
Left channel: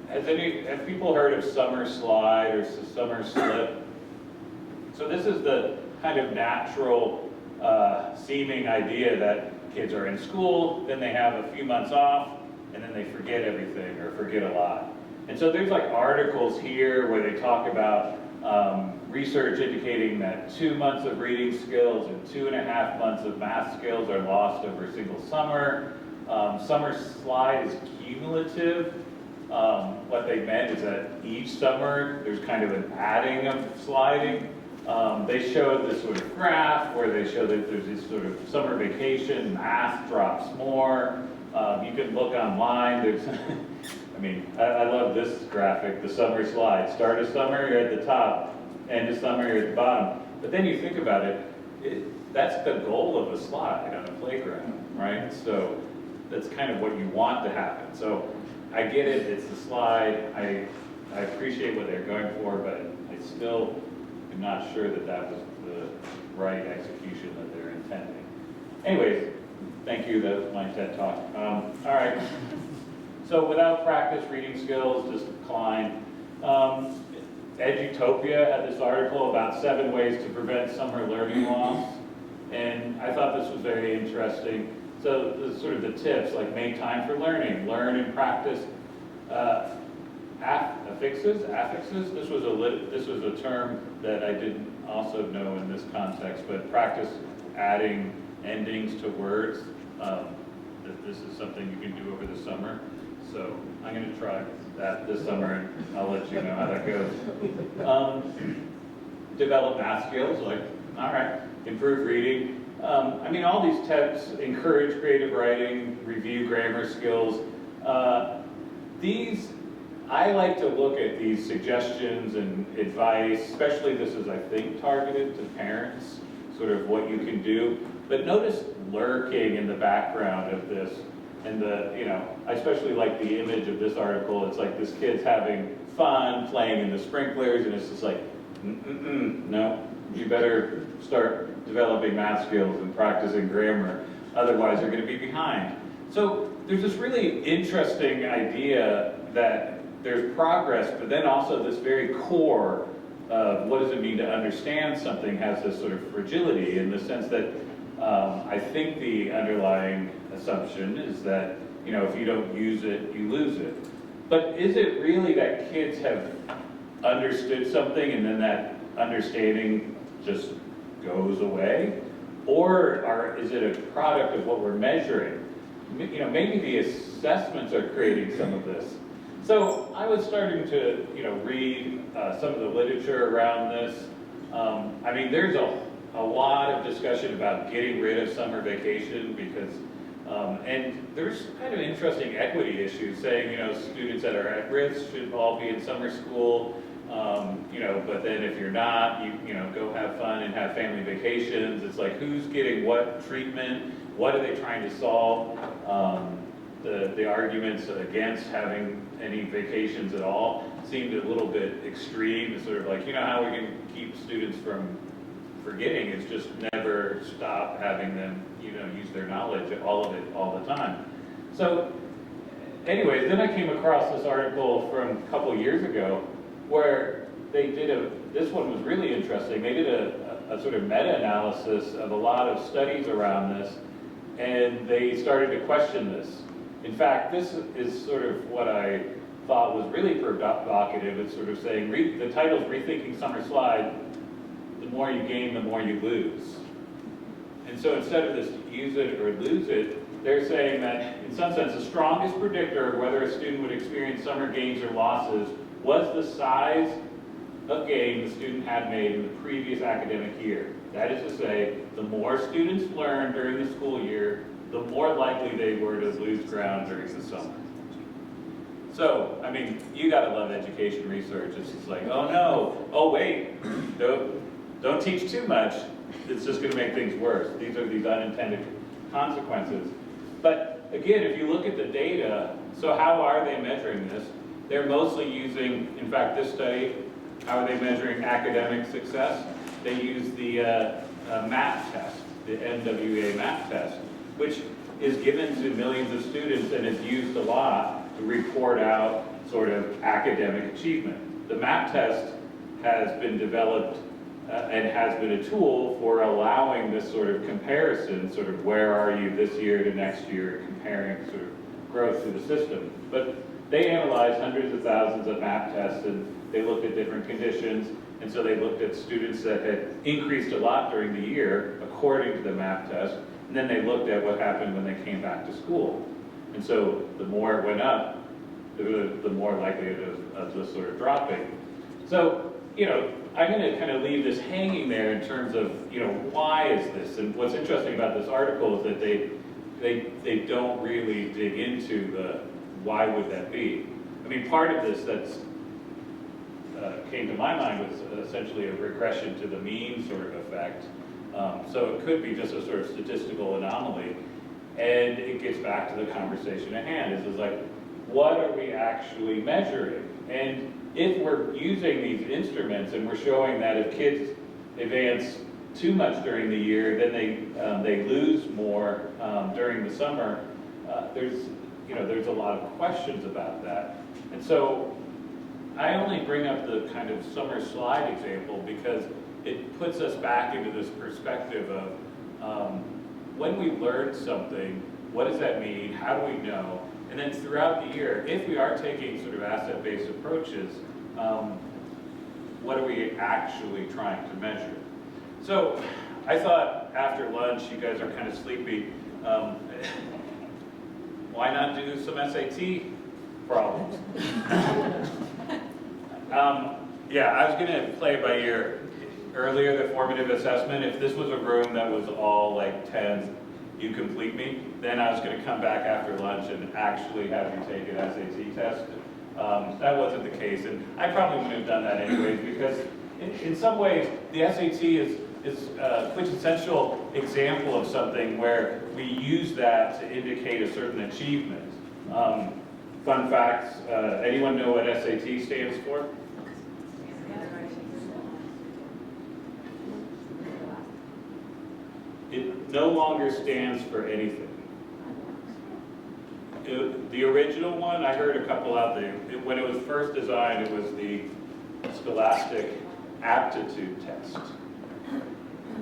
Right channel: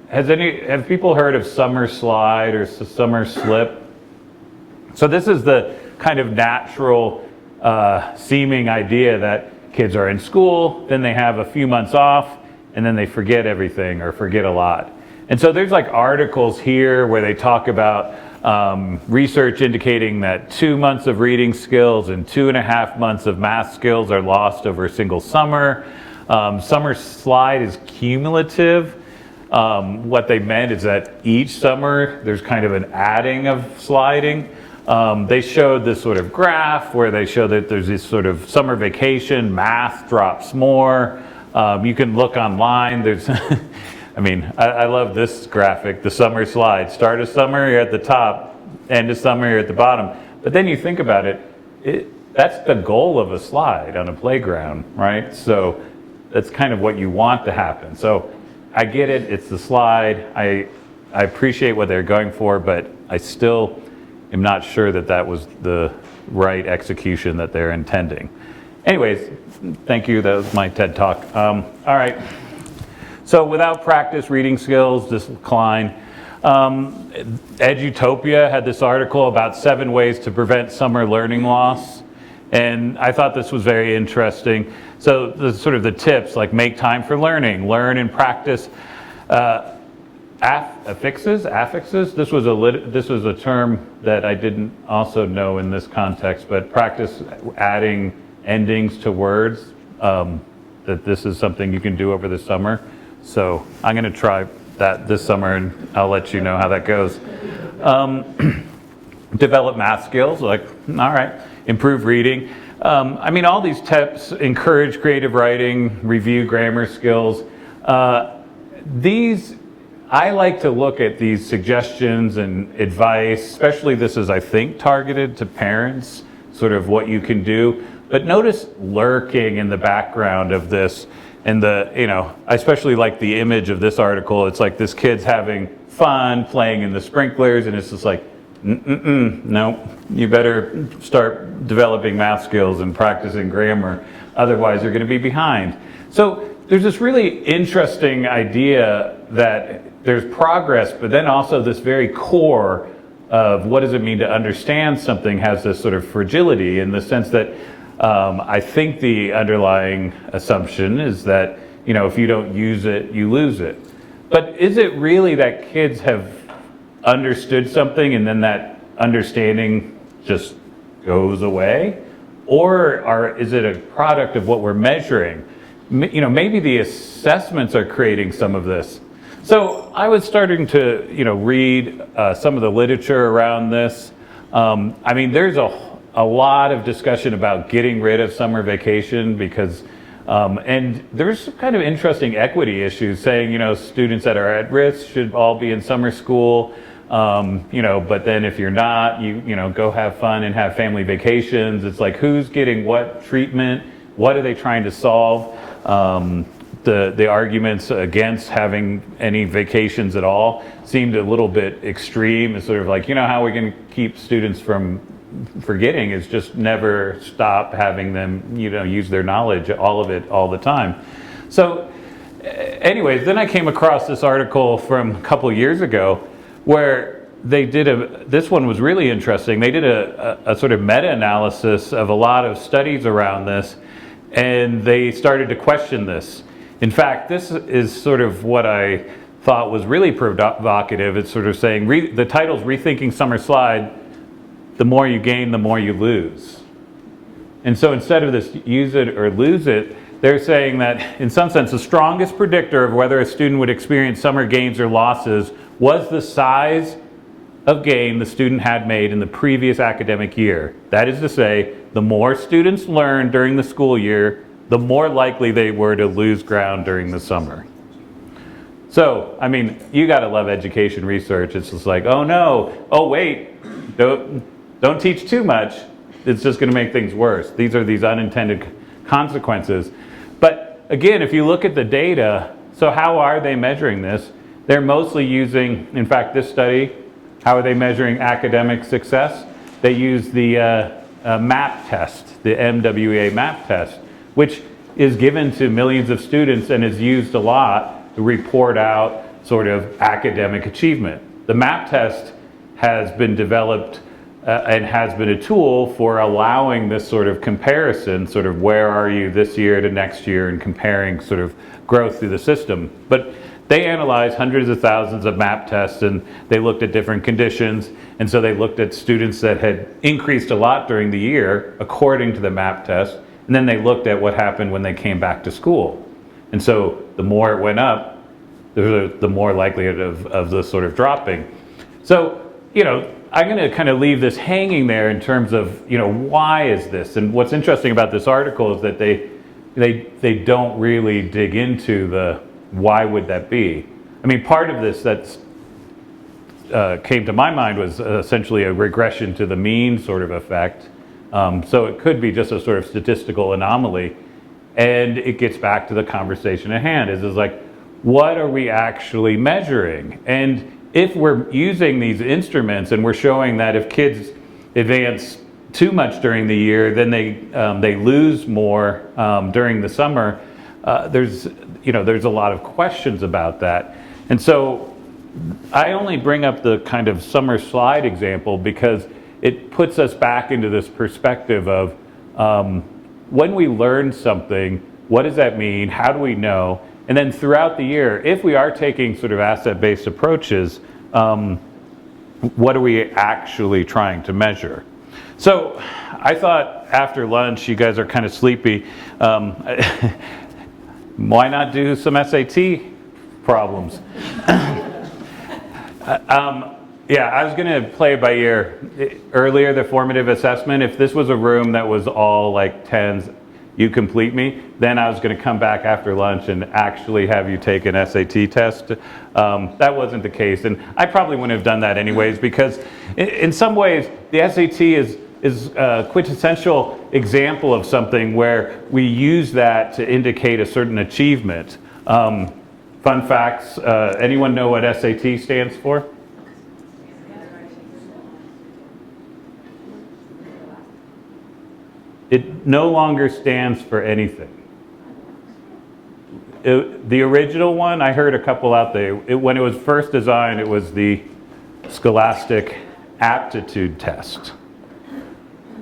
have people heard of summer slide or summer slip? So this is the kind of natural seeming idea that kids are in school, then they have a few months off, and then they forget everything or forget a lot. And so there's like articles here where they talk about research indicating that 2 months of reading skills and 2.5 months of math skills are lost over a single summer. Summer slide is cumulative. What they meant is that each summer there's kind of an adding of sliding. They showed this sort of graph where they show that there's this sort of summer vacation, math drops more. You can look online. There's, I mean, I love this graphic, the summer slide. Start of summer, you're at the top. End of summer, you're at the bottom. But then you think about it, that's the goal of a slide on a playground, right? So that's kind of what you want to happen. So I get it, it's the slide. I appreciate what they're going for, but I still am not sure that that was the right execution that they're intending. Anyways, thank you, that was my TED Talk. All right, so without practice, reading skills decline. Edutopia had this article about 7 ways to prevent summer learning loss, and I thought this was very interesting. So the sort of the tips, like make time for learning, learn and practice affixes. This was a term that I didn't also know in this context, but practice adding endings to words. That this is something you can do over the summer. So I'm going to try that this summer, and I'll let you know how that goes. Develop math skills, like, all right, improve reading. I mean, all these tips encourage creative writing, review grammar skills. I like to look at these suggestions and advice, especially this is, I think, targeted to parents, sort of what you can do. But notice lurking in the background of this, and I especially like the image of this article. It's like this kid's having fun playing in the sprinklers, and it's just like, no, you better start developing math skills and practicing grammar, otherwise you're going to be behind. So there's this really interesting idea that there's progress, but then also this very core of what does it mean to understand something has this sort of fragility in the sense that I think the underlying assumption is that, if you don't use it, you lose it. But is it really that kids have understood something and then that understanding just goes away? Or is it a product of what we're measuring? Maybe the assessments are creating some of this. So I was starting to, read some of the literature around this. I mean, there's a lot of discussion about getting rid of summer vacation because And there's kind of interesting equity issues saying, students that are at risk should all be in summer school, but then if you're not, go have fun and have family vacations. It's like, who's getting what treatment? What are they trying to solve? The arguments against having any vacations at all seemed a little bit extreme. It's sort of like, how we can keep students from forgetting is just never stop having them, use their knowledge, all of it, all the time. So anyways, then I came across this article from a couple of years ago where they did this one was really interesting. They did a sort of meta-analysis of a lot of studies around this, and they started to question this. In fact, this is sort of what I thought was really provocative. It's sort of saying, the title's Rethinking Summer Slide, the more you gain, the more you lose. And so instead of this use it or lose it, they're saying that in some sense, the strongest predictor of whether a student would experience summer gains or losses was the size of gain the student had made in the previous academic year. That is to say, the more students learned during the school year, the more likely they were to lose ground during the summer. So, I mean, you gotta love education research. It's just like, oh no, oh wait, don't teach too much. It's just gonna make things worse. These are these unintended consequences. But again, if you look at the data, so how are they measuring this? They're mostly using, in fact, this study, how are they measuring academic success? They use the MAP test, the MWA MAP test, which is given to millions of students and is used a lot to report out sort of academic achievement. The MAP test has been developed and has been a tool for allowing this sort of comparison, sort of where are you this year to next year, and comparing sort of growth through the system. But they analyzed hundreds of thousands of MAP tests, and they looked at different conditions. And so they looked at students that had increased a lot during the year according to the MAP test. And then they looked at what happened when they came back to school. And so the more it went up, the more likelihood of the sort of dropping. So, I'm going to kind of leave this hanging there in terms of, why is this? And what's interesting about this article is that they don't really dig into the why would that be. I mean, part of this that's came to my mind was essentially a regression to the mean sort of effect. So it could be just a sort of statistical anomaly. And it gets back to the conversation at hand. Is like, what are we actually measuring? And if we're using these instruments and we're showing that if kids advance too much during the year, then they lose more during the summer, there's a lot of questions about that. And so I only bring up the kind of summer slide example because it puts us back into this perspective of when we learn something, what does that mean? How do we know? And then throughout the year, if we are taking sort of asset-based approaches, what are we actually trying to measure? So I thought after lunch, you guys are kind of sleepy. Why not do some SAT problems? Yeah, I was going to play it by ear. Earlier, the formative assessment, if this was a room that was all like 10s, you complete me, then I was going to come back after lunch and actually have you take an SAT test. That wasn't the case, and I probably wouldn't have done that anyways, because in some ways, the SAT is a quintessential example of something where we use that to indicate a certain achievement. Fun facts, anyone know what SAT stands for? It no longer stands for anything. The original one, I heard a couple out there, when it was first designed, it was the Scholastic Aptitude Test.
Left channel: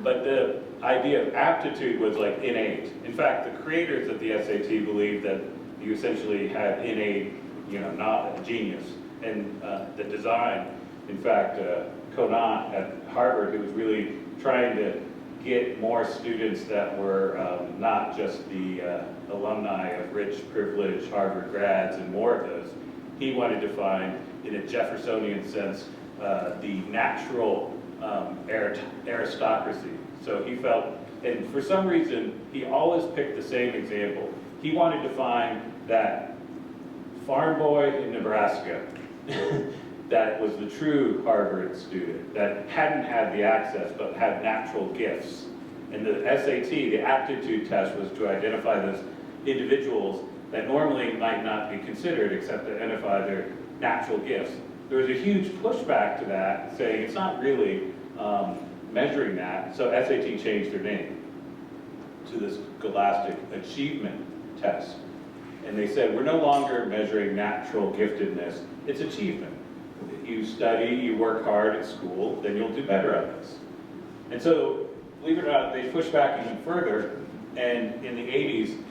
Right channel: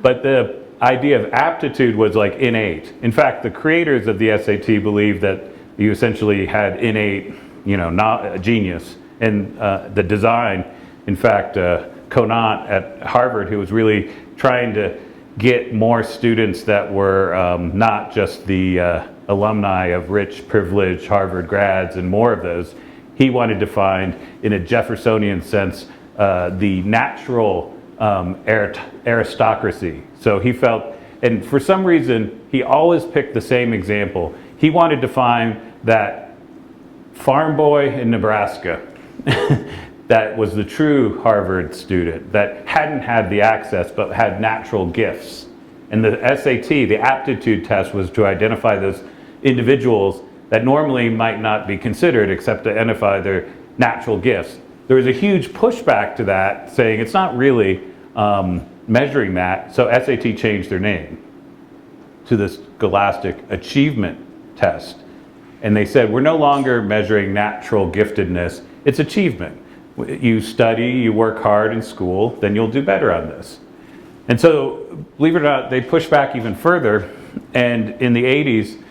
But the idea of aptitude was like innate. In fact, the creators of the SAT believed that you essentially had innate, not genius. And the design, in fact, Conant at Harvard, who was really trying to get more students that were not just the alumni of rich, privileged Harvard grads and more of those. He wanted to find, in a Jeffersonian sense, the natural aristocracy. So he felt And for some reason, he always picked the same example. He wanted to find that farm boy in Nebraska that was the true Harvard student, that hadn't had the access but had natural gifts. And the SAT, the aptitude test, was to identify those individuals that normally might not be considered except to identify their natural gifts. There was a huge pushback to that, saying it's not really measuring that, so SAT changed their name to the Scholastic Achievement Test. And they said, we're no longer measuring natural giftedness, it's achievement. You study, you work hard in school, then you'll do better on this. And so, believe it or not, they pushed back even further, and in the 80s,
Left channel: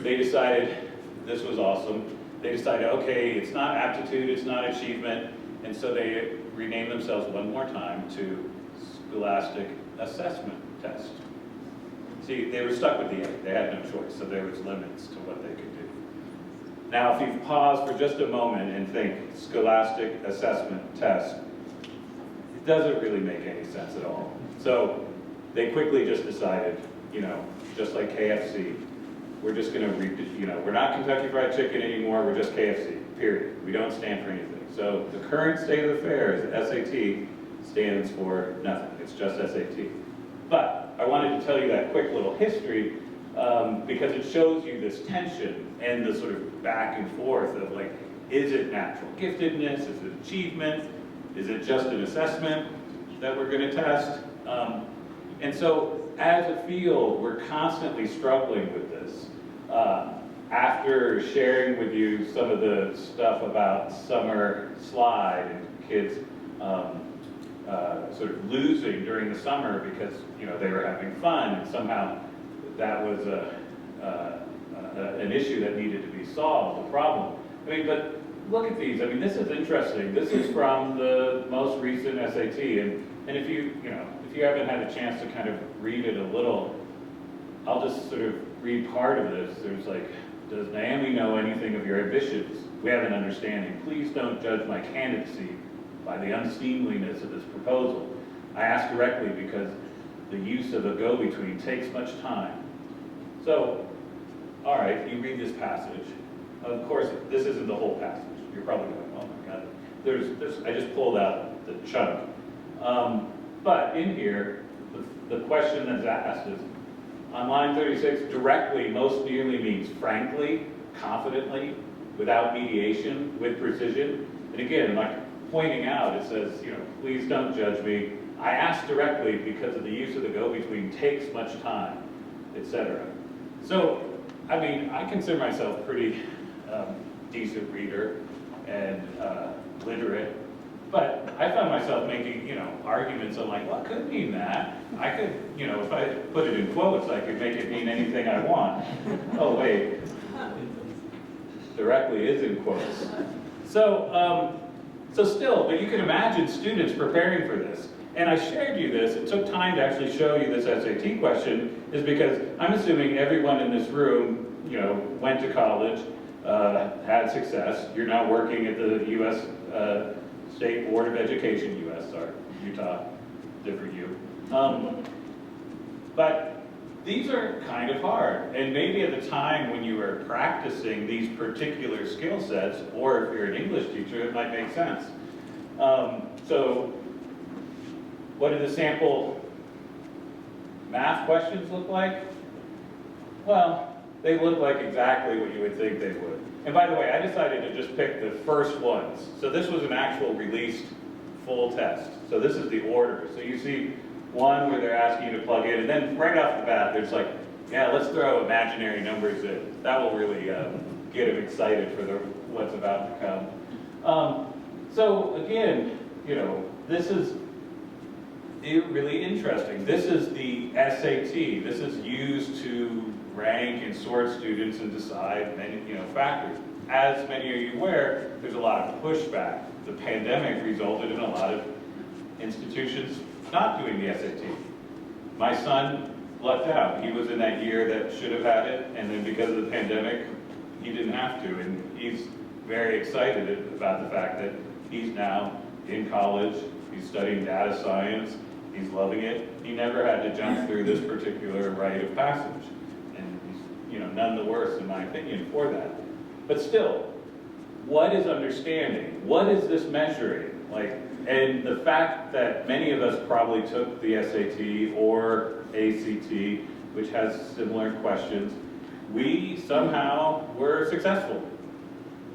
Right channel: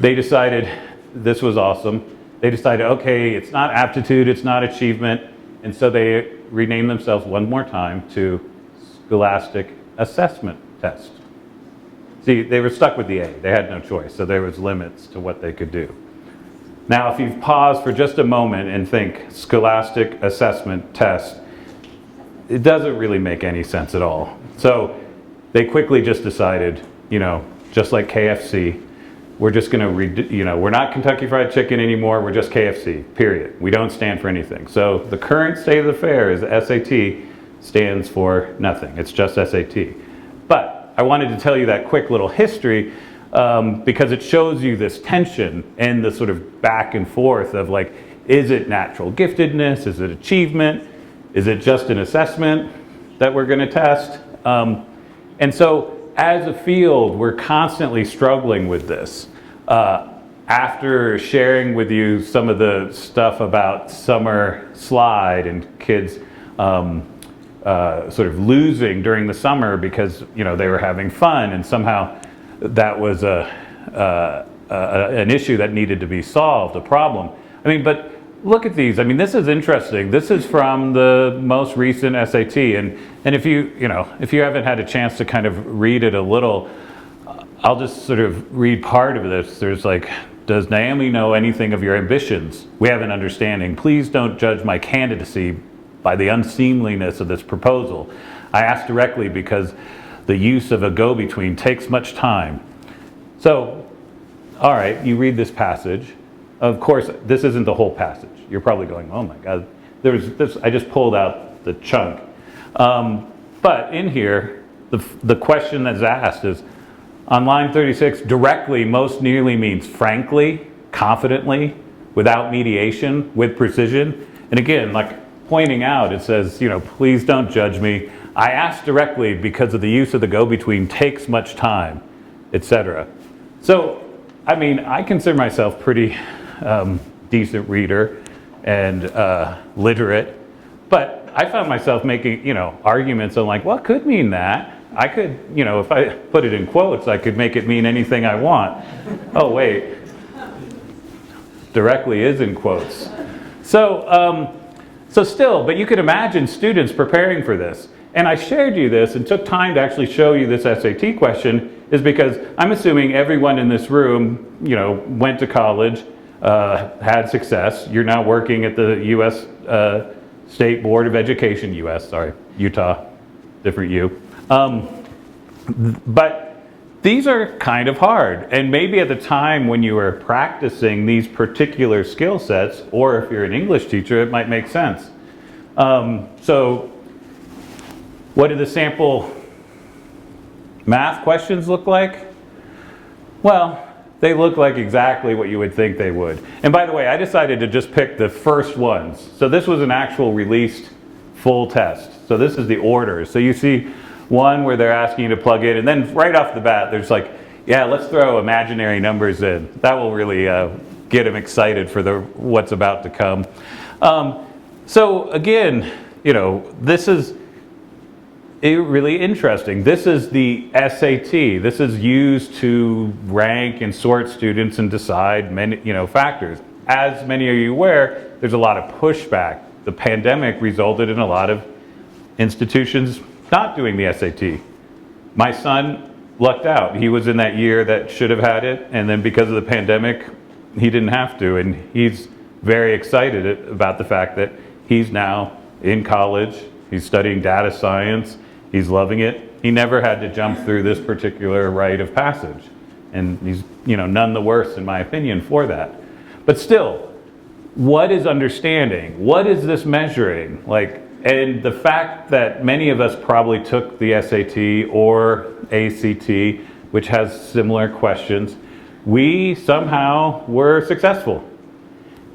they decided, this was awesome, they decided, okay, it's not aptitude, it's not achievement, and so they renamed themselves one more time to Scholastic Assessment Test. See, they were stuck with the A, they had no choice, so there was limits to what they could do. Now, if you pause for just a moment and think Scholastic Assessment Test, it doesn't really make any sense at all. So they quickly just decided, you know, just like KFC, we're just going to, we're not Kentucky Fried Chicken anymore, we're just KFC, period. We don't stand for anything. So the current state of the affair is SAT stands for nothing. It's just SAT. But I wanted to tell you that quick little history because it shows you this tension and the sort of back and forth of like, is it natural giftedness? Is it achievement? Is it just an assessment that we're going to test? And so as a field, we're constantly struggling with this. After sharing with you some of the stuff about summer slide and kids sort of losing during the summer because they were having fun and somehow that was an issue that needed to be solved, a problem. I mean, but look at these. I mean, this is interesting. This is from the most recent SAT, and if you haven't had a chance to kind of read it a little, I'll just sort of read part of this. There's like, does Naomi know anything of your ambitions? We have an understanding. Please don't judge my candidacy by the unseemliness of this proposal. I ask directly because the use of a go-between takes much time. So, all right, you read this passage. Of course, this isn't the whole passage. You're probably going, oh my God. There's this, I just pulled out the chunk. But in here, the question that's asked is, on line 36, directly most nearly means frankly, confidently, without mediation, with precision. And again, like pointing out, it says, please don't judge me. I ask directly because of the use of the go-between takes much time, etc. So, I mean, I consider myself pretty decent reader and literate, but I found myself making, arguments on like, what could mean that? I could, if I put it in quotes, I could make it mean anything I want. Oh, wait. Directly is in quotes. So still, but you could imagine students preparing for this. And I shared you this and took time to actually show you this SAT question is because I'm assuming everyone in this room, went to college, had success. You're now working at the U.S. State Board of Education, Utah, different U. But these are kind of hard. And maybe at the time when you were practicing these particular skill sets, or if you're an English teacher, it might make sense. So what do the sample math questions look like? Well, they look like exactly what you would think they would. And by the way, I decided to just pick the first ones. So this was an actual released full test. So this is the order. So you see one where they're asking you to plug in, and then right off the bat, there's like, yeah, let's throw imaginary numbers in. That will really get them excited for what's about to come. So again, this is really interesting. This is the SAT. This is used to rank and sort students and decide many, factors. As many of you aware, there's a lot of pushback. The pandemic resulted in a lot of institutions not doing the SAT. My son lucked out. He was in that year that should have had it, and then because of the pandemic, he didn't have to, and he's very excited about the fact that he's now in college, he's studying data science, he's loving it. He never had to jump through this particular rite of passage. And he's, none the worse, in my opinion, for that. But still, what is understanding? What is this measuring? And the fact that many of us probably took the SAT or ACT, which has similar questions, we somehow were successful.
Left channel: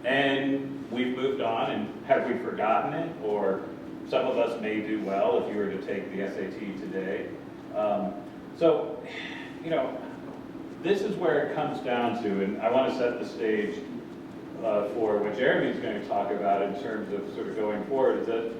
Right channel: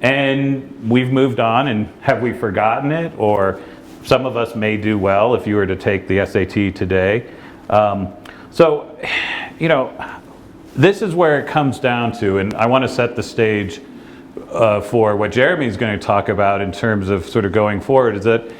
And we've moved on, and have we forgotten it? Or some of us may do well if you were to take the SAT today. This is where it comes down to, and I want to set the stage for what Jeremy's going to talk about in terms of sort of going forward, is that,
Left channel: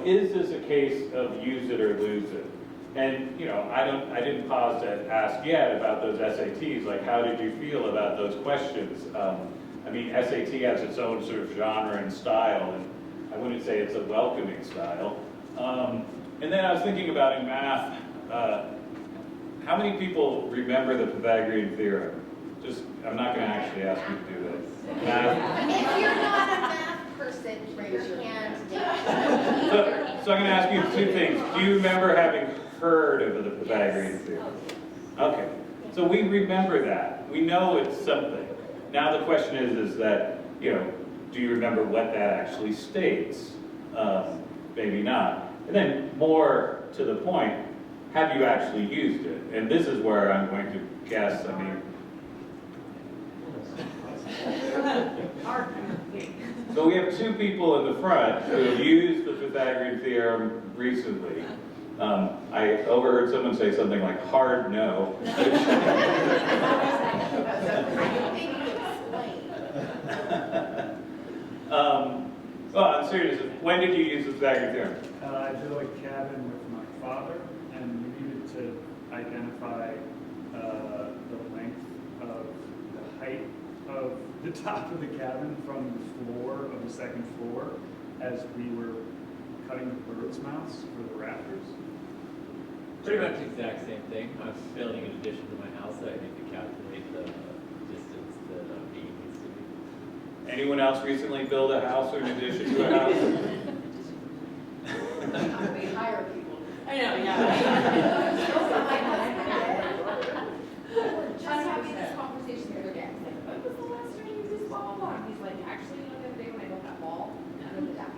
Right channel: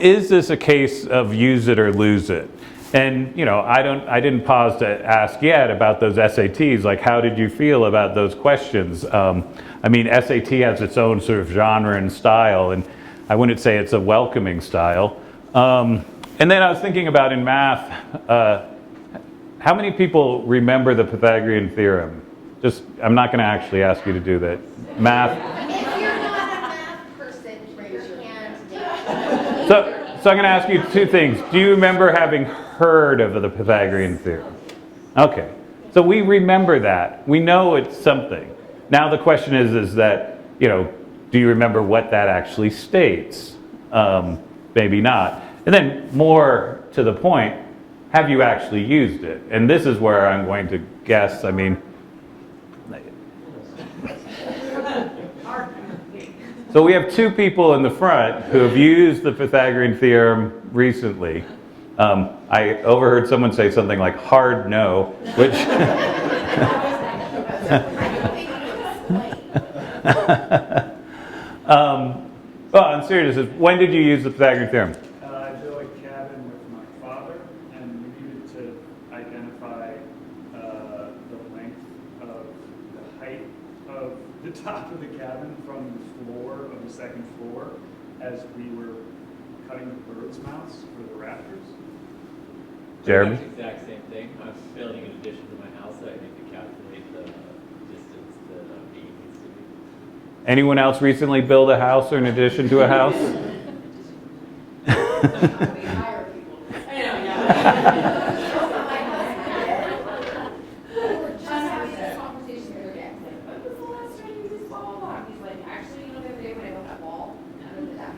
is this a case of use it or lose it? And, I didn't pause to ask yet about those SATs, like how did you feel about those questions? SAT has its own sort of genre and style, and I wouldn't say it's a welcoming style. And then I was thinking about in math, how many people remember the Pythagorean theorem? I'm not going to actually ask you to do that. Math. If you're not a math person, raise your hand. So I'm going to ask you two things. Do you remember having heard of the Pythagorean theorem? Okay. So we remember that. We know it's something. Now the question is that, do you remember what that actually states? Maybe not. And then more to the point, have you actually used it? And this is where I'm going to guess, so we have two people in the front who have used the Pythagorean theorem recently. I overheard someone say something like hard no, which well, in seriousness, when did you use the Pythagorean theorem? I built a cabin with my father, and we needed to identify the length of the height of the top of the cabin from the floor of the second floor as we were cutting the birds' mouths for the rafters. Jeremy? Pretty much the exact same thing. I'm building an addition to my house, so I need to calculate the distance that B needs to be. Anyone else recently build a house or an addition to a house? We hire people. I know, yeah. Just having this conversation the other day. I was like, when was the last time you used blah, blah, blah? And he's like, actually, the other day when I built that wall, and I did that.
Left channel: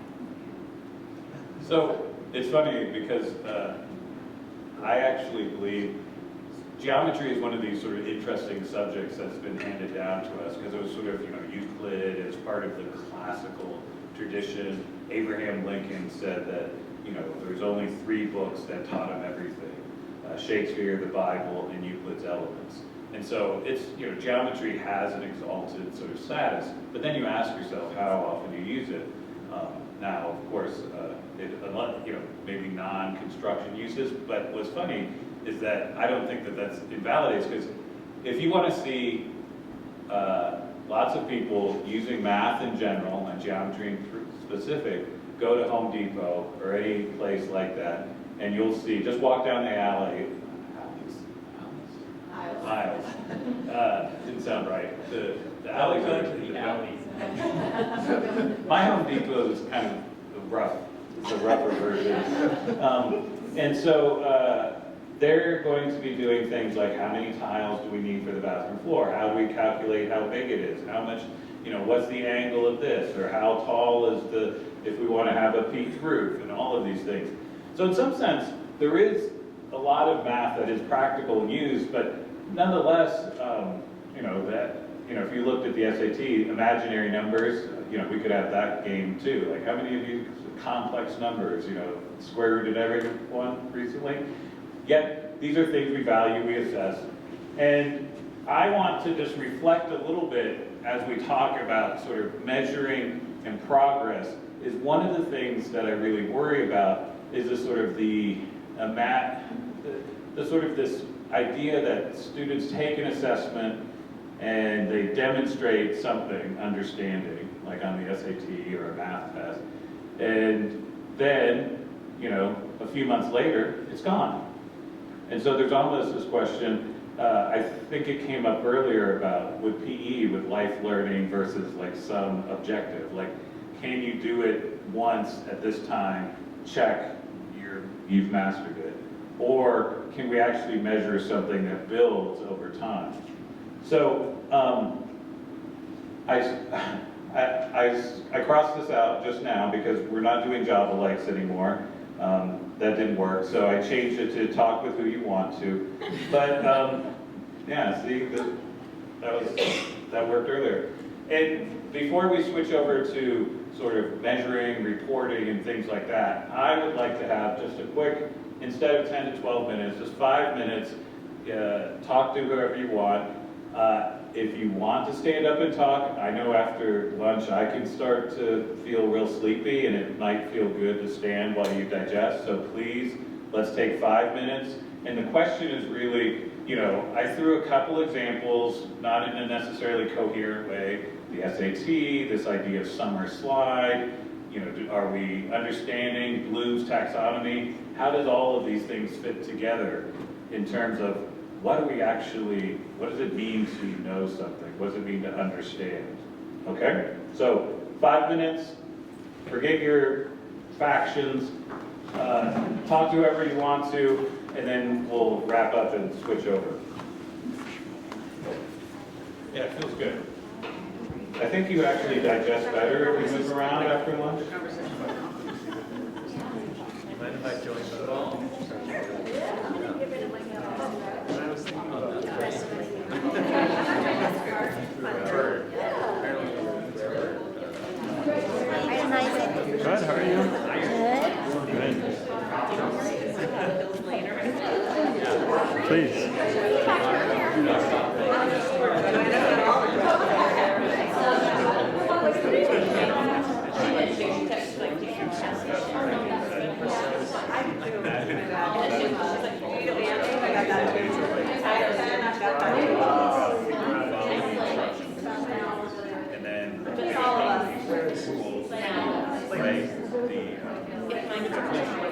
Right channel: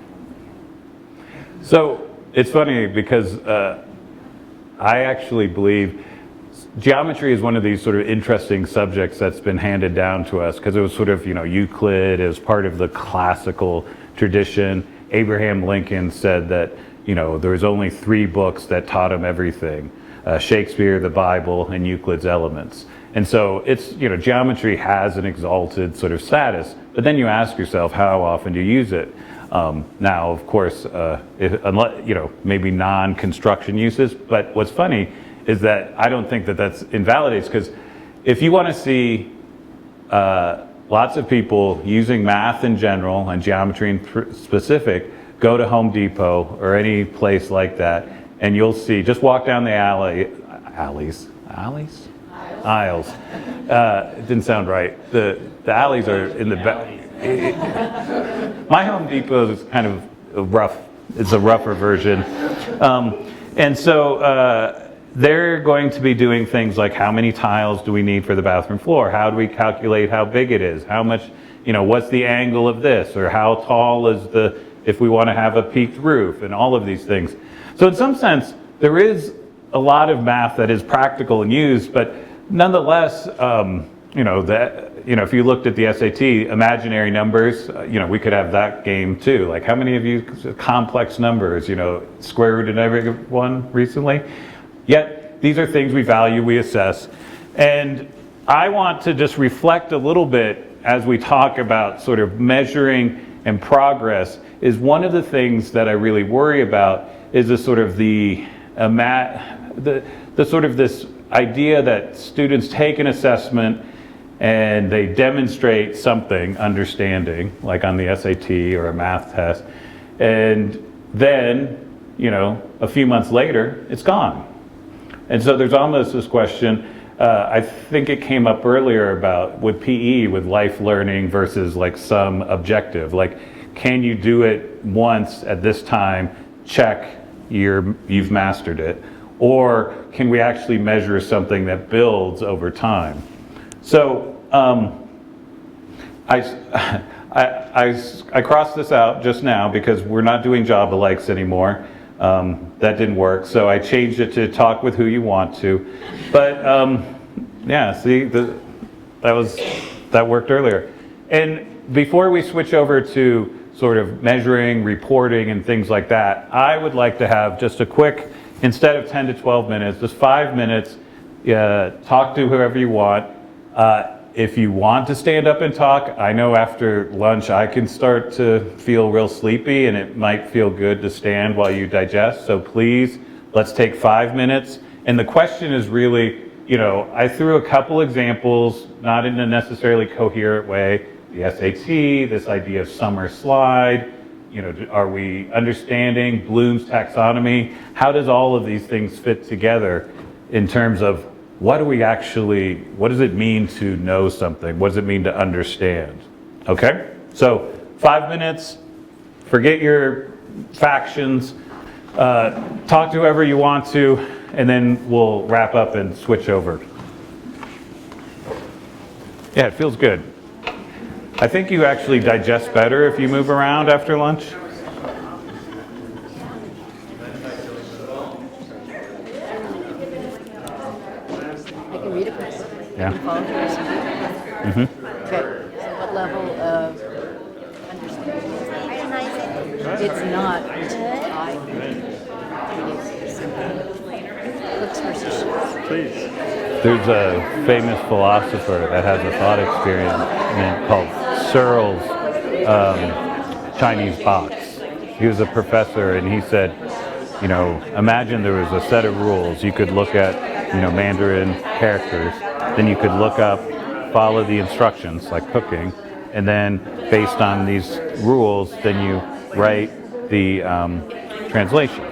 So it's funny because I actually believe geometry is one of these sort of interesting subjects that's been handed down to us because it was sort of, Euclid as part of the classical tradition. Abraham Lincoln said that, there was only 3 books that taught him everything. Shakespeare, the Bible, and Euclid's Elements. And so it's, geometry has an exalted sort of status, but then you ask yourself, how often do you use it? Now, of course, maybe non-construction uses, but what's funny is that I don't think that that's invalidates, because if you want to see lots of people using math in general and geometry in specific, go to Home Depot or any place like that, and you'll see, just walk down the aisles. Didn't sound right. The alleys are in the back. My Home Depot is kind of rough. It's a rougher version. And so they're going to be doing things like how many tiles do we need for the bathroom floor? How do we calculate how big it is? How much, what's the angle of this? Or how tall is if we want to have a peaked roof, and all of these things. So in some sense, there is a lot of math that is practical and used, but nonetheless, if you looked at the SAT, imaginary numbers, we could have that game too. Like, how many of you complex numbers, square root in every one recently? Yet, these are things we value, we assess. And I want to just reflect a little bit as we talk about sort of measuring and progress, is one of the things that I really worry about is the sort of the sort of this idea that students take an assessment and they demonstrate something, understanding, like on the SAT or a math test, and then, a few months later, it's gone. And so there's almost this question, I think it came up earlier about with PE, with life learning versus like some objective, like, can you do it once at this time, check, you've mastered it, or can we actually measure something that builds over time? So I crossed this out just now because we're not doing job alikes anymore. That didn't work, so I changed it to talk with who you want to. But yeah, see, that worked earlier. And before we switch over to sort of measuring, reporting, and things like that, I would like to have just a quick, instead of 10 to 12 minutes, just 5 minutes, talk to whoever you want. If you want to stand up and talk, I know after lunch I can start to feel real sleepy and it might feel good to stand while you digest. So please, let's take 5 minutes. And the question is really, I threw a couple examples, not in a necessarily coherent way. The SAT, this idea of summer slide, are we understanding Bloom's taxonomy? How does all of these things fit together in terms of what does it mean to know something? What does it mean to understand? Okay? So 5 minutes, forget your factions, talk to whoever you want to, and then we'll wrap up and switch over. Yeah, it feels good. I think you actually digest better if you move around after lunch. Yeah. Mm-hmm. Please. There's a famous philosopher that has a lot of experience called Searle's Chinese box. He was a professor and he said, imagine there was a set of rules. You could look at, Mandarin characters, then you could look up, follow the instructions like cooking, and then based on these rules, then you write the translation.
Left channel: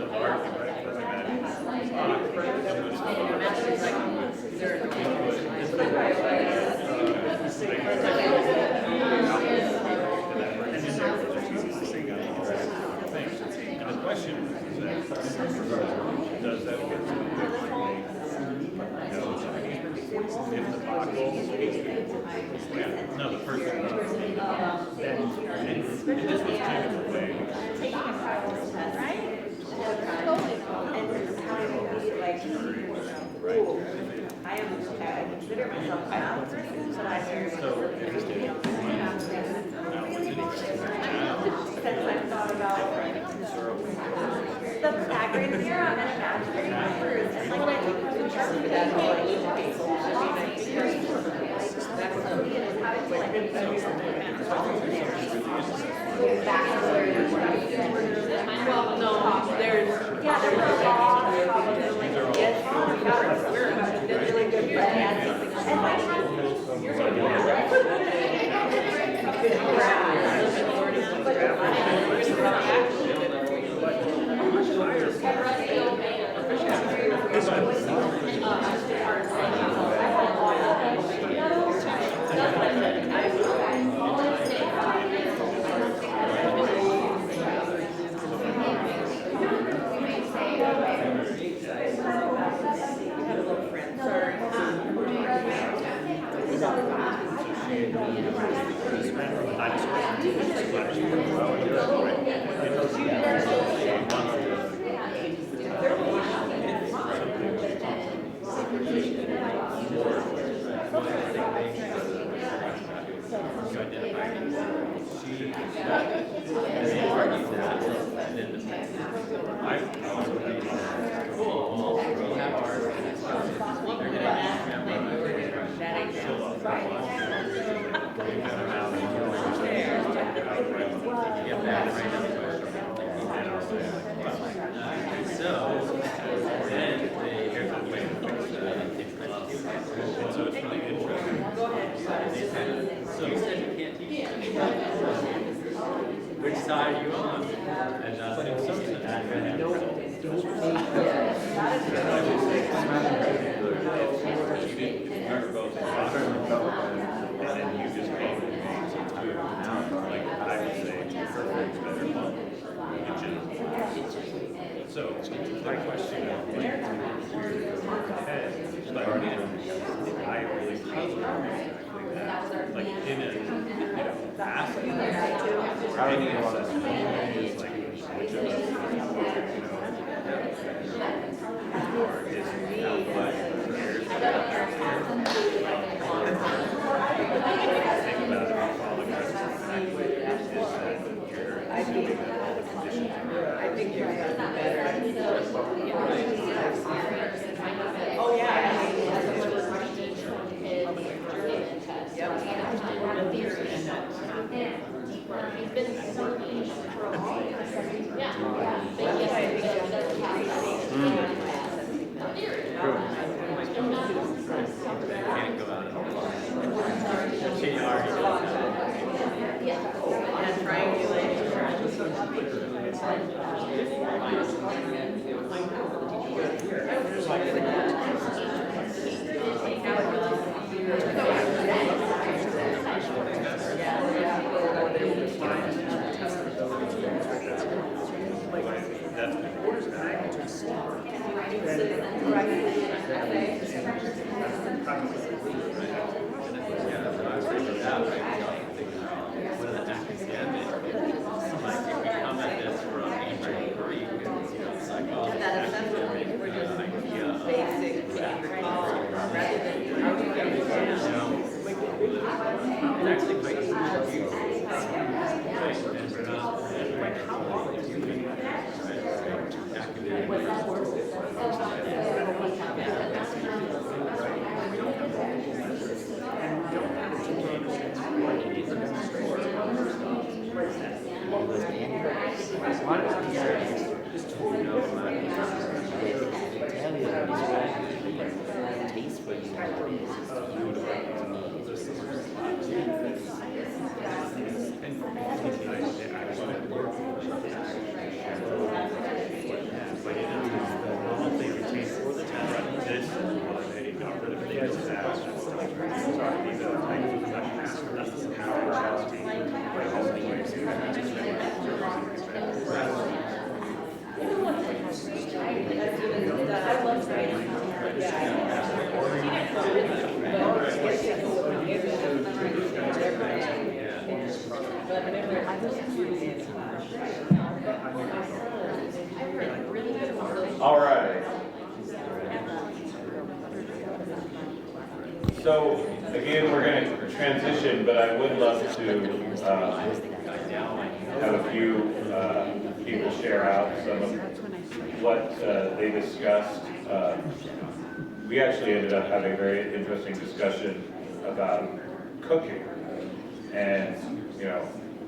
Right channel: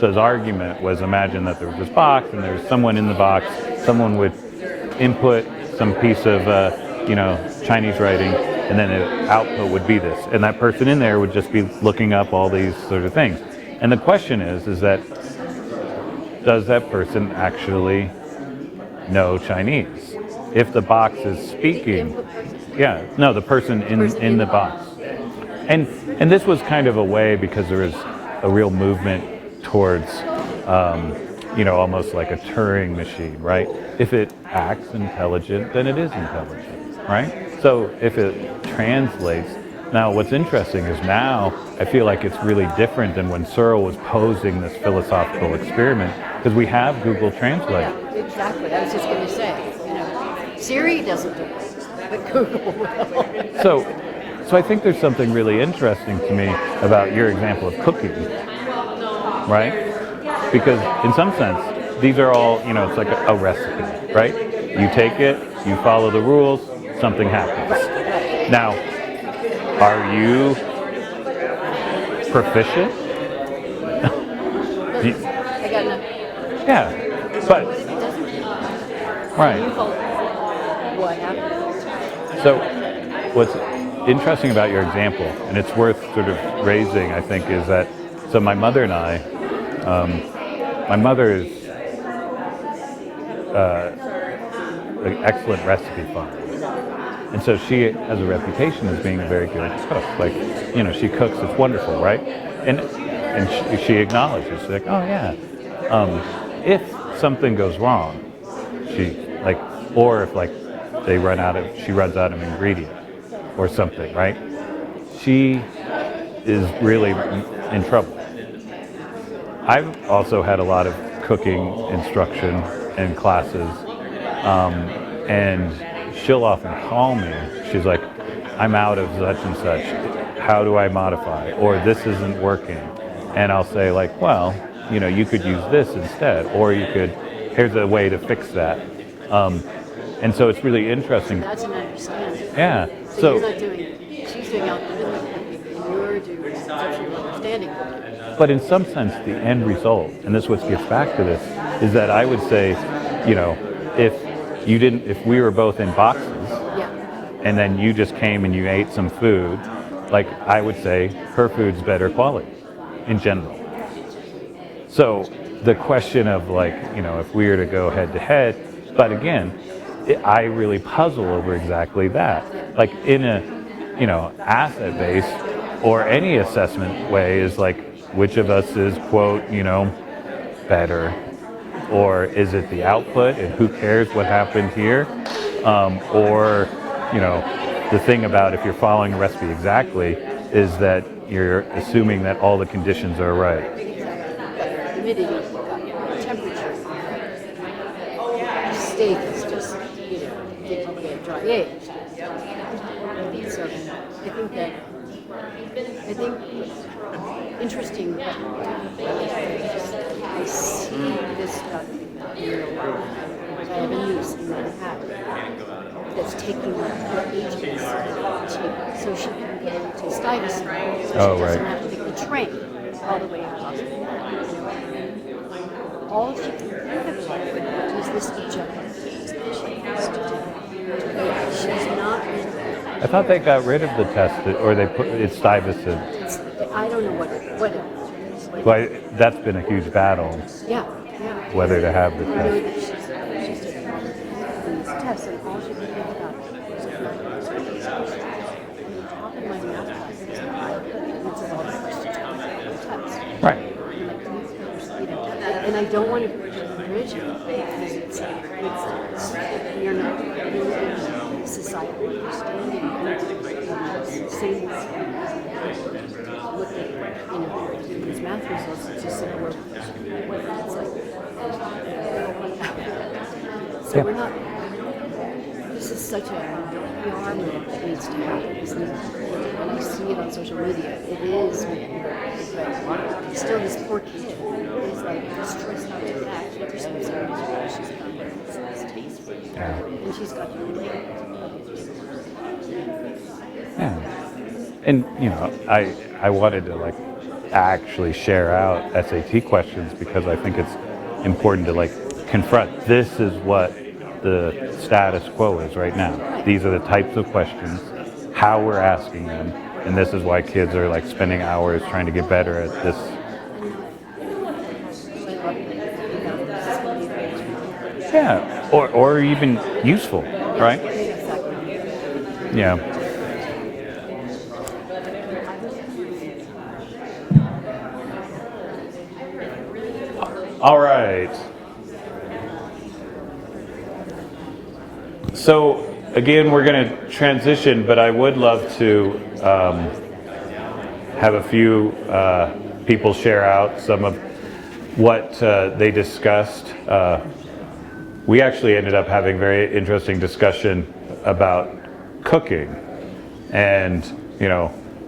So his argument was, imagine that there was this box and there was someone in the box, someone would input some piece of Chinese writing, and then the output would be this. And that person in there would just be looking up all these sort of things. And the question is that, does that person actually know Chinese? If the box is speaking, the person in the box. And this was kind of a way, because there is a real movement towards, almost like a Turing machine, right? If it acts intelligent, then it is intelligent, right? So if it translates, now what's interesting is now I feel like it's really different than when Searle was posing this philosophical experiment, because we have Google Translate. Exactly, that's just what you say. Siri doesn't do it. So I think there's something really interesting to me about your example of cooking, right? Because in some sense, these are all, it's like a recipe, right? You take it, you follow the rules, something happens. Now, are you proficient? Yeah, but, right. So, what's interesting about your example, and it's worth sort of raising, I think, is that, so my mother and I, my mother is an excellent recipe finder. And so she has a reputation as being a very good cook. Like, she cooks, it's wonderful, right? And she acknowledges, like, oh yeah. If something goes wrong, or if she runs out of ingredient or something, right? She is really in trouble. I've also had a lot of cooking instruction and classes, and she'll often call me. She's like, I'm out of such and such. How do I modify? Or this isn't working. And I'll say like, well, you could use this instead, or here's a way to fix that. And so it's really interesting. Yeah. So. But in some sense, the end result, and this is what gets back to this, is that I would say, if we were both in boxes, and then you just came and you ate some food, like I would say, her food's better quality, in general. So the question of like, if we were to go head to head, but again, I really puzzle over exactly that. Like in a, asset-based or any assessment way is like, which of us is quote, better? Or is it the output and who cares what happens here? Or, the thing about if you're following the recipe exactly is that you're assuming that all the conditions are right. Interesting. Oh, right. I thought they got rid of the test, or they put it's Stuyvesant. I don't know what happens. But that's been a huge battle. Yeah. Whether to have the test. Right. And I don't want to This is such And I wanted to like actually share out SAT questions because I think it's important to like confront this is what the status quo is right now. These are the types of questions, how we're asking them, and this is why kids are like spending hours trying to get better at this. Yeah, or even useful, right? Yeah. All right. So again, we're going to transition, but I would love to have a few people share out some of what they discussed. We actually ended up having a very interesting discussion about cooking and,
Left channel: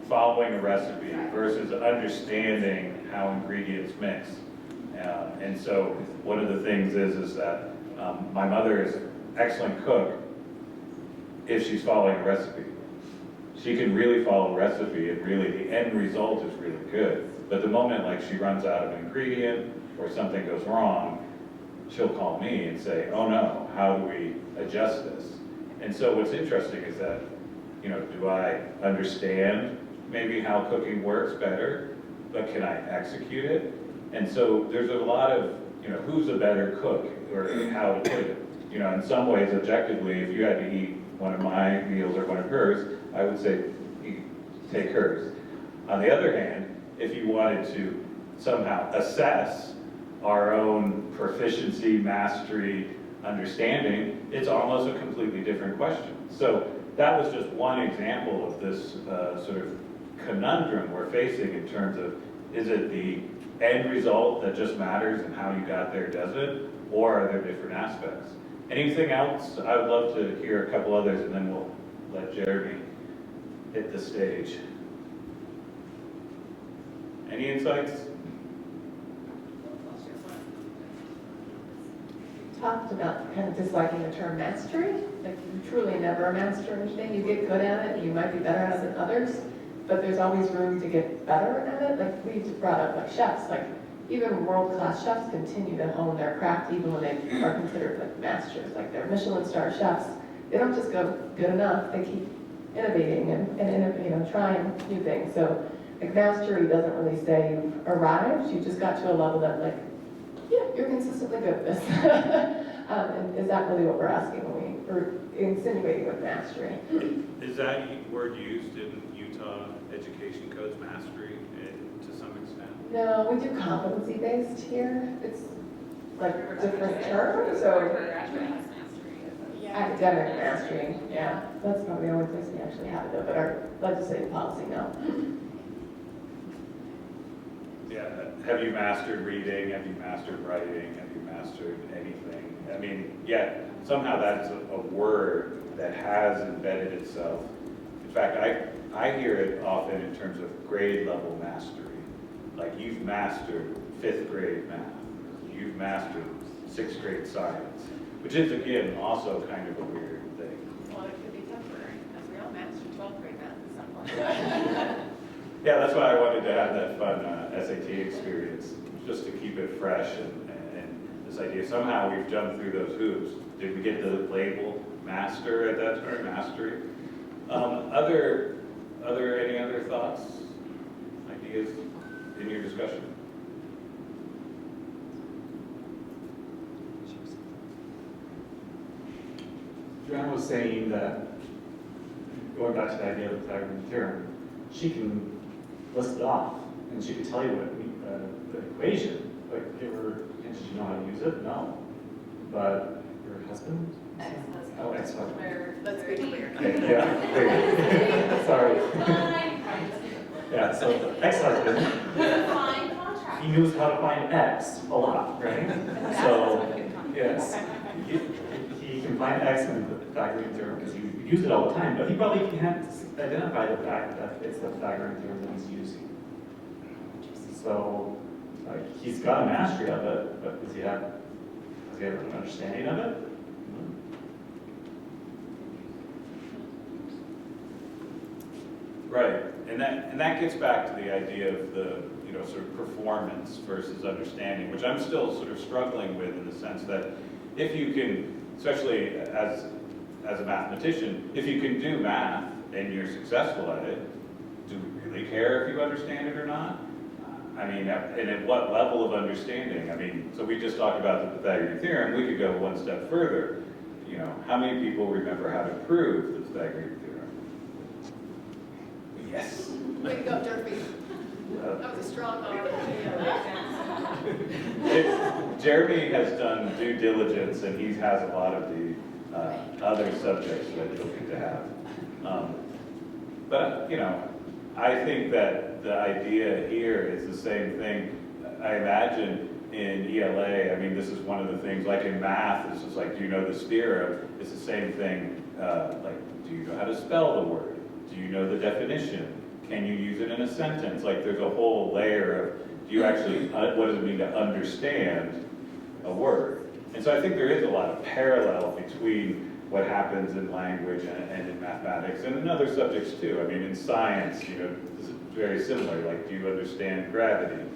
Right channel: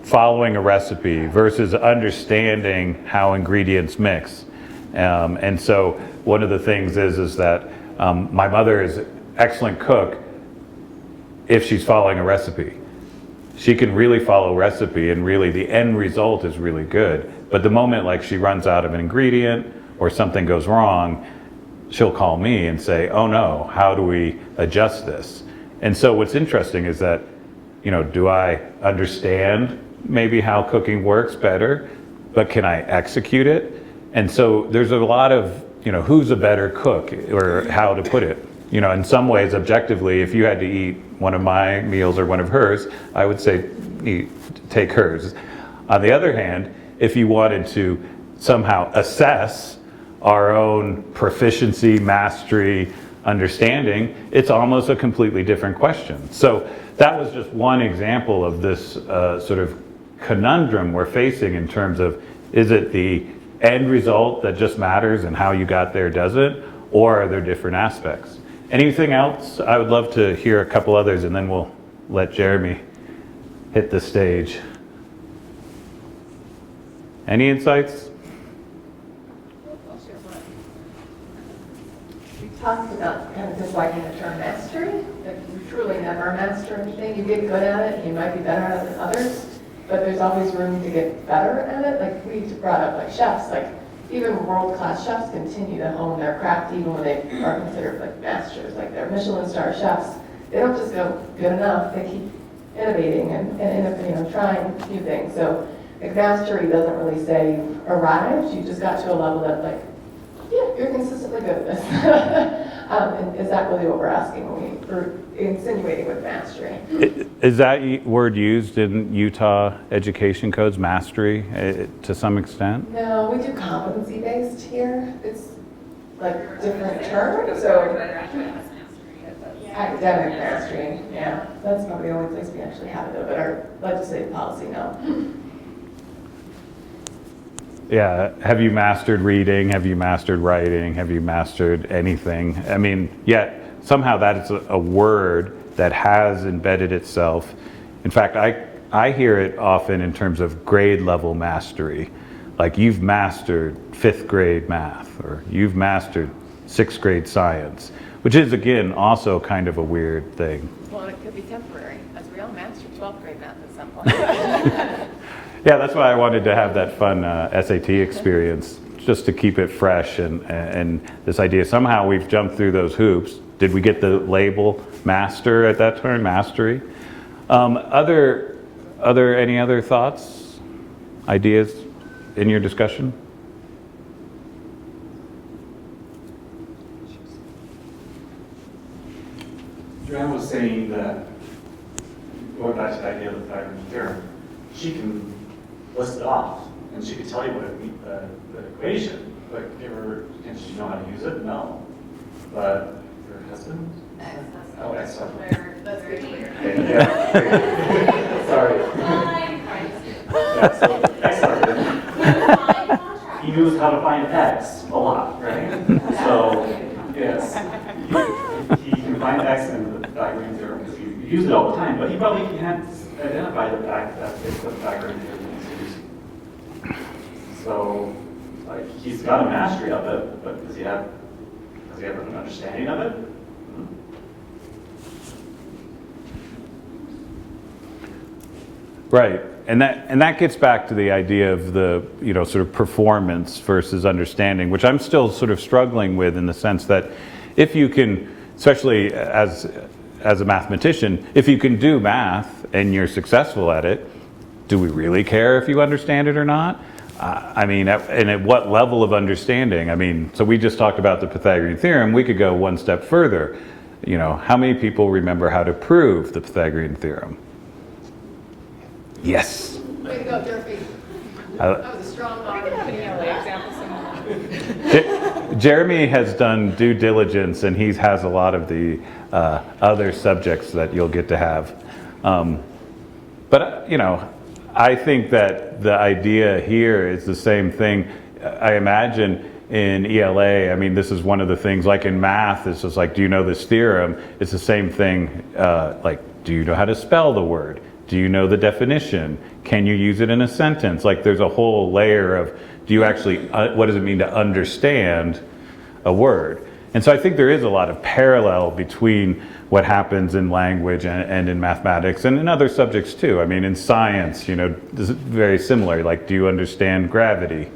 following a recipe versus understanding how ingredients mix. And so one of the things is that my mother is an excellent cook if she's following a recipe. She can really follow a recipe and really the end result is really good. But the moment like she runs out of an ingredient or something goes wrong, she'll call me and say, oh no, how do we adjust this? And so what's interesting is that, do I understand maybe how cooking works better, but can I execute it? And so there's a lot of, who's a better cook or how to put it. In some ways, objectively, if you had to eat one of my meals or one of hers, I would say take hers. On the other hand, if you wanted to somehow assess our own proficiency, mastery, understanding, it's almost a completely different question. So that was just one example of this sort of conundrum we're facing in terms of, is it the end result that just matters and how you got there doesn't, or are there different aspects? Anything else? I would love to hear a couple others and then we'll let Jeremy hit the stage. Any insights? Talked about kind of disliking the term mastery. Like you truly never master anything. You get good at it, you might be better at it than others, but there's always room to get better at it. Like we brought up like chefs, like even world-class chefs continue to hone their craft even when they are considered like masters, like they're Michelin star chefs. They don't just go good enough, they keep innovating and trying new things. So Like mastery doesn't really say you've arrived, you just got to a level that like, yeah, you're consistently good at this. And is that really what we're asking when we're insinuating with mastery? Is that word used in Utah education codes, mastery, to some extent? No, we do competency-based here. It's like different terms, so. Academic mastery, yeah. That's probably the only place we actually have it, but our legislative policy, no. Yeah, have you mastered reading? Have you mastered writing? Have you mastered anything? I mean, yet somehow that is a word that has embedded itself. In fact, I hear it often in terms of grade level mastery. Like you've mastered 5th grade math, or you've mastered 6th grade science, which is again also kind of a weird thing. Well, it could be temporary, as we all master 12th grade math at some point. Yeah, that's why I wanted to have that fun SAT experience, just to keep it fresh and this idea. Somehow we've jumped through those hoops. Did we get the label master at that time, mastery? Any other thoughts, ideas in your discussion? Joanne was saying that, going back to the idea of the Pythagorean theorem, she can list it off, and she could tell you what it means, the equation, but give her, and she know how to use it? No. But your husband? Oh, ex-husband. Let's be clear. Okay, yeah. Sorry. Yeah, so ex-husband. He knows how to find X a lot, right? So, yes. He can find X in the Pythagorean theorem because you use it all the time, but he probably can't identify the fact that it's the Pythagorean theorem he's using. So, like, he's got a mastery of it, but does he have an understanding of it? Right, and that gets back to the idea of the sort of performance versus understanding, which I'm still sort of struggling with in the sense that if you can, especially as a mathematician, if you can do math and you're successful at it, do we really care if you understand it or not? I mean, and at what level of understanding? I mean, so we just talked about the Pythagorean theorem. We could go one step further. How many people remember how to prove the Pythagorean theorem? Yes. Way to go, Durfee. That was a strong arm. Jeremy has done due diligence, and he has a lot of the other subjects that you'll get to have. But I think that the idea here is the same thing. I imagine in ELA, I mean, this is one of the things, like in math, it's just like, do you know this theorem? It's the same thing, like, do you know how to spell the word? Do you know the definition? Can you use it in a sentence? Like, there's a whole layer of, do you actually, what does it mean to understand a word? And so I think there is a lot of parallel between what happens in language and in mathematics and in other subjects too. I mean, in science, this is very similar. Like, do you understand gravity?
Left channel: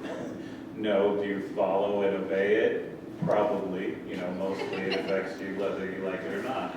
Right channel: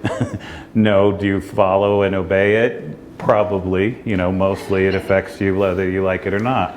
No. Do you follow and obey it? Probably. Mostly it affects you whether you like it or not.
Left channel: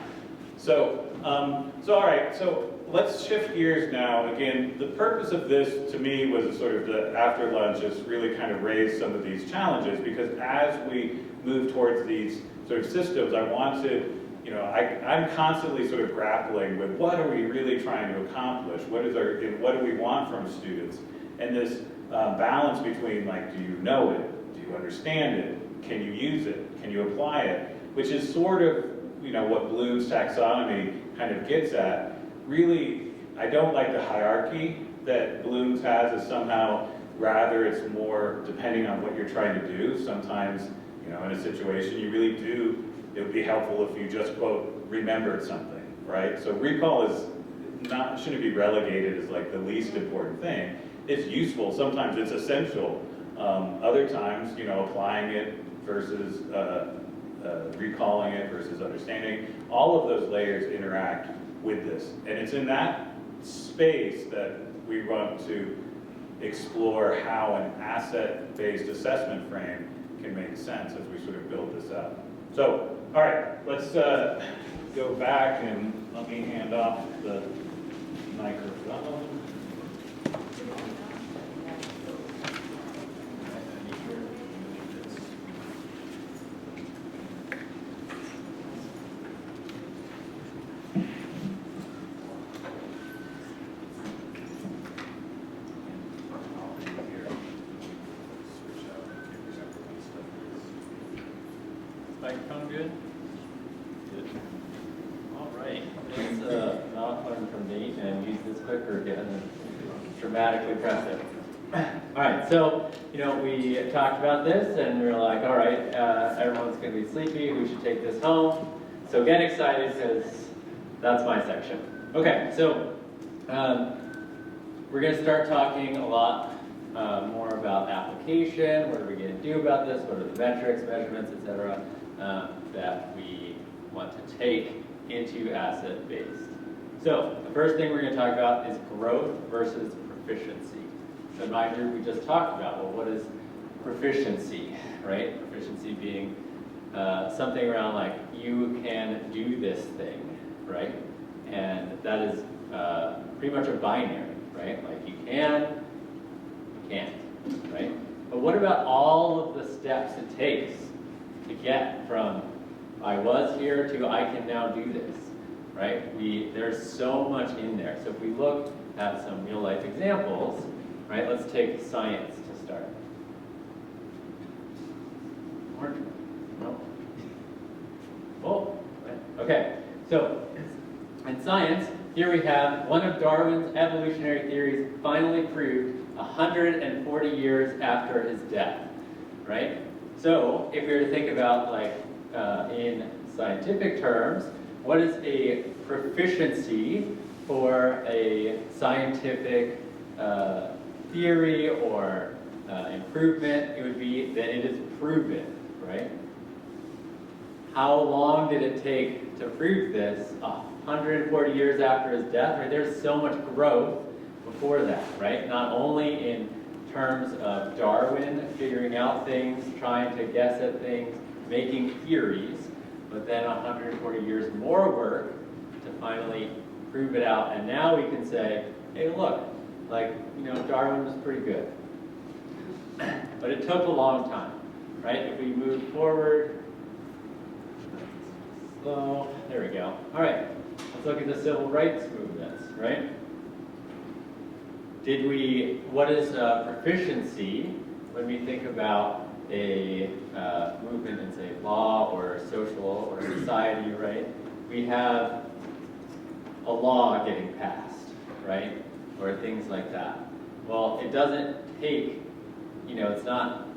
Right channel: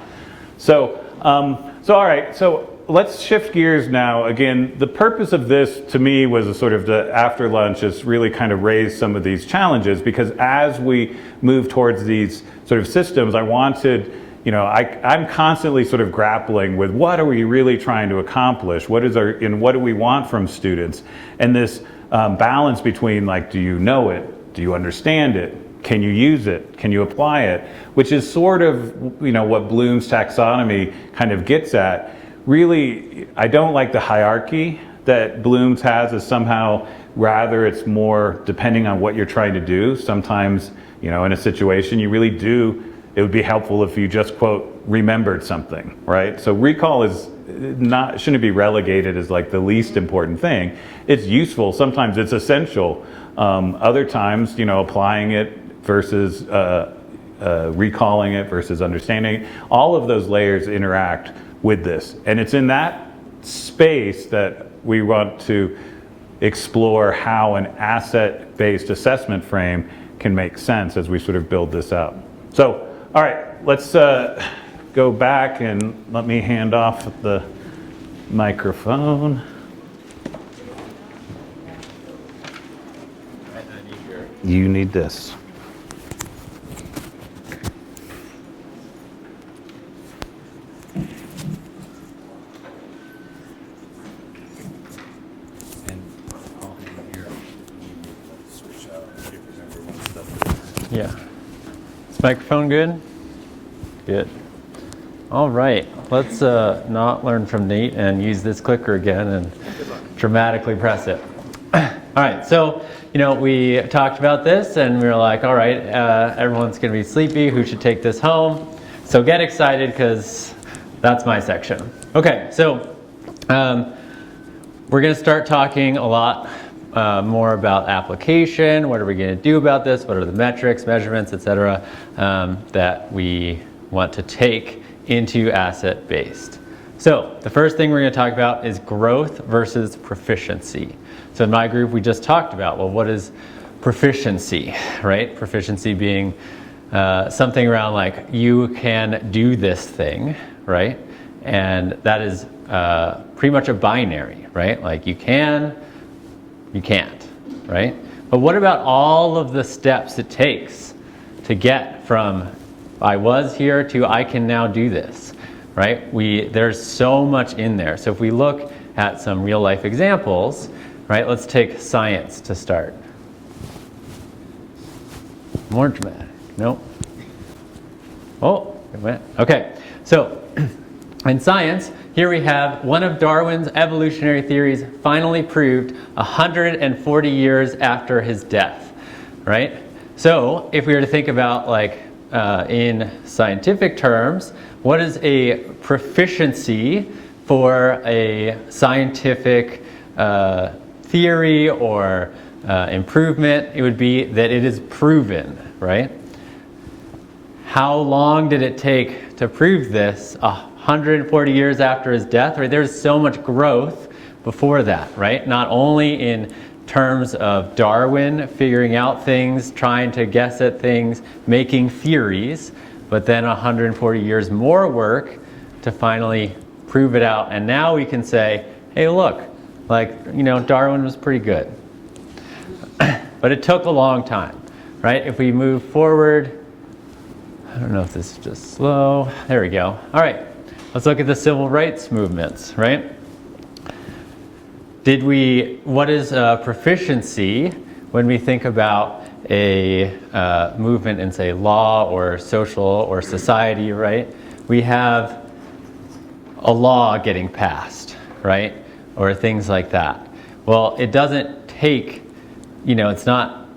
So all right. So let's shift gears now. Again, the purpose of this to me was a sort of the after lunch is really kind of raise some of these challenges, because as we move towards these sort of systems, I wanted, I'm constantly sort of grappling with what are we really trying to accomplish? What do we want from students? And this balance between, like, do you know it? Do you understand it? Can you use it? Can you apply it? Which is sort of, what Bloom's taxonomy kind of gets at. Really, I don't like the hierarchy that Bloom's has, as somehow rather it's more depending on what you're trying to do. Sometimes, in a situation you really do, it would be helpful if you just, quote, remembered something, right? So recall shouldn't be relegated as like the least important thing. It's useful, sometimes it's essential. Other times, applying it versus recalling it versus understanding, all of those layers interact with this. And it's in that space that we want to explore how an asset-based assessment frame can make sense as we sort of build this up. So, all right, let's go back and let me hand off the microphone. You need this. Yeah. Is microphone good? Good. All right. Let's not learn from Nate and use this clicker again and dramatically press it. All right. So, we talked about this and we were like, all right, everyone's going to be sleepy. Who should take this home? So get excited because that's my section. Okay. So we're going to start talking a lot more about application. What are we going to do about this? What are the metrics, measurements, etc., that we want to take into asset-based? So the first thing we're going to talk about is growth versus proficiency. So in my group, we just talked about, well, what is proficiency, right? Proficiency being something around like, you can do this thing, right? And that is pretty much a binary, right? Like you can, you can't, right? But what about all of the steps it takes to get from I was here to I can now do this, right? There's so much in there. So if we look at some real life examples, right? Let's take science to start. More dramatic. Nope. Oh, it went. Okay. So in science, here we have one of Darwin's evolutionary theories finally proved 140 years after his death, right? So if we were to think about like in scientific terms, what is a proficiency for a scientific theory or improvement? It would be that it is proven, right? How long did it take to prove this? 140 years after his death, right? There's so much growth before that, right? Not only in terms of Darwin figuring out things, trying to guess at things, making theories, but then 140 years more work to finally prove it out. And now we can say, hey, look, like, Darwin was pretty good. But it took a long time, right? If we move forward, I don't know if this is just slow. There we go. All right. Let's look at the civil rights movements, right? What is proficiency when we think about a movement in, say, law or social or society, right? We have a law getting passed, right? Or things like that. Well, it doesn't take, it's not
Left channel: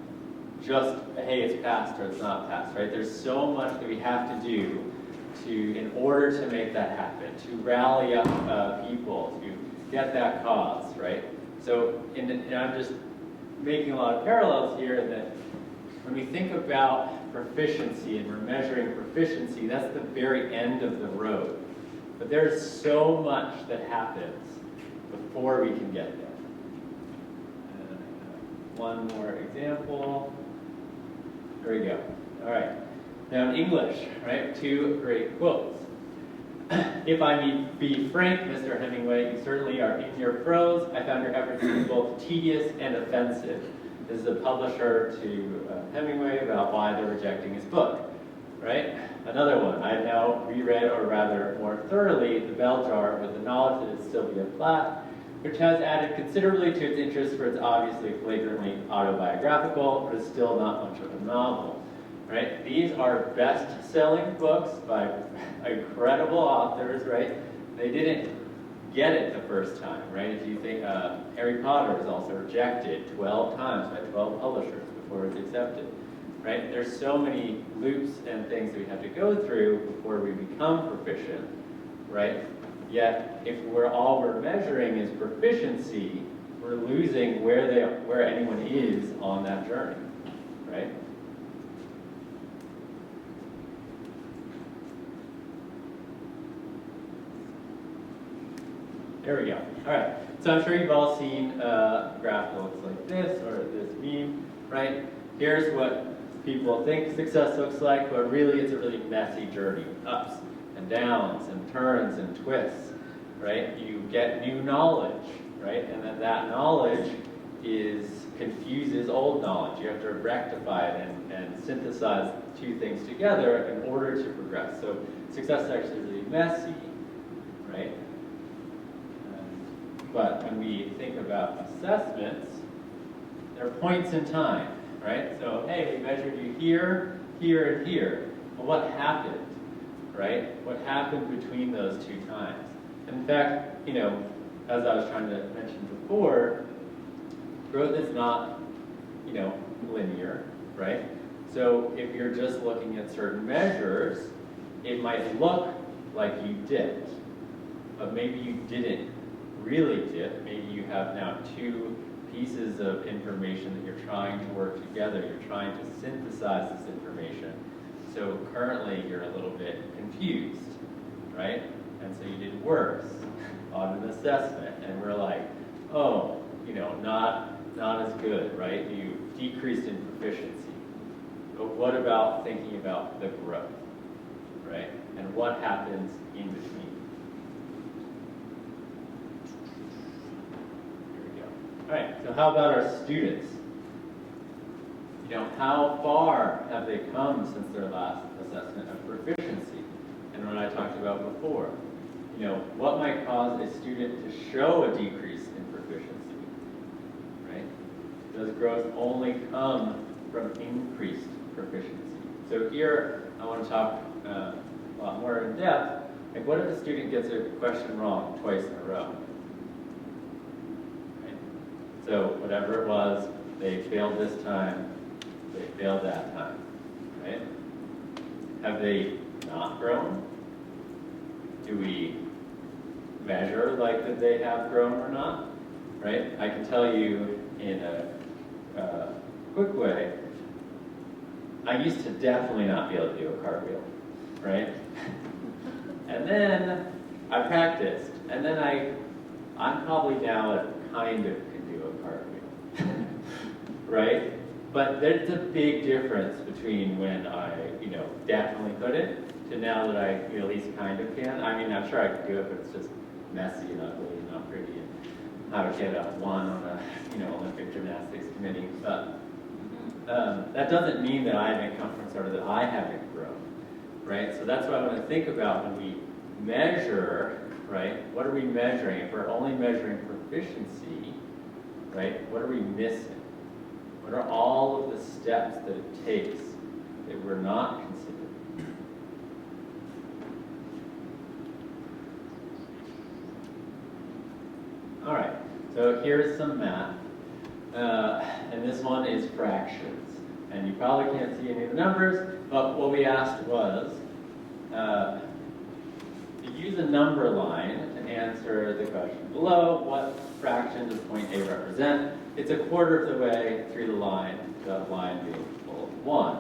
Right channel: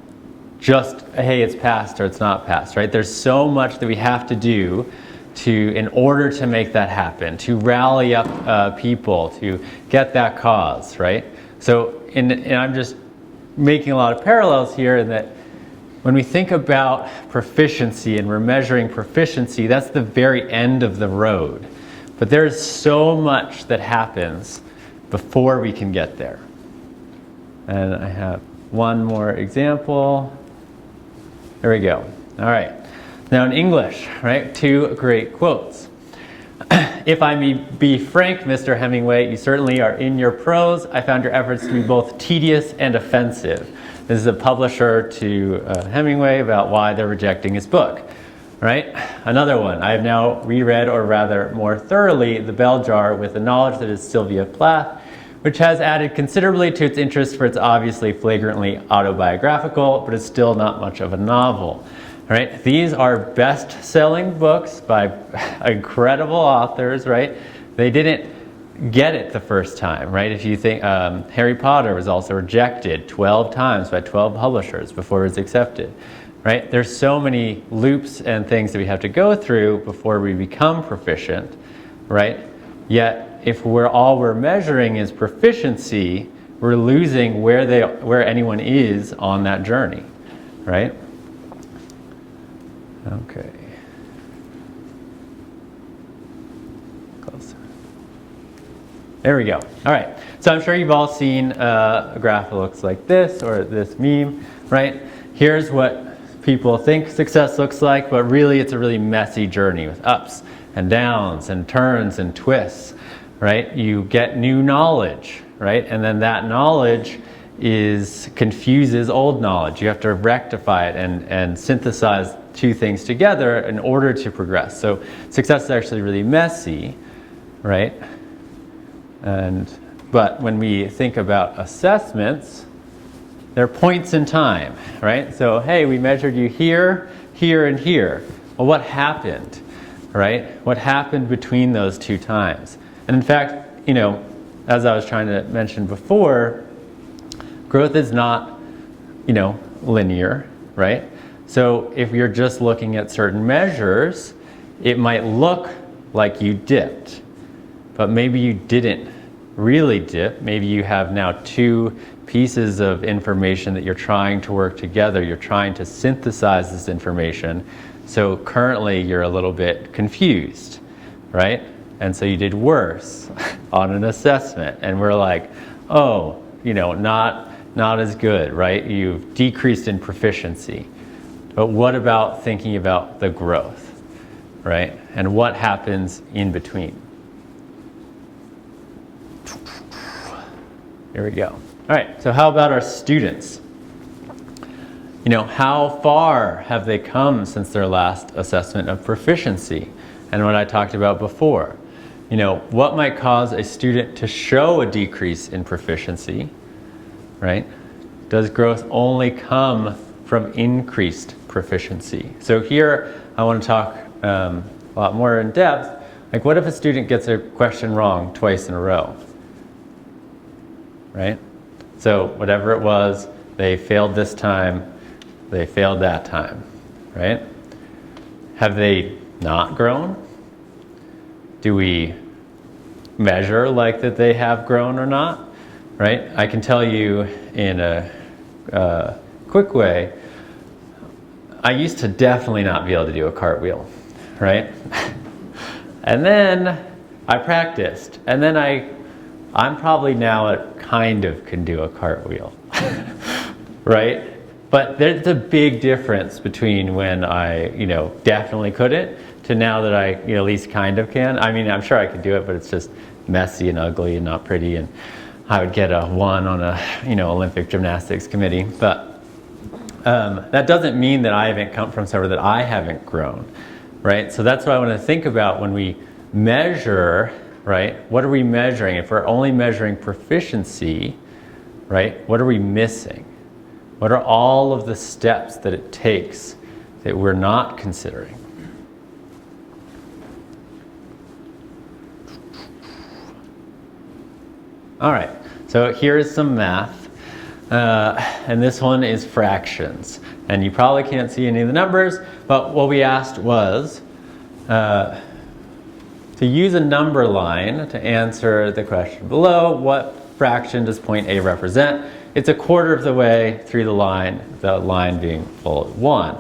just, hey, it's passed or it's not passed, right? There's so much that we have to do in order to make that happen, to rally up people, to get that cause, right? So, and I'm just making a lot of parallels here that when we think about proficiency and we're measuring proficiency, that's the very end of the road. But there's so much that happens before we can get there. And I have one more example. There we go. All right. Now in English, right, two great quotes. If I may be frank, Mr. Hemingway, you certainly are in your prose. I found your efforts to be both tedious and offensive. This is a publisher to Hemingway about why they're rejecting his book, right? Another one, I have now reread, or rather more thoroughly, The Bell Jar with the knowledge that it's Sylvia Plath, which has added considerably to its interest for its obviously flagrantly autobiographical, but it's still not much of a novel. Right? These are best-selling books by incredible authors, right? They didn't get it the first time, right? If you think Harry Potter was also rejected 12 times by 12 publishers before it was accepted, right? There's so many loops and things that we have to go through before we become proficient, right? Yet, if all we're measuring is proficiency, we're losing where anyone is on that journey, right? Okay. Close. There we go. All right. So I'm sure you've all seen a graph that looks like this, or this meme, right? Here's what people think success looks like, but really it's a really messy journey with ups and downs and turns and twists, right? You get new knowledge, right? And then that knowledge confuses old knowledge. You have to rectify it and synthesize two things together in order to progress. So success is actually really messy, right? But when we think about assessments, they're points in time, right? So, hey, we measured you here, here, and here. Well, what happened, right? What happened between those two times? And in fact, as I was trying to mention before, growth is not, linear, right? So if you're just looking at certain measures, it might look like you dipped, but maybe you didn't really dip. Maybe you have now two pieces of information that you're trying to work together. You're trying to synthesize this information. So currently you're a little bit confused, right? And so you did worse on an assessment. And we're like, oh, not as good, right? You've decreased in proficiency. But what about thinking about the growth, right? And what happens in between? Here we go. All right, so how about our students? How far have they come since their last assessment of proficiency? And what I talked about before. What might cause a student to show a decrease in proficiency, right? Does growth only come from increased proficiency? So here, I want to talk a lot more in depth. Like, what if a student gets a question wrong twice in a row? Right? So whatever it was, they failed this time, they failed that time, right? Have they not grown? Do we measure like that they have grown or not, right? I can tell you in a quick way, I used to definitely not be able to do a cartwheel, right? And then I practiced, and then I'm probably now kind of can do a cartwheel, right? But there's a big difference between when I, definitely couldn't to now that I, at least kind of can. I mean, I'm sure I could do it, but it's just messy and ugly and not pretty, and I would get a 1 on a, Olympic gymnastics committee. But that doesn't mean that I haven't come from somewhere, that I haven't grown, right? So that's what I want to think about when we measure. Right? What are we measuring? If we're only measuring proficiency, right, what are we missing? What are all of the steps that it takes that we're not considering? All right, so here's some math. And this one is fractions. And you probably can't see any of the numbers, but what we asked was, to use a number line to answer the question below, what fraction does point A represent? It's a quarter of the way through the line being full of 1.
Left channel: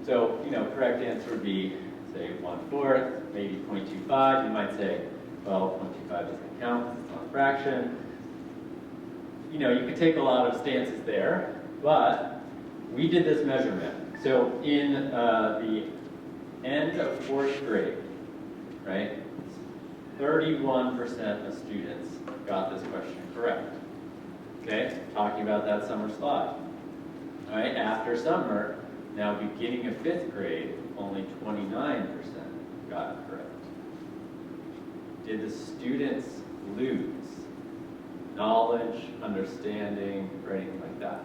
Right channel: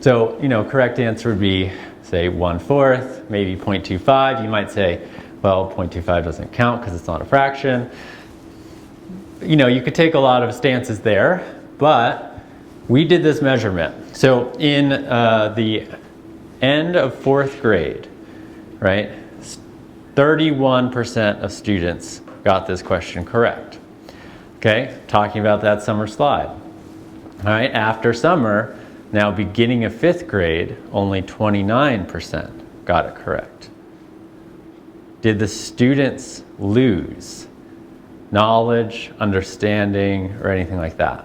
So, correct answer would be, say, 1/4, maybe 0.25. You might say, well, 0.25 doesn't count because it's not a fraction. You could take a lot of stances there, but we did this measurement. So in the end of 4th grade, right, 31% of students got this question correct. Okay, talking about that summer slide. All right, after summer, now beginning of 5th grade, only 29% got it correct. Did the students lose knowledge, understanding, or anything like that?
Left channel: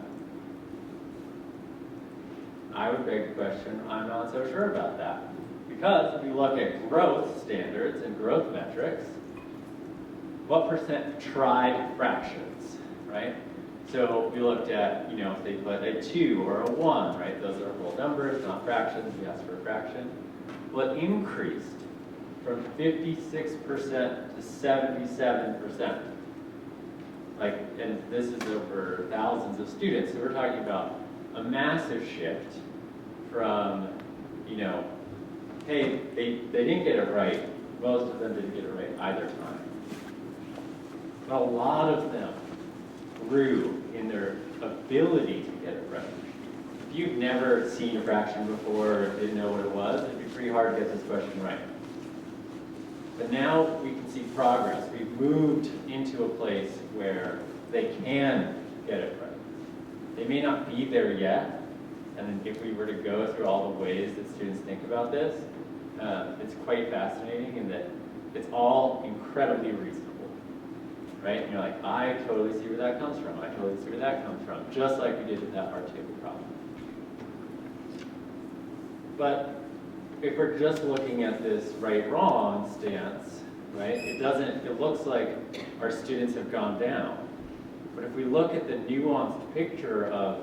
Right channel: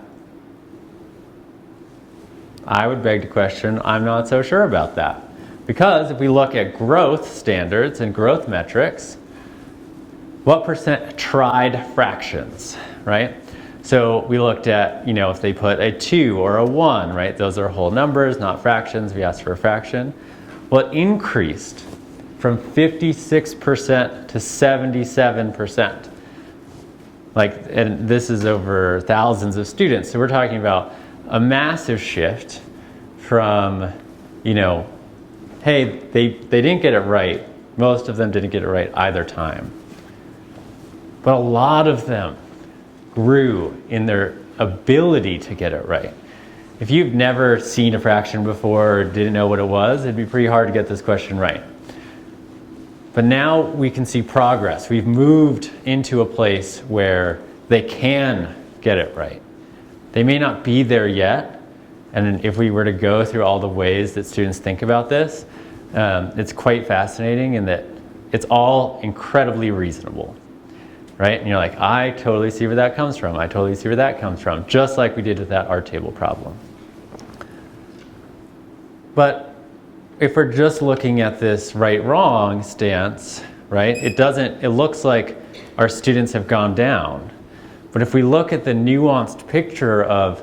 I would beg to question, I'm not so sure about that. Because if we look at growth standards and growth metrics, what percent tried fractions, right? So we looked at, if they put a 2 or a 1, right? Those are whole numbers, not fractions. We asked for a fraction. Well, it increased from 56% to 77%. And this is over thousands of students. So we're talking about a massive shift from, hey, they didn't get it right. Most of them didn't get it right either time. But a lot of them grew in their ability to get it right. If you've never seen a fraction before or didn't know what it was, it'd be pretty hard to get this question right. But now we can see progress. We've moved into a place where they can get it right. They may not be there yet, and if we were to go through all the ways that students think about this, it's quite fascinating in that it's all incredibly reasonable, right? And you're like, I totally see where that comes from. I totally see where that comes from, just like we did with that art table problem. But if we're just looking at this right-wrong stance, right, it looks like our students have gone down. But if we look at the nuanced picture of,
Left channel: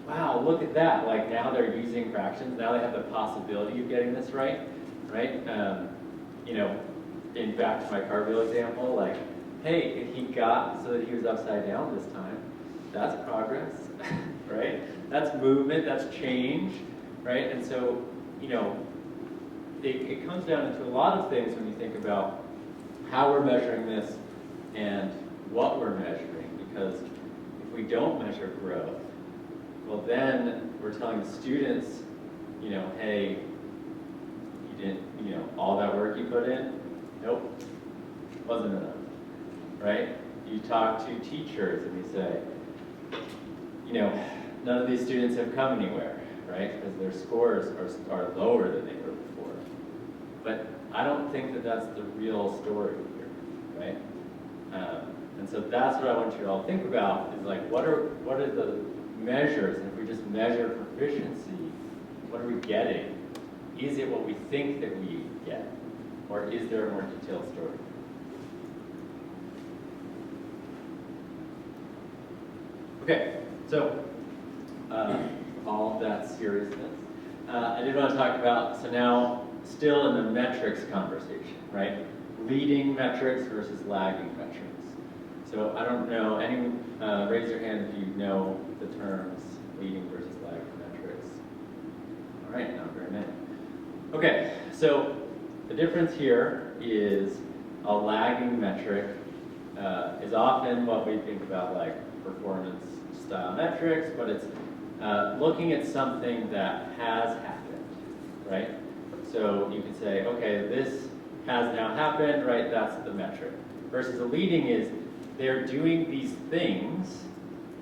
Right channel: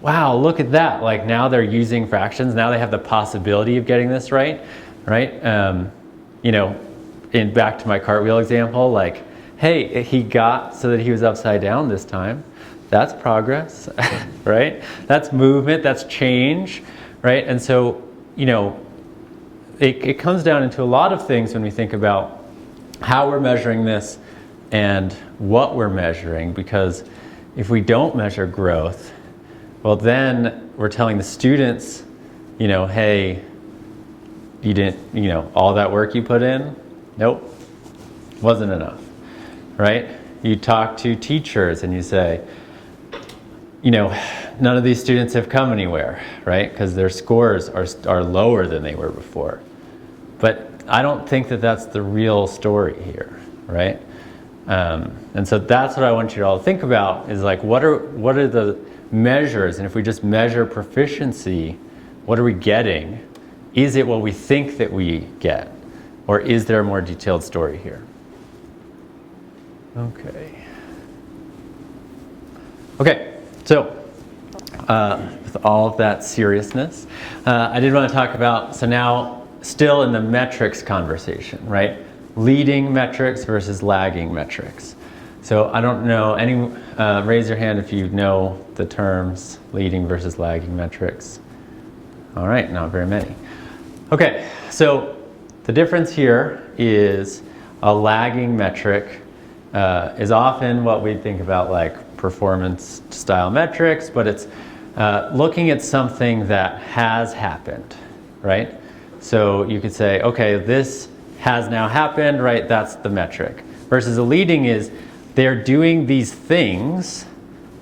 wow, look at that, like now they're using fractions, now they have the possibility of getting this right? You know, back to my cartwheel example, like, hey, he got so that he was upside down this time. That's progress, right? That's movement, that's change, right? And so, you know, it comes down into a lot of things when we think about how we're measuring this and what we're measuring, because if we don't measure growth, well then we're telling the students, you know, hey, you didn't, you know, all that work you put in, nope, wasn't enough, right? You talk to teachers and you say, you know, none of these students have come anywhere, right? Because their scores are lower than they were before. But I don't think that that's the real story here, right? And so that's what I want you to all think about is like, what are the measures? And if we just measure proficiency, what are we getting? Is it what we think that we get? Or is there a more detailed story here? Okay, so with all of that seriousness, I did want to talk about, so now still in the metrics conversation, right? Leading metrics versus lagging metrics. So I don't know, raise your hand if you know the terms leading versus lagging metrics. All right, not very many. Okay, so the difference here is a lagging metric is often what we think about like performance style metrics, but it's looking at something that has happened, right? So you could say, okay, this has now happened, right? That's the metric. Versus a leading is they're doing these things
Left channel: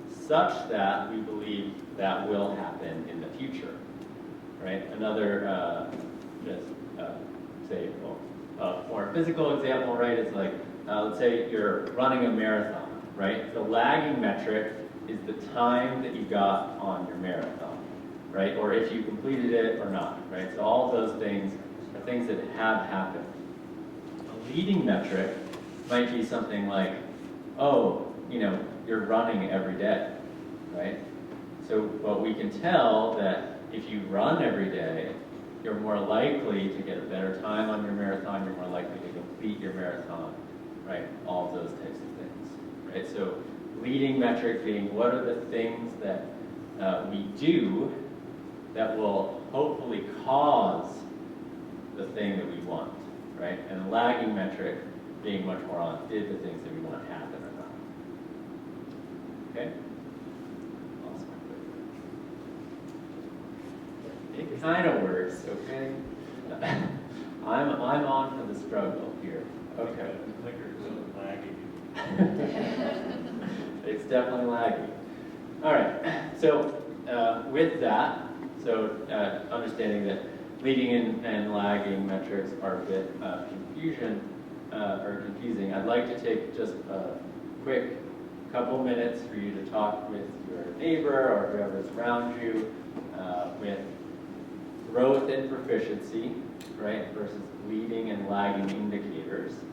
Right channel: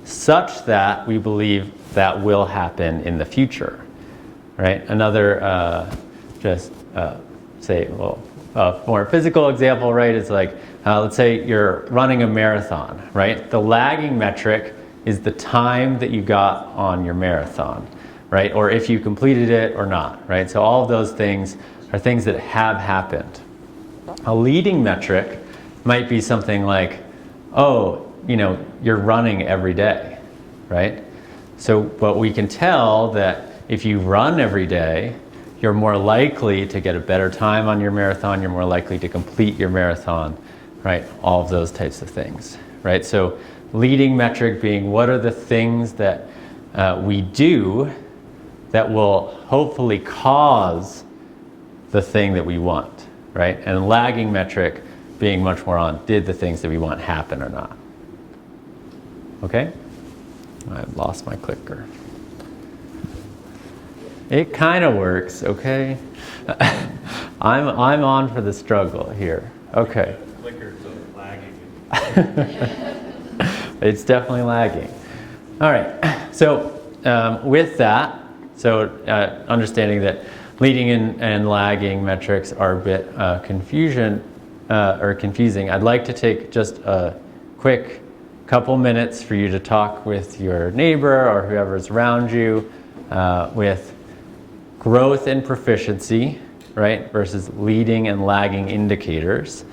such that we believe that will happen in the future, right? Another more physical example, right, is like, let's say you're running a marathon, right? The lagging metric is the time that you got on your marathon, right? Or if you completed it or not, right? So all of those things are things that have happened. A leading metric might be something like, oh, you know, you're running every day, right? So, but we can tell that if you run every day, you're more likely to get a better time on your marathon, you're more likely to complete your marathon, right? All of those types of things, right? So leading metric being what are the things that we do that will hopefully cause the thing that we want, right? And lagging metric being much more on did the things that we want happen or not. Okay? I've lost my clicker. It kind of works, okay? I'm on for the struggle here. Okay. The clicker's lagging. It's definitely lagging. All right, so with that, so understanding that leading and lagging metrics are a bit confusing, I'd like to take just a quick couple minutes for you to talk with your neighbor or whoever's around you with growth and proficiency, right, versus leading and lagging indicators.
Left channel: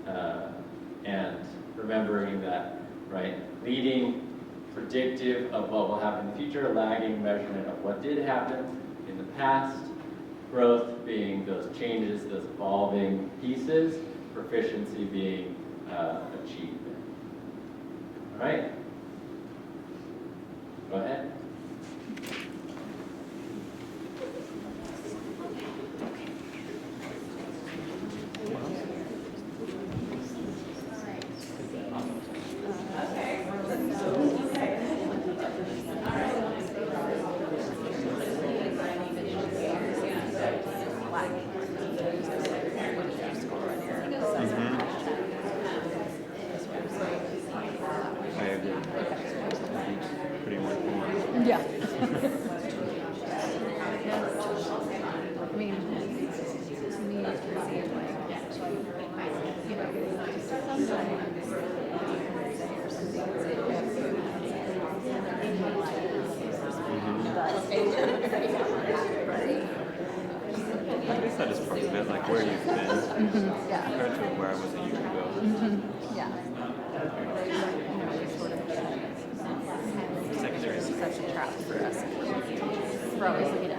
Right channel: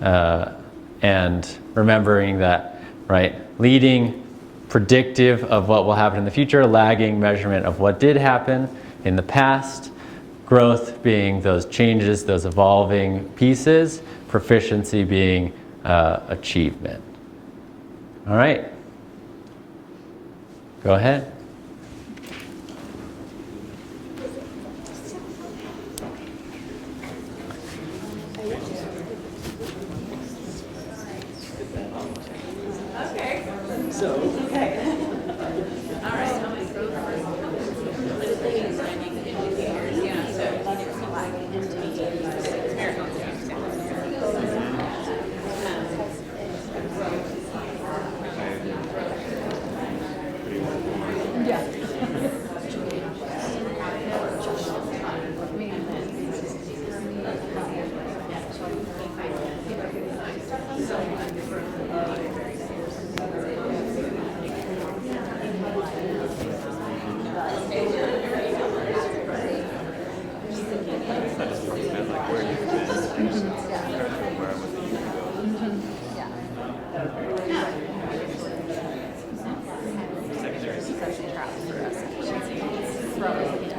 And remembering that, right, leading predictive of what will happen in the future, lagging measurement of what did happen in the past, growth being those changes, those evolving pieces, proficiency being achievement. All right, go ahead.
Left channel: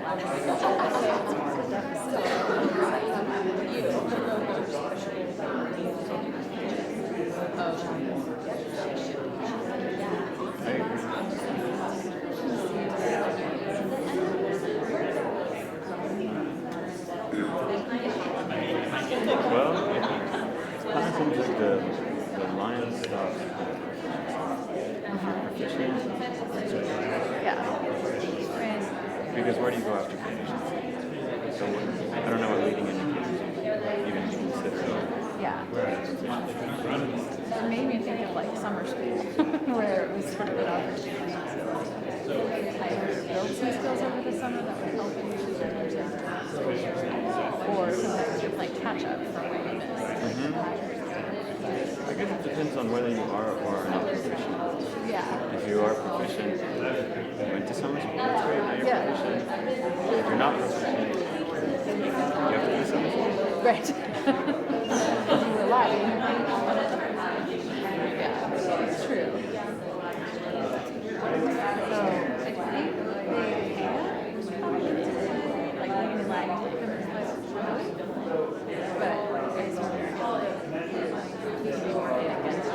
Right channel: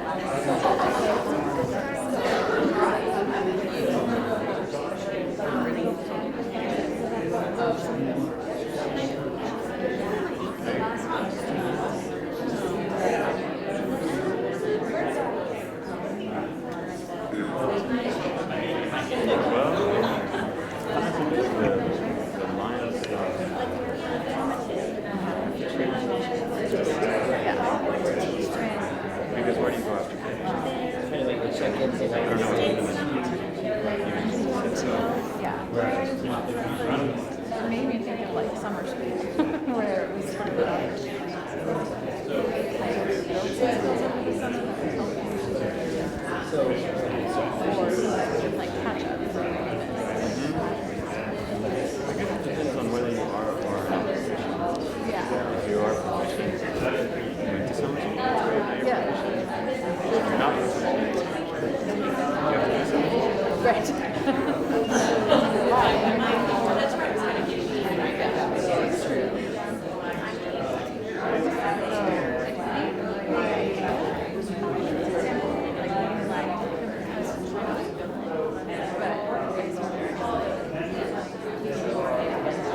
Well, I think the line stuff. Because where do you go after proficiency? I don't know what leading even consists of. Yeah. It made me think of like summer school, where it was sort of an opportunity to build some skills over the summer that would help you or sometimes just like catch up for what you missed. I guess it depends on whether you are or are not proficient. Yeah. If you are proficient, you went to summer school, that's great, now you're proficient. If you're not proficient, you have to do summer school. Right. You're lying. Yeah, it's true. So I think the idea was probably like learning language, but it's sort of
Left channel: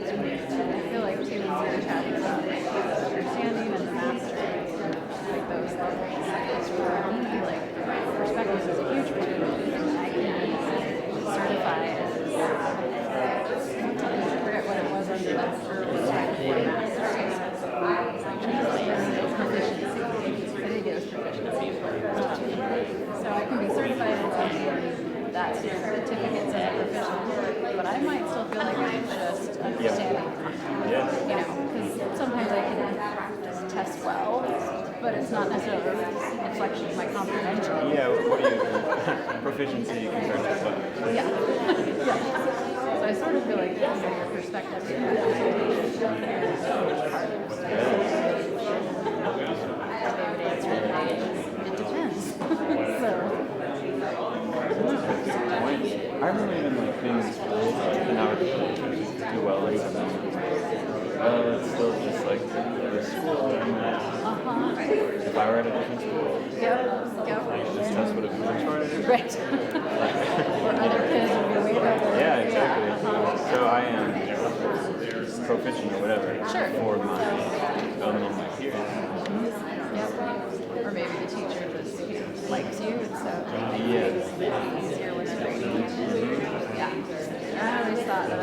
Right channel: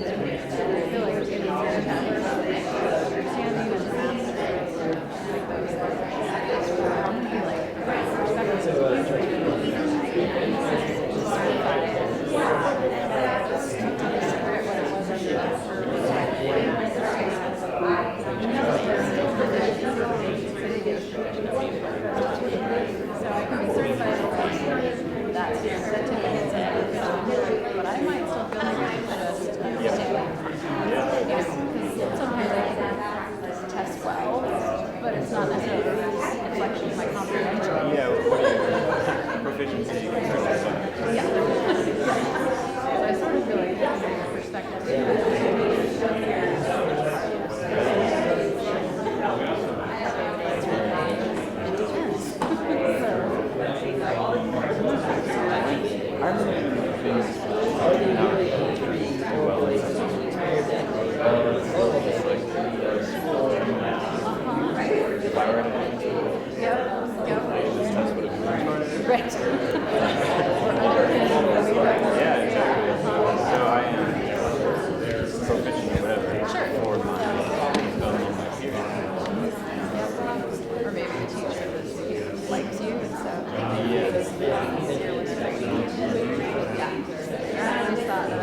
I feel like getting your chapter about understanding and the mastery, like those levels, for me, like perspective is a huge one. Certify as I forget what it was under that I did get a proficiency, so I can be certified as that certificates as a proficient, but I might still feel like I'm just understanding. You know, because sometimes I can test well, but it's not necessarily a reflection of my comprehension. Yeah, what do you proficiency compared to what? Yeah. So I sort of feel like your perspective is it depends. I remember even like things in our do well in some it's still just like the school and math. If I were at a different school, this test would have been much harder. Right. Or other kids would be way better. Yeah, exactly. So I am proficient or whatever for my peers. Or maybe the teacher just likes you, and so it's easier when they're grading. Yeah. I always thought that I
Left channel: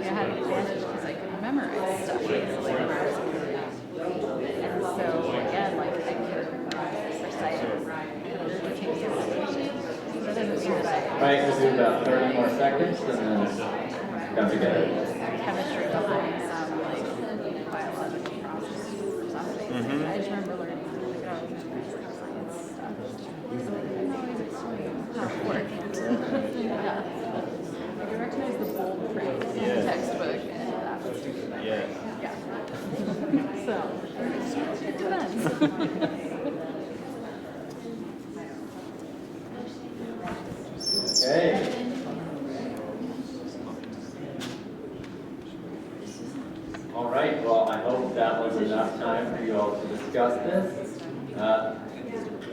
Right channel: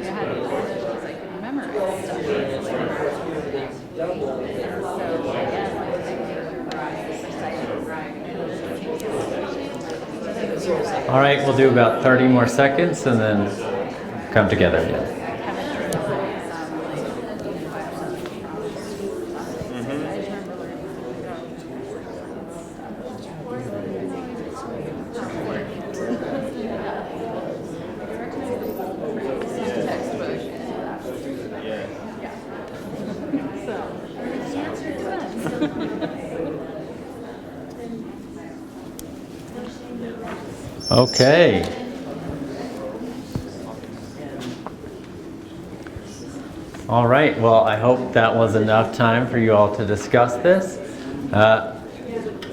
had an advantage because I could memorize stuff easily. And so again, like I could recite it. All right, we'll do about 30 more seconds and then come together. Chemistry was like biology or something. I just remember learning I can recognize the bold print in the textbook, and that was so it depends. Okay. All right, well, I hope that was enough time for you all to discuss this.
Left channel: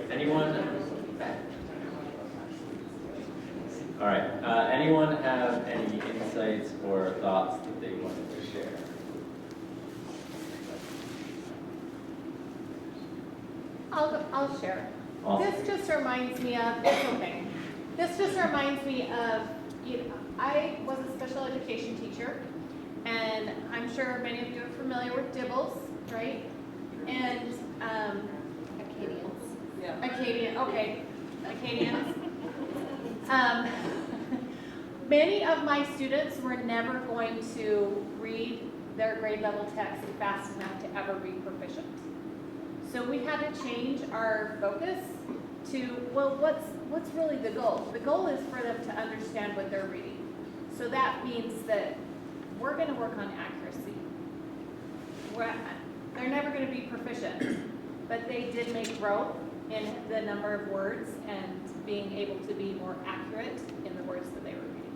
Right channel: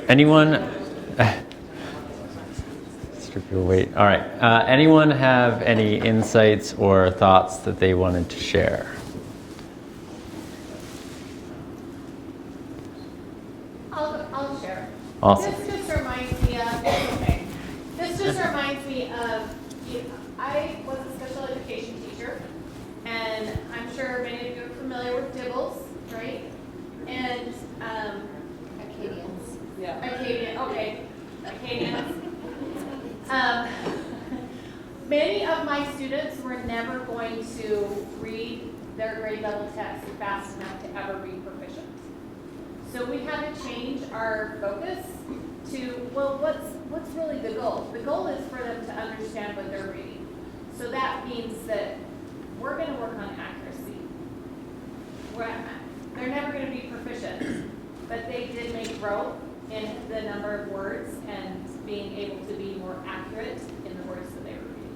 Anyone? Wait. All right. Anyone have any insights or thoughts that they wanted to share? I'll share. Awesome. This just reminds me of, it's okay. This just reminds me of, I was a special education teacher, and I'm sure many of you are familiar with DIBELS, right? And Acadians. Yeah. Acadian, okay, Acadians. Many of my students were never going to read their grade level text fast enough to ever be proficient. So we had to change our focus to, well, what's really the goal? The goal is for them to understand what they're reading. So that means that we're going to work on accuracy. They're never going to be proficient, but they did make growth in the number of words and being able to be more accurate in the words that they were reading.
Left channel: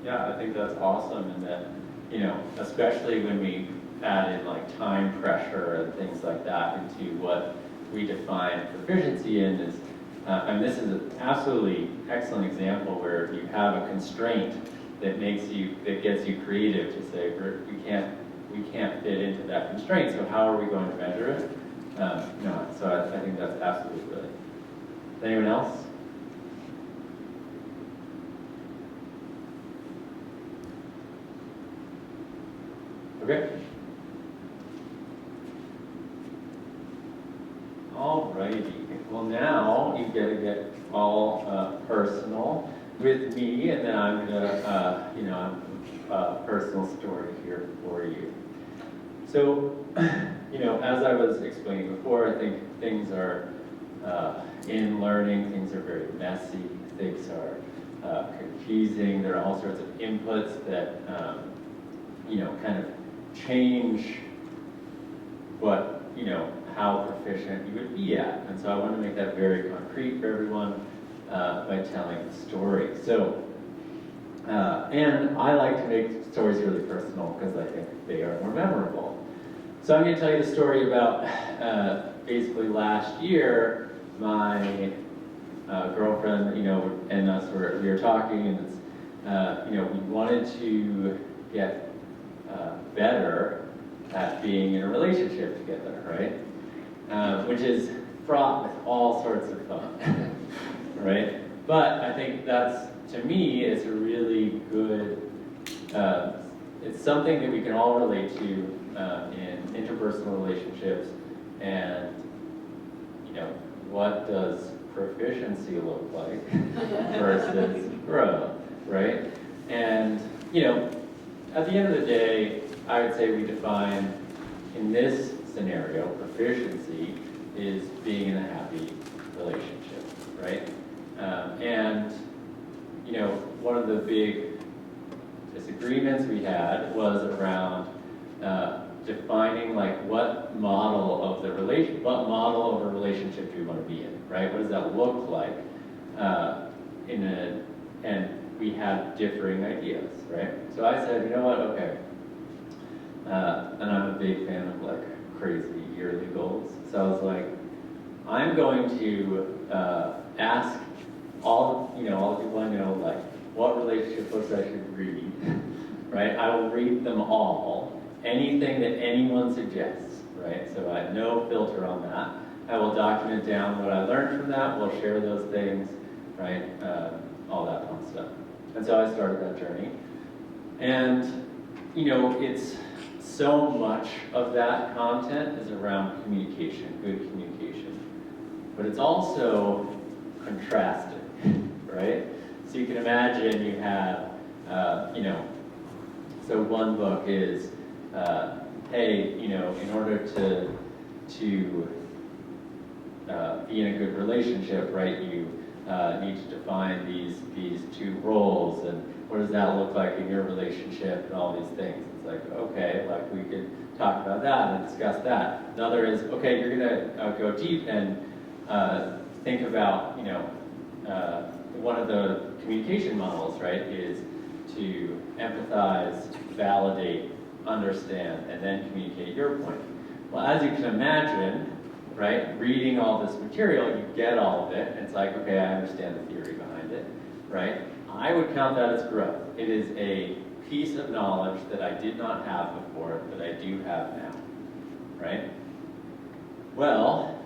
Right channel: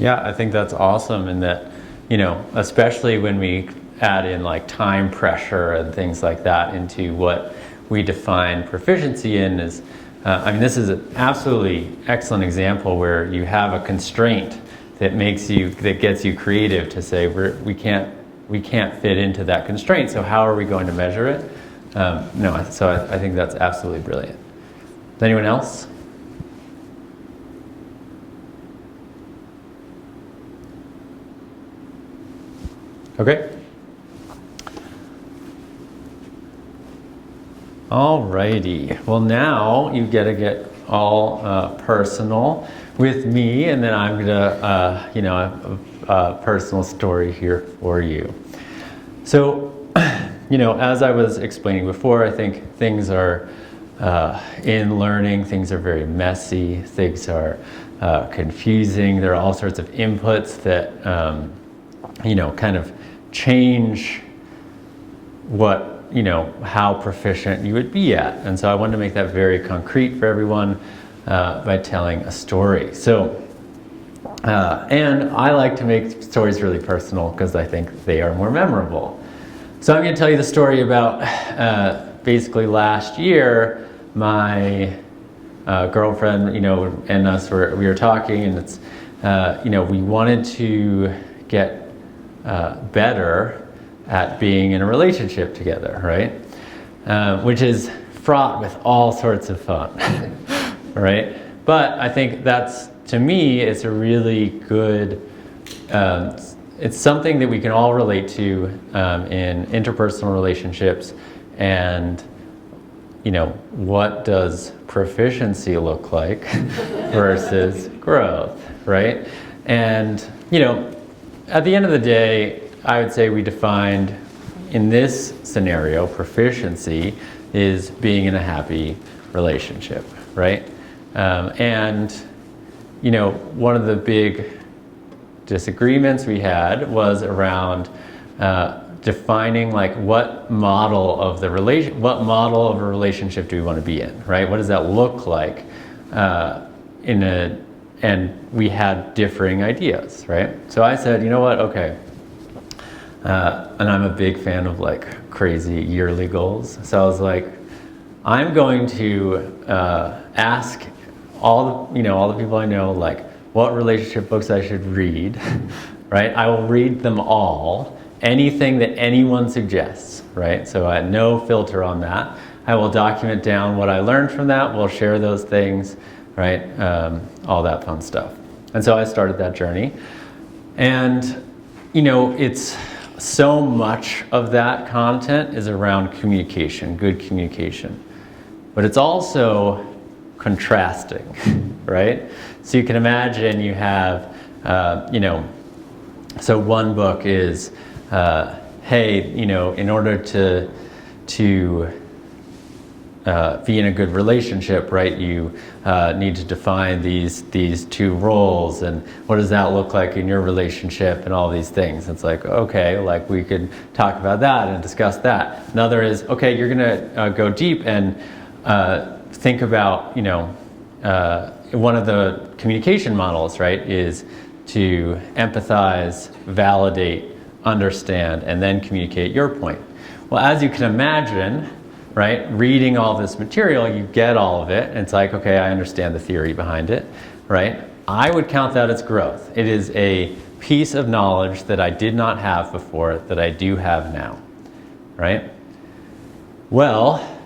Yeah, I think that's awesome, and that, you know, especially when we add in like time pressure and things like that into what we define proficiency in is, I mean, this is an absolutely excellent example where you have a constraint that gets you creative to say we can't fit into that constraint. So how are we going to measure it? So I think that's absolutely brilliant. Anyone else? Okay. Alrighty. Well, now you get to get all personal with me, and then I'm gonna, a personal story here for you. So, as I was explaining before, I think things are in learning. Things are very messy. Things are confusing. There are all sorts of inputs that kind of change how proficient you would be at. And so I wanted to make that very concrete for everyone by telling a story. So, and I like to make stories really personal because I think they are more memorable. So I'm going to tell you the story about basically last year, my girlfriend, and us we were talking, and it's, we wanted to get better at being in a relationship together, right? Which is fraught with all sorts of fun, right? But I think that's, to me, it's a really good, it's something that we can all relate to in interpersonal relationships. And, what does proficiency look like versus growth, right? And, at the end of the day, I would say we defined, in this scenario, proficiency is being in a happy relationship, right? And, one of the big disagreements we had was around defining like what model of a relationship do we want to be in, right? What does that look like and we had differing ideas, right? So I said, you know what, okay. And I'm a big fan of like crazy yearly goals. So I was like, I'm going to ask all the people I know, like, what relationship books I should read, right? I will read them all, anything that anyone suggests, right? So I had no filter on that. I will document down what I learned from that. We'll share those things, right? All that fun stuff. And so I started that journey. And, it's so much of that content is around communication, good communication. But it's also contrasting, right? So you can imagine you have, so one book is, hey, in order to be in a good relationship, right, you need to define these two roles, and what does that look like in your relationship, and all these things. It's like, okay, like we could talk about that and discuss that. Another is, okay, you're gonna go deep and think about, one of the communication models, right, is to empathize, validate, understand, and then communicate your point. Well, as you can imagine, right, reading all this material, you get all of it, and it's like, okay, I understand the theory behind it, right? I would count that as growth. It is a piece of knowledge that I did not have before that I do have now, right? Well,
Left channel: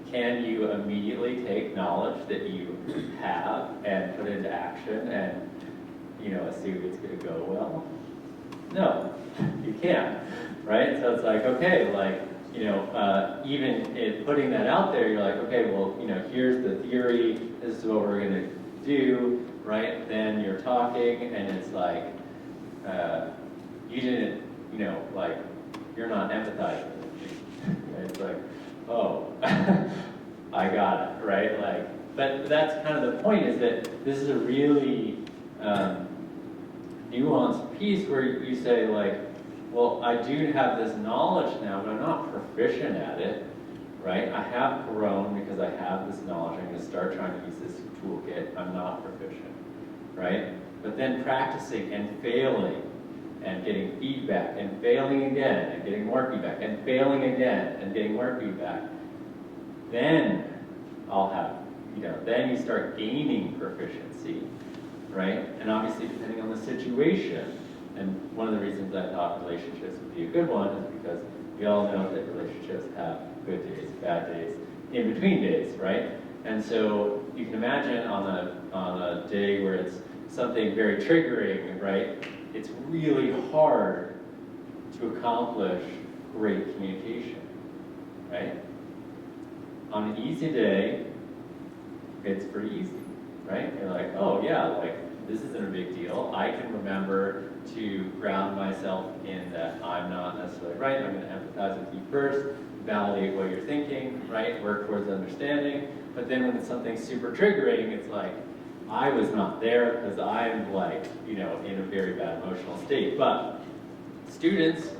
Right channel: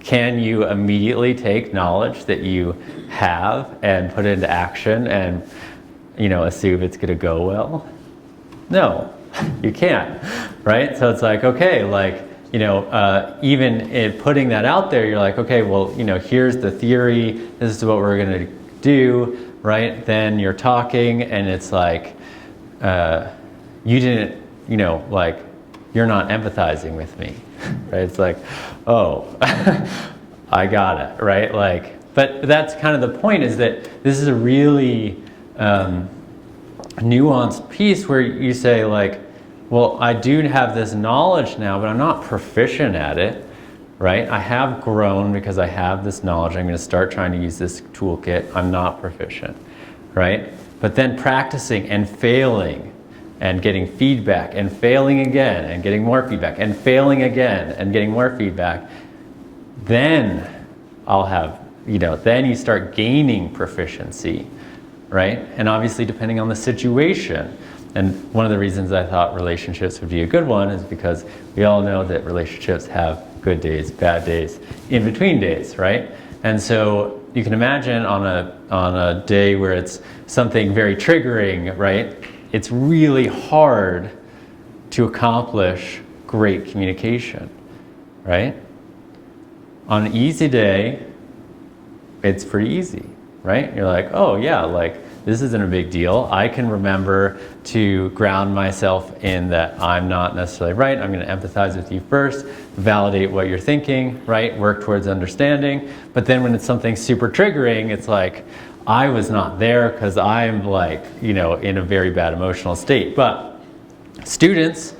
can you immediately take knowledge that you have and put it into action and, assume it's gonna go well? No, you can't, right? So it's like, okay, like, even in putting that out there, you're like, okay, well, here's the theory, this is what we're gonna do, right? Then you're talking and it's like, you didn't, like, you're not empathizing with me, right? It's like, oh, I got it, right? Like, but that's kind of the point, is that this is a really nuanced piece where you say like, well, I do have this knowledge now, but I'm not proficient at it, right? I have grown because I have this knowledge. I'm going to start trying to use this toolkit. I'm not proficient, right? but then practicing and failing and getting feedback and failing again and getting more feedback and failing again and getting more feedback, then I'll have, then you start gaining proficiency, right? And obviously depending on the situation. And one of the reasons I thought relationships would be a good one is because we all know that relationships have good days, bad days, in between days, right? And so you can imagine on a day where it's something very triggering, right? It's really hard to accomplish great communication, right? On an easy day, it's pretty easy, right? You're like, oh yeah, like this isn't a big deal. I can remember to ground myself in that I'm not necessarily right. I'm going to empathize with you first, validate what you're thinking, right? Work towards understanding. But then when it's something super triggering, it's like, I was not there because I'm like, in a very bad emotional state. But students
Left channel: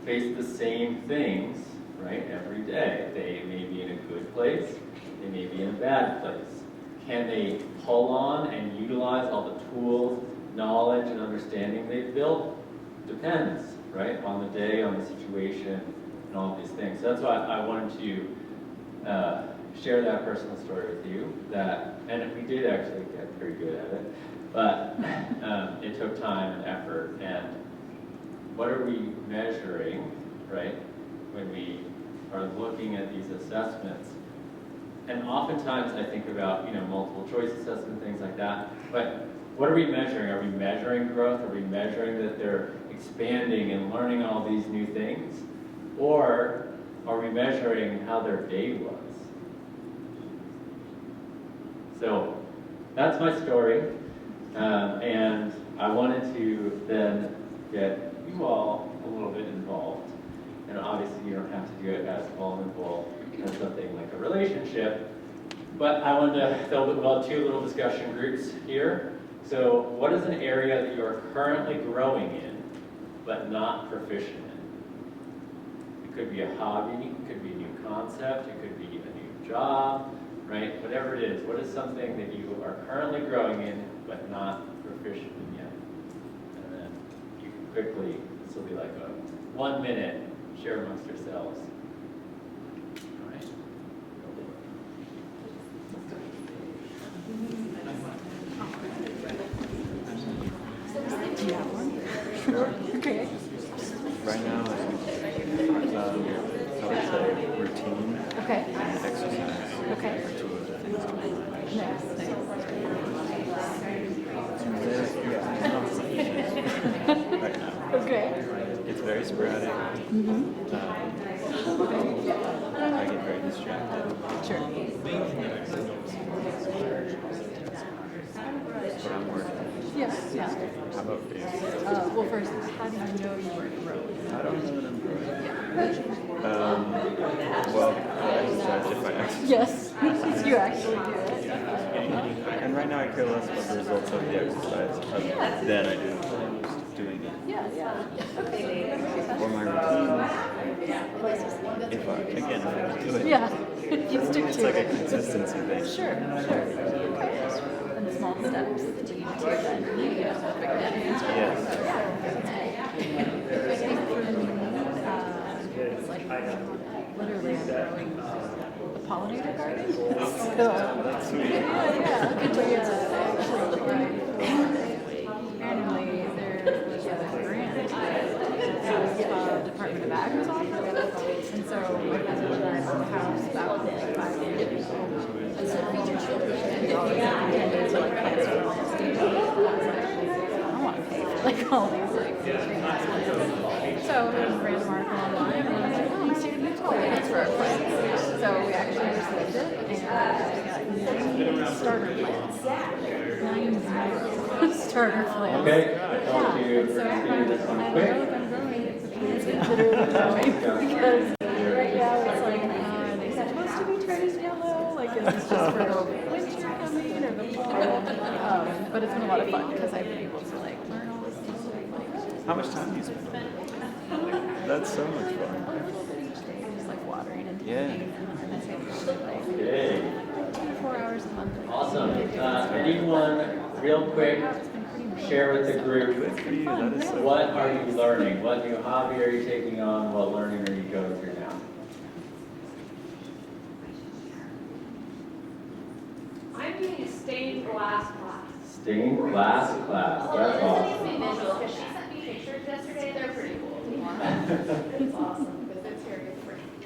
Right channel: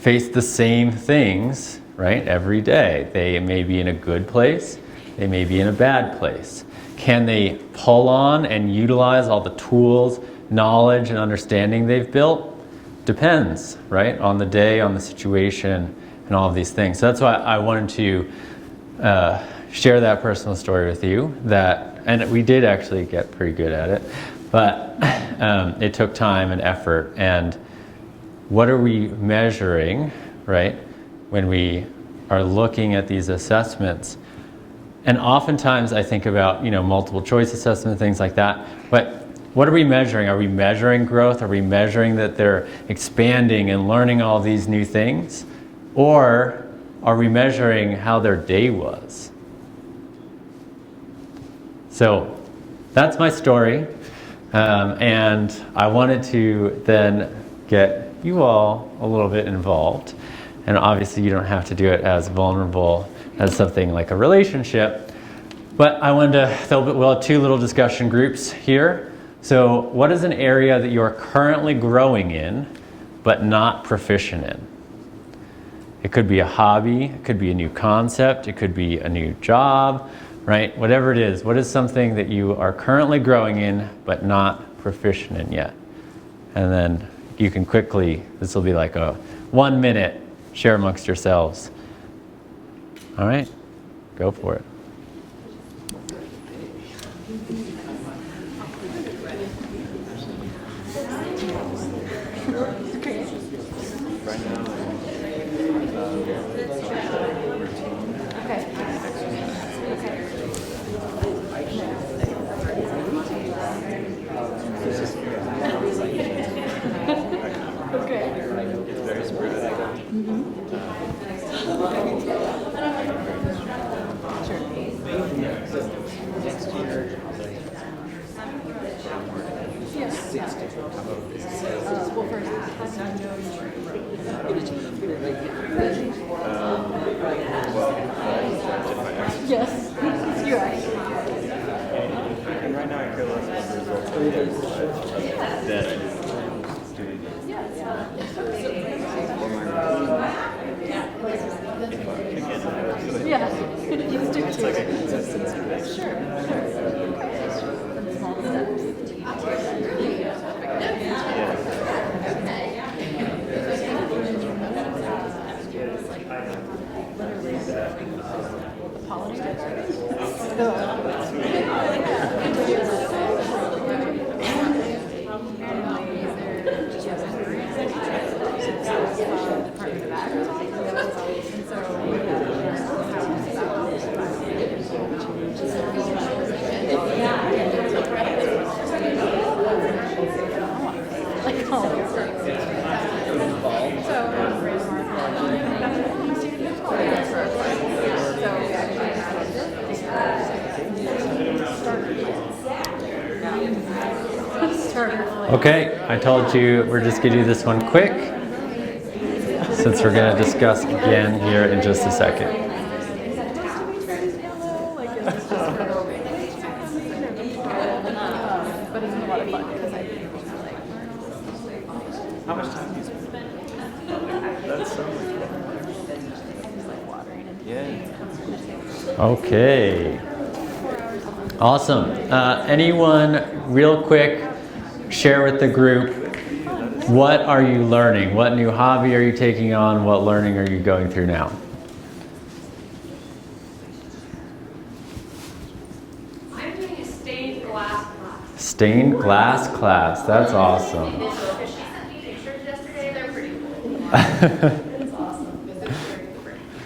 face the same things, right, every day. They may be in a good place, they may be in a bad place. Can they pull on and utilize all the tools, knowledge, and understanding they've built? Depends, right, on the day, on the situation, and all of these things. So that's why I wanted to share that personal story with you. And we did actually get pretty good at it, but it took time and effort. And what are we measuring, right, when we are looking at these assessments? And oftentimes I think about, multiple choice assessment, things like that. But what are we measuring? Are we measuring growth? Are we measuring that they're expanding and learning all these new things? Or are we measuring how their day was? So that's my story. And I wanted to then get you all a little bit involved. And obviously you don't have to do it as vulnerable as something like a relationship. But I wanted to, we'll have two little discussion groups here. So what is an area that you are currently growing in, but not proficient in? It could be a hobby, it could be a new concept, it could be a new job, right? Whatever it is, what is something that you are currently growing in, but not proficient in yet? And then you can quickly, this will be like a 1 minute, share amongst yourselves. All right, go for it. Okay. Right now, routine. Okay. Exercise. Okay. Okay. It's very sporadic. I get very distracted. Sure. But I'm working. Yeah. How about you? Well, first, how do you know you're growing? I don't know what I'm growing. Well, I just judge if I exercise. Yes, you actually do. And right now I care less about the results of the exercise than I do doing it. Or my routine. If I, again, I do it. Yeah, you stick It's to like it. a consistency thing. Sure. Okay. And small steps to you to that. Yes. It's like literally a pollinator garden. So, randomly there's a grant from the Department of Ag's office, and so we have a house about 5 years old. And so I want to pay like all these things. So we ran a market online and we stayed in the that's for our plants. So we actually just lived it and starter plants. Starter plants. Okay, I told you we're just going to do this one quick, since we're going to discuss again here in just a second. Is it supposed to be turning yellow? Like, is this just for the winter coming or the fall? But it's been a lot of fun because I've been able to like learn all this stuff. How much time do you spend? That's so much fun. Just like watering and Yeah. Okay. 4 hours a month. Awesome. Anyone, real quick, share with the group, what are you learning? What new hobby are you taking on? What learning are you going through now? I'm doing a stained glass class. Stained glass class, that's awesome. She sent me pictures yesterday, they're pretty cool. It's awesome, because they're very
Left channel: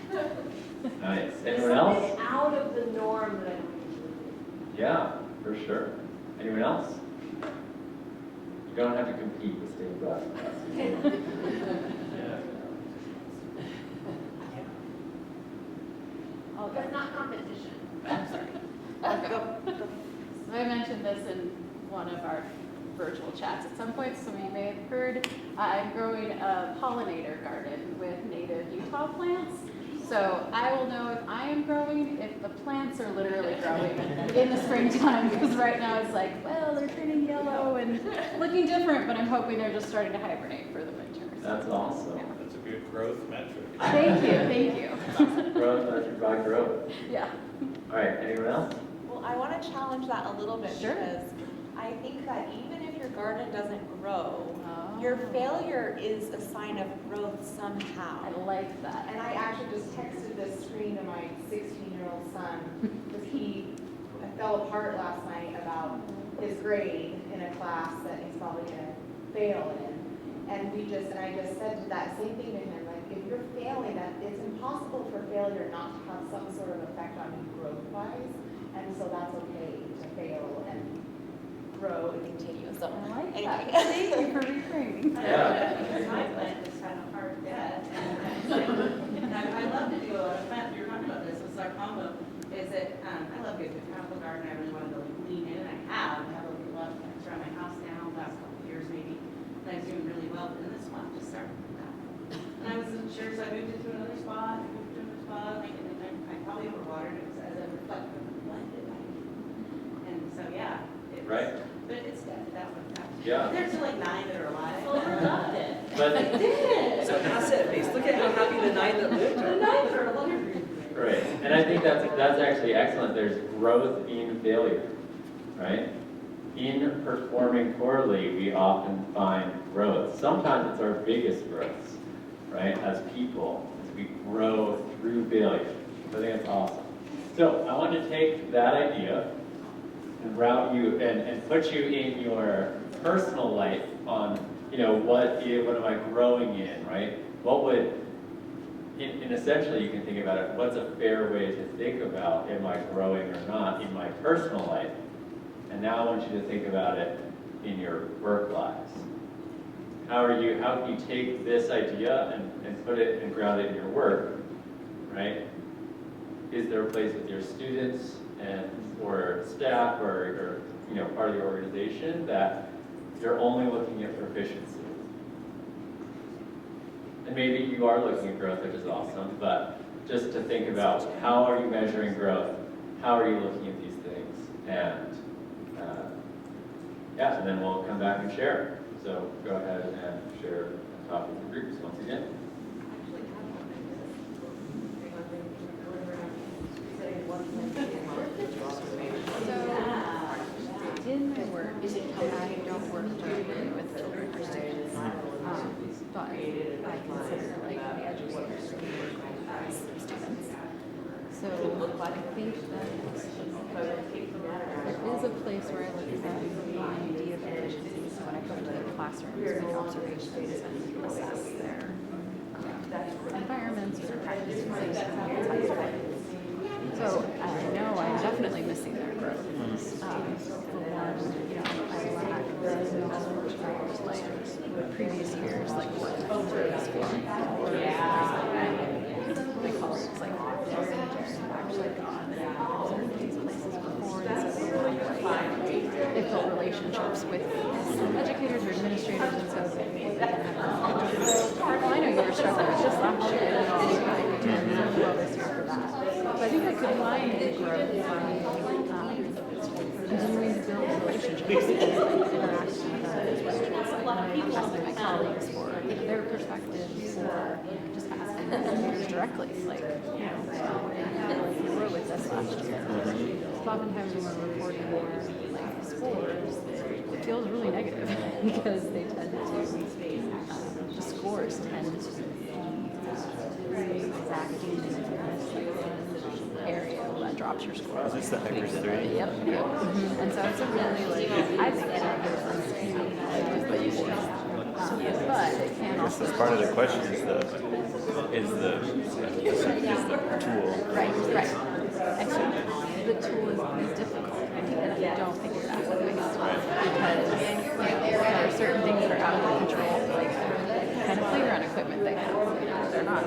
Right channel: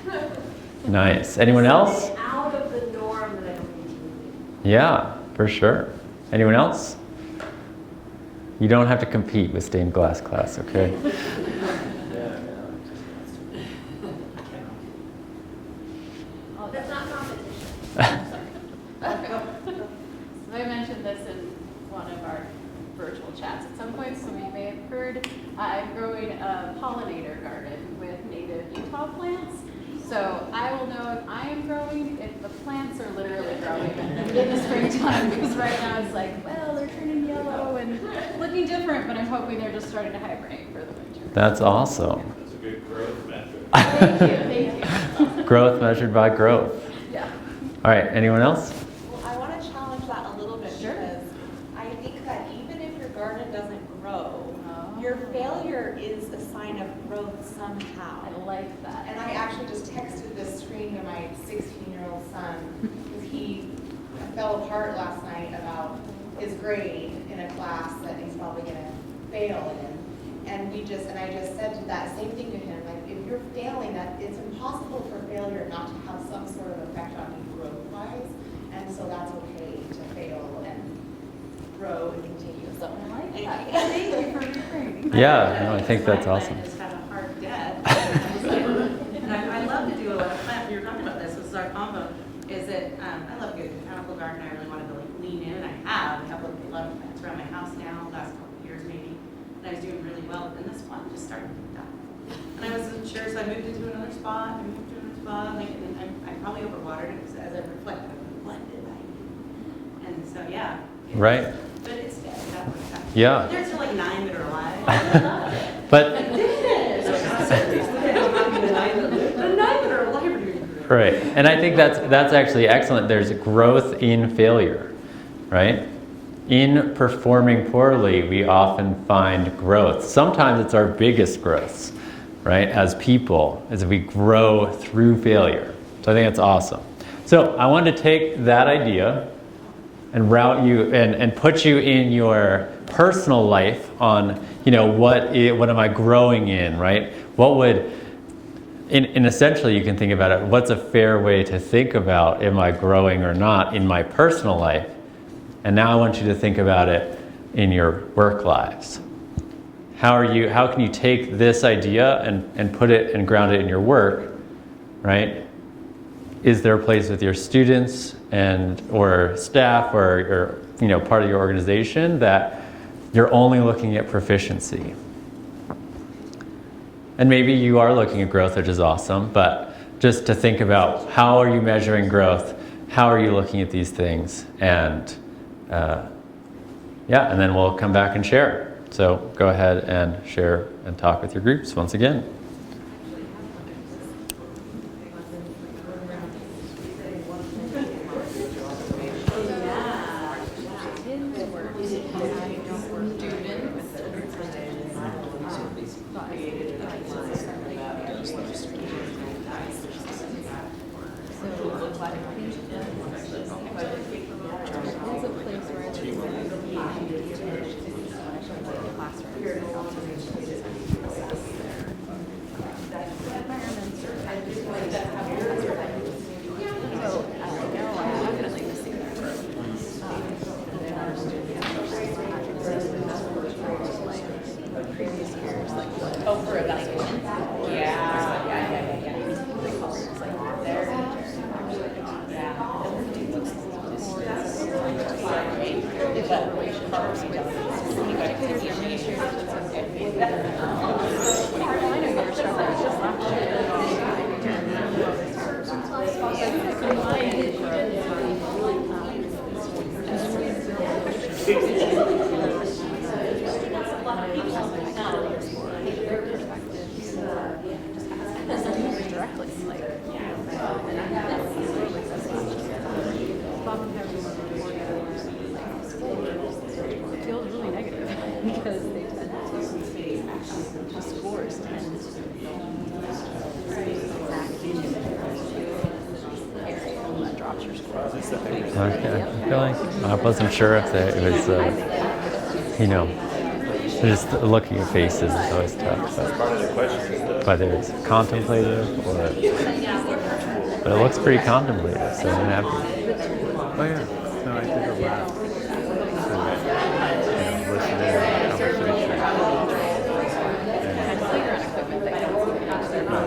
different. Nice. Anyone else? Out of the norm that I'm Yeah, for sure. Anyone else? You don't have to compete with stained glass class, okay? Oh, that's not competition. I mentioned this in one of our virtual chats at some point, so you may have heard. I'm growing a pollinator garden with native Utah plants. So I will know if I am growing, if the plants are literally growing in the springtime, because right now it's like, well, they're turning yellow and looking different, but I'm hoping they're just starting to hibernate for the winter. That's awesome. That's a good growth metric. Thank you, thank you. Growth measured by growth. Yeah. All right, anyone else? Well, I want to challenge that a little bit because I think that even if your garden doesn't grow, your failure is a sign of growth somehow. I like that. And I actually just texted this screen to my 16-year-old son because he fell apart last night about his grade in a class that he's probably going to fail in. And I just said that same thing to him, like if you're failing, that it's impossible for failure not to have some sort of effect on you growth-wise. And so that's okay to fail and grow and continue. So I like anyway. that. Thank you for reframing. Yeah, no, I think that's awesome. I just had a hard debt. And I love to do a plant, you're talking about this, our combo, is that I love good botanical garden, I really want to lean in, I have a couple of love plants around my house now, last couple of years maybe, and I was doing really well, but then this one just started out. And I wasn't sure, so I moved into another spot, and I probably overwatered it as a reflective, blended light. And so, yeah. Right. But it's dead, that was that. Yeah. There's still like 9 that are alive. I love it. But So concept-based, look at how happy the 9 that lived. The 9 that are alive. right, and I think that's actually excellent. There's growth in failure, right? In performing poorly, we often find growth. Sometimes it's our biggest growths, right? As people, as we grow through failure. So I think it's awesome. So I want to take that idea and route you and put you in your personal life on, what am I growing in, right? What would, in essentially you can think about it, what's a fair way to think about am I growing or not in my personal life? And now I want you to think about it in your work lives. How can you take this idea and put it and ground it in your work, right? Is there a place with your students or staff or part of your organization that you're only looking at proficiency? And maybe you are looking at growth, which is awesome, but just to think about how are you measuring growth? How are you looking at these things? And and then we'll come back and share. So go ahead and share and talk with your groups once again. In my work, I don't work directly with the organizations, but I consider like they are just so I think that there is a place where I look at the idea of activities when I come to the classrooms, make observations and assess their environments or so no, I'm definitely missing their growth. Like previous years, like what previous one, they call it like they've built relationships with educators or administrators and so I know you were struggling with this last year. So I think I combine the growth continuing to build relationships my colleagues for their perspectives or just asking them directly, like, wrote with us last year. Oftentimes when we're reporting like scores, it feels really negative. because they tend to, the scores tend to be exacting area that drops your score. Is this the exercise? Yep. I wasn't sure if it was, you know, just looking at faces is always tough. That's part of the question is the Whether it's contemplative or, but it looks pretty contemplative. So The tool is difficult. I don't think it's that way. There are certain things that are out of control, like kind of playground equipment that they're not.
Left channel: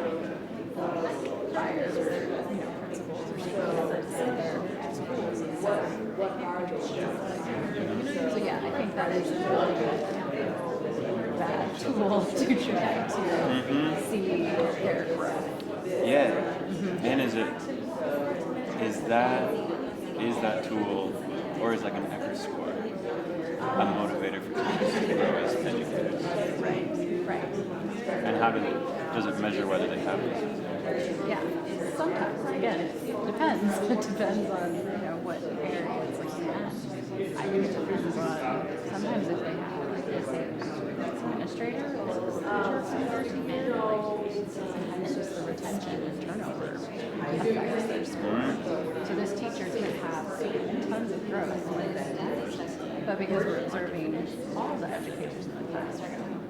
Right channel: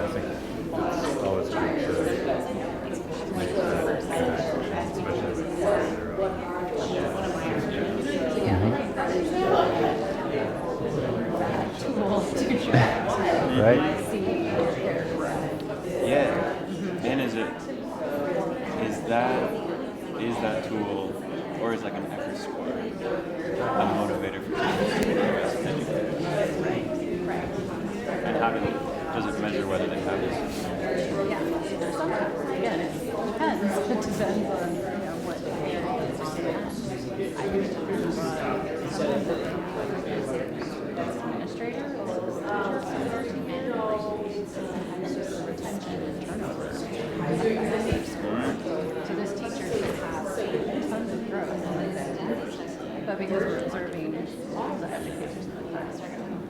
So yeah, I think that is a bad tool to try to see their growth. Yeah. And is that tool, or is like an ECR score, a motivator for teachers to grow as educators? Right. And does it measure whether they have it? Yeah, sometimes, again, it depends. It depends on, what areas I think it depends on, sometimes if they have, like, a administrator or a teacher, sometimes just the retention and turnover affects their score. So this teacher could have tons of growth, but because we're observing all the educators in the classroom,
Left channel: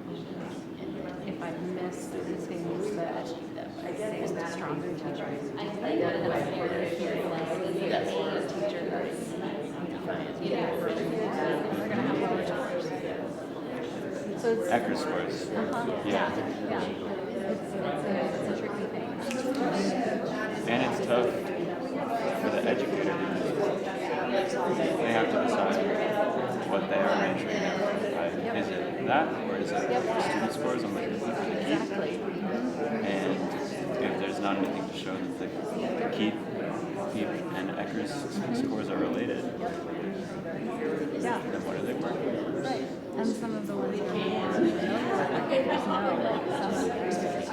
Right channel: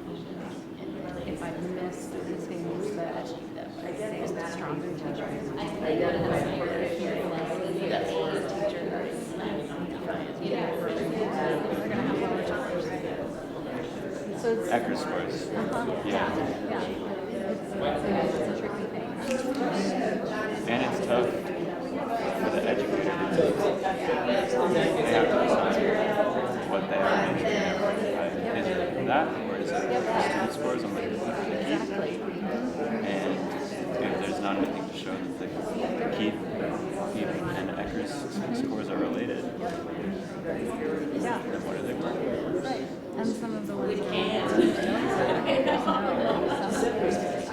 if I miss the things that I say is the stronger teachers, and I'm hearing like this teacher is they're going to have lower scores. So it's ECR scores. yeah. It's a tricky thing. And it's tough for the educator because they have to decide what they are measuring. Is it that, or is it student scores on the keep? Exactly. And if there's not anything to show that the keep and ECR scores are related, then what are they working for? Right. And some of the ones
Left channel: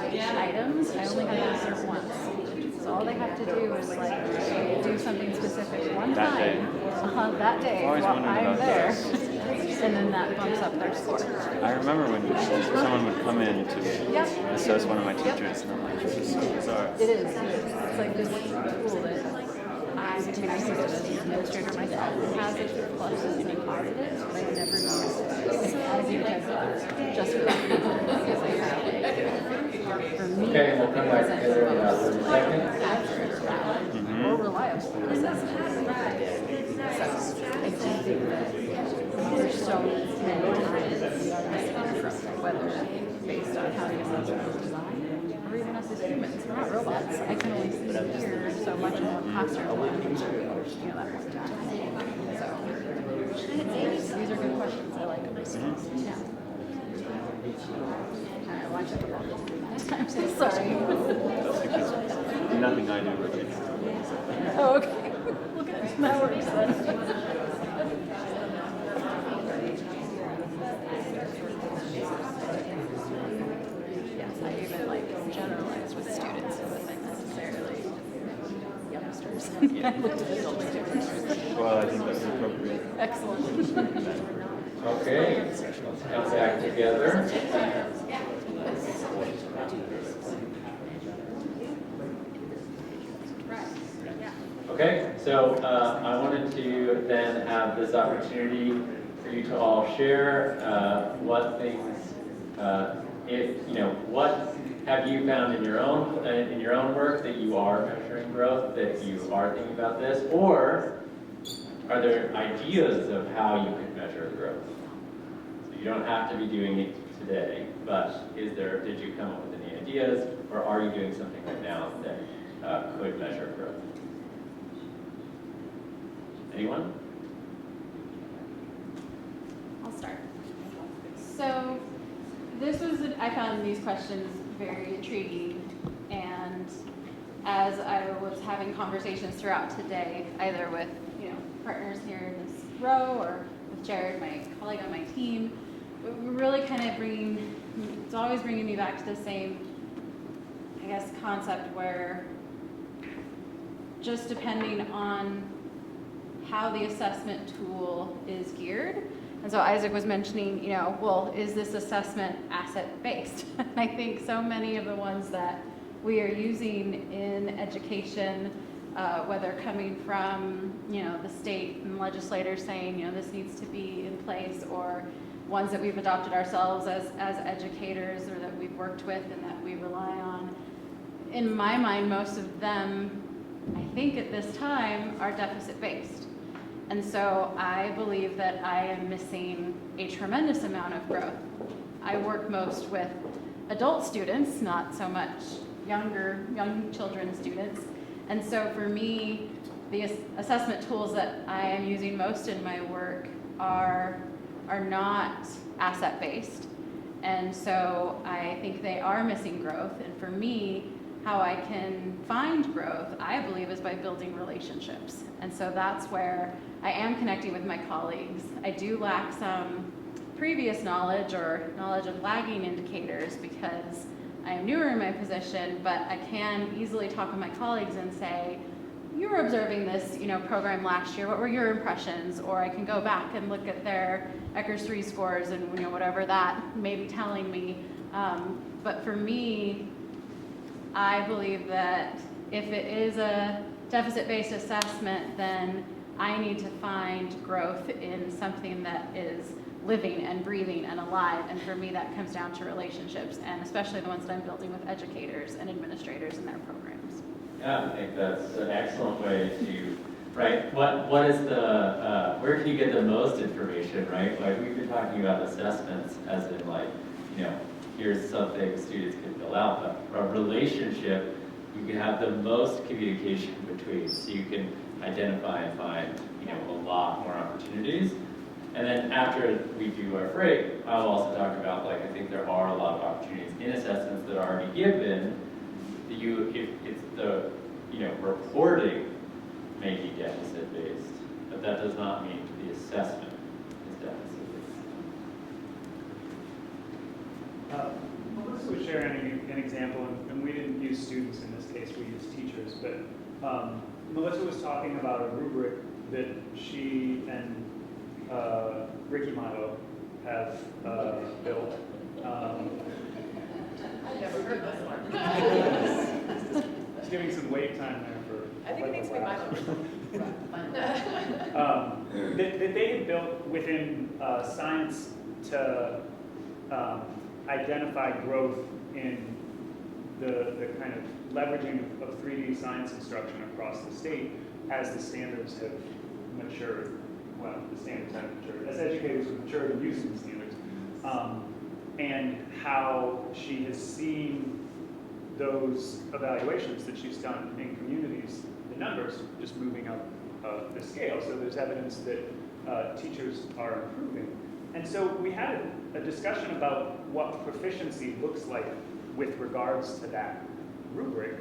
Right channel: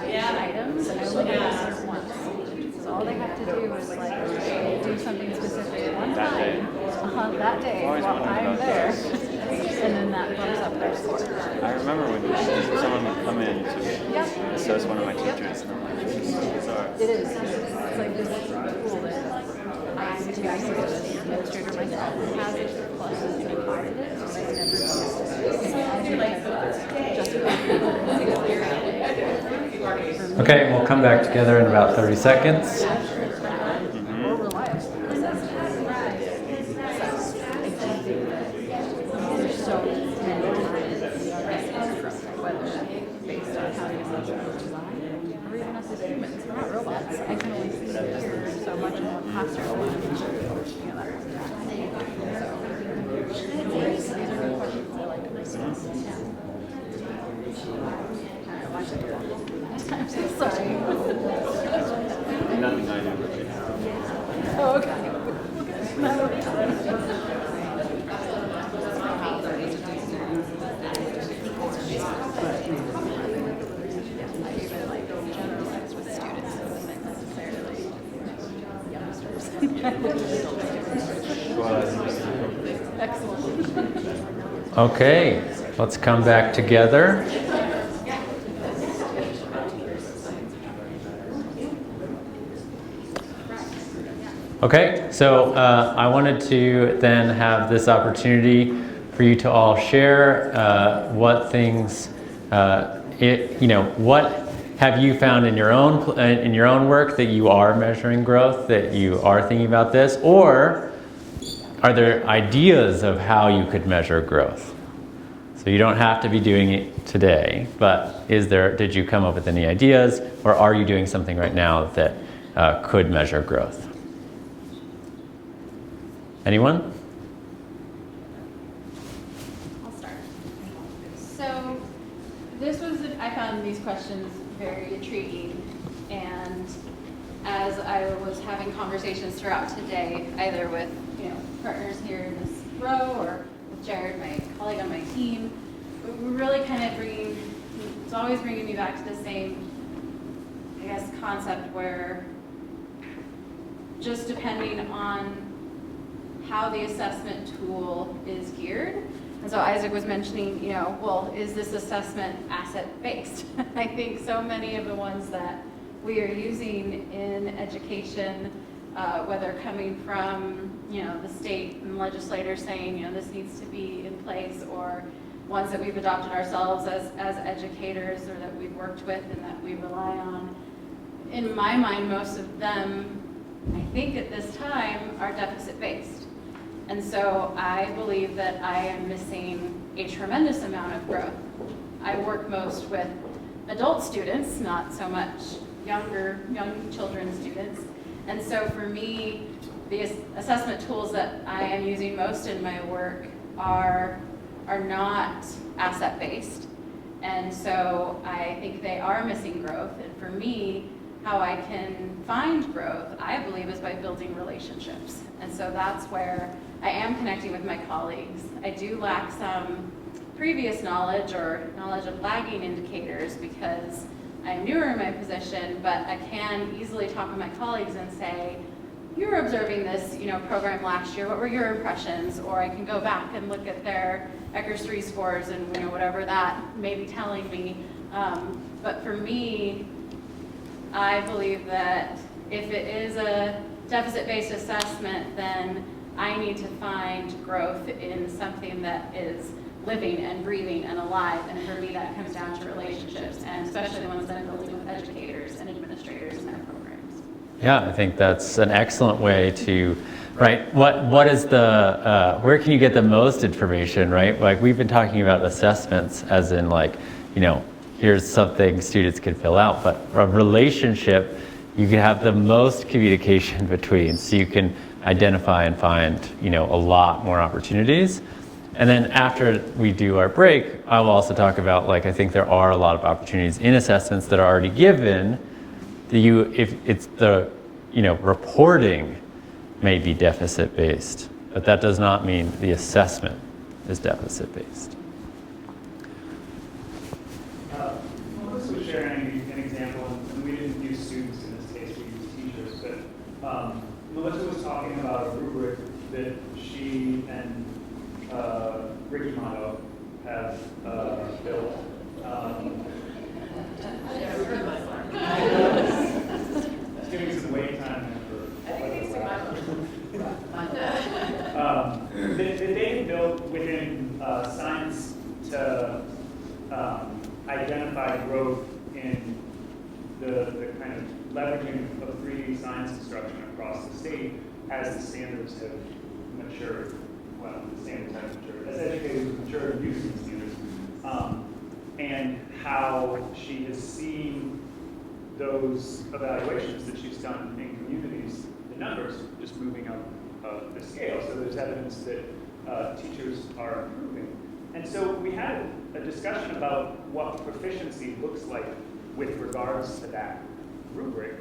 that items, I only have to serve once. So all they have to do is like do something specific one That day. time, that day Always while wondered I'm about there. this. And then that bumps up their score. I remember when someone would come in to assess one of my teachers, and I'm like, this is so bizarre. It is. It's like this tool that I'm used to as an administrator myself. It has its pluses and positives, but I never used it. Just Okay, we'll come back together in about 30 seconds. more reliable. So I do think that there's so many times that we are missing from whether based on how the assumption was designed or even us as humans. We're not robots. I can only see and hear so much in one classroom when that point in time. So these are good questions. I like them. Yeah. All right, watch it. I'm so sorry. Nothing I do. Oh, okay. Look at that works then. Yeah, I even like generalize with students who isn't necessarily youngsters. I look at adult students. Well, I think that's appropriate. Excellent. Okay, let's come back together. Okay, so I wanted to then have this opportunity for you to all share what things, what have you found in your own work that you are measuring growth, that you are thinking about this, or are there ideas of how you could measure growth? So you don't have to be doing it today, but did you come up with any ideas, or are you doing something right now that could measure growth? Anyone? I'll start. So I found these questions very intriguing, and as I was having conversations throughout today, either with partners here in this row or with Jared, my colleague on my team, we're really kind of it's always bringing me back to the same, concept where just depending on how the assessment tool is geared, And so Isaac was mentioning, well, is this assessment asset-based? I think so many of the ones that we are using in education, whether coming from, the state and legislators saying, this needs to be in place, or ones that we've adopted ourselves as educators or that we've worked with and that we rely on. In my mind, most of them, I think at this time, are deficit-based. And so I believe that I am missing a tremendous amount of growth. I work most with adult students, not so much young children students. And so for me, the assessment tools that I am using most in my work are not asset-based. And so I think they are missing growth. And for me, how I can find growth, I believe, is by building relationships. And so that's where I am connecting with my colleagues. I do lack some previous knowledge or knowledge of lagging indicators because I am newer in my position, but I can easily talk with my colleagues and say, you were observing this, program last year, what were your impressions? Or I can go back and look at their ECRS 3 scores and whatever that may be telling me. But for me, I believe that if it is a deficit-based assessment, then I need to find growth in something that is living and breathing and alive. And for me, that comes down to relationships, and especially the ones that I'm building with educators and administrators in their programs. Yeah, I think that's an excellent way to, right, what is the, where can you get the most information, right? Like we've been talking about assessments as in like, here's something students can fill out, but a relationship, you can have the most communication between, so you can identify and find, a lot more opportunities. And then after we do our break, I will also talk about, I think there are a lot of opportunities in assessments that are already given. If it's the, reporting may be deficit-based, but that does not mean the assessment is deficit-based. Melissa was sharing an example, and we didn't use students in this case, we used teachers, but Melissa was talking about a rubric that she and Ricky Motto have built. I've never heard this one. Just giving some wait time there for. I think it needs to be my one. That they have built within science to identify growth in the kind of leveraging of 3D science instruction across the state as the standards have matured. Well, the standards have matured. As educators have matured in using the standards. And how she has seen those evaluations that she's done in communities, the numbers just moving up the scale. So there's evidence that teachers are improving. And so we had a discussion about what proficiency looks like with regards to that rubric.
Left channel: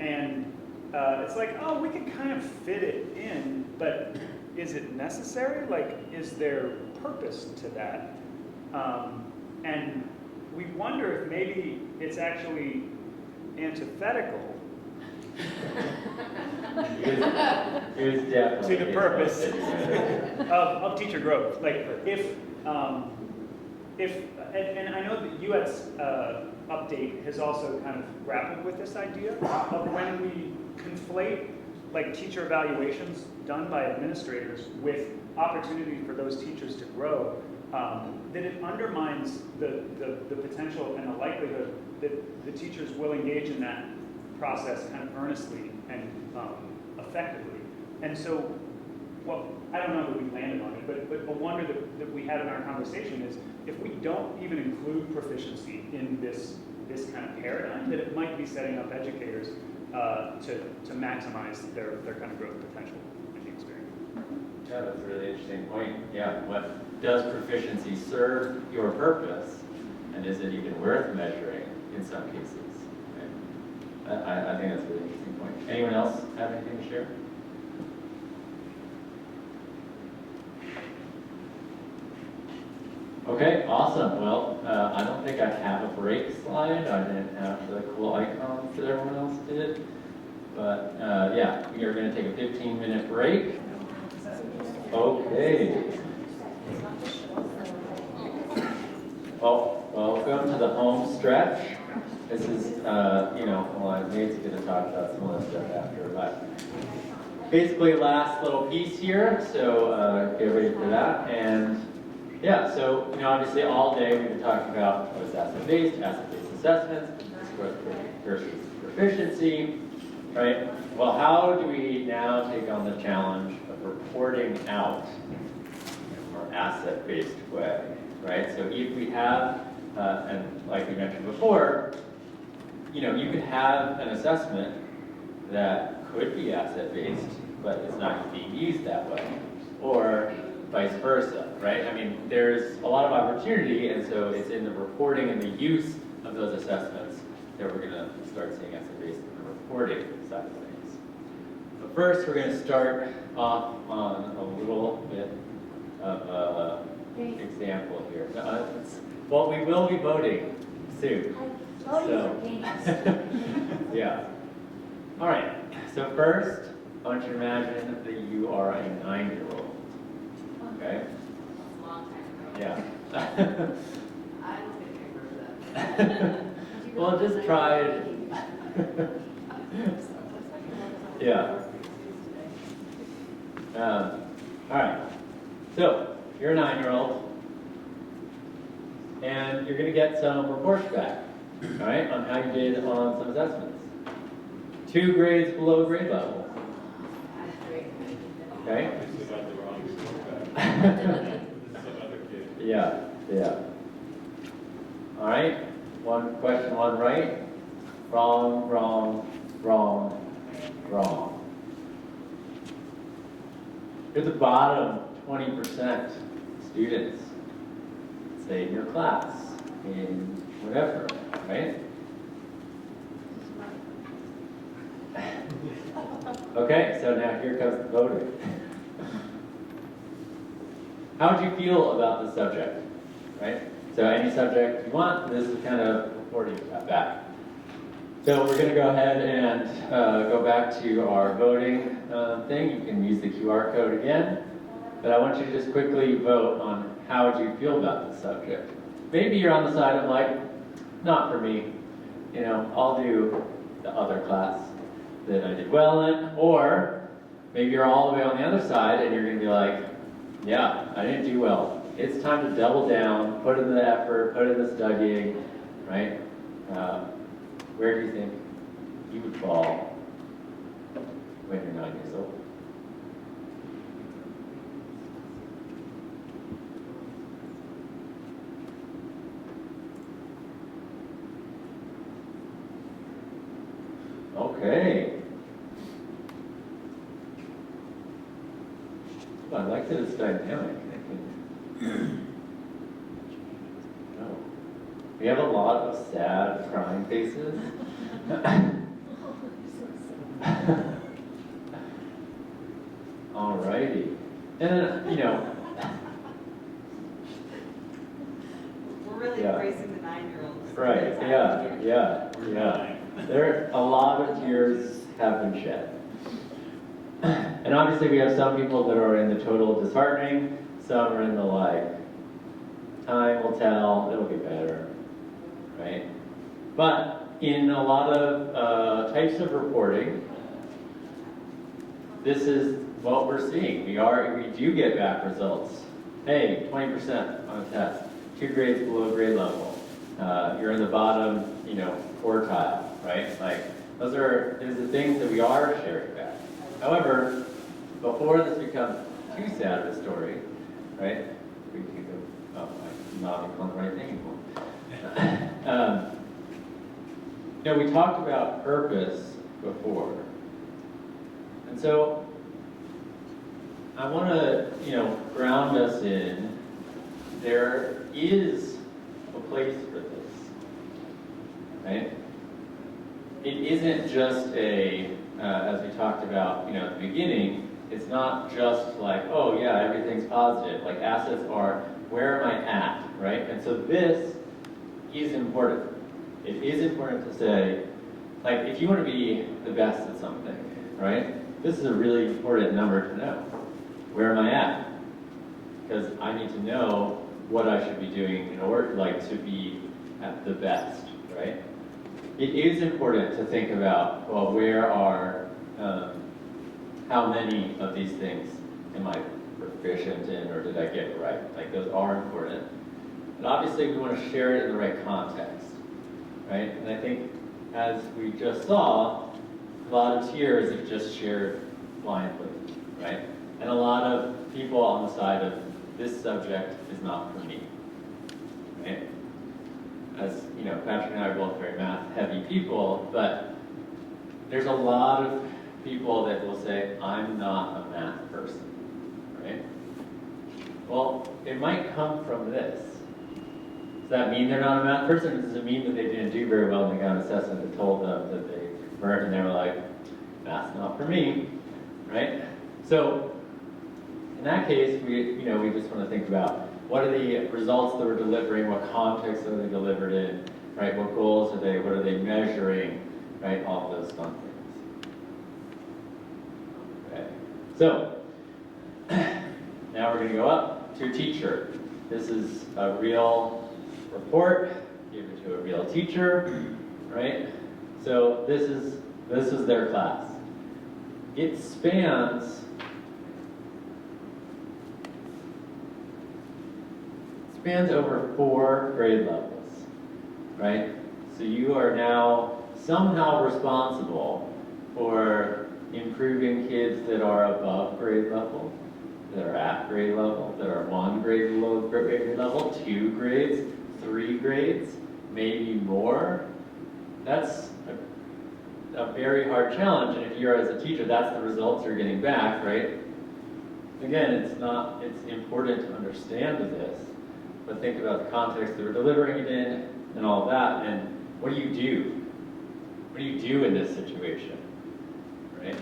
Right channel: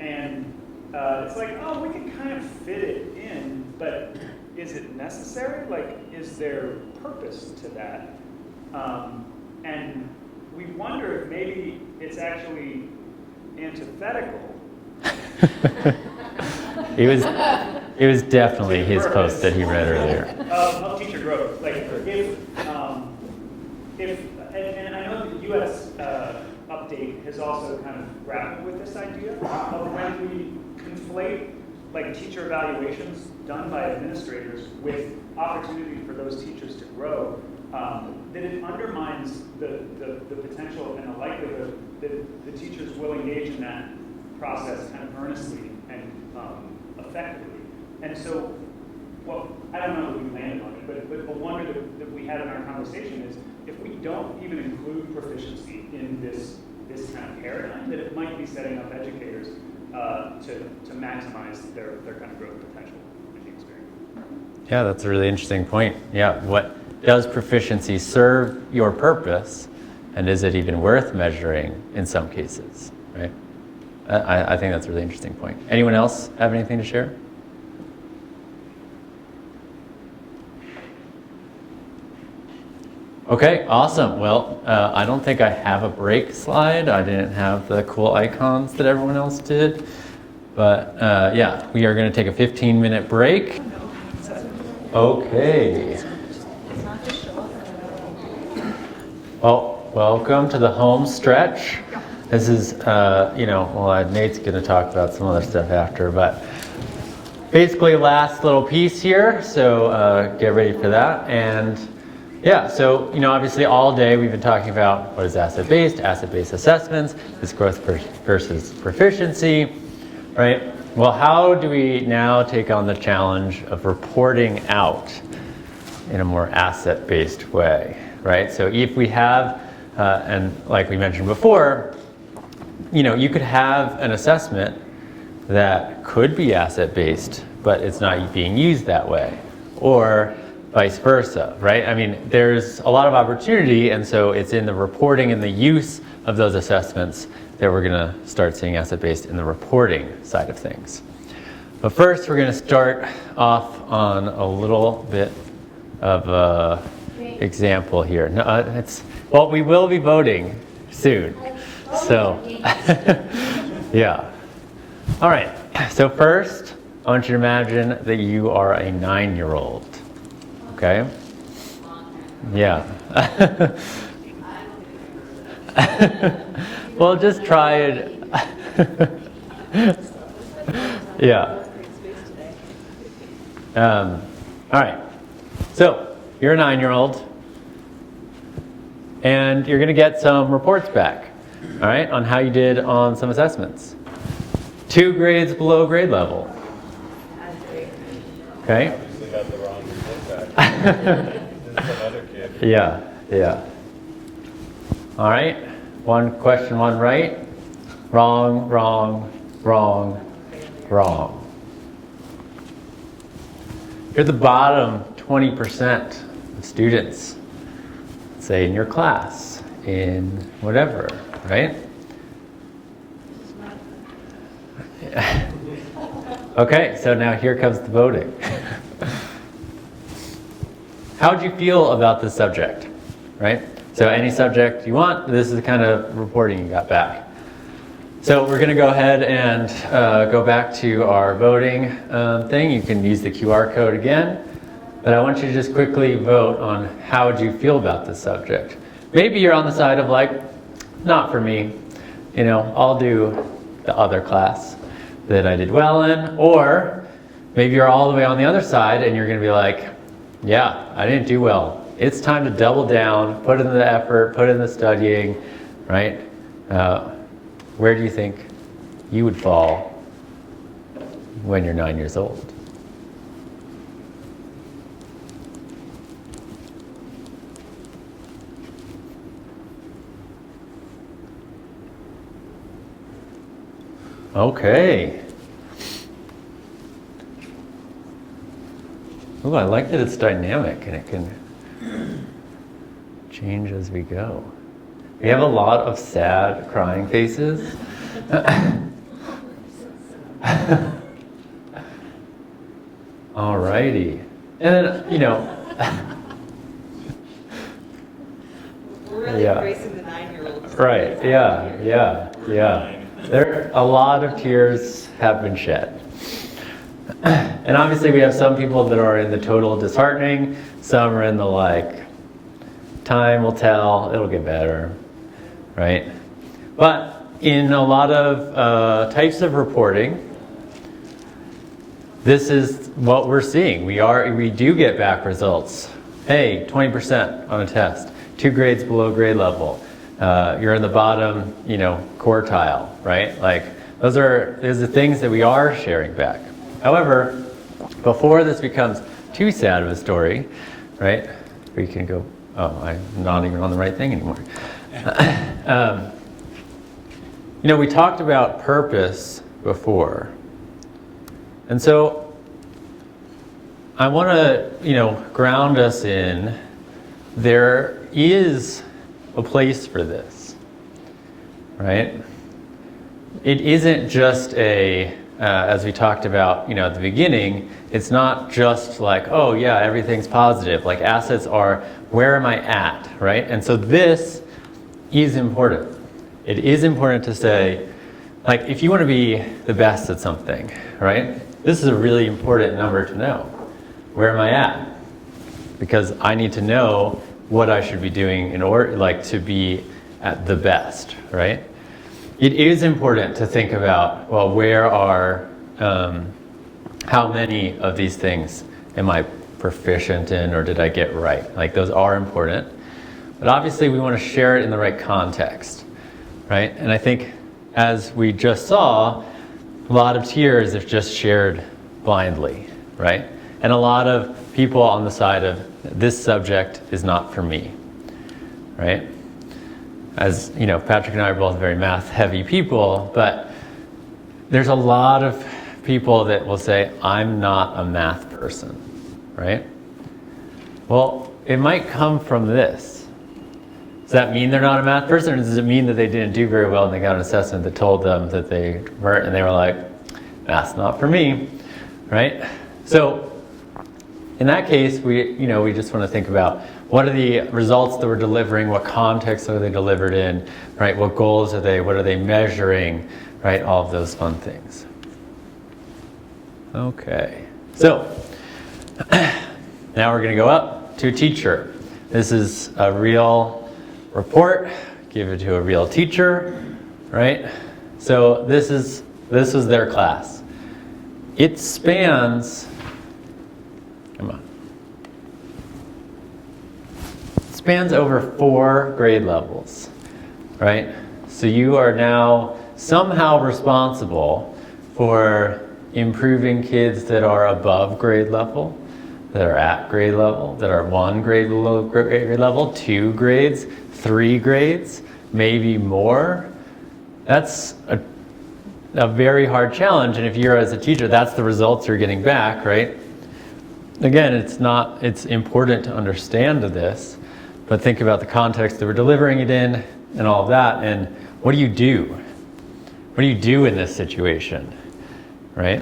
And it's like, oh, we can kind of fit it in, but is it necessary? Is there purpose to that? And we wonder if maybe it's actually antithetical. It was definitely his post that he read earlier. Of teacher growth. And I know the US update has also kind of grappled with this idea of when we conflate teacher evaluations done by administrators with opportunity for those teachers to grow, that it undermines the potential and the likelihood that the teachers will engage in that process kind of earnestly and effectively. And so, well, I don't know that we landed on it, but a wonder that we had in our conversation is if we don't even include proficiency in this kind of paradigm, that it might be setting up educators to maximize their kind of growth potential in the experience. Yeah, that's a really interesting point. Yeah, what does proficiency serve your purpose, and is it even worth measuring in some cases, right? I think that's a really interesting point. Anyone else have anything to share? Okay, awesome. Well, I don't think I have a break slide. I didn't have the cool icons that everyone else did. But yeah, we are going to take a 15-minute break. Okay. Well, welcome to the home stretch. This is, Nate's going to talk about some other stuff after, but basically last little piece here, so get ready for that. And yeah, so, obviously all day we've been talking about what is asset-based assessments, is growth versus proficiency, right? Well, how do we now take on the challenge of reporting out in a more asset-based way, right? So if we have, and like we mentioned before, you could have an assessment that could be asset-based, but it's not being used that way, or vice versa, right? I mean, there's a lot of opportunity, and so it's in the reporting and the use of those assessments that we're gonna start seeing asset-based in the reporting side of things. But first, we're gonna start off on a little bit of an example here. No, well, we will be voting soon, so yeah. All right, so first, I want you to imagine that you are a 9-year-old, okay? Yeah. Well, just try it. Yeah. All right, so you're a 9-year-old, and you're gonna get some reports back, all right, on how you did on some assessments. 2 grades below grade level. Okay? Yeah. All right, 1 question, 1 right. Wrong, wrong, wrong, wrong. You're the bottom 20% of students, say in your class, in whatever, right? Okay, so now here comes the voting. How would you feel about this subject, right? So any subject you want, this is the kind of reporting you got back. So we're gonna go ahead and go back to our voting thing. You can use the QR code again, but I want you to just quickly vote on how would you feel about this subject. Maybe you're on the side of like, not for me, I'll do the other class that I did well in, or maybe you're all the way on the other side and you're gonna be like, yeah, I didn't do well. It's time to double down, put in the effort, put in the studying, right? Where do you think you would fall when you're 9 years old? Okay. Oh, I like that it's dynamic and it can change as we go. We have a lot of sad, crying faces. Alrighty. And We're really yeah. embracing the 9-year-olds. Right, yeah. There, a lot of tears have been shed. And obviously we have some people that are in the total disheartening, some are in the like, time will tell, it'll get better, right? But in a lot of types of reporting, this is what we're seeing. We do get back results. Hey, 20% on a test, 2 grades below grade level. You're in the bottom, quartile, right? Like those are the things that we are sharing back. However, before this becomes too sad of a story, right? We can go, oh, I'm not even on the right thing anymore. We talked about purpose before. And so I want to, ground us in there is a place for this, right? It isn't just as we talked about, at the beginning, it's not just like, oh yeah, everything's positive. Like assets are, where am I at, right? And so this is important. It is important to say, like, if you want to be the best at something, right? This is a really important number to know. Where am I at? Because I need to know what I should be doing in order, like, to be at the best, right? It is important to think about, well, where are, how many of these things am I proficient in, or did I get right? Like, those are important. But obviously we want to share it in the right context, right? And I think, as we just saw, a lot of tiers have just shared blindly, right? And a lot of people on the side of, this subject is not for me, right? As you know, Patrick and I are both very math-heavy people, but there's a lot of people that will say, I'm not a math person, right? Well, it might come from this. Does that mean they're not a math person, or does it mean that they didn't do very well and they got an assessment that told them that they weren't, and they were like, math's not for me, right? So in that case, we just want to think about, what are the results that we're delivering? What context are they delivered in? Right? What goals are they? What are they measuring? Right? All of those fun things. Okay. So now we're going to go up to teacher. This is a real report. Give it to a real teacher. Right? So this is their class. It spans. Spans over 4 grade levels, right? So you are now somehow responsible for improving kids that are above grade level, that are at grade level, that are 1 grade level, 2 grades, 3 grades, maybe more. That's a very hard challenge, and if you're as a teacher, that's the results you're getting back, right? Again, it's important to understand this, but think about the context that we're delivering it in and all of that, and what do you do? What do you do in this situation, right?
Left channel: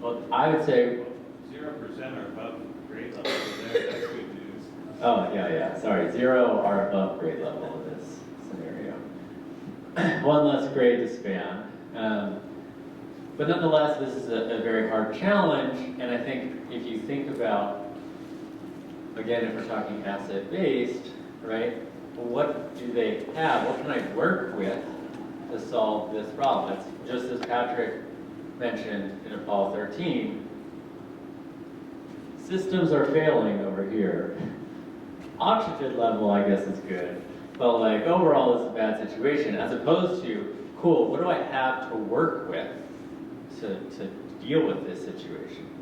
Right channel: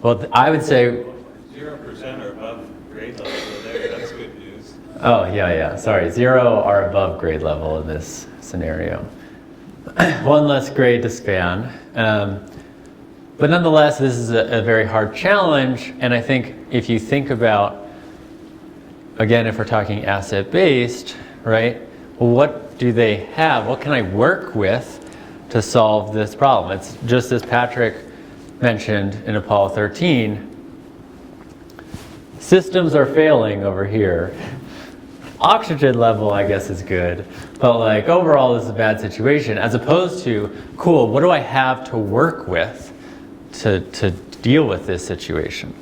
Well, I would say 0% are above grade level there. That's good news. Oh, yeah. Sorry, 0 are above grade level in this scenario. 1 less grade to span. But nonetheless, this is a very hard challenge, and I think if you think about, again, if we're talking asset-based, right, well, what do they have? What can I work with to solve this problem? It's just as Patrick mentioned in Apollo 13, systems are failing over here. Oxygen level, I guess, is good, but like overall this is a bad situation, as opposed to, cool, what do I have to work with to deal with this situation?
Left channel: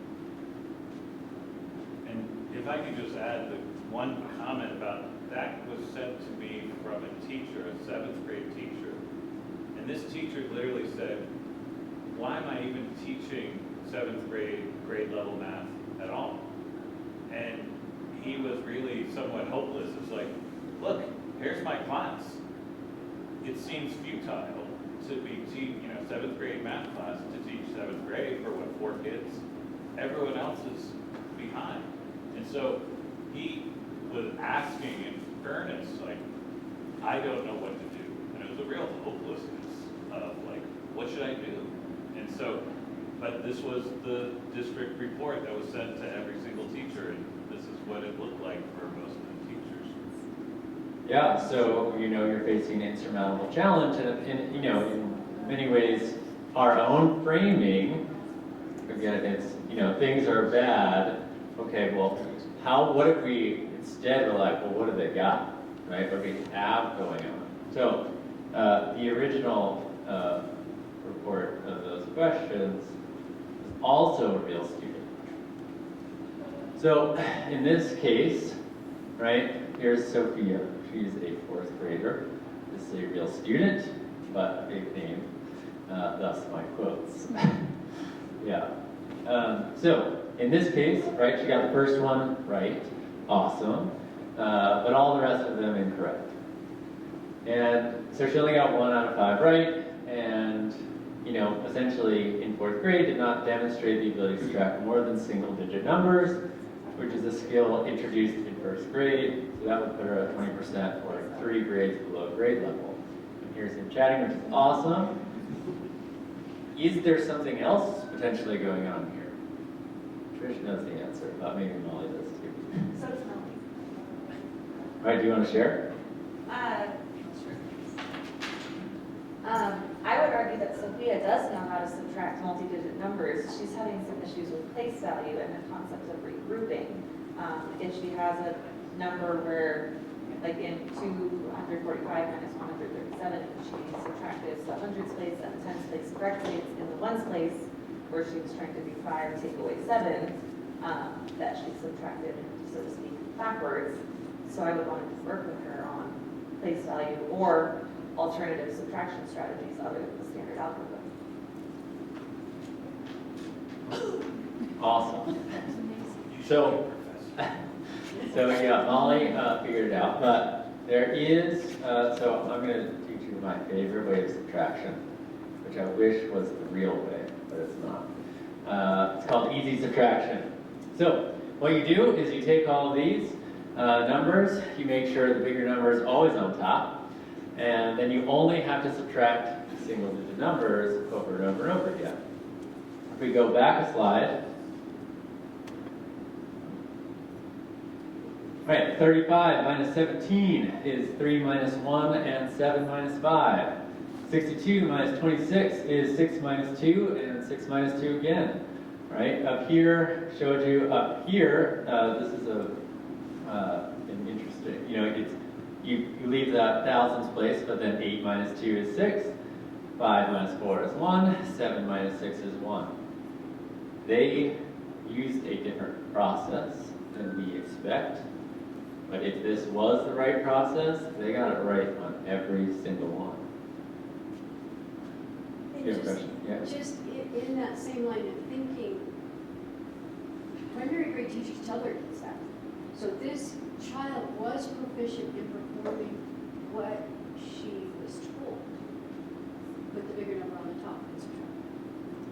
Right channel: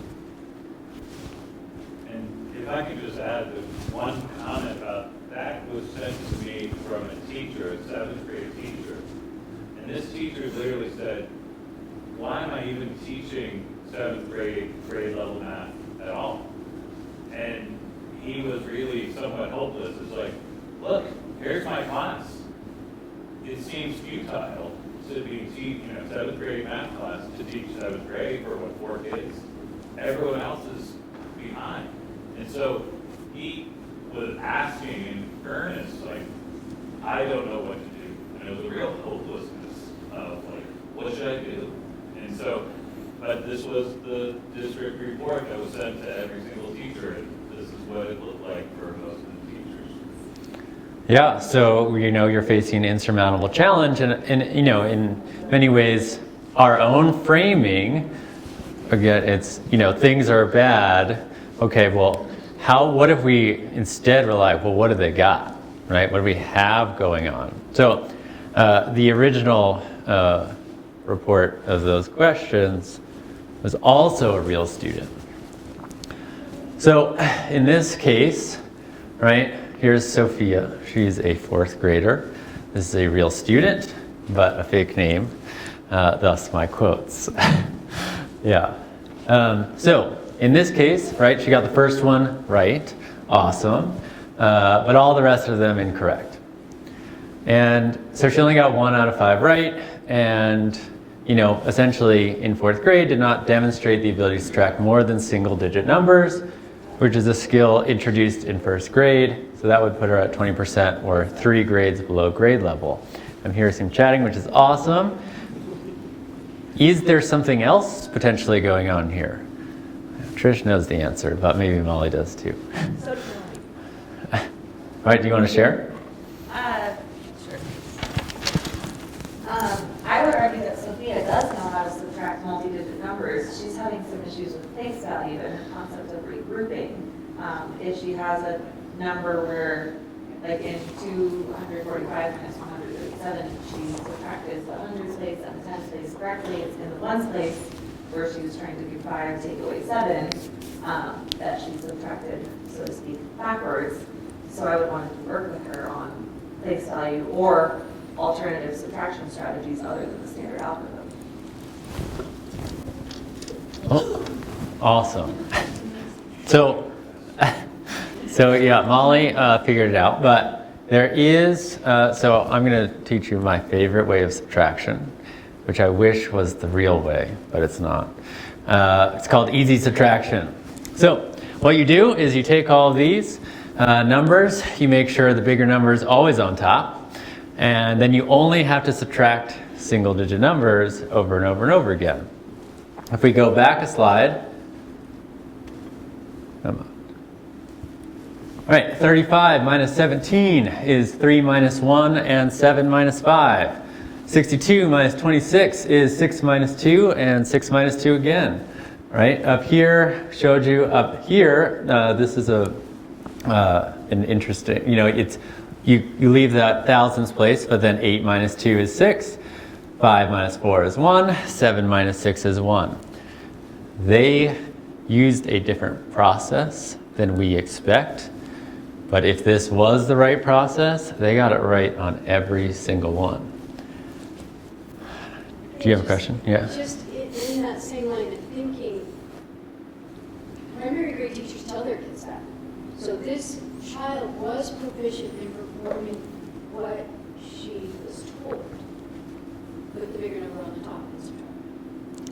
And if I could just add one comment about that was sent to me from a teacher, a 7th grade teacher. And this teacher literally said, why am I even teaching 7th grade level math at all? And he was really somewhat hopeless. It's like, look, here's my class. It seems futile to be 7th grade math class to teach 7th grade for 4 kids. Everyone else is behind. And so he was asking in earnest, like, I don't know what to do. And it was a real hopelessness of like, what should I do? And so, but this was the district report that was sent to every single teacher, and this is what it looked like for most of the teachers. Yeah, so you're facing an insurmountable challenge, and in many ways, our own framing, again, it's things are bad. Okay, well, what if we instead rely, well, what do they got, right? What do we have going on? So the original report of those questions was also a real student. So in this case, right, here's Sophia. She's a 4th grader. This is a real student, but a fake name, thus my quotes. Yeah. So in this case, right, she got the first one right, awesome, but all the rest of them incorrect. And so she only got 1 out of 5 right, and essentially in 4th grade did not demonstrate the ability to subtract more than single-digit numbers, which is a skill introduced in 1st grade. So that would put her at 20% or 3 grades below grade level. I'm hearing some chatting, which is awesome. Is there something else potentially going on here? Trish knows the answer, but maybe Molly does too. All right, do you want to share? I would argue that Sophia does know how to subtract multi-digit numbers. She's having some issues with place value and the concept of regrouping. If she has a number where, like in 245 minus 137, she subtracted the hundreds place and the tens place correctly in the ones place where she was trying to do 5 take away 7, that she subtracted, so to speak, backwards. So I would want to work with her on place value or alternative subtraction strategies other than the standard algorithm. Oh, awesome. So yeah, Molly figured it out, but there is, so I'm going to teach you my favorite way of subtraction, which I wish was the real way, but it's not. It's called easy subtraction. So what you do is you take all of these numbers, you make sure the bigger number is always on top, and then you only have to subtract single digit numbers over and over and over again. If we go back a slide, all right, 35 minus 17 is 3 minus 1 and 7 minus 5. 62 minus 26 is 6 minus 2 and 6 minus 2 again. Right, up here, showed you up here, this is an interesting, it's, you leave that thousands place, but then 8 minus 2 is 6, 5 minus 4 is 1, 7 minus 6 is 1. They used a different process than we expect, but if this was the right process, they got it right on every single one. Do you have a question? Yeah. Just in that same line of thinking, primary grade teachers tell their kids that. So this child was proficient in performing what she was told with the bigger number on the top.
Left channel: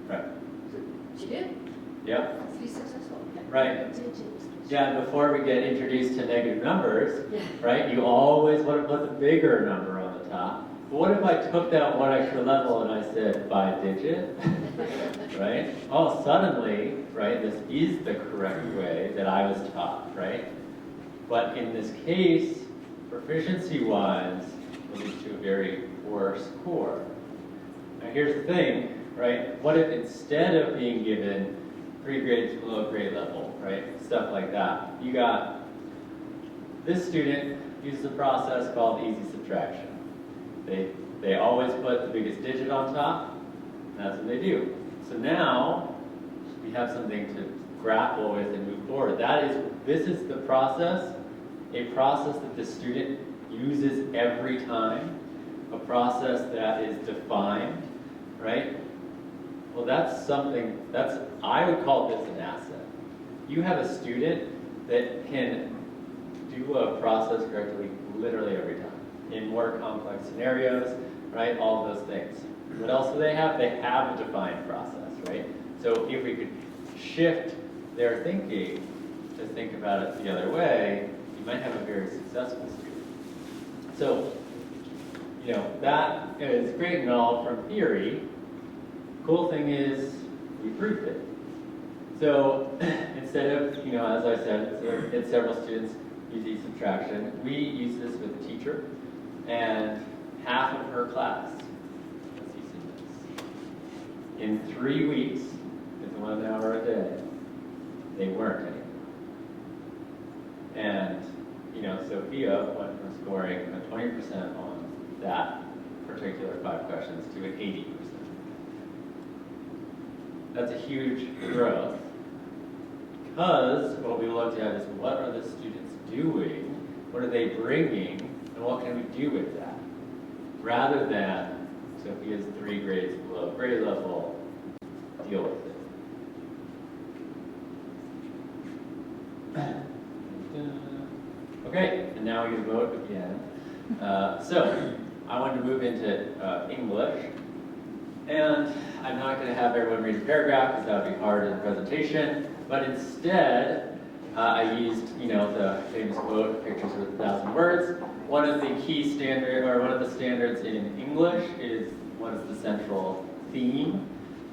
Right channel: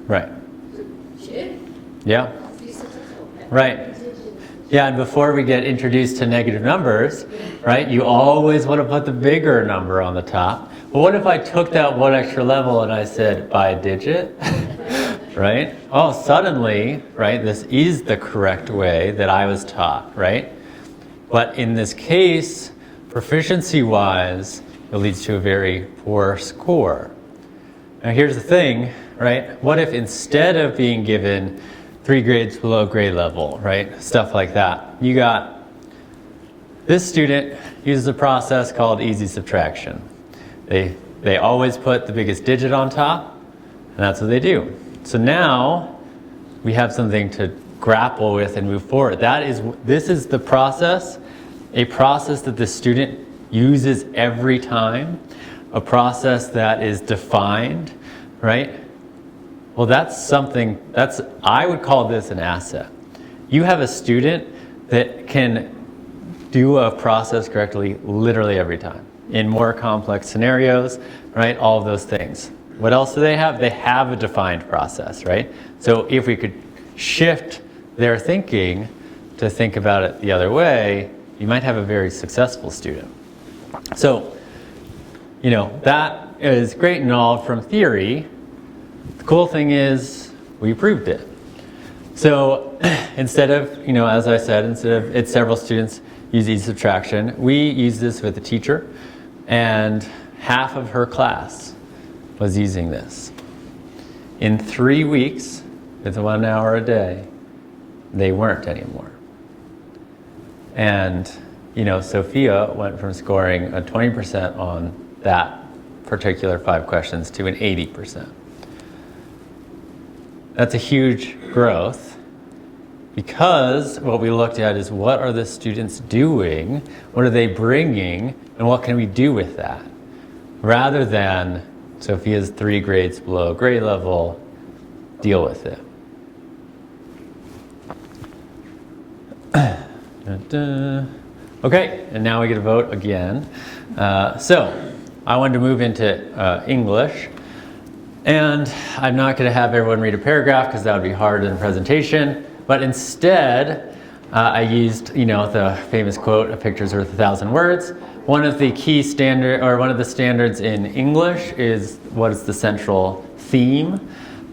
Right. So she did. Yeah. Be successful. Right. Yeah, and before we get introduced to negative numbers, right, you always want to put the bigger number on the top. But what if I took that one extra level and I said by digit, right? Oh, suddenly, right, this is the correct way that I was taught, right? But in this case, proficiency-wise, it leads to a very poor score. Now here's the thing, right? What if instead of being given 3 grades below grade level, right? Stuff like that. You got, this student uses a process called easy subtraction. They always put the biggest digit on top, and that's what they do. So now we have something to grapple with and move forward. This is the process, a process that the student uses every time, a process that is defined, right? Well, that's something, I would call this an asset. You have a student that can do a process correctly literally every time in more complex scenarios, right? All of those things. What else do they have? They have a defined process, right? So if we could shift their thinking to think about it the other way, you might have a very successful student. So, that is great and all from theory. The cool thing is we proved it. So instead of, as I said, it's several students use easy subtraction, we use this with a teacher, and half of her class was using this. In 3 weeks, with 1 hour a day, they weren't anymore. And, Sophia went from scoring a 20% on that particular 5 questions to an 80%. That's a huge growth because what we looked at is what are the students doing, what are they bringing, and what can we do with that? Rather than Sophia's 3 grades below grade level, deal with it. Okay, and now we get to vote again. So I wanted to move into English. And I'm not going to have everyone read a paragraph because that would be hard in the presentation. But instead, I used, the famous quote, "A picture's worth 1,000 words." One of the key one of the standards in English is what is the central theme,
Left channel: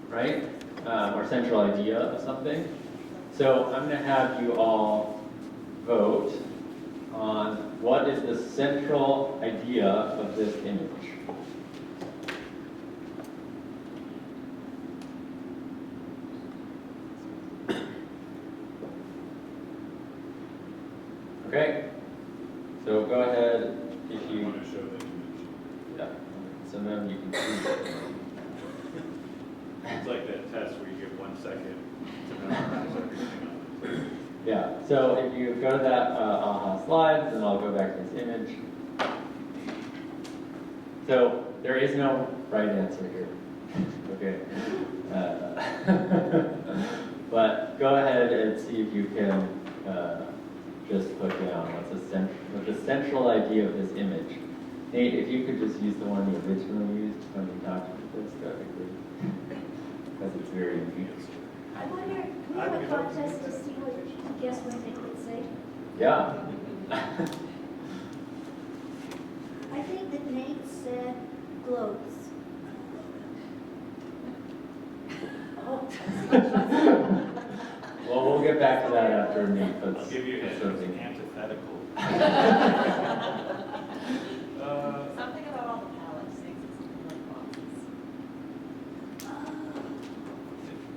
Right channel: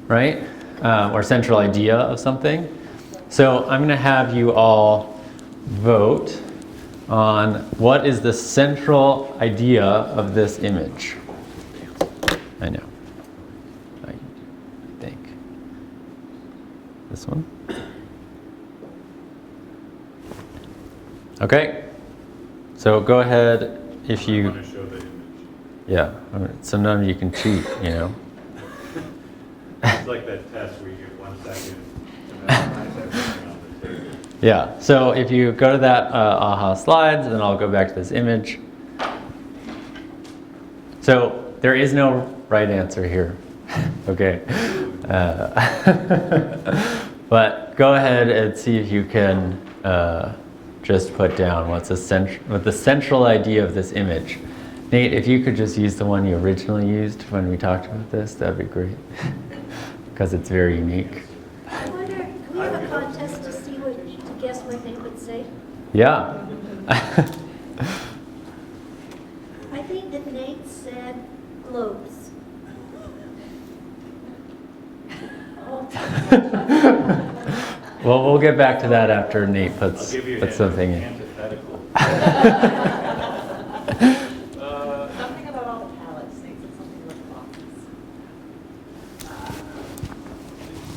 right? Or central idea of something. So I'm going to have you all vote on what is the central idea of this image. I know. I think. This one? Okay. So go ahead if you. Want to show the image. Yeah. So none of you can cheat, you know. It's like that test where you get 1 second to memorize everything on the table. Yeah, so if you go to that AHA slides, then I'll go back to this image. So there is no right answer here, okay? But go ahead and see if you can just put down what the central idea of this image. Nate, if you could just use the one you originally used when we talked about this, that'd be great, because it's very unique. I wonder, can we have a contest to see what, to guess what they would say? Yeah. I think that Nate said globes. Well, we'll get back to that after Nate puts something in. Antithetical. Something about all the palettes, things that something like boxes.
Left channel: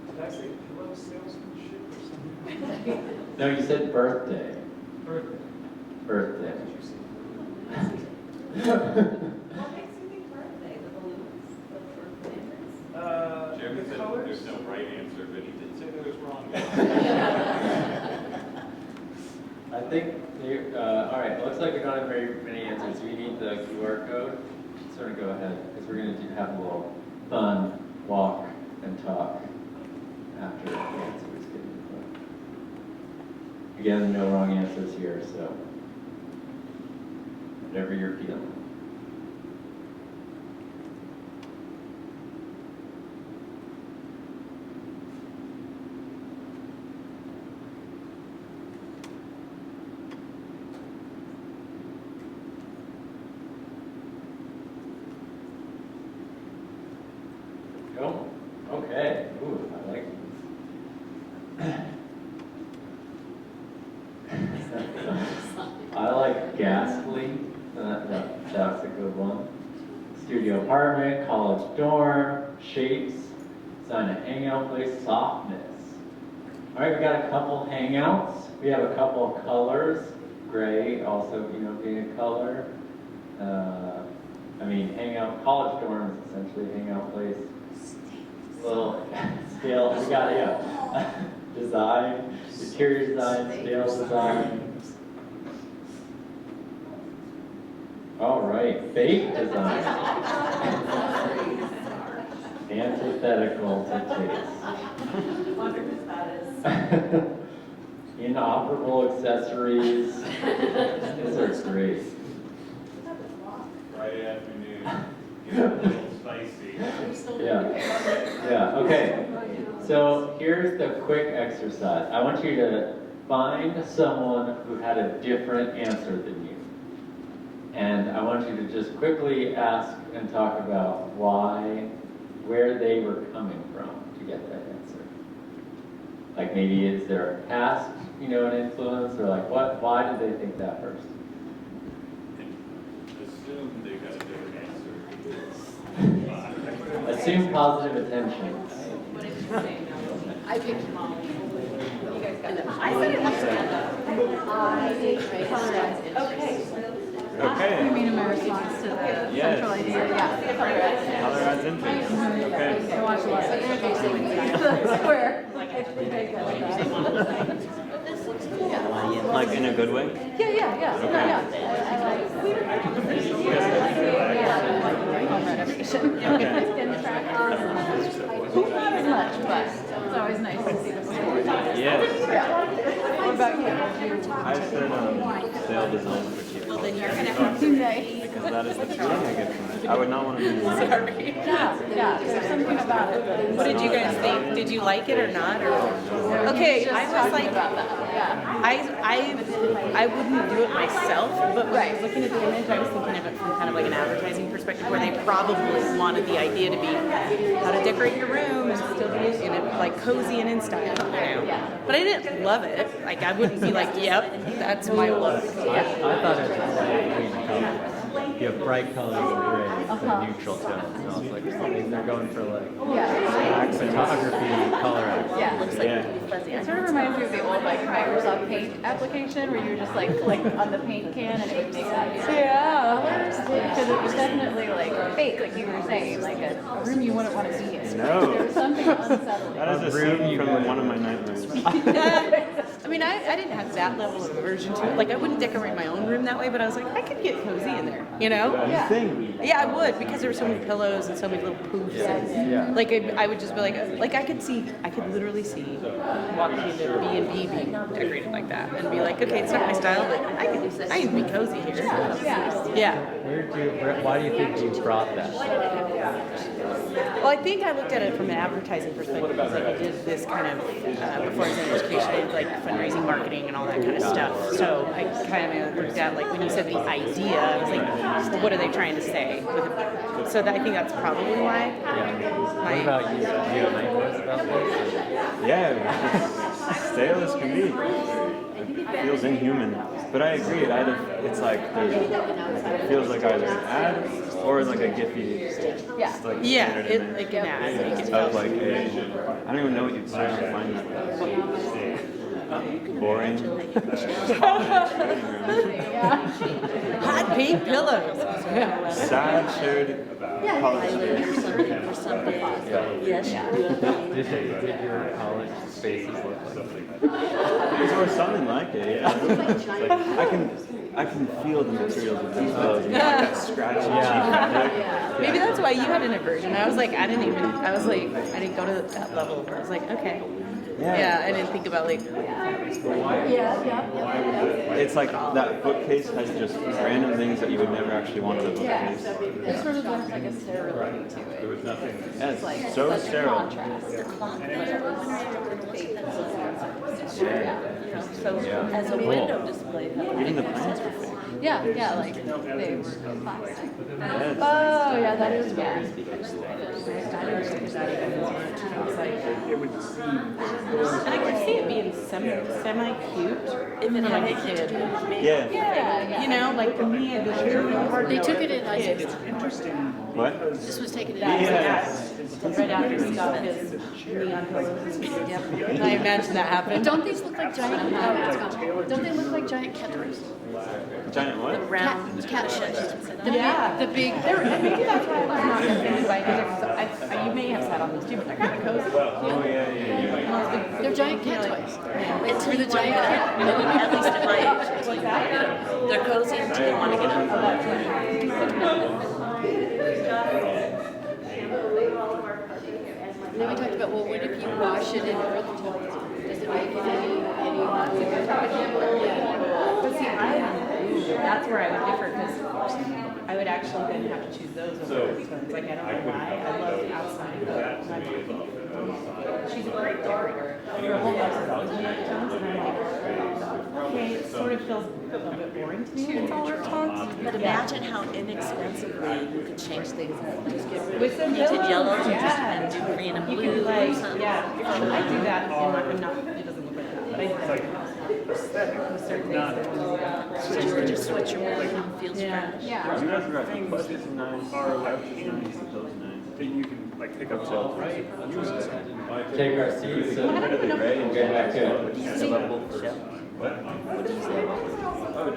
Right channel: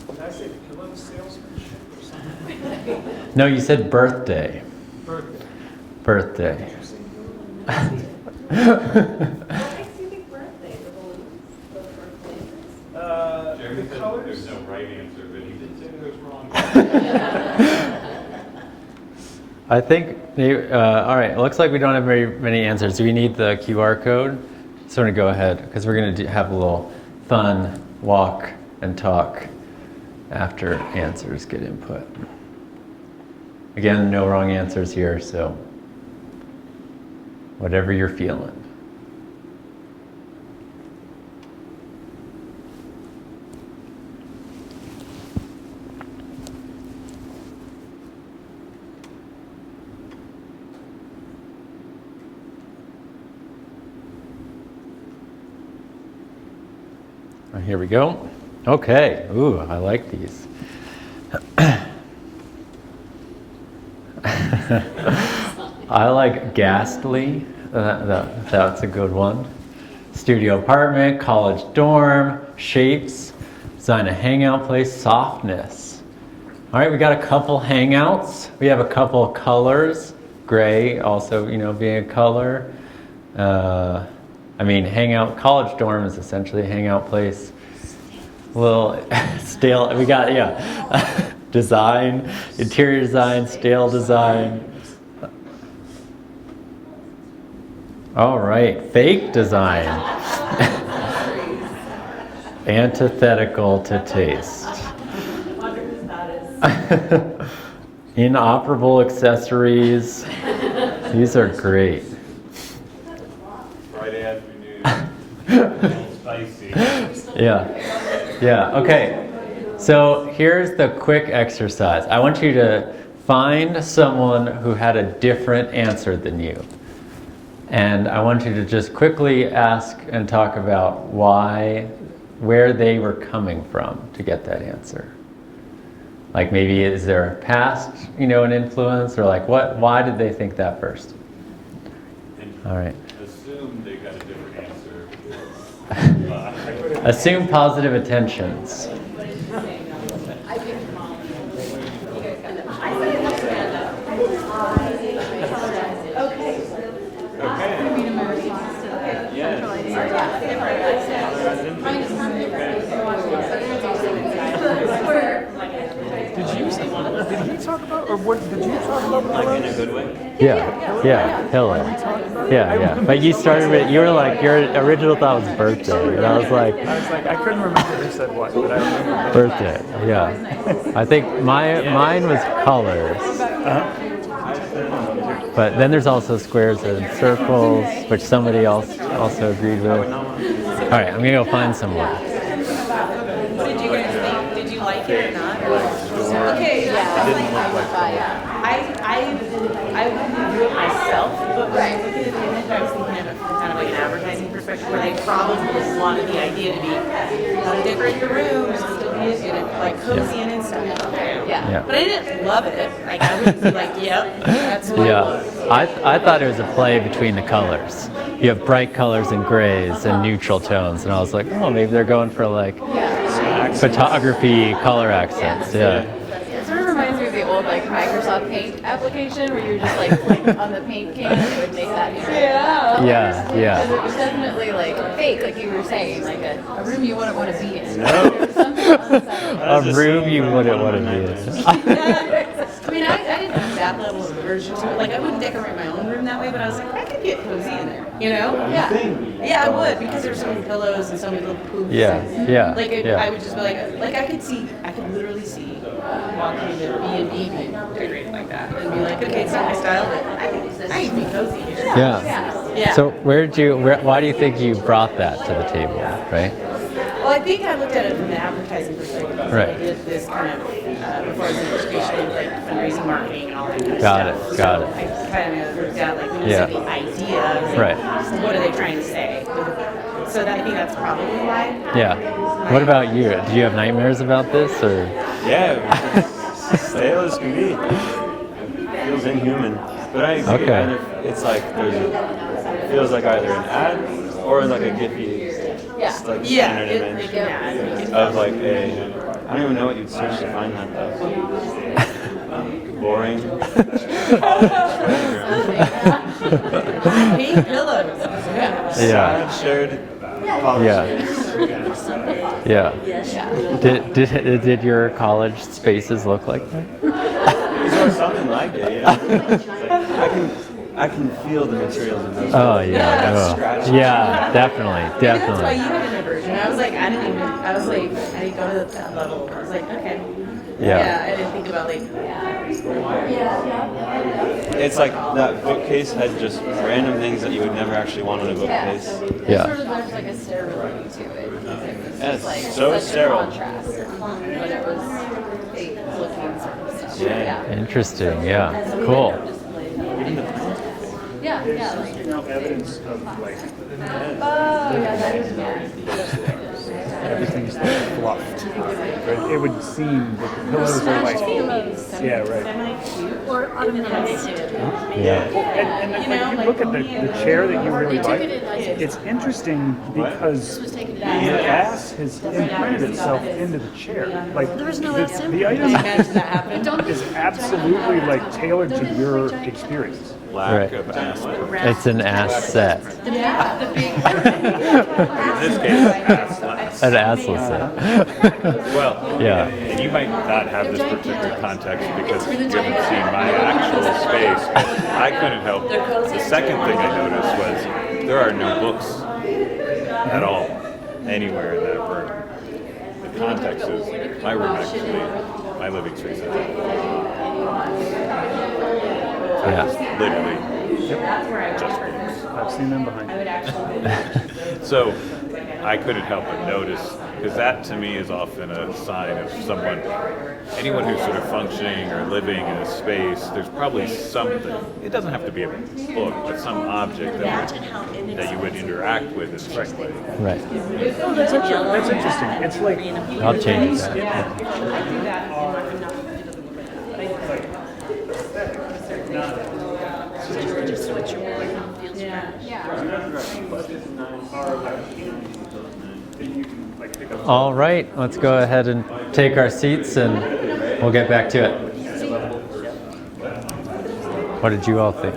Did I say pillow salesmanship or something? No, you said birthday. Birthday. Birthday. What makes you think birthday? The balloons? The birthday? Jeremy said there's no right answer, but he did say there was wrong. I think, all right, it looks like we don't have very many answers. Do we need the QR code? So I'm going to go ahead, because we're going to have a little fun walk and talk after answers get input. Again, no wrong answers here, so whatever you're feeling. Here we go. Okay. Ooh, I like these. I like ghastly. That's a good one. Studio apartment, college dorm, shapes, design a hangout place, softness. All right, we got a couple hangouts. We have a couple of colors. Gray also, being a color. I mean, hangout, college dorm is essentially a hangout place. A little stale, we got, design, interior design, stale design. All right, fake design. Antithetical to taste. Inoperable accessories. These are great. Friday afternoon, a little spicy. Yeah, okay. So here's the quick exercise. I want you to find someone who had a different answer than you. And I want you to just quickly ask and talk about where they were coming from to get that answer. Like maybe is there a past, an influence, or like why did they think that first? All right. Assume they got a different answer. Assume positive attentions. I picked Molly. You guys got that. I said it. Okay. Okay. You mean in my response to the central idea? Yeah. Colorized infants. Like in a good way? Yeah, totally. Yeah. But you started with, you were like, your original thought was birthday. And I was like, I couldn't remember who said what, but I knew. birthday, yeah. I think mine was colors. But then there's also squares and circles, which somebody else also agrees with. I would not want to. All right, I'm gonna go find someone. What did you guys think? Did you like it or not? Okay, I was like, I wouldn't do it myself, but when I was looking at the image, I was thinking of it from kind of like an advertising perspective, where they probably want wanted the idea to be how to decorate your room, still be like cozy and in style. Yeah. But I didn't love it. Like I wouldn't be like, yep, that's my look. I thought it was a play between the colors. You have bright colors and grays and neutral tones, and I was like, oh, maybe they're going for like photography color accents. Yeah. It sort of reminds me of the old like Microsoft Paint application where you're just like on the paint can and it would make that. Yeah. Because it was definitely like fake, like you were saying, like a room you wouldn't want to be in. There was something unsettling. A room you wouldn't want to be I mean, I didn't have that level of aversion to it. Like, I wouldn't decorate my own room that way, but I was like, I could get cozy in there, you know? Yeah. Yeah, I would, because there's so many pillows and so many little poofs. Yeah. Like, I would just be like I could literally see walking into B&B being decorated like that and be like, okay, it's not my style, but I can be cozy here. Yeah. So why do you think you brought that to the table, right? Well, I think I looked at it from an advertising perspective. Right. I did this kind of, before I was in education, like fundraising, marketing, and all that kind of stuff. So I kind of worked out, like, when you said the idea, I was like, well, what are they trying to say? So I think that's probably why. Yeah. What about you? Do you have nightmares about this? Or? Yeah, stale as can be. It feels inhuman. But I agree. Okay. It's like, it feels like either an ad or like a Giphy. It's like like an ad. Of like I don't even know what you'd search to find that. Boring. Pink pillows. Shared. Yeah. Did your college spaces look like that? Something like it, yeah. I can feel the materials in those. Oh yeah. Yeah, definitely. Maybe that's why you had an aversion. I was like, I didn't go to that level. I was like, okay. Yeah, I didn't think about like. It's like that bookcase had just random things that you would never actually want on a bookcase. It sort of looks like a sterile to it. Yes, Like so sterile. contrast. Interesting. Yeah. Cool. Even the plants were fake. Yeah, like they were plastic. Oh, yeah, that is weird. Everything's fluffed. It would seem those are like semi-cute if it had kid. Yeah. You know, like Look at the chair that you were They took it in It's interesting because This was taken in gas has imprinted itself into the chair. Like the I item imagine that happened. Don't these is look like absolutely giant like tailored Don't to they look your like giant experience. Right. Giant what? It's an asset. The big. An asset. Well, Yeah. you might not have They're this giant particular candles. context. It's for the giant I couldn't help. They're cozy. The second thing I noticed was there are no books at all anywhere that were. Then we talked about, well, what if you wash it in earth tone? My living space. That's where I would differ because I would actually. So I couldn't help but notice, because that to me is often a sign of someone, anyone who's sort of functioning or living in a space, there's probably something, it doesn't have to be a book, but some object that you would interact with. It's like, Right. Yellow. It's like I'll change. Yeah, I do that and I'm not, it doesn't look like that, but I do that. Just switch your mind, feels fresh. All right. Let's go ahead and take our seats, and we'll get back to it. What did you all think?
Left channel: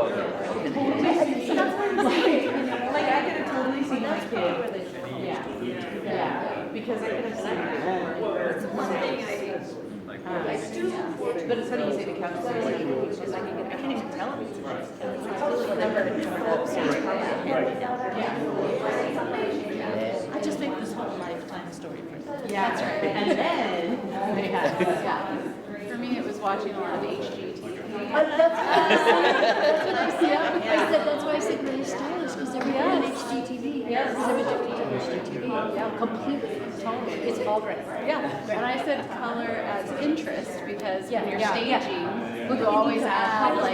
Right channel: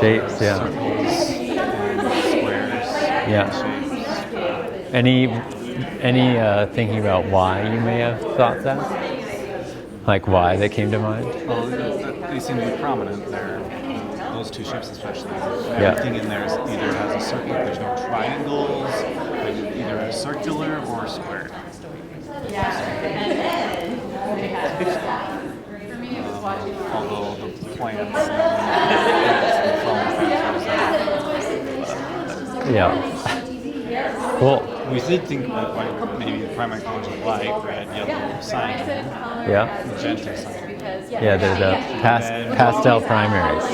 Shapes, yeah. Yeah. Any thinking about why you may have thought that? Like why they came to mind? They seem like prominent. Those two shapes especially. Yeah. I'm thinking there's a circle, there's no triangles, either a circular or a square. Yeah, and then they had, For me, it was watching a lot of HGTV. That's why I said really stylish, because they're on HGTV. Well, We did think about maybe primary colors are light, right? Yeah, and I said color Yeah. as interest because, Yeah, the pastel primaries.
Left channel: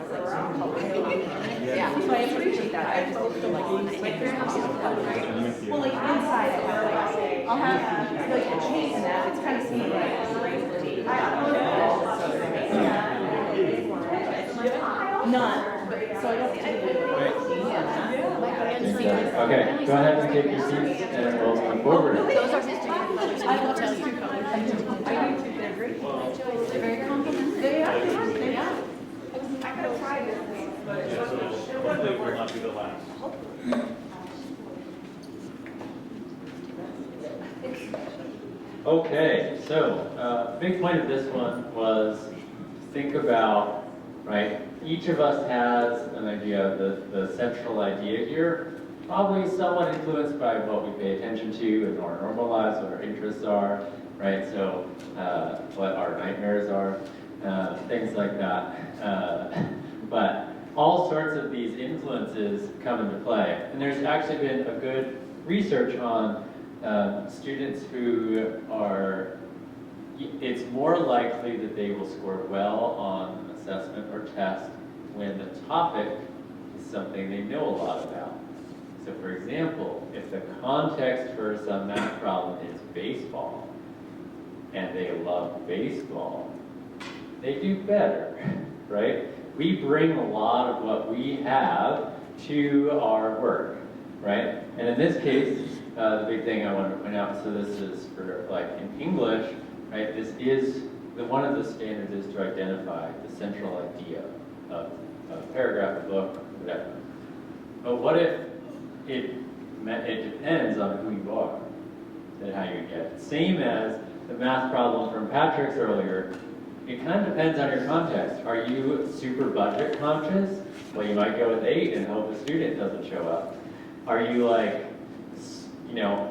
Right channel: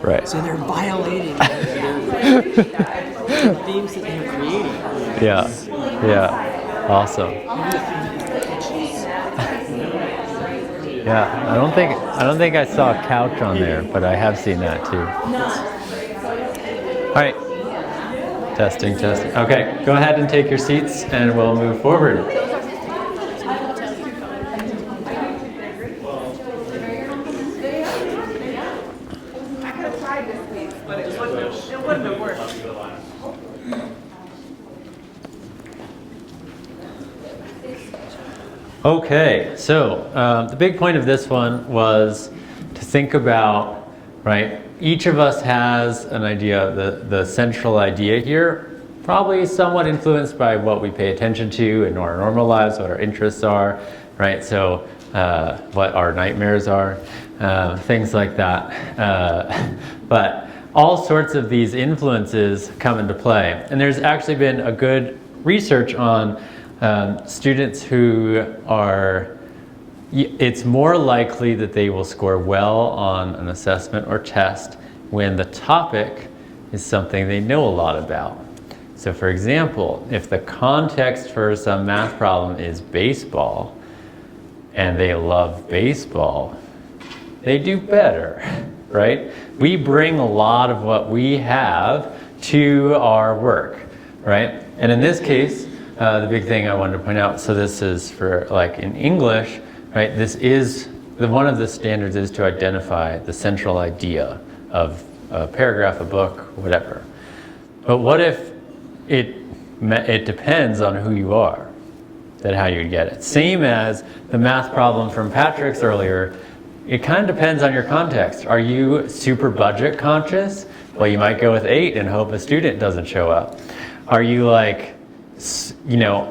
Right. So they're violating. Yeah. Yeah. Awesome. Yeah. I don't think I saw a couch on there, but I have seen that too. All right. Testing. Okay, go ahead and take your seats and we'll move forward. Okay, so the big point of this one was to think about, right, each of us has an idea, the central idea here, probably somewhat influenced by what we pay attention to in our normal lives, what our interests are, right, so what our nightmares are, things like that. But all sorts of these influences come into play. And there's actually been a good research on students who are, it's more likely that they will score well on an assessment or test when the topic is something they know a lot about. So for example, if the context for some math problem is baseball, and they love baseball, they do better, right? We bring a lot of what we have to our work, right? And in this case, the big thing I wanted to point out, so this is for like in English, right? This is, one of the standards is to identify the central idea of a paragraph, a book, whatever. But what if it depends on who you are, that how you get it. Same as the math problem from Patrick's earlier, it kind of depends on your context. Are you super budget conscious? Well, you might go with 8 and hope a student doesn't show up. Are you like,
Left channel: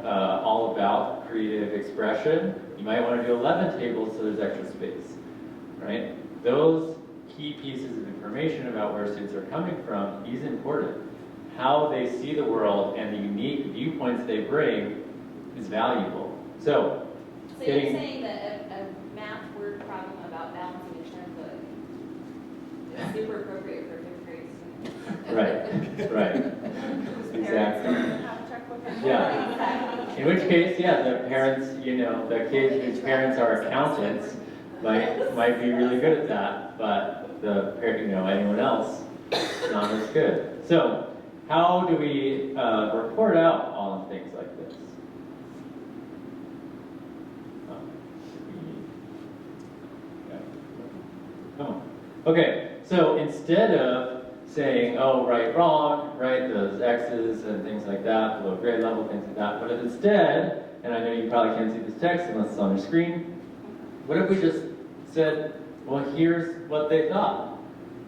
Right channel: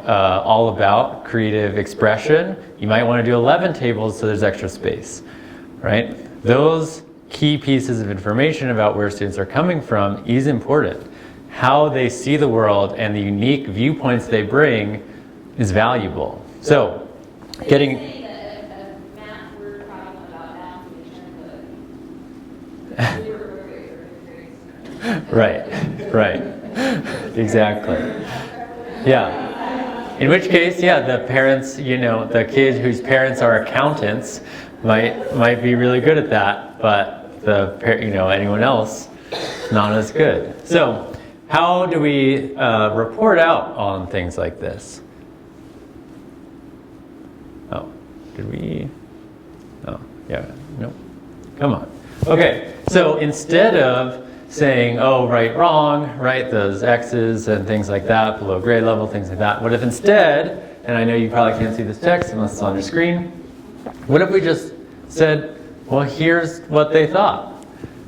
all about creative expression? You might want to do 11 tables so there's extra space, right? Those key pieces of information about where students are coming from is important. How they see the world and the unique viewpoints they bring is valuable. So, getting... You're saying that a math word problem about balancing a checkbook is super appropriate for fifth grade. Right. Exactly. Yeah. In which case, yeah, the parents, the kids whose parents are accountants might be really good at that, but anyone else, not as good. So, how do we report out on things like this? Oh, did we? Oh, yeah, no. Come on. Okay, so instead of saying, oh, right, wrong, right, those X's and things like that, below grade level, things like that, what if instead, and I know you probably can't see this text unless it's on your screen, what if we just said, well, here's what they thought,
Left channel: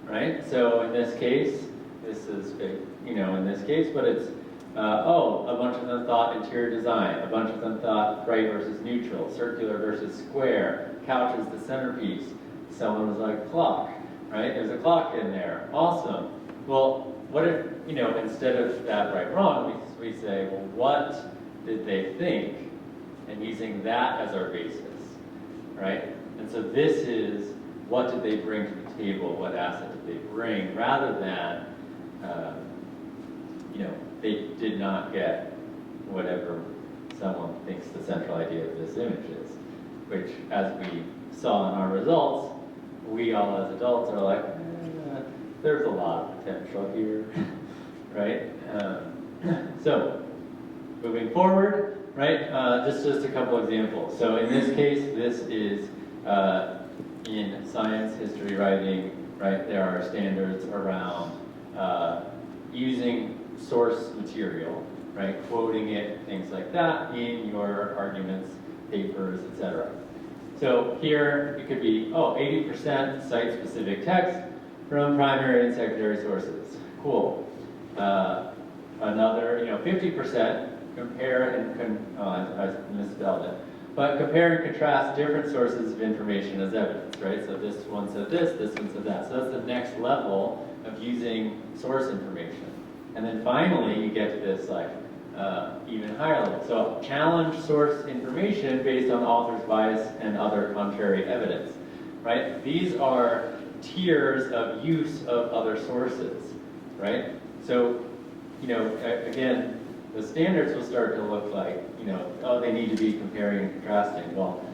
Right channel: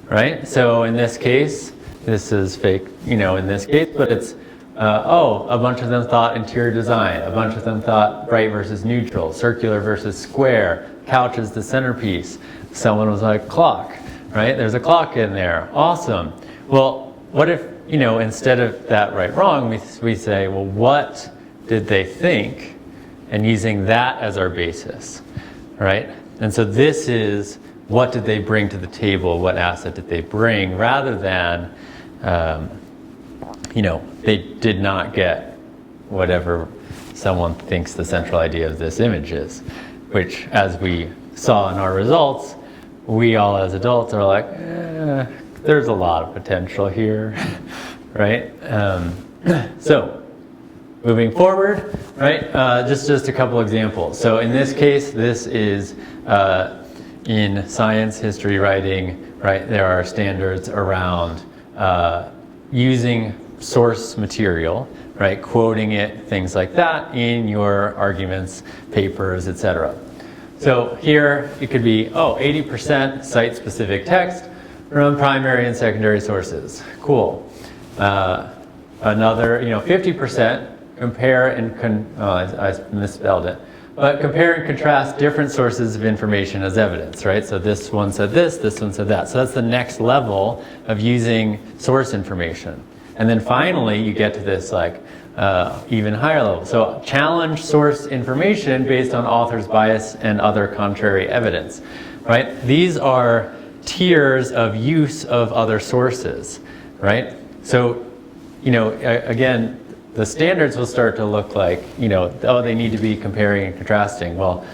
right? So in this case, this is fake, in this case, but it's, a bunch of them thought interior design, a bunch of them thought bright versus neutral, circular versus square, couch is the centerpiece. Someone was like, clock, right? There's a clock in there. Awesome. Well, what if, instead of that right, wrong, we say, well, what did they think? And using that as our basis, right? And so this is, what did they bring to the table? What asset did they bring? Rather than, they did not get whatever someone thinks the central idea of this image is, which, as we saw in our results, we all as adults are like, there's a lot of potential here, right? So, moving forward, right, just a couple examples. So in this case, this is in science, history, writing, right, there are standards around using source material, right, quoting it, things like that, in your arguments, papers, etc. So here it could be, 80% site-specific text from primary and secondary sources. Cool. Another, 50% compare and, I misspelled it, but compare and contrast different sources of information as evidence, right? So this one said this one said that. So that's the next level of using source information. And then finally, you get to this like even higher level. So challenge source information based on author's bias and other contrary evidence, right? These are tiers of use of other sources, right? So, you know, again, the standards will start to look like, you know, oh, they need to be comparing and contrasting. Well,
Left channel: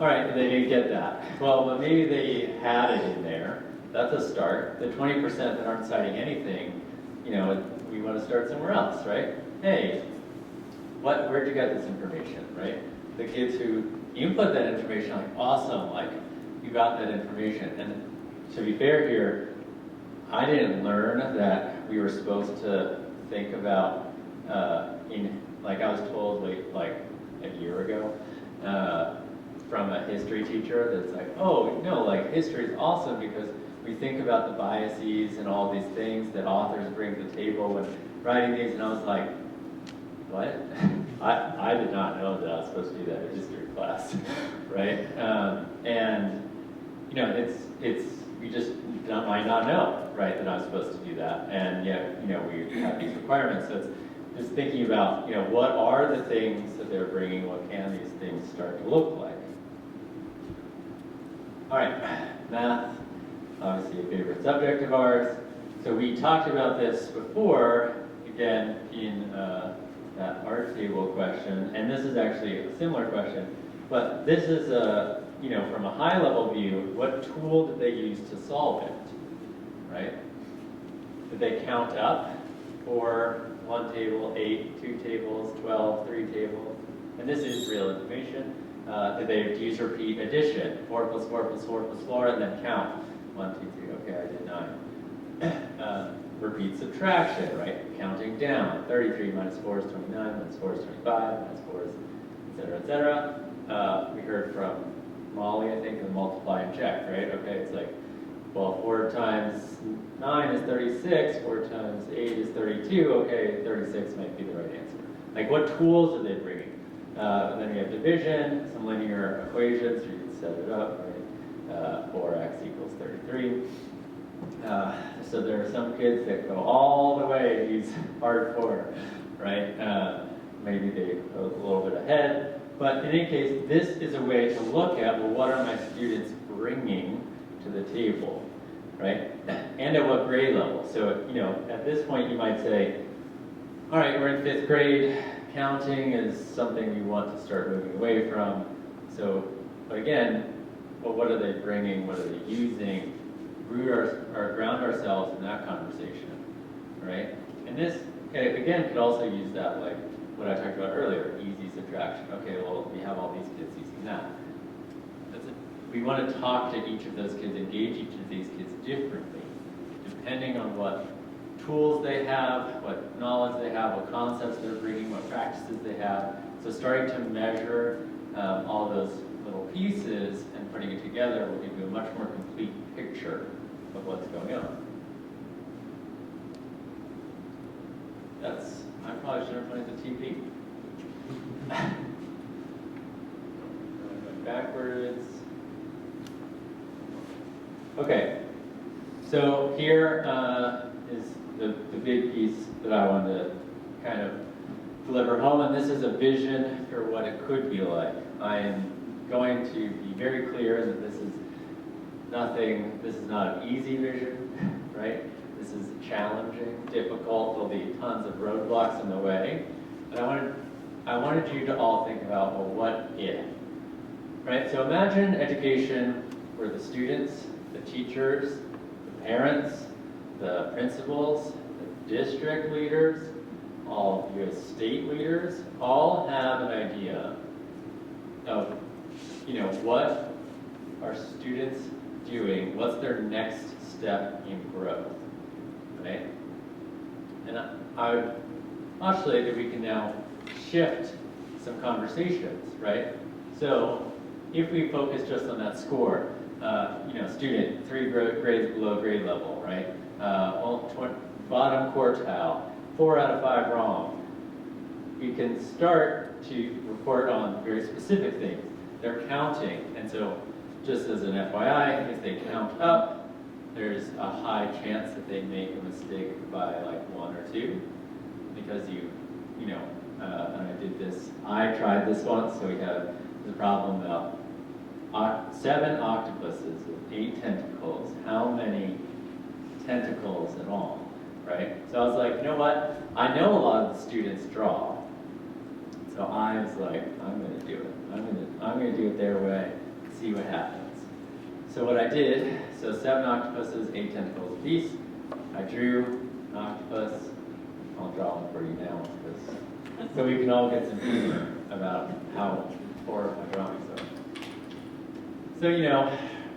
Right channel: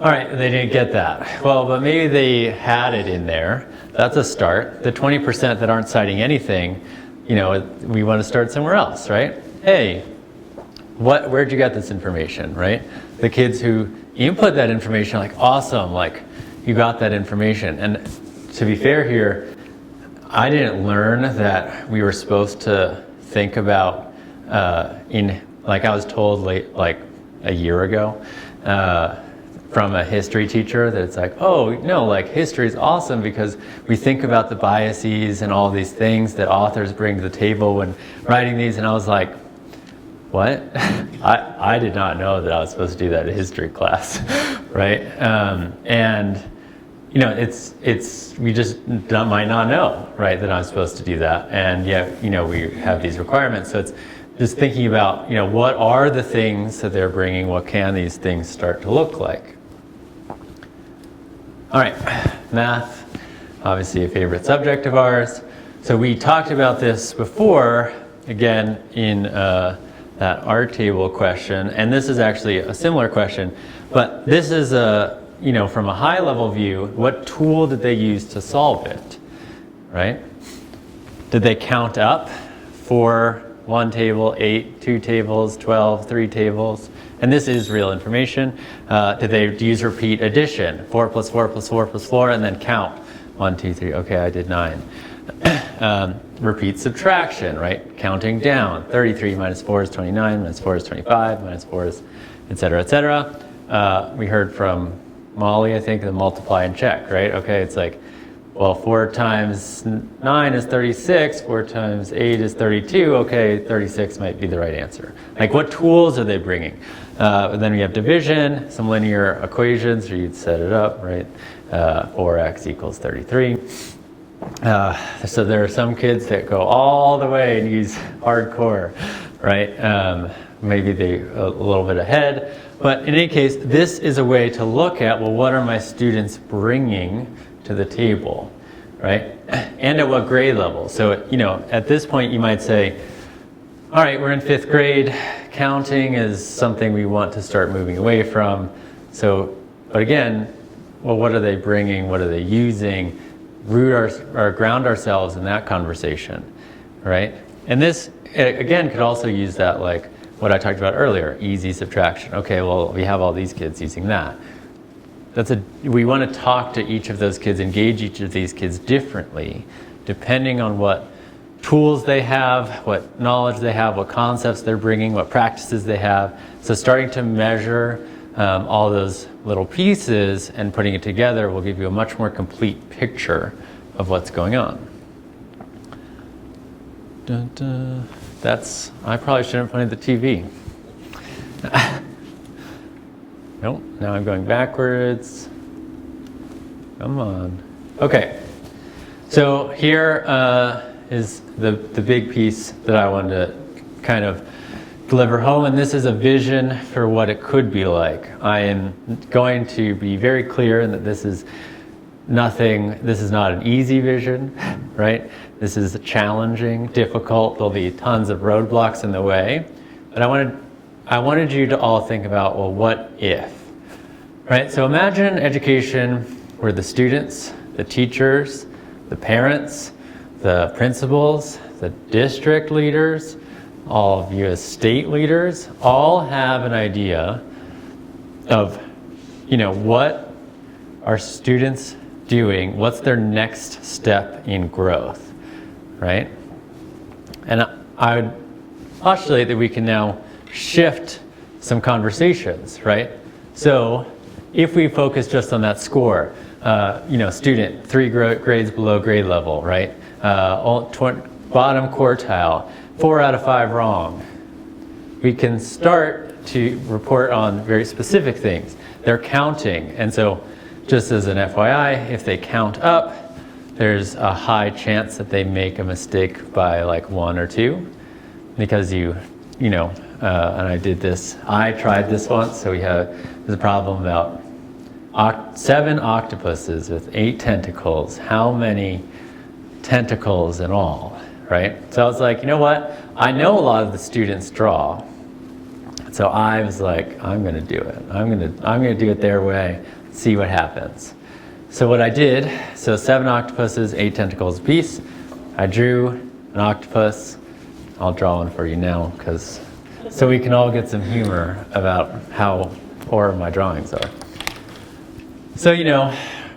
all right, they didn't get that. Well, but maybe they had it in there. That's a start. The 20% that aren't citing anything, you know, we want to start somewhere else, right? Hey, where'd you get this information, right? The kids who input that information, like, awesome, like, you got that information. And to be fair here, I didn't learn that we were supposed to think about, like I was told like a year ago, from a history teacher that it's like, oh, no, like history is awesome because we think about the biases and all these things that authors bring to the table when writing these. And I was like, what? I did not know that I was supposed to do that in history class, right? And you know, we just might not know, right, that I'm supposed to do that. And yet, you know, we have these requirements. So it's just thinking about, you know, what are the things that they're bringing? What can these things start to look like? All right, math, obviously a favorite subject of ours. So we talked about this before, again, in that art table question. And this is actually a similar question, but this is a, you know, from a high level view, what tool did they use to solve it, right? Did they count up 4, 1 table, 8, 2 tables, 12, 3 tables? And this is real information. Did they use repeat addition? 4 plus 4 plus 4 plus 4, and then count. 1, 2, 3, okay, I did 9. Repeat subtraction, right? Counting down. 33 minus 4 is 29, minus 4 is 25, minus 4 is et cetera, et cetera. We heard from Molly, I think, the multiply and check, right? Okay, it's like, well, 4 times 9 is 36, 4 times 8 is 32, okay, 36 might be the right answer. Like, what tools are they bringing? And then we have division, some linear equations, or you'd set it up, right? 4x equals 33. So there are some kids that go all the way and use hardcore, right? Maybe they're a little bit ahead. But in any case, this is a way to look at, well, what are my students bringing to the table, right? And at what grade level? So, you know, at this point you might say, all right, we're in 5th grade. Counting is something we want to start moving away from. So, but again, well, what are they bringing? What are they using? Ground ourselves in that conversation, right? And this, again, could also use that, like what I talked about earlier, easy subtraction. Okay, well, we have all these kids using that. We want to talk to each of those kids, engage each of these kids differently, depending on what tools they have, what knowledge they have, what concepts they're bringing, what practices they have. So starting to measure all those little pieces and putting it together will give you a much more complete picture of what's going on. Dun, dun. I probably shouldn't have put the TV. Nope, now I'm going backwards. Come on. Okay, so here is the big piece that I wanted to kind of deliver home, and this is a vision for what it could be like. I am going to be very clear in that this is not an easy vision, right? This is challenging, difficult. There'll be tons of roadblocks in the way. But I wanted you to all think about, well, what if? Right? So imagine education where the students, the teachers, the parents, the principals, the district leaders, all of you as state leaders, all have an idea of, you know, what are students doing? What's their next step in growth? Right? And I would postulate that we can now shift some conversations, right? So if we focus just on that score, you know, student 3 grades below grade level, right? Bottom quartile, 4 out of 5 wrong. We can start to report on very specific things. They're counting, and so just as an FYI, if they count up, there's a high chance that they make a mistake by like 1 or 2, because you know, and I did this, I tried this once, so there's a problem about 7 octopuses with 8 tentacles. How many tentacles in all, right? So I was like, you know what? I know a lot of the students draw. So I was like, I'm gonna do it. I'm gonna do it their way, see what happens. So what I did, so 7 octopuses, 8 tentacles apiece. I drew an octopus. I'll draw one for you now, so we can all get some humor about how poor my drawings are. So, you know,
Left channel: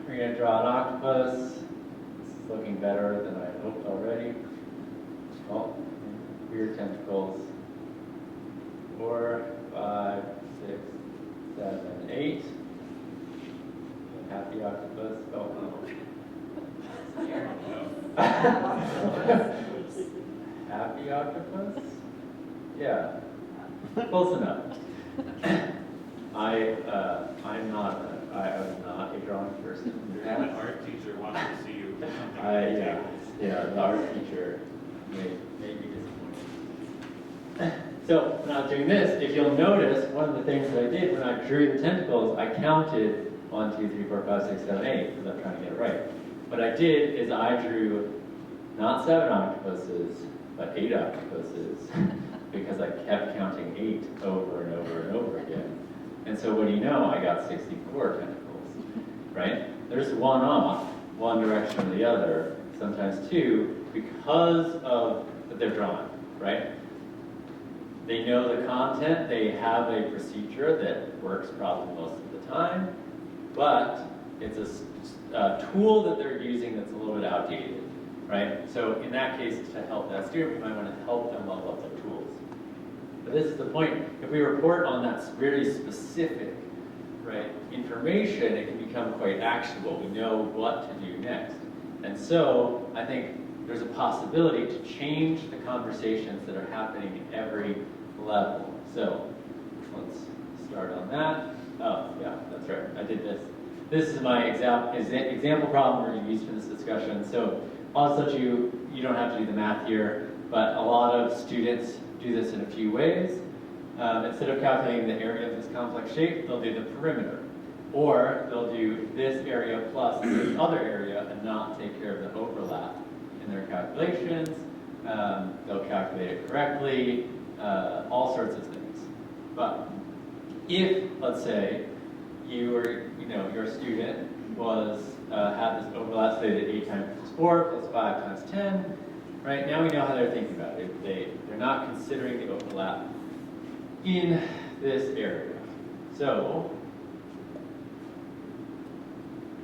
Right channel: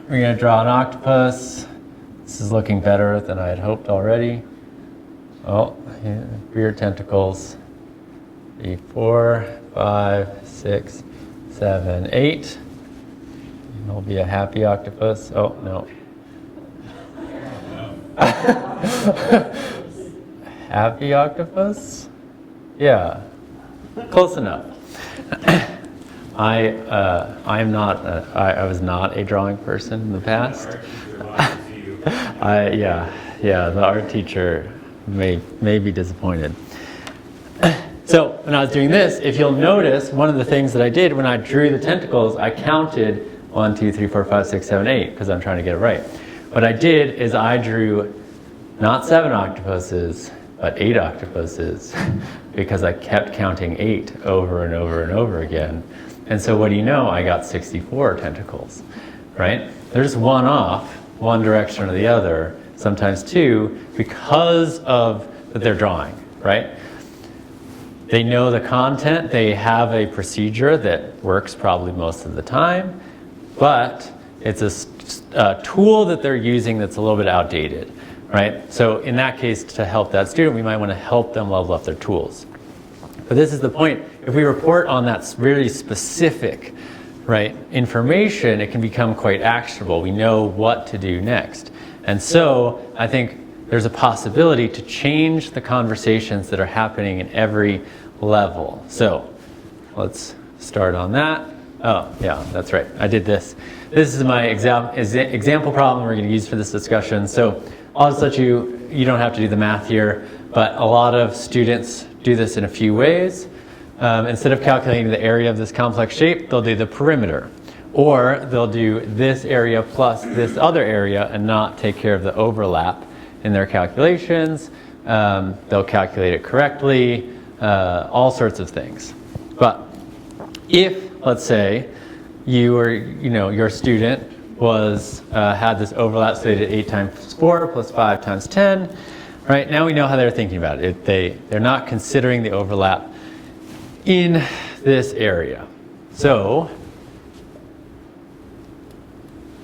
we're gonna draw an octopus. This is looking better than I had hoped already. Oh, here tentacles. 4, 5, 6, 7, 8. It'll be a happy octopus. Oh, no. Happy octopus? Yeah, close enough. I was not a drawing person in the past. The art teacher may be disappointed. So when I was doing this, if you'll notice, one of the things that I did when I drew the tentacles, I counted 1, 2, 3, 4, 5, 6, 7, 8, because I'm trying to get it right. What I did is I drew not 7 octopuses, but 8 octopuses, because I kept counting 8 over and over and over again. And so what do you know? I got 64 tentacles, right? There's one off, one direction or the other, sometimes 2, because of their drawing, right? They know the content, they have a procedure that works probably most of the time, but it's a tool that they're using that's a little bit outdated, right? So in that case, to help that student, we might want to help them level up their tools. But this is the point. If we report on that really specific, right, information, it can become quite actionable. We know what to do next. And so I think there's a possibility to change the conversations that are happening in every level. So let's start on that. Oh, yeah, that's right. I did this. This is my example problem we're going to use for this discussion. So I'll just let you don't have to do the math here, but a lot of students do this in a few ways. Instead of calculating the area of this complex shape, they'll do the perimeter. Or they'll do this area plus this other area and not take care of the overlap in their calculations. They'll calculate it correctly, all sorts of things. But if, let's say, your student had this overlap, so they did 8 times 4 plus 5 times 10, right? Now we know how they're thinking about it. They're not considering the overlap in this area. So,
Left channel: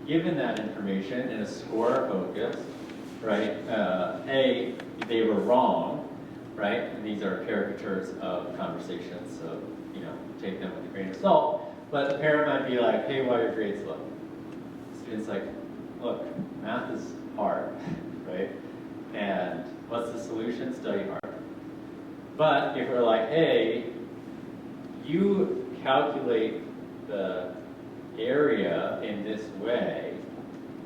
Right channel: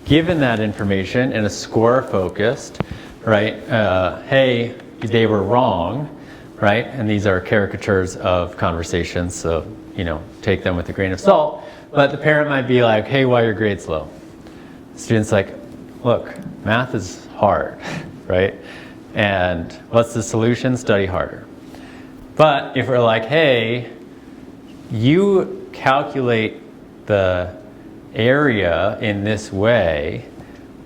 given that information and a score focused, right, hey, they were wrong, right? And these are caricatures of conversations, so, take them with a grain of salt. But the parent might be like, hey, why are your grades low? The student's like, look, math is hard, right? And what's the solution? Study harder. But if we're like, hey, you calculate the area in this way,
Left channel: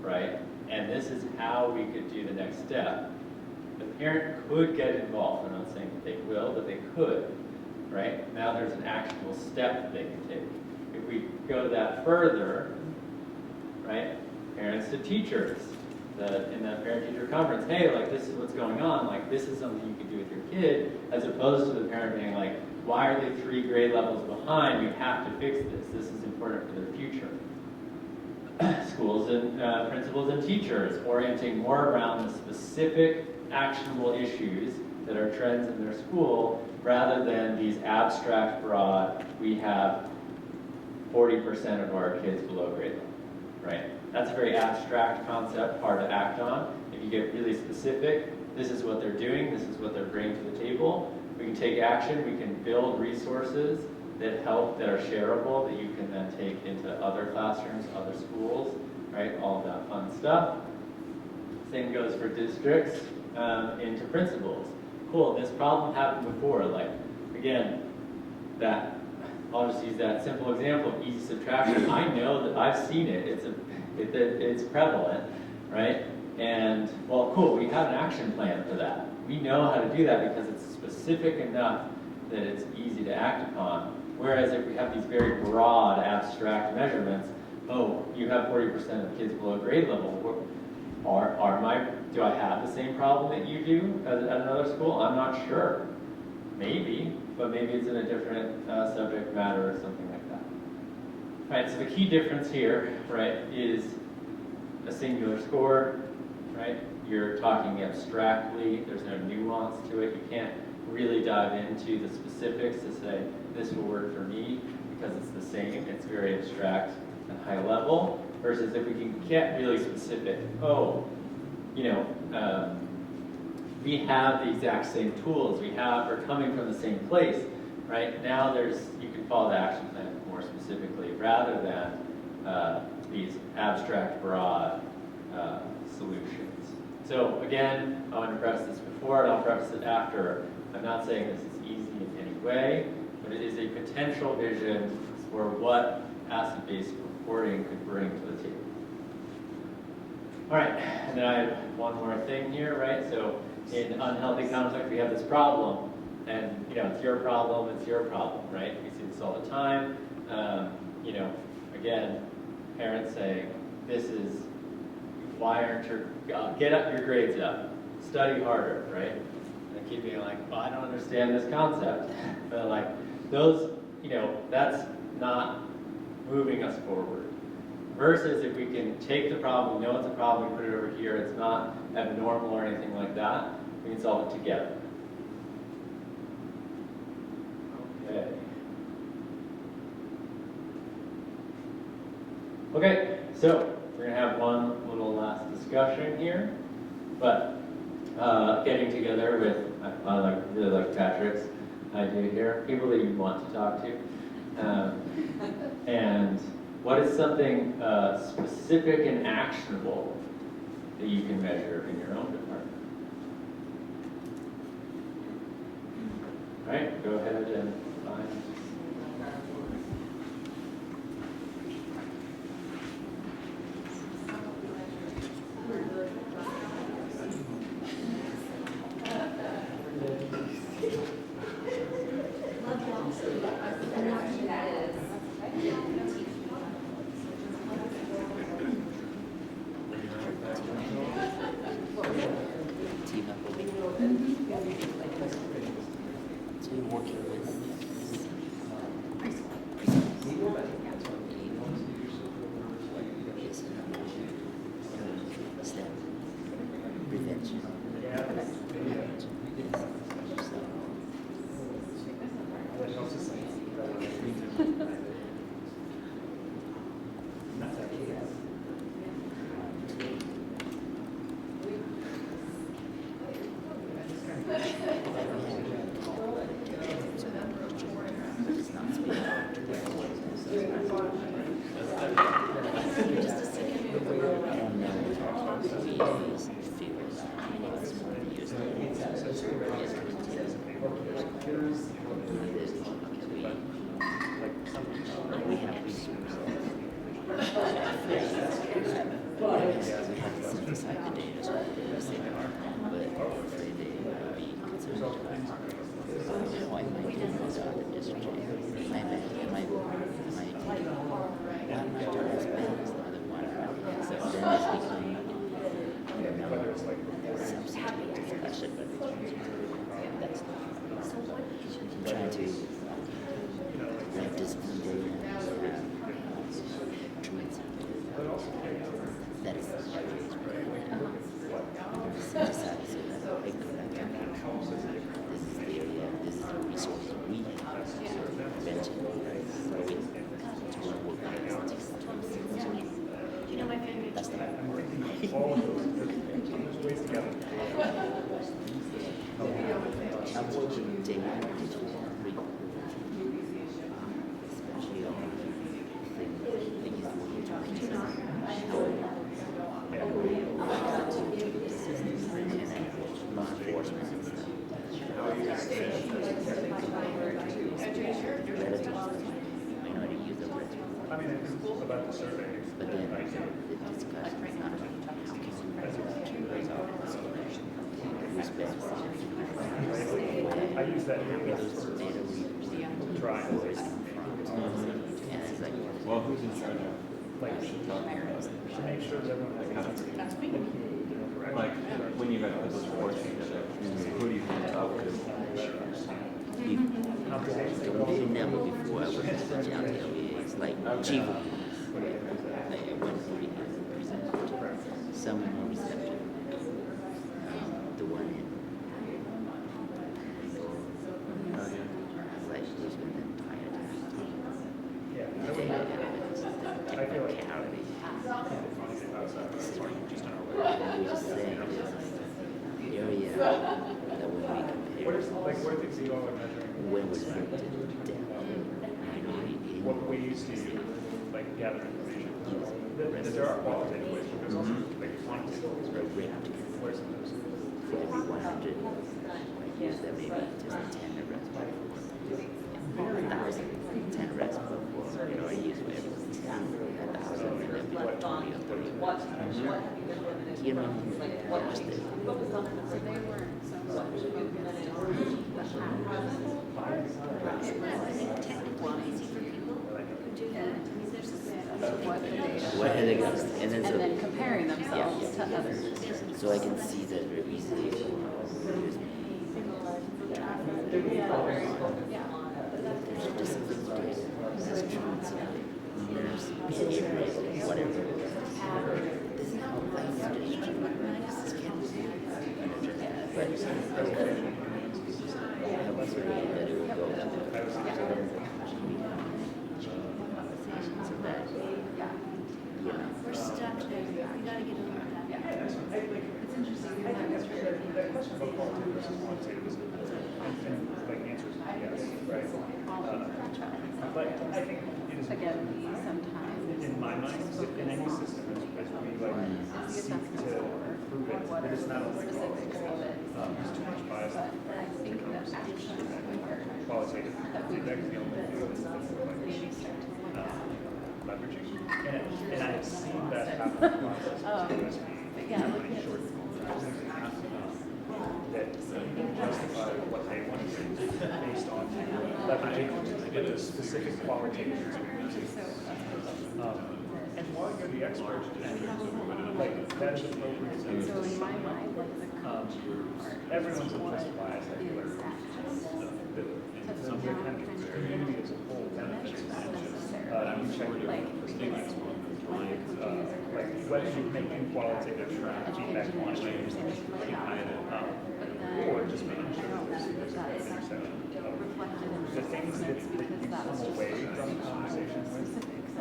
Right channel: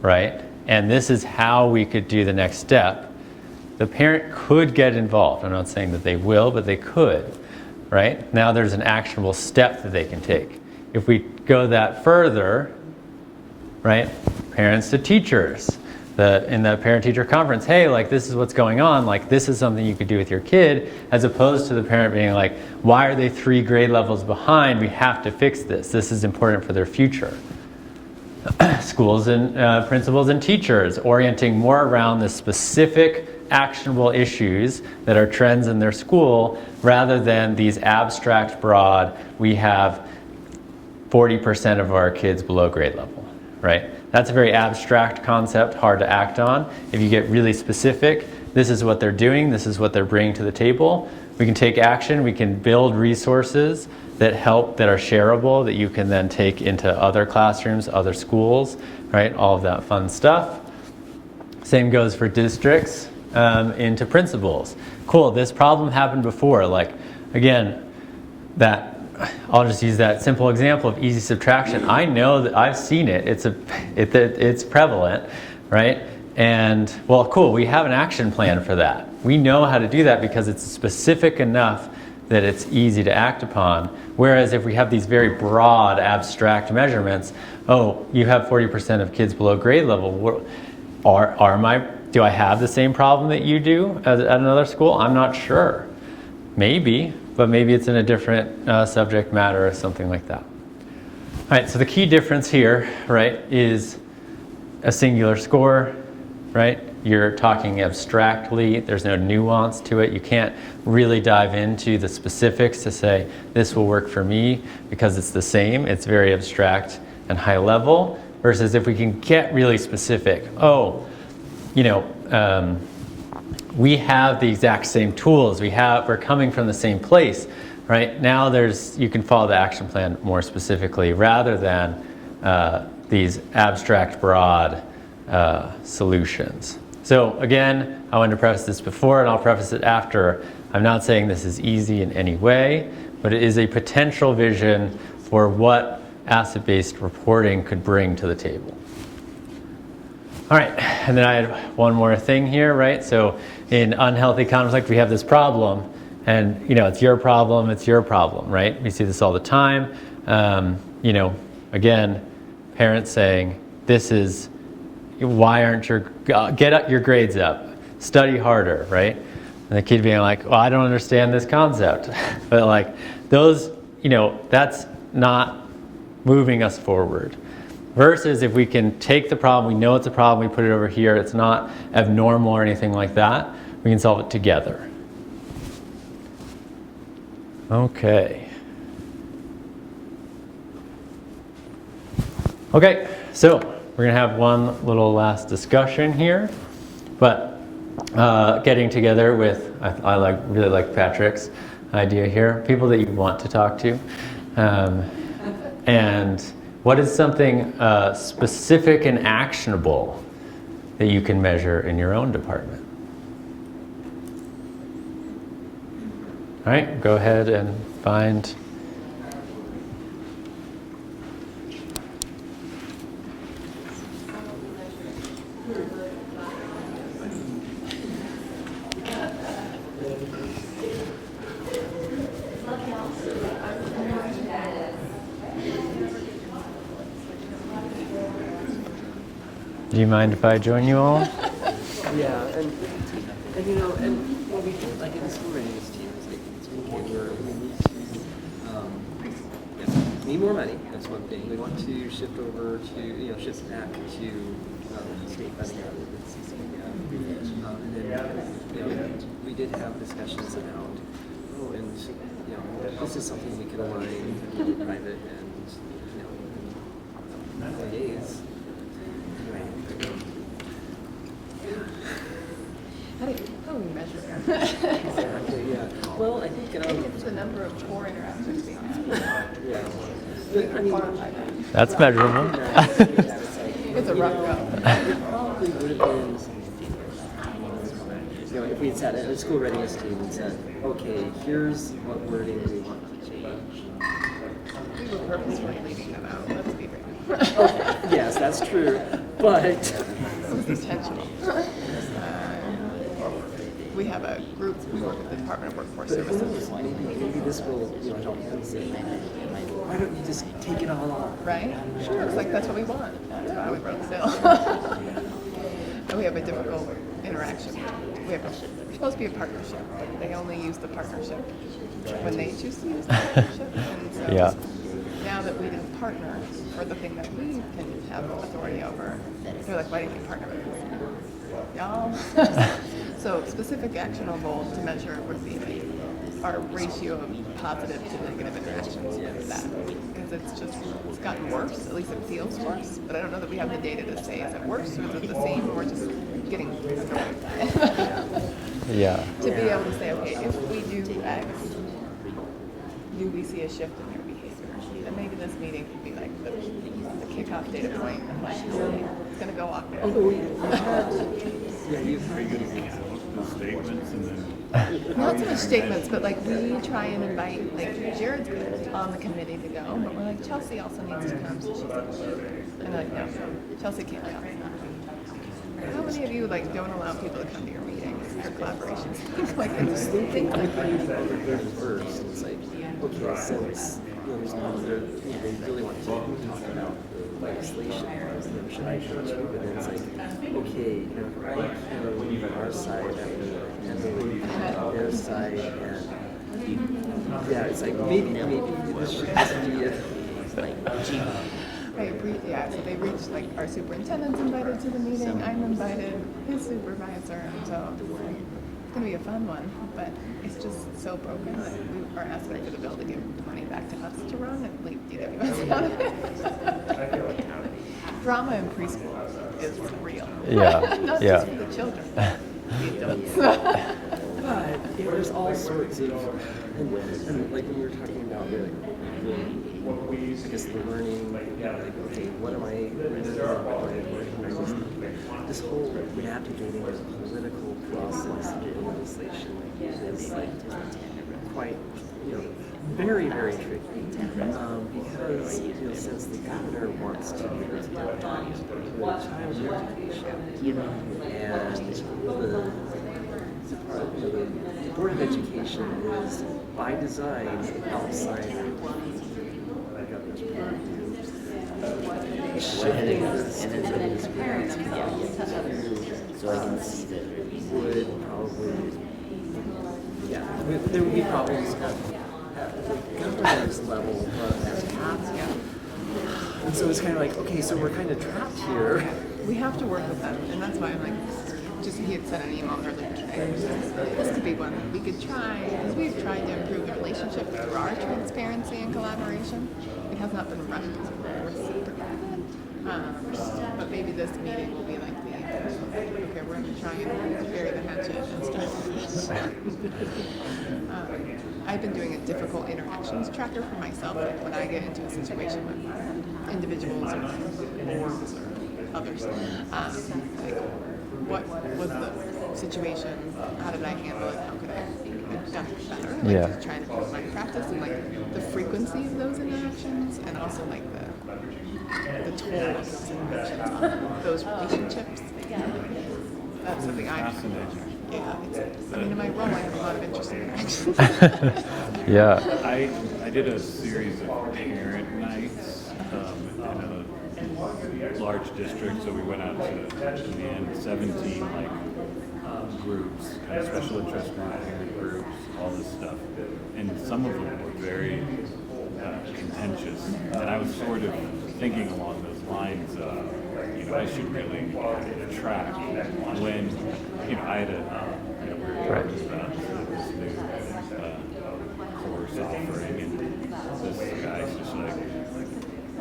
right? And this is how we could do the next step. The parent could get involved. I'm not saying that they will, but they could, right? Now there's an actionable step that they can take. If we go that further, right? Parents to teachers. In the parent-teacher conference, hey, like this is what's going on, like this is something you could do with your kid, as opposed to the parent being like, why are they 3 grade levels behind? We have to fix this. This is important for their future. Schools and principals and teachers orienting more around the specific actionable issues that are trends in their school, rather than these abstract, broad, we have 40% of our kids below grade level, right? That's a very abstract concept, hard to act on. If you get really specific, this is what they're doing, this is what they're bringing to the table. We can take action, we can build resources that help, that are shareable, that you can then take into other classrooms, other schools, right? All of that fun stuff. Same goes for districts, into principals. Cool, this problem happened before. Like, again, that I'll just use that simple example of easy subtraction. I know that I've seen it. It's prevalent, right? And well, cool, we have an action plan for that. We know how to do that because it's specific enough that it's easy to act upon. Whereas if we have these very broad, abstract measurements, oh, you have 40% of kids below grade level. Do I have the same problem that you do at another school? I'm not sure. Maybe, but maybe it's in a different subject matter or something like that. All right, so the key difference here, right, is a singular score, right? You're talking abstractly. There's no nuance to it. You can't really dive into the specifics to say, this will work for me because it's the same. It's very abstract and high level. Versus if we can get really specific, we have the exact same tools. We're coming from the same place, right? Now you can follow the action plan more specifically rather than these abstract, broad solutions. So again, I wanted to preface this before and I'll preface it after. I'm not saying this is easy in any way, but it is a potential vision for what asset-based reporting could bring to the table. All right, and then I had one more thing here, right? So in unhealthy conflict, we have this problem, and it's your problem, right? We see this all the time. Again, parents saying, why aren't get your grades up, study harder, right? And the kid being like, well, I don't understand this concept. But like that's not moving us forward. Versus if we can take the problem, we know it's a problem, we put it over here, it's not abnormal or anything like that, we can solve it together. Okay. Okay, so we're going to have one little last discussion here, but getting together with, I really like Patrick's idea here, people that you want to talk to, and what is something specific and actionable that you can measure in your own department? All right, go ahead and find. Do you mind if I join you all? Yeah, and like in so many of these teams, it's more need more money. That's one thing. They want to shift over to shift snap to we did have discussions around, and this is something we can align private and days. Well, I think the number of core interactions. That's measurable. With a rough it's at a school readiness team and said, okay, here's what we're doing. Yes, that's true. But we have a group from the Department of Workforce Services. just take it all off. Right? It's like, that's what we want. And we have a difficult interaction. It's supposed to be a partnership. They only use the partnership when they choose to use the partnership. Yeah. Now that we have partners for the thing that we can have authority over, they're like, why do you partner with y'all? So specific actionable measure would be our ratio of positive to negative interactions. It's just gotten worse, at least it feels worse, but I don't know that we have the data to say is it worse or is it the same or just getting Yeah. to be able to say, okay, if we do X, we see a shift in your behavior. And maybe this meeting could be like the kickoff data, right? It's going to go off there. Not so much statements, but like we try and invite, like Jared's on the committee to go. Like Chelsea also needs to come. Chelsea can't like right now. How many of you like don't allow people to come to your meetings? It's like they're sleeping. I use that for this first. We'll try. Well, who's in charge of? Make sure that we're Like, when you guys are support, who do you think about? Right, yeah, so they reached like our superintendent's invited to the meeting, I'm invited, his supervisor, and so it's gonna be a fun one, but it's just so focused, or as like you build it, you're turning back to us to run it, like, you know. Drama in preschool is real. Yeah, Not yeah. just for the children. There's all sorts of what we used to do, like gather information. There are qualitative ways to do like quantitative. we have to do more very you know, education by design outside. And then comparing themselves to others. So I can see that there would be problems. And so it's kind of like, okay, so we're kind of trapped here. We have to work with them, and that's why I'm like, just get sent an email. This could be one we could try. We've tried to improve the relationship through our transparency and collaboration. It has not been much to maybe this meeting will be like, I've been doing a difficult interventions chapter for myself when I get into a situation with individuals and others. What was the situation? How did I handle that? Yeah. Trying to like practice and like the frequency of those interactions and also like the those relationships. Yeah, that's something I Yeah. I did a series of parent nights in a large district, so we went out to and 17 groups, special interest groups, all this stuff. And some of them were very contentious. And I was sort of thinking along those lines of, I should really track when, I had a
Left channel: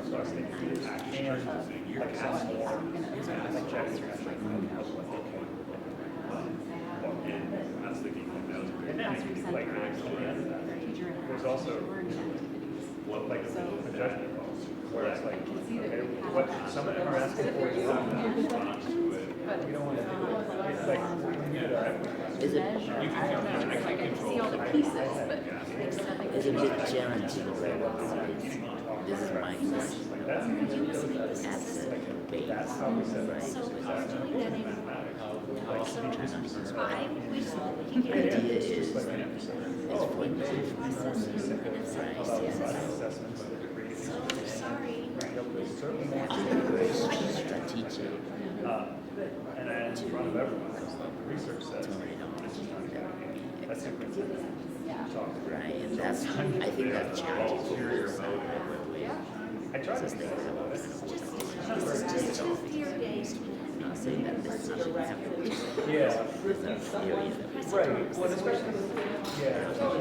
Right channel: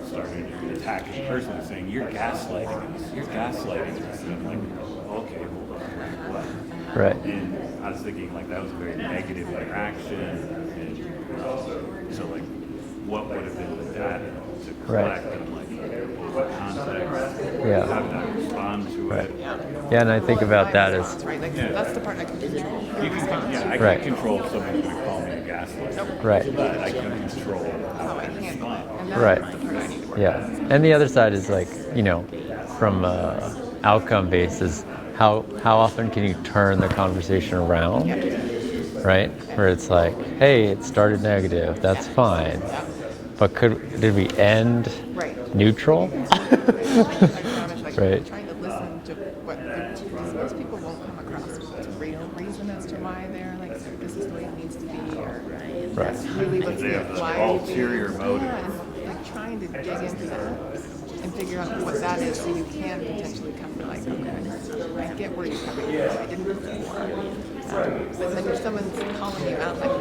sorry, attacking person saying, you're gaslighting. You're gaslighting. Okay. Right. And I was thinking like that was a very negative interaction. There's also, like, what would have been that to correct? Yeah. Right. Yeah, and I think about that as right. Right. Right. Yeah. And the other side is like, from outcome basis, how often can you turn the conversation around, right? Where it's like, hey, it started negative, that's fine. But did we end neutral? Right. Right. Ulterior motive. And figure out what that is so you can potentially come to like get where you're coming from. And if someone's calling you out like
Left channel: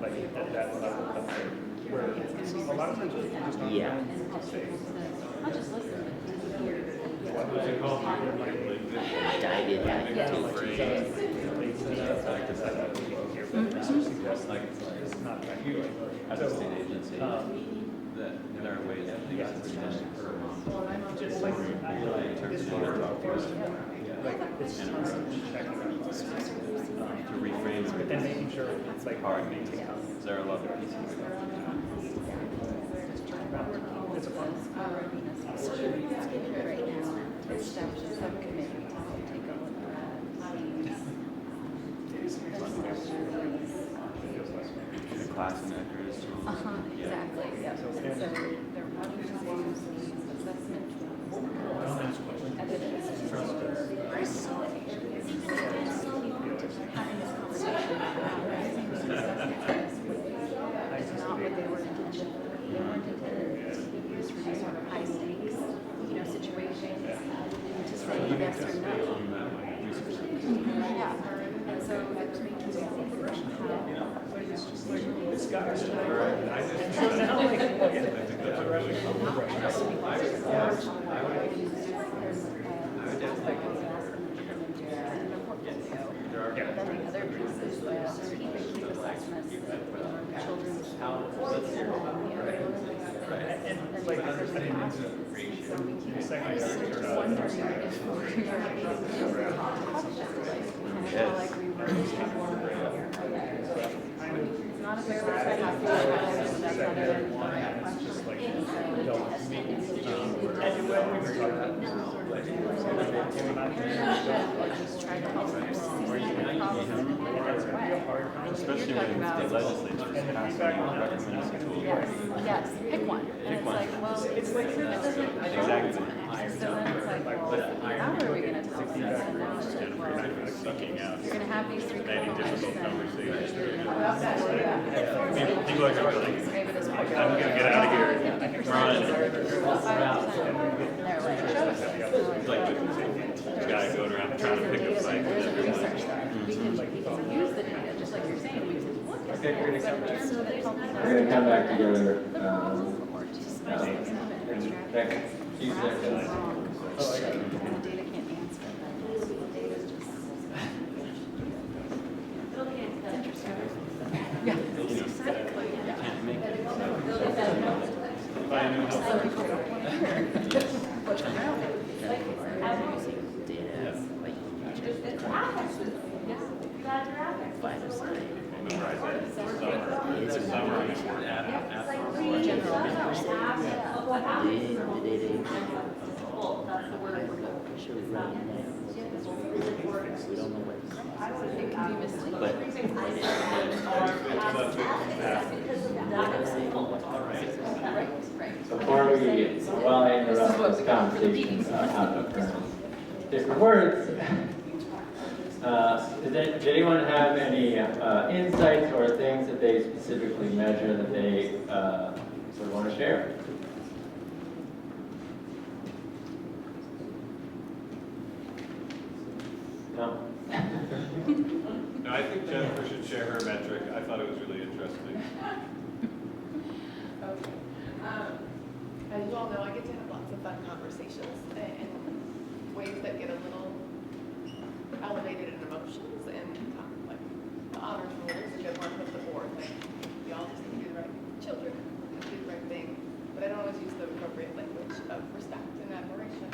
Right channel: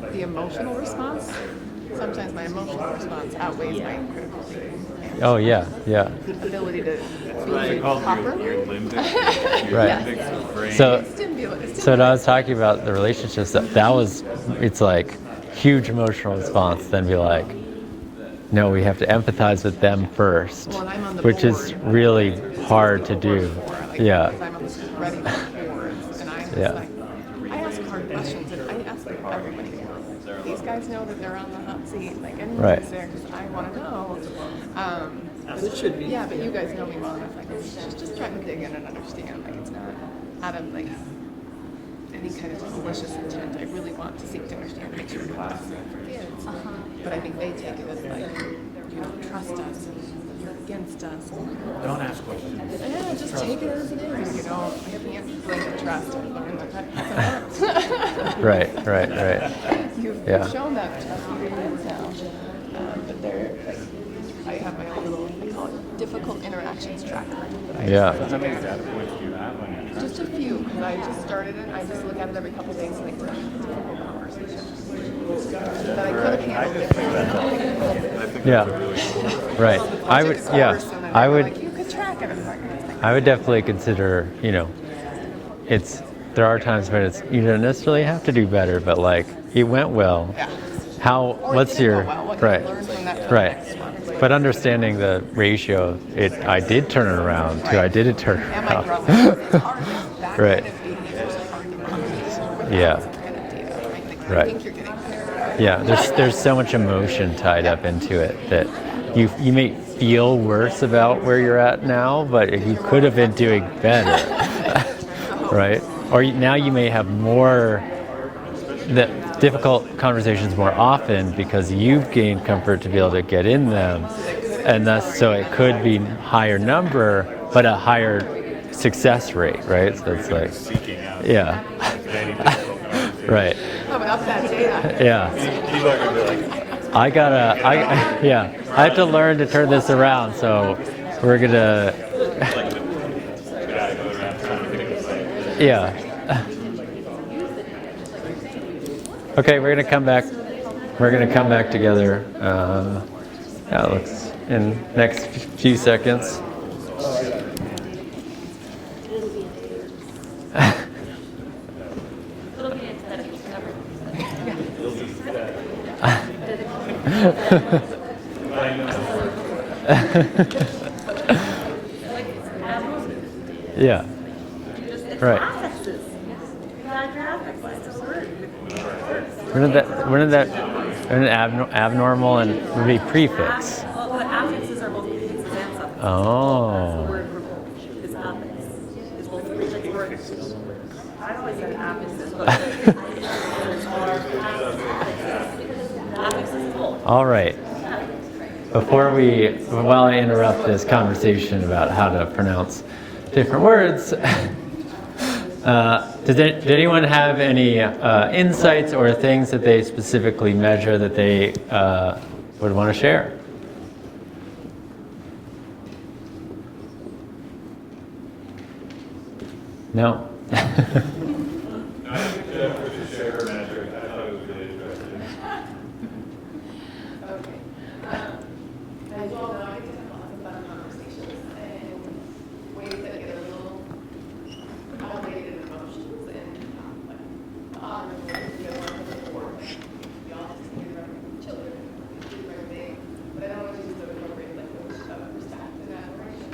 that, the emotional response, sometimes my emotional response outweighs my Oh yeah, yeah. ability to properly. Right. So when I was talking about the relationships, it's like huge emotional response, then be like, no, we have to empathize with them first, which is really hard to do. Yeah. Yeah. and making sure it's like targeting. Is there a These level? guys know that they're on the hot seat, like, Right. everybody's there, just trying to know. Yeah, but you guys know more. I'm just trying to dig in and understand. Out of like, any kind of malicious intent, I really want to see too much Your class and actors. But I think they do, they're probably trust us, that's against us. Don't ask questions. Yeah, just take it, you know, you can't break trust. Right. Yeah. Show them that it's not what they were doing. That they're used for you have a difficult interactions track. Yeah. Just a few, when I just started it, I started with them every couple days. Yeah. Right. I would definitely consider, there are times when you don't necessarily have to do better, but like, it went well. What's your, right. But understanding the ratio, I did turn it around to I didn't turn it around. Right. Yeah. Right. Yeah, there's so much emotion tied up into it that you may feel worse about where you're at now, but you could have been doing better, right? Or now you may have more difficult conversations more often because you've gained comfort to be able to get in them, and so it could be higher number, but a higher success rate, right? So it's like, yeah, right. Yeah. I have to learn to turn this around, so we're gonna, yeah. Okay, we're gonna come back together, Alex, in the next few seconds. Yeah. Right. When did that abnormal and would be prefix? Oh. All right. While I interrupt this conversation about how to pronounce different words, did anyone have any insights or things that they specifically measure that they would want to share? No? No, I think Jennifer should share her metric. I thought it was really interesting. Okay. As you all know, I get to have lots of fun conversations and ways that get a little elevated in emotions and like the honor rules, you guys want to put the board, like we all just do the right thing for children, do the right thing, but I don't always use the appropriate language of respect and admiration,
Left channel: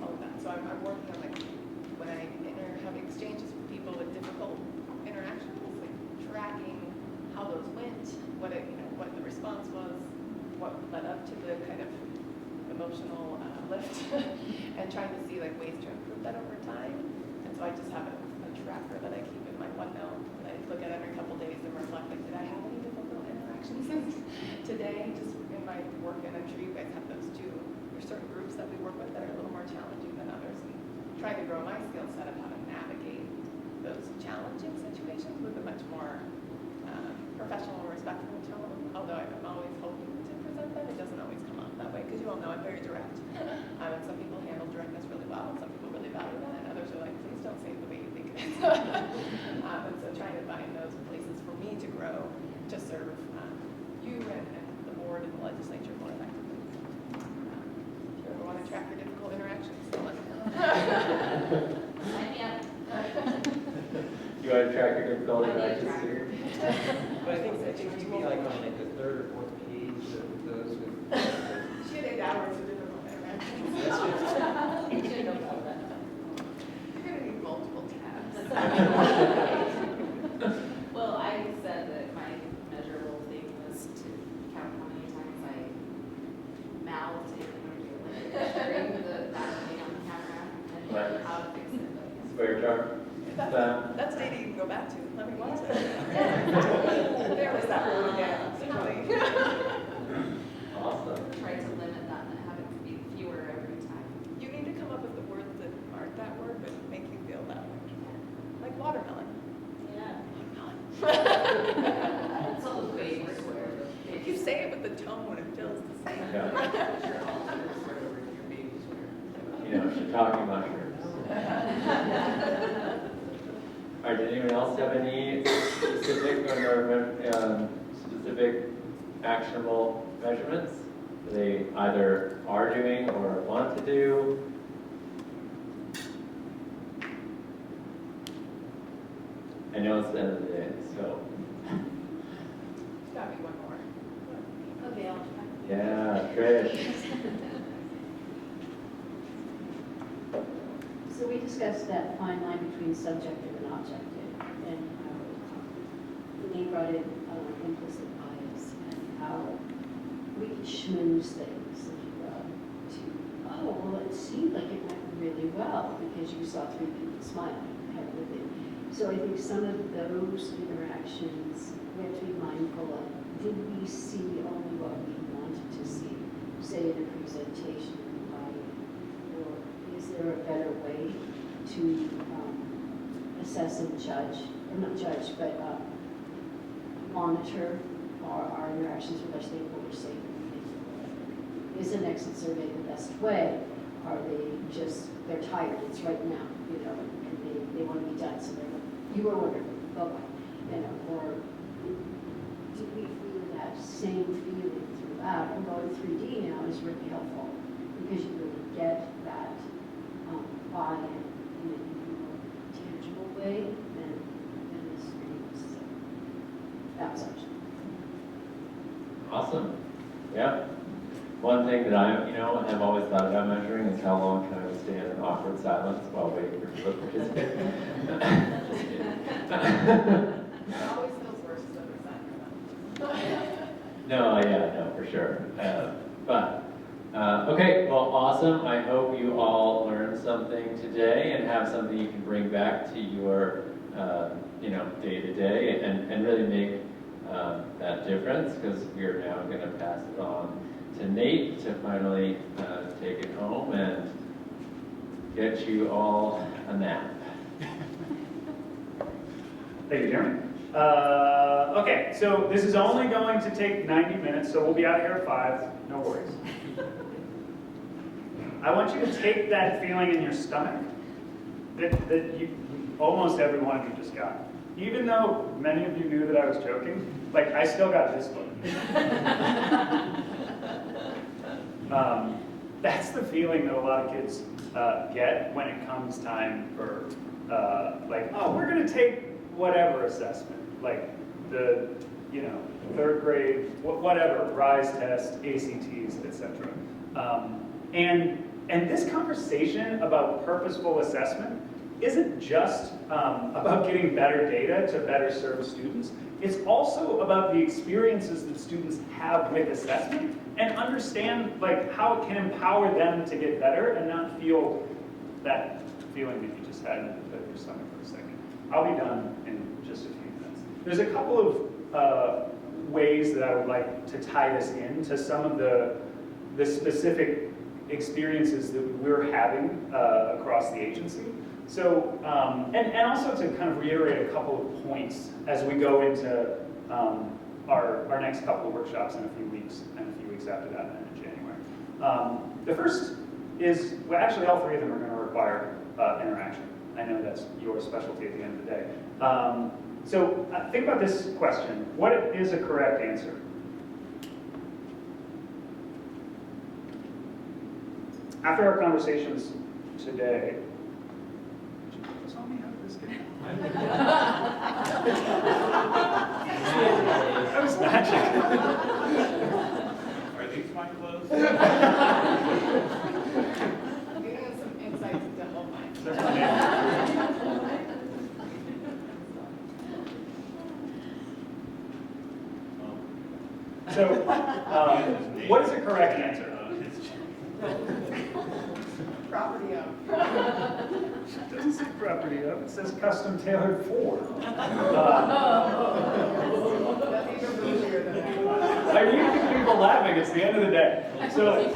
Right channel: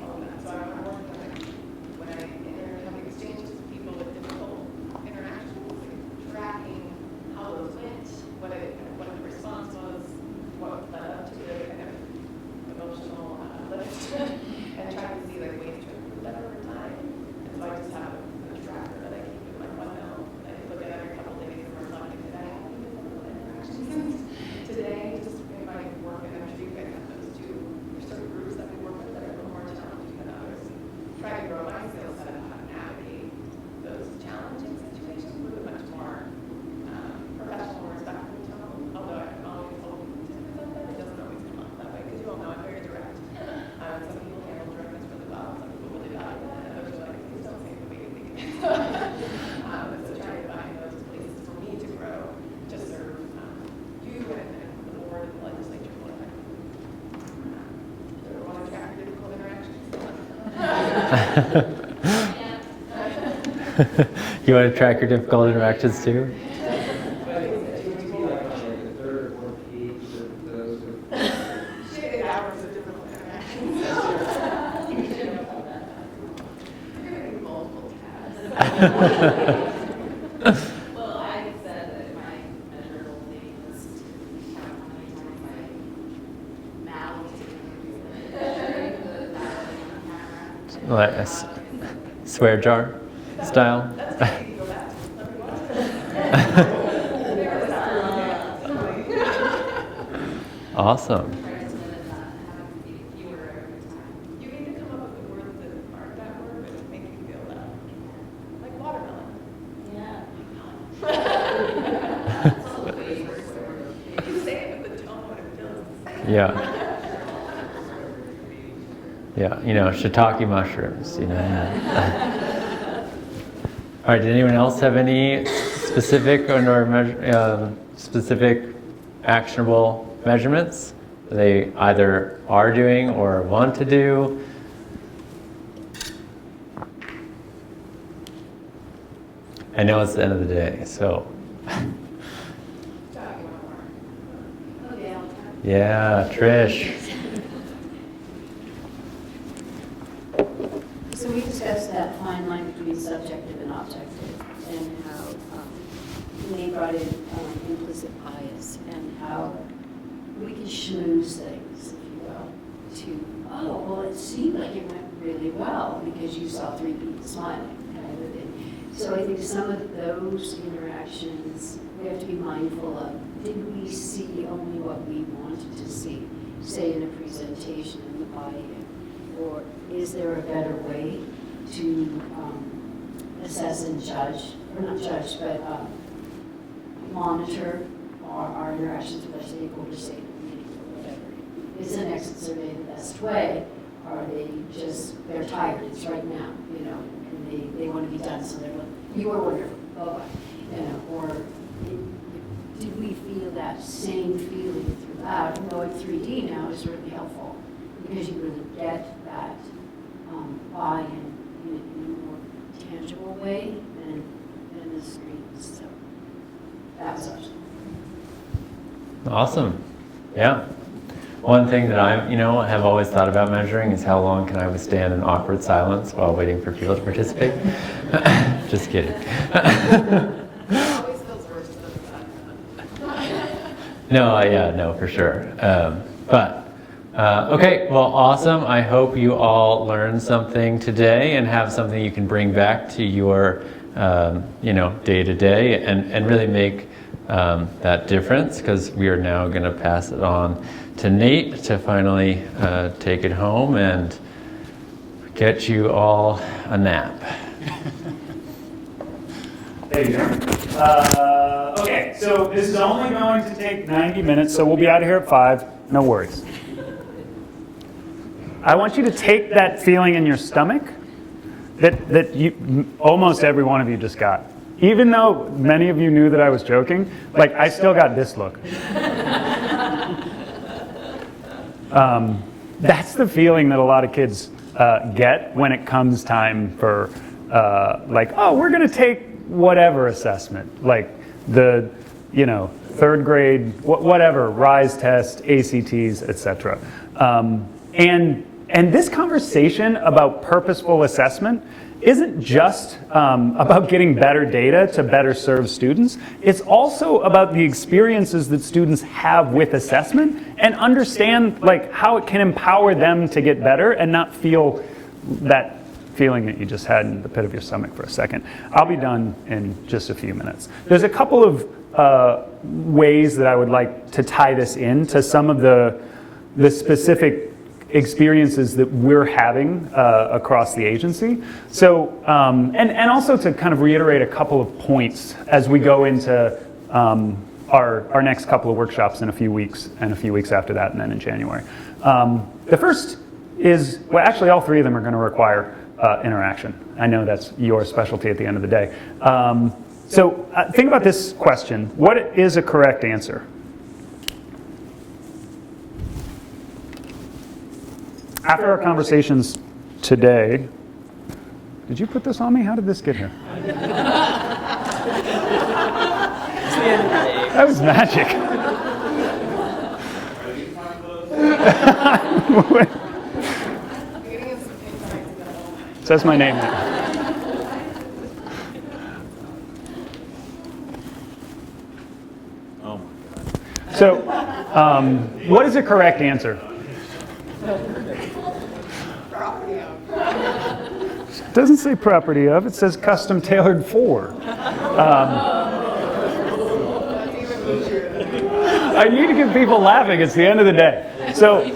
all of that. So I'm working on like when I have exchanges with people with difficult interactions, like tracking how those went, what the response was, what led up to the kind of emotional lift, and trying to see like ways to improve that over time. And so I just have a tracker that I keep in my OneNote that I look at every couple days and reflect, like, did I have any difficult interactions today, just in my work? And I'm sure you guys have those too. There's certain groups that we work with that are a little more challenging than others. Try to grow my skill set of how to navigate those challenging situations with a much more professional and respectful tone, although I'm always hoping to present that. It doesn't always come off that way, because you all know I'm very direct. Some people handle directness really well, some people really value that, and others are like, please don't say it the way you think it is. So trying to find those places for me to grow, to serve you and the board and the legislature more effectively. If you ever want to track your difficult interactions, let me know. You want to track your difficult interactions too? But I think that you would be like on like the third or fourth page of those with. She had 8 hours of difficult interactions. You're going to need multiple tabs. Like a swear jar style? That's what you can go back to. Let me watch it. There was that one, yeah. Awesome. Try to limit that and have it be fewer every time. You need to come up with the words that aren't that word, but make you feel that. Like watermelon. Yeah. It's all the way worse. You say it with the tone when it feels the same. Yeah. Yeah, you know, shiitake mushrooms, you know. All right, did anyone else have any specific specific actionable measurements they either are doing or want to do? I know it's the end of the day, so. Yeah, Trish. So we discussed that fine line between subjective and objective, and how Elaine brought in implicit bias, and how we can schmooze things, if you will, to, oh, well, it seemed like it went really well because you saw 3 people smiling, kind of a thing. So I think some of those interactions we have to be mindful of. Did we see only what we wanted to see, say in a presentation of the body? Or is there a better way to assess and judge, or not judge, but monitor our interactions with our stakeholders, is an exit survey the best way? Are they just, they're tired, it's right now, you know, and they want to be done, so they're like, you order, bye-bye, you know, or do we feel that same feeling throughout? And going 3D now is really helpful because you really get that buy-in in a more tangible way than the screens. So that's awesome. Awesome. Yeah. One thing that I, have always thought about measuring is how long can I withstand an awkward silence while waiting for people to participate. Just kidding. No, for sure. Okay, well, awesome. I hope you all learned something today and have something you can bring back to your, day to day and really make that difference, because we are now going to pass it on to Nate to finally take it home and get you all a nap. Thank you, Jeremy. Okay, so this is only going to take 90 minutes, so we'll be out of here at 5. No worries. I want you to take that feeling in your stomach that almost every one of you just got. Even though many of you knew that I was joking, like I still got this look. That's the feeling that a lot of kids get when it comes time for we're going to take whatever assessment, like the, 3rd grade, whatever, RISE test, ACTs, etc. And this conversation about purposeful assessment isn't just about getting better data to better serve students. It's also about the experiences that students have with assessment and understand how it can empower them to get better and not feel that feeling that you just had in the pit of your stomach for a second. I'll be done in just a few minutes. There's a couple of ways that I would like to tie this into some of the specific experiences that we're having across the agency. So, and also to kind of reiterate a couple of points as we go into our next couple of workshops in a few weeks, and a few weeks after that, and then in January. The first is, well, actually all 3 of them are going to require interaction. I know that's your specialty at the end of the day. So think about this question. What is a correct answer? After our conversations today, did you put this on me? How did this get here? That was magic. Are these my clothes? Says my name. So, what is the correct answer? It doesn't say property of, it says custom tailored for. I need to get people laughing, it's the end of the day. So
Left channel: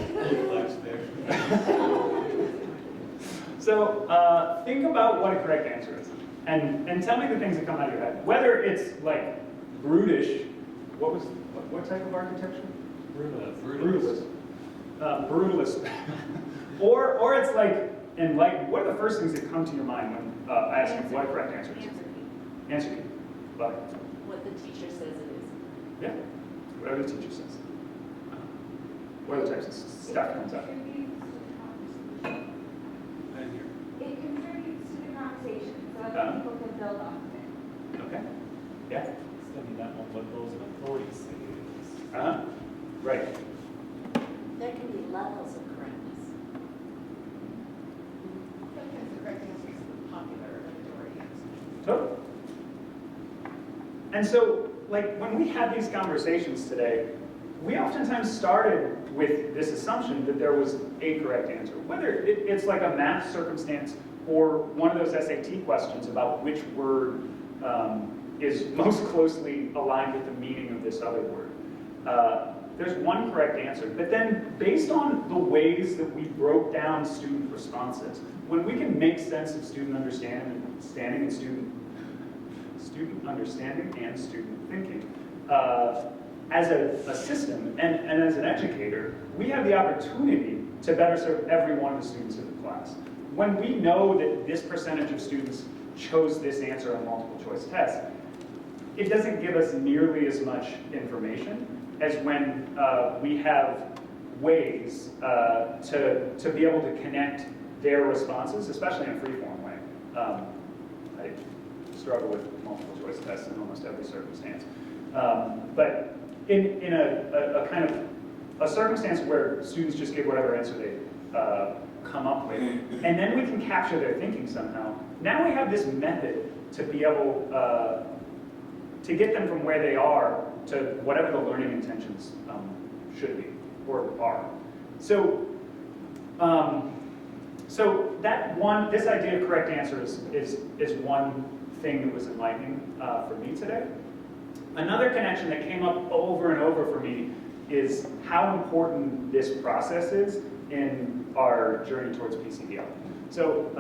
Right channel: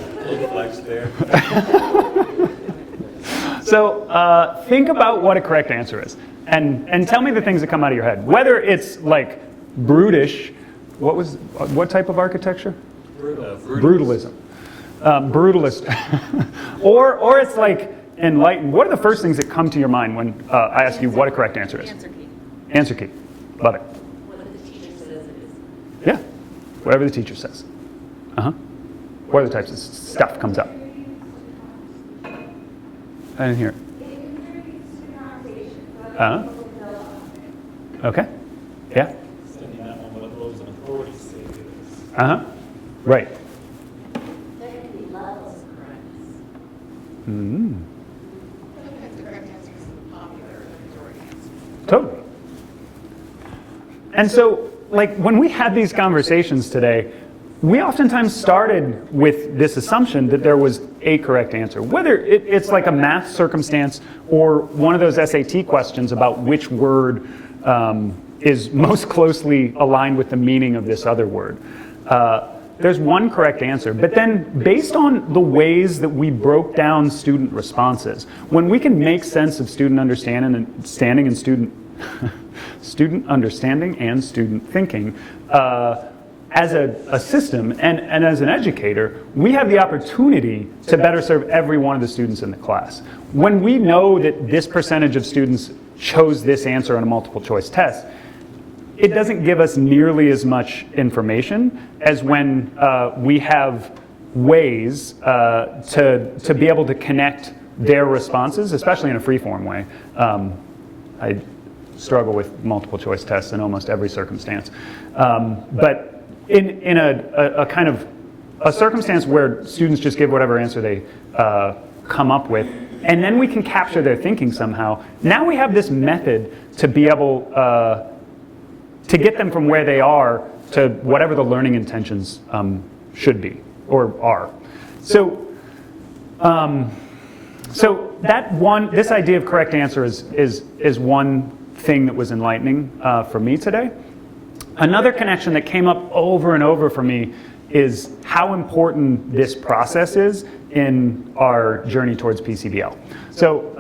think about what a correct answer is. And tell me the things that come out of your head. Whether it's like brutish, what type of architecture? Brutalism. Brutalist. or it's like enlightened. What are the first things that come to your mind when I ask you what a correct answer is? Answer key. Love it. What the teacher says is. Yeah. Whatever the teacher says. What other types of stuff comes up? I didn't hear it. It contributes to the conversation, so that people can build off of it. Okay. Yeah. Right. There can be levels of correctness. Totally. And so, like, when we had these conversations today, we oftentimes started with this assumption that there was a correct answer. Whether it's like a math circumstance or one of those SAT questions about which word is most closely aligned with the meaning of this other word. There's one correct answer, but then based on the ways that we broke down student responses, when we can make sense of student understanding and student understanding and student thinking, as a system and as an educator, we have the opportunity to better serve every one of the students in the class. When we know that this percentage of students chose this answer on a multiple choice test, it doesn't give us nearly as much information as when we have ways to be able to connect their responses, especially in a free-form way. I struggle with multiple choice tests in almost every circumstance. But in a kind of a circumstance where students just give whatever answer they come up with, and then we can capture their thinking somehow, now we have this method to be able to get them from where they are to whatever the learning intentions should be or are. So this idea of correct answer is one thing that was enlightening for me today. Another connection that came up over and over for me is how important this process is in our journey towards PCDL. So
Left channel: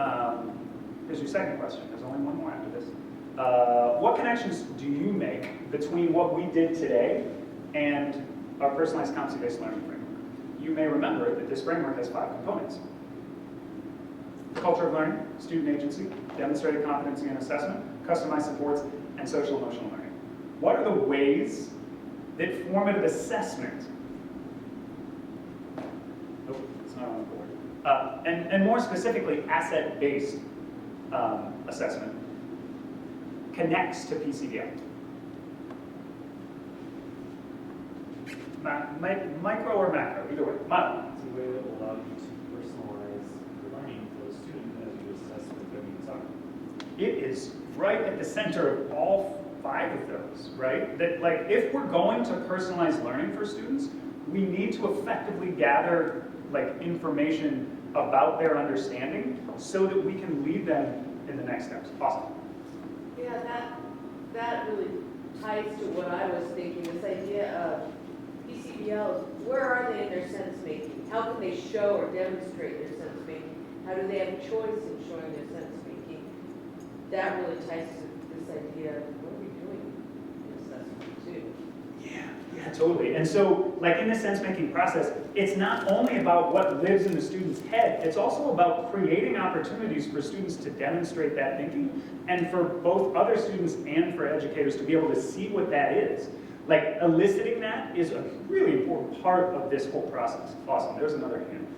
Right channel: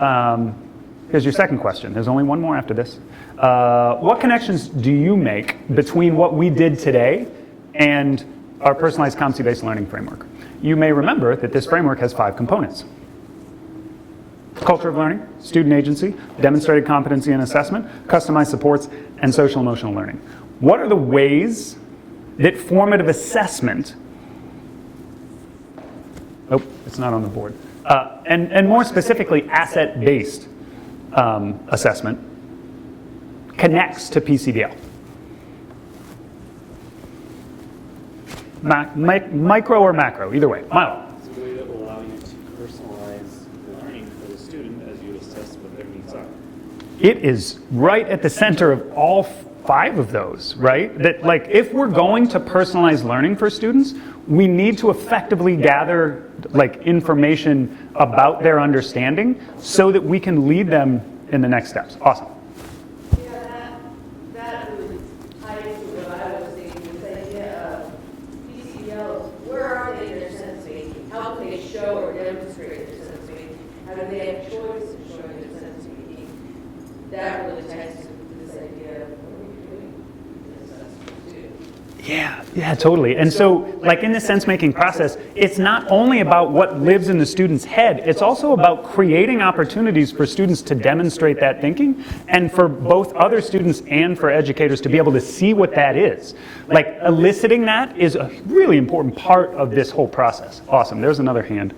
here's your second question. There's only one more after this. What connections do you make between what we did today and our personalized competency-based learning framework? You may remember that this framework has 5 components. Culture of learning, student agency, demonstrated competency and assessment, customized supports, and social emotional learning. What are the ways that formative assessment, it's not on the board, and more specifically asset-based assessment connects to PCDL? Micro or macro, either way. Milo. It's a way that will allow you to personalize learning for the student as you assess what their needs are. It is right at the center of all 5 of those, right? That, like, if we're going to personalize learning for students, we need to effectively gather, like, information about their understanding so that we can lead them in the next steps. Awesome. Yeah, that really ties to what I was thinking, this idea of PCDLs. Where are they in their sense making? How can they show or demonstrate their sense making? How do they have a choice in showing their sense making? That really ties to this idea of what are we doing in assessment too. Yeah, totally. And so, like, in the sense-making process, it's not only about what lives in the student's head, it's also about creating opportunities for students to demonstrate that thinking, and for both other students and for educators to be able to see what that is. Like, eliciting that is a really important part of this whole process. Awesome. There's another hand.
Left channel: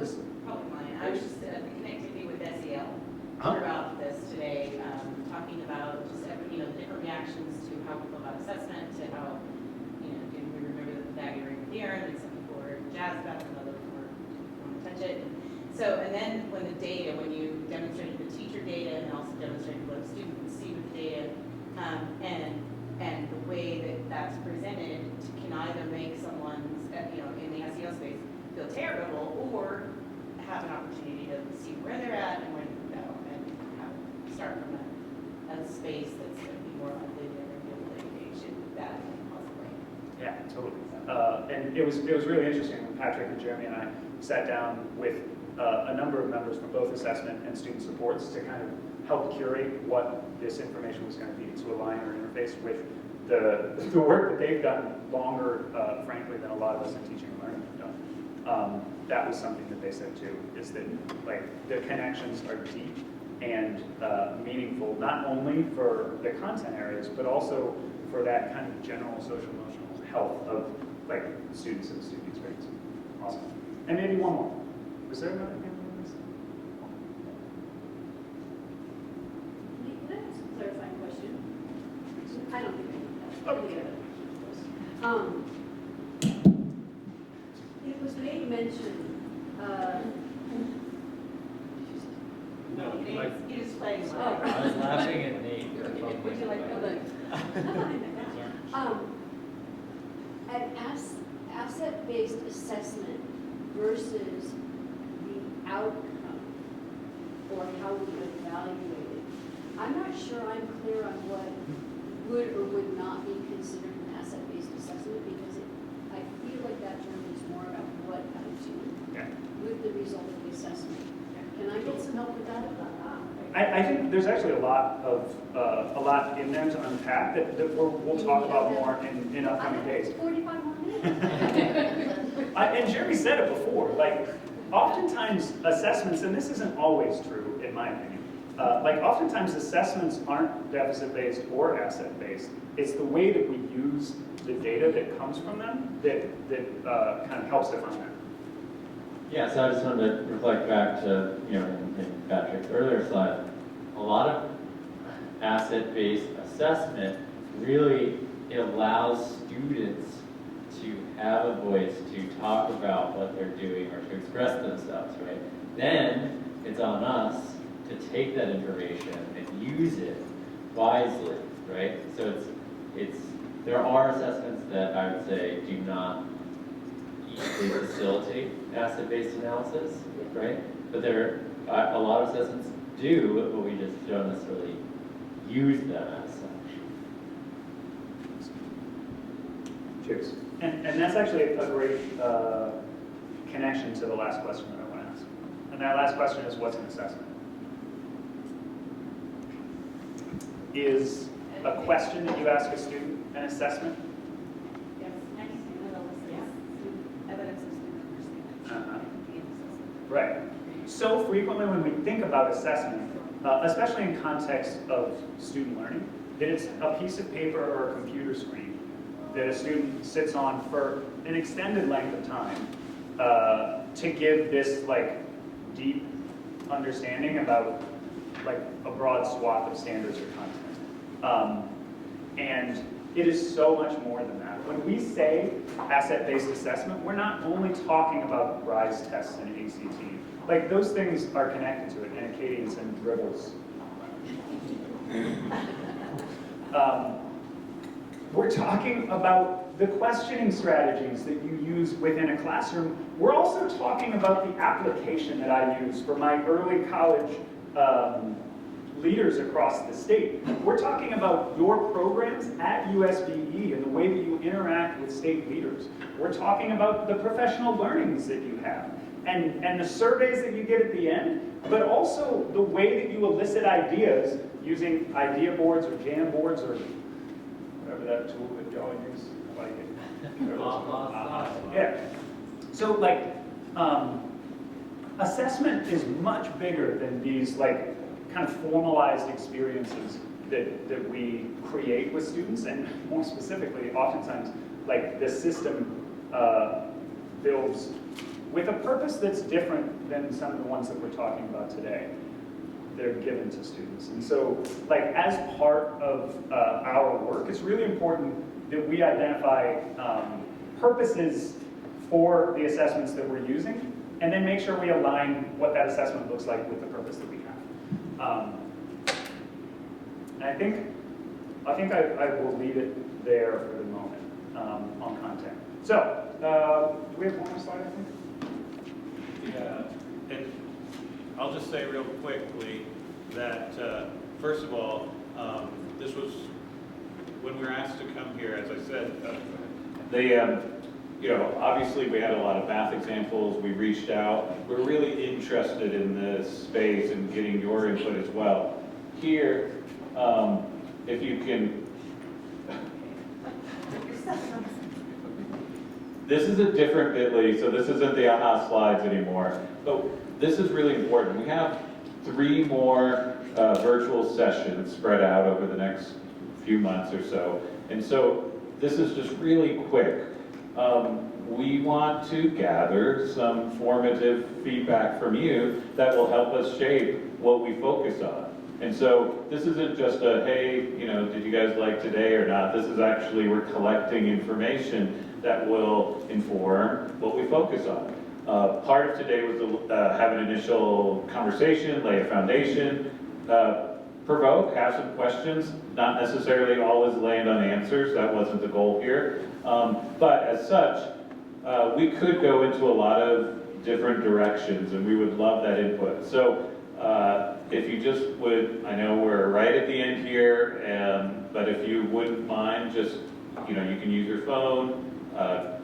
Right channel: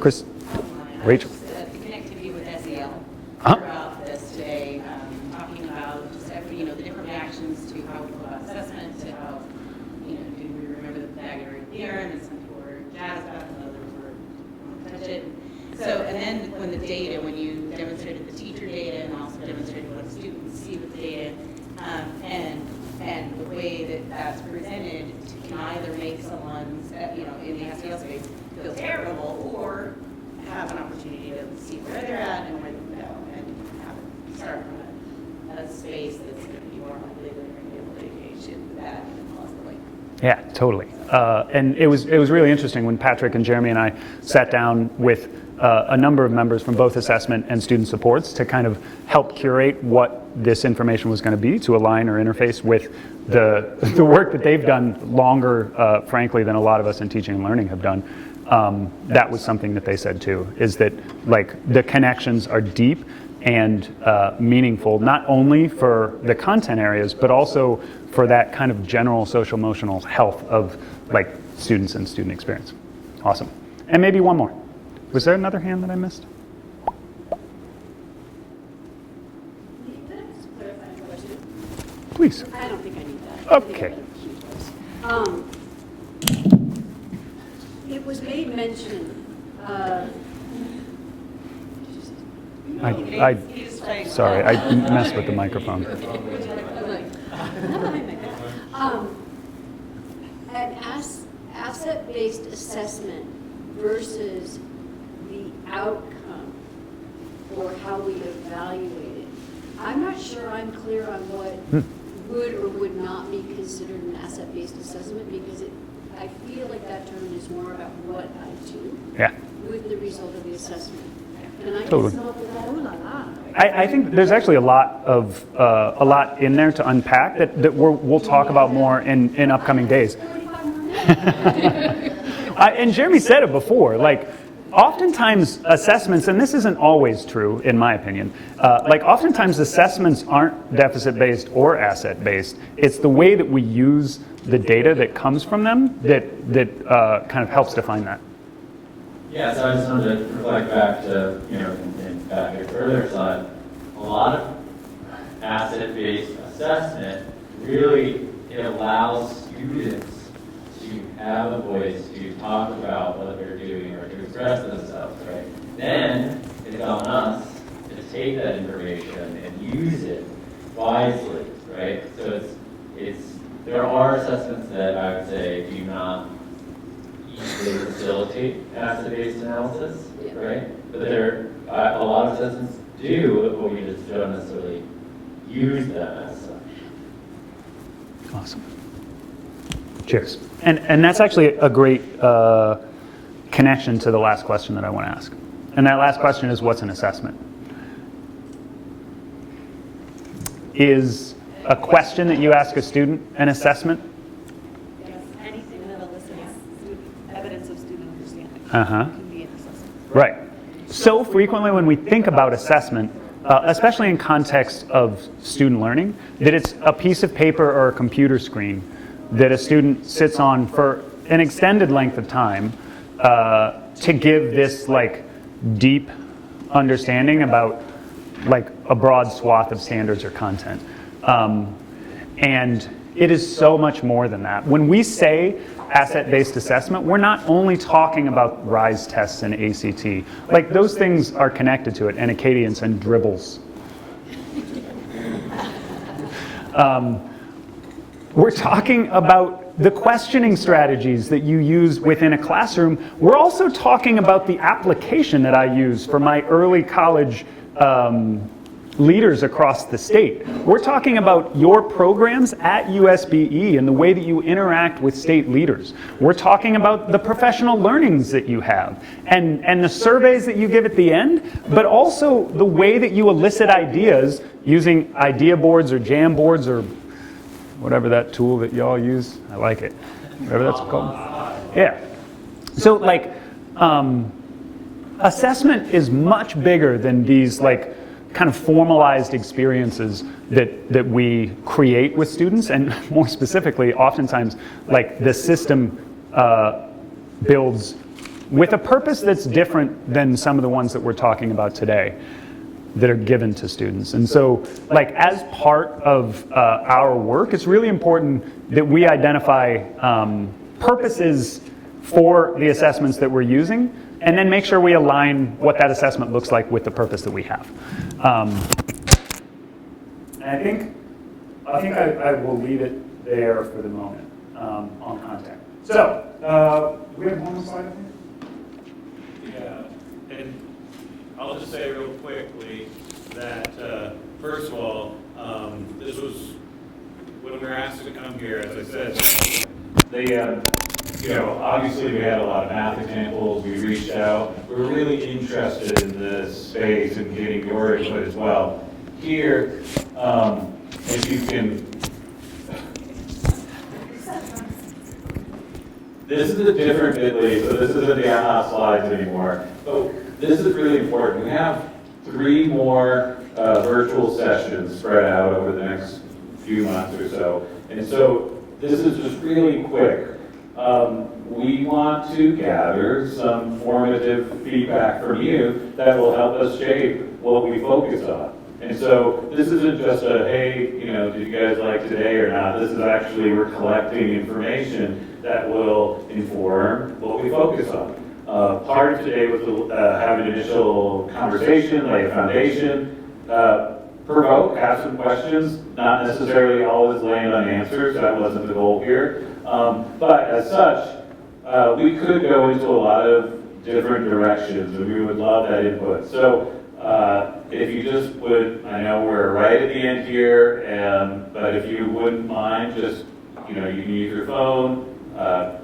Chris, Rachel. Connectivity with SEL throughout this today, talking about just different reactions to how we go about assessment, to how do we remember the Pythagorean theorem, and some people were jazzed about it, and others were want to touch it. So, and then when the data, when you demonstrated the teacher data and also demonstrated what students see with data, and the way that that's presented can either make someone, in the SEL space, feel terrible or have an opportunity to see where they're Yeah, totally. And it was really interesting when Patrick and Jeremy and I sat down with a number of members from both assessment and student supports to kind of help curate what this information was going to be, to align or interface with the work that they've done longer, frankly, than a lot of us in teaching and learning have done. That was something that they said too, is that like the connections are deep and meaningful, not only for the content areas, but also for that kind of general social emotional health of like students and student experience. Awesome. And maybe one more. Was there another hand that I missed? Clarifying question. Please. I don't think I need that. Okay. It was made mention, Sorry, I messed with the microphone. An asset-based assessment versus the outcome or how we evaluate it. I'm not sure I'm clear on what would or would not be considered an asset-based assessment, because I feel like that term is more about what I do with the result of the assessment. Can I just help with that? I think there's actually a lot in there to unpack that we'll talk about more in upcoming days. And Jeremy said it before, like oftentimes assessments, and this isn't always true in my opinion, like oftentimes assessments aren't deficit-based or asset-based. It's the way that we use the data that comes from them that kind of helps define that. Yeah, so I just wanted to reflect back to, in Patrick's earlier slide, a lot of asset-based assessment really, it allows students to have a voice to talk about what they're doing or to express themselves, right? Then it's on us to take that information and use it wisely, right? So there are assessments that I would say do not easily facilitate asset-based analysis, right? But a lot of assessments do, but we just don't necessarily use them as such. Awesome. Cheers. And that's actually a great connection to the last question that I want to ask. And that last question is, what's an assessment? Is a question that you ask a student an assessment? Right. So frequently when we think about assessment, especially in context of student learning, that it's a piece of paper or a computer screen that a student sits on for an extended length of time to give this like deep understanding about like a broad swath of standards or content. And it is so much more than that. When we say asset-based assessment, we're not only talking about RISE tests and ACT. Like those things are connected to it, and Acadians and dribbles. We're talking about the questioning strategies that you use within a classroom. We're also talking about the application that I use for my early college leaders across the state. We're talking about your programs at USBE and the way that you interact with state leaders. We're talking about the professional learnings that you have and the surveys that you give at the end, but also the way that you elicit ideas using idea boards or jam boards or whatever that tool that y'all use. I like it. Whatever that's called. Yeah. So like assessment is much bigger than these like kind of formalized experiences that we create with students, and more specifically, oftentimes, like the system builds with a purpose that's different than some of the ones that we're talking about today that are given to students. And so, like as part of our work, it's really important that we identify purposes for the assessments that we're using, and then make sure we align what that assessment looks like with the purpose that we have. And I think I will leave it there for the moment on content. So, we have one slide, I think? Yeah, and I'll just say real quickly that, first of all, this was, when we were asked to come here, as I said, Obviously we had a lot of math examples, we reached out. We're really interested in this space and getting your input as well. Here, if you can, this is a different bit.ly, so this isn't the aha slides anymore, but this is really important. We have 3 more virtual sessions spread out over the next few months or so. And so this is just really quick. We want to gather some formative feedback from you that will help us shape what we focus on. And so this isn't just a, hey, did you guys like today or not? This is actually, we're collecting information that will inform what we focus on. Part of today was to have an initial conversation, lay a foundation, provoke, have some questions, not necessarily always land on answers, that wasn't the goal here. But as such, we could go into a lot of different directions and we would love that input. So if you just would, I know we're right at the end here, but if you wouldn't mind, just, you can use your phone,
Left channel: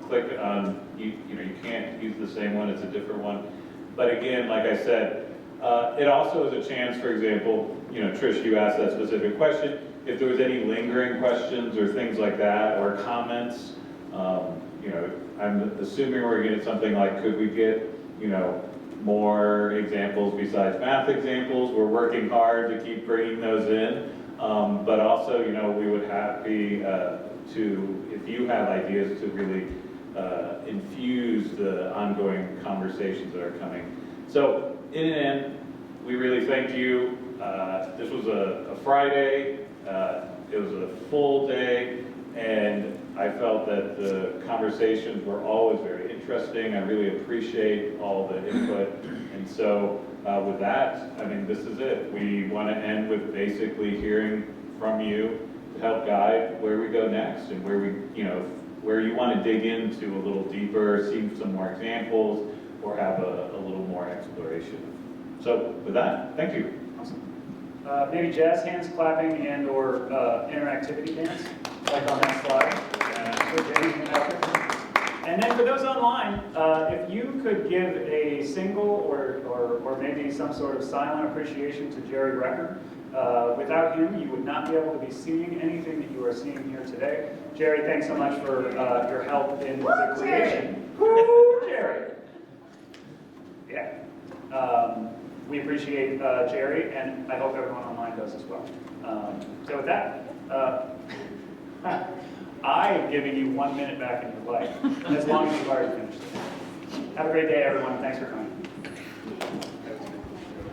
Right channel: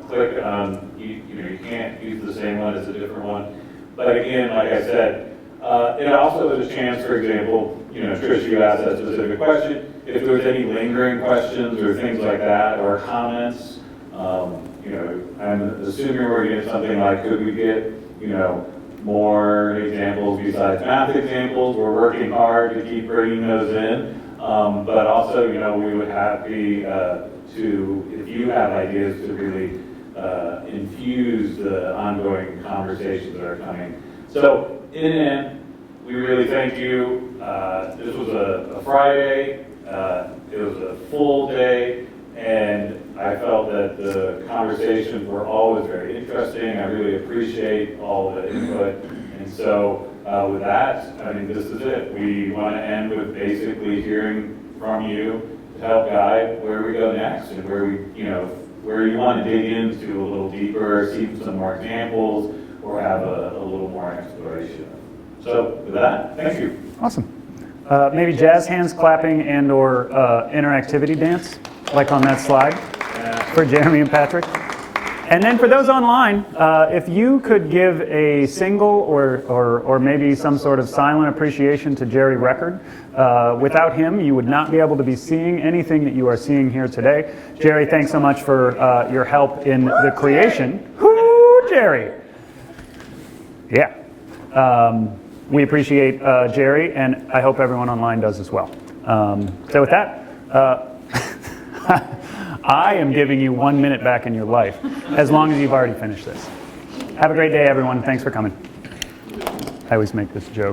click on, you can't use the same one, it's a different one. But again, like I said, it also is a chance, for example, Trish, you asked that specific question. If there was any lingering questions or things like that, or comments, I'm assuming we're getting something like, could we get, more examples besides math examples? We're working hard to keep bringing those in. But also, we would happy to, if you have ideas, to really infuse the ongoing conversations that are coming. So, in the end, we really thank you. This was a Friday. It was a full day, and I felt that the conversations were always very interesting. I really appreciate all the input. And so with that, this is it. We want to end with basically hearing from you to help guide where we go next and where where you want to dig into a little deeper, see some more examples, or have a little more exploration. So with that, thank you. Awesome. Maybe jazz hands, clapping, and or interactivity dance, like on that slide for Jeremy and Patrick. And then for those online, if you could give a single or maybe some sort of silent appreciation to Jerry Record. Without him, you would not be able to be seeing anything that you are seeing here today. Jerry, thanks so much for your help in the creation. Woo, Jerry! Yeah. We appreciate Jerry, and I hope everyone online does as well. So with that, I am giving you 1 minute back in your life, as long as you've already finished this. Have a great day, everyone. Thanks for coming. I always make this joke.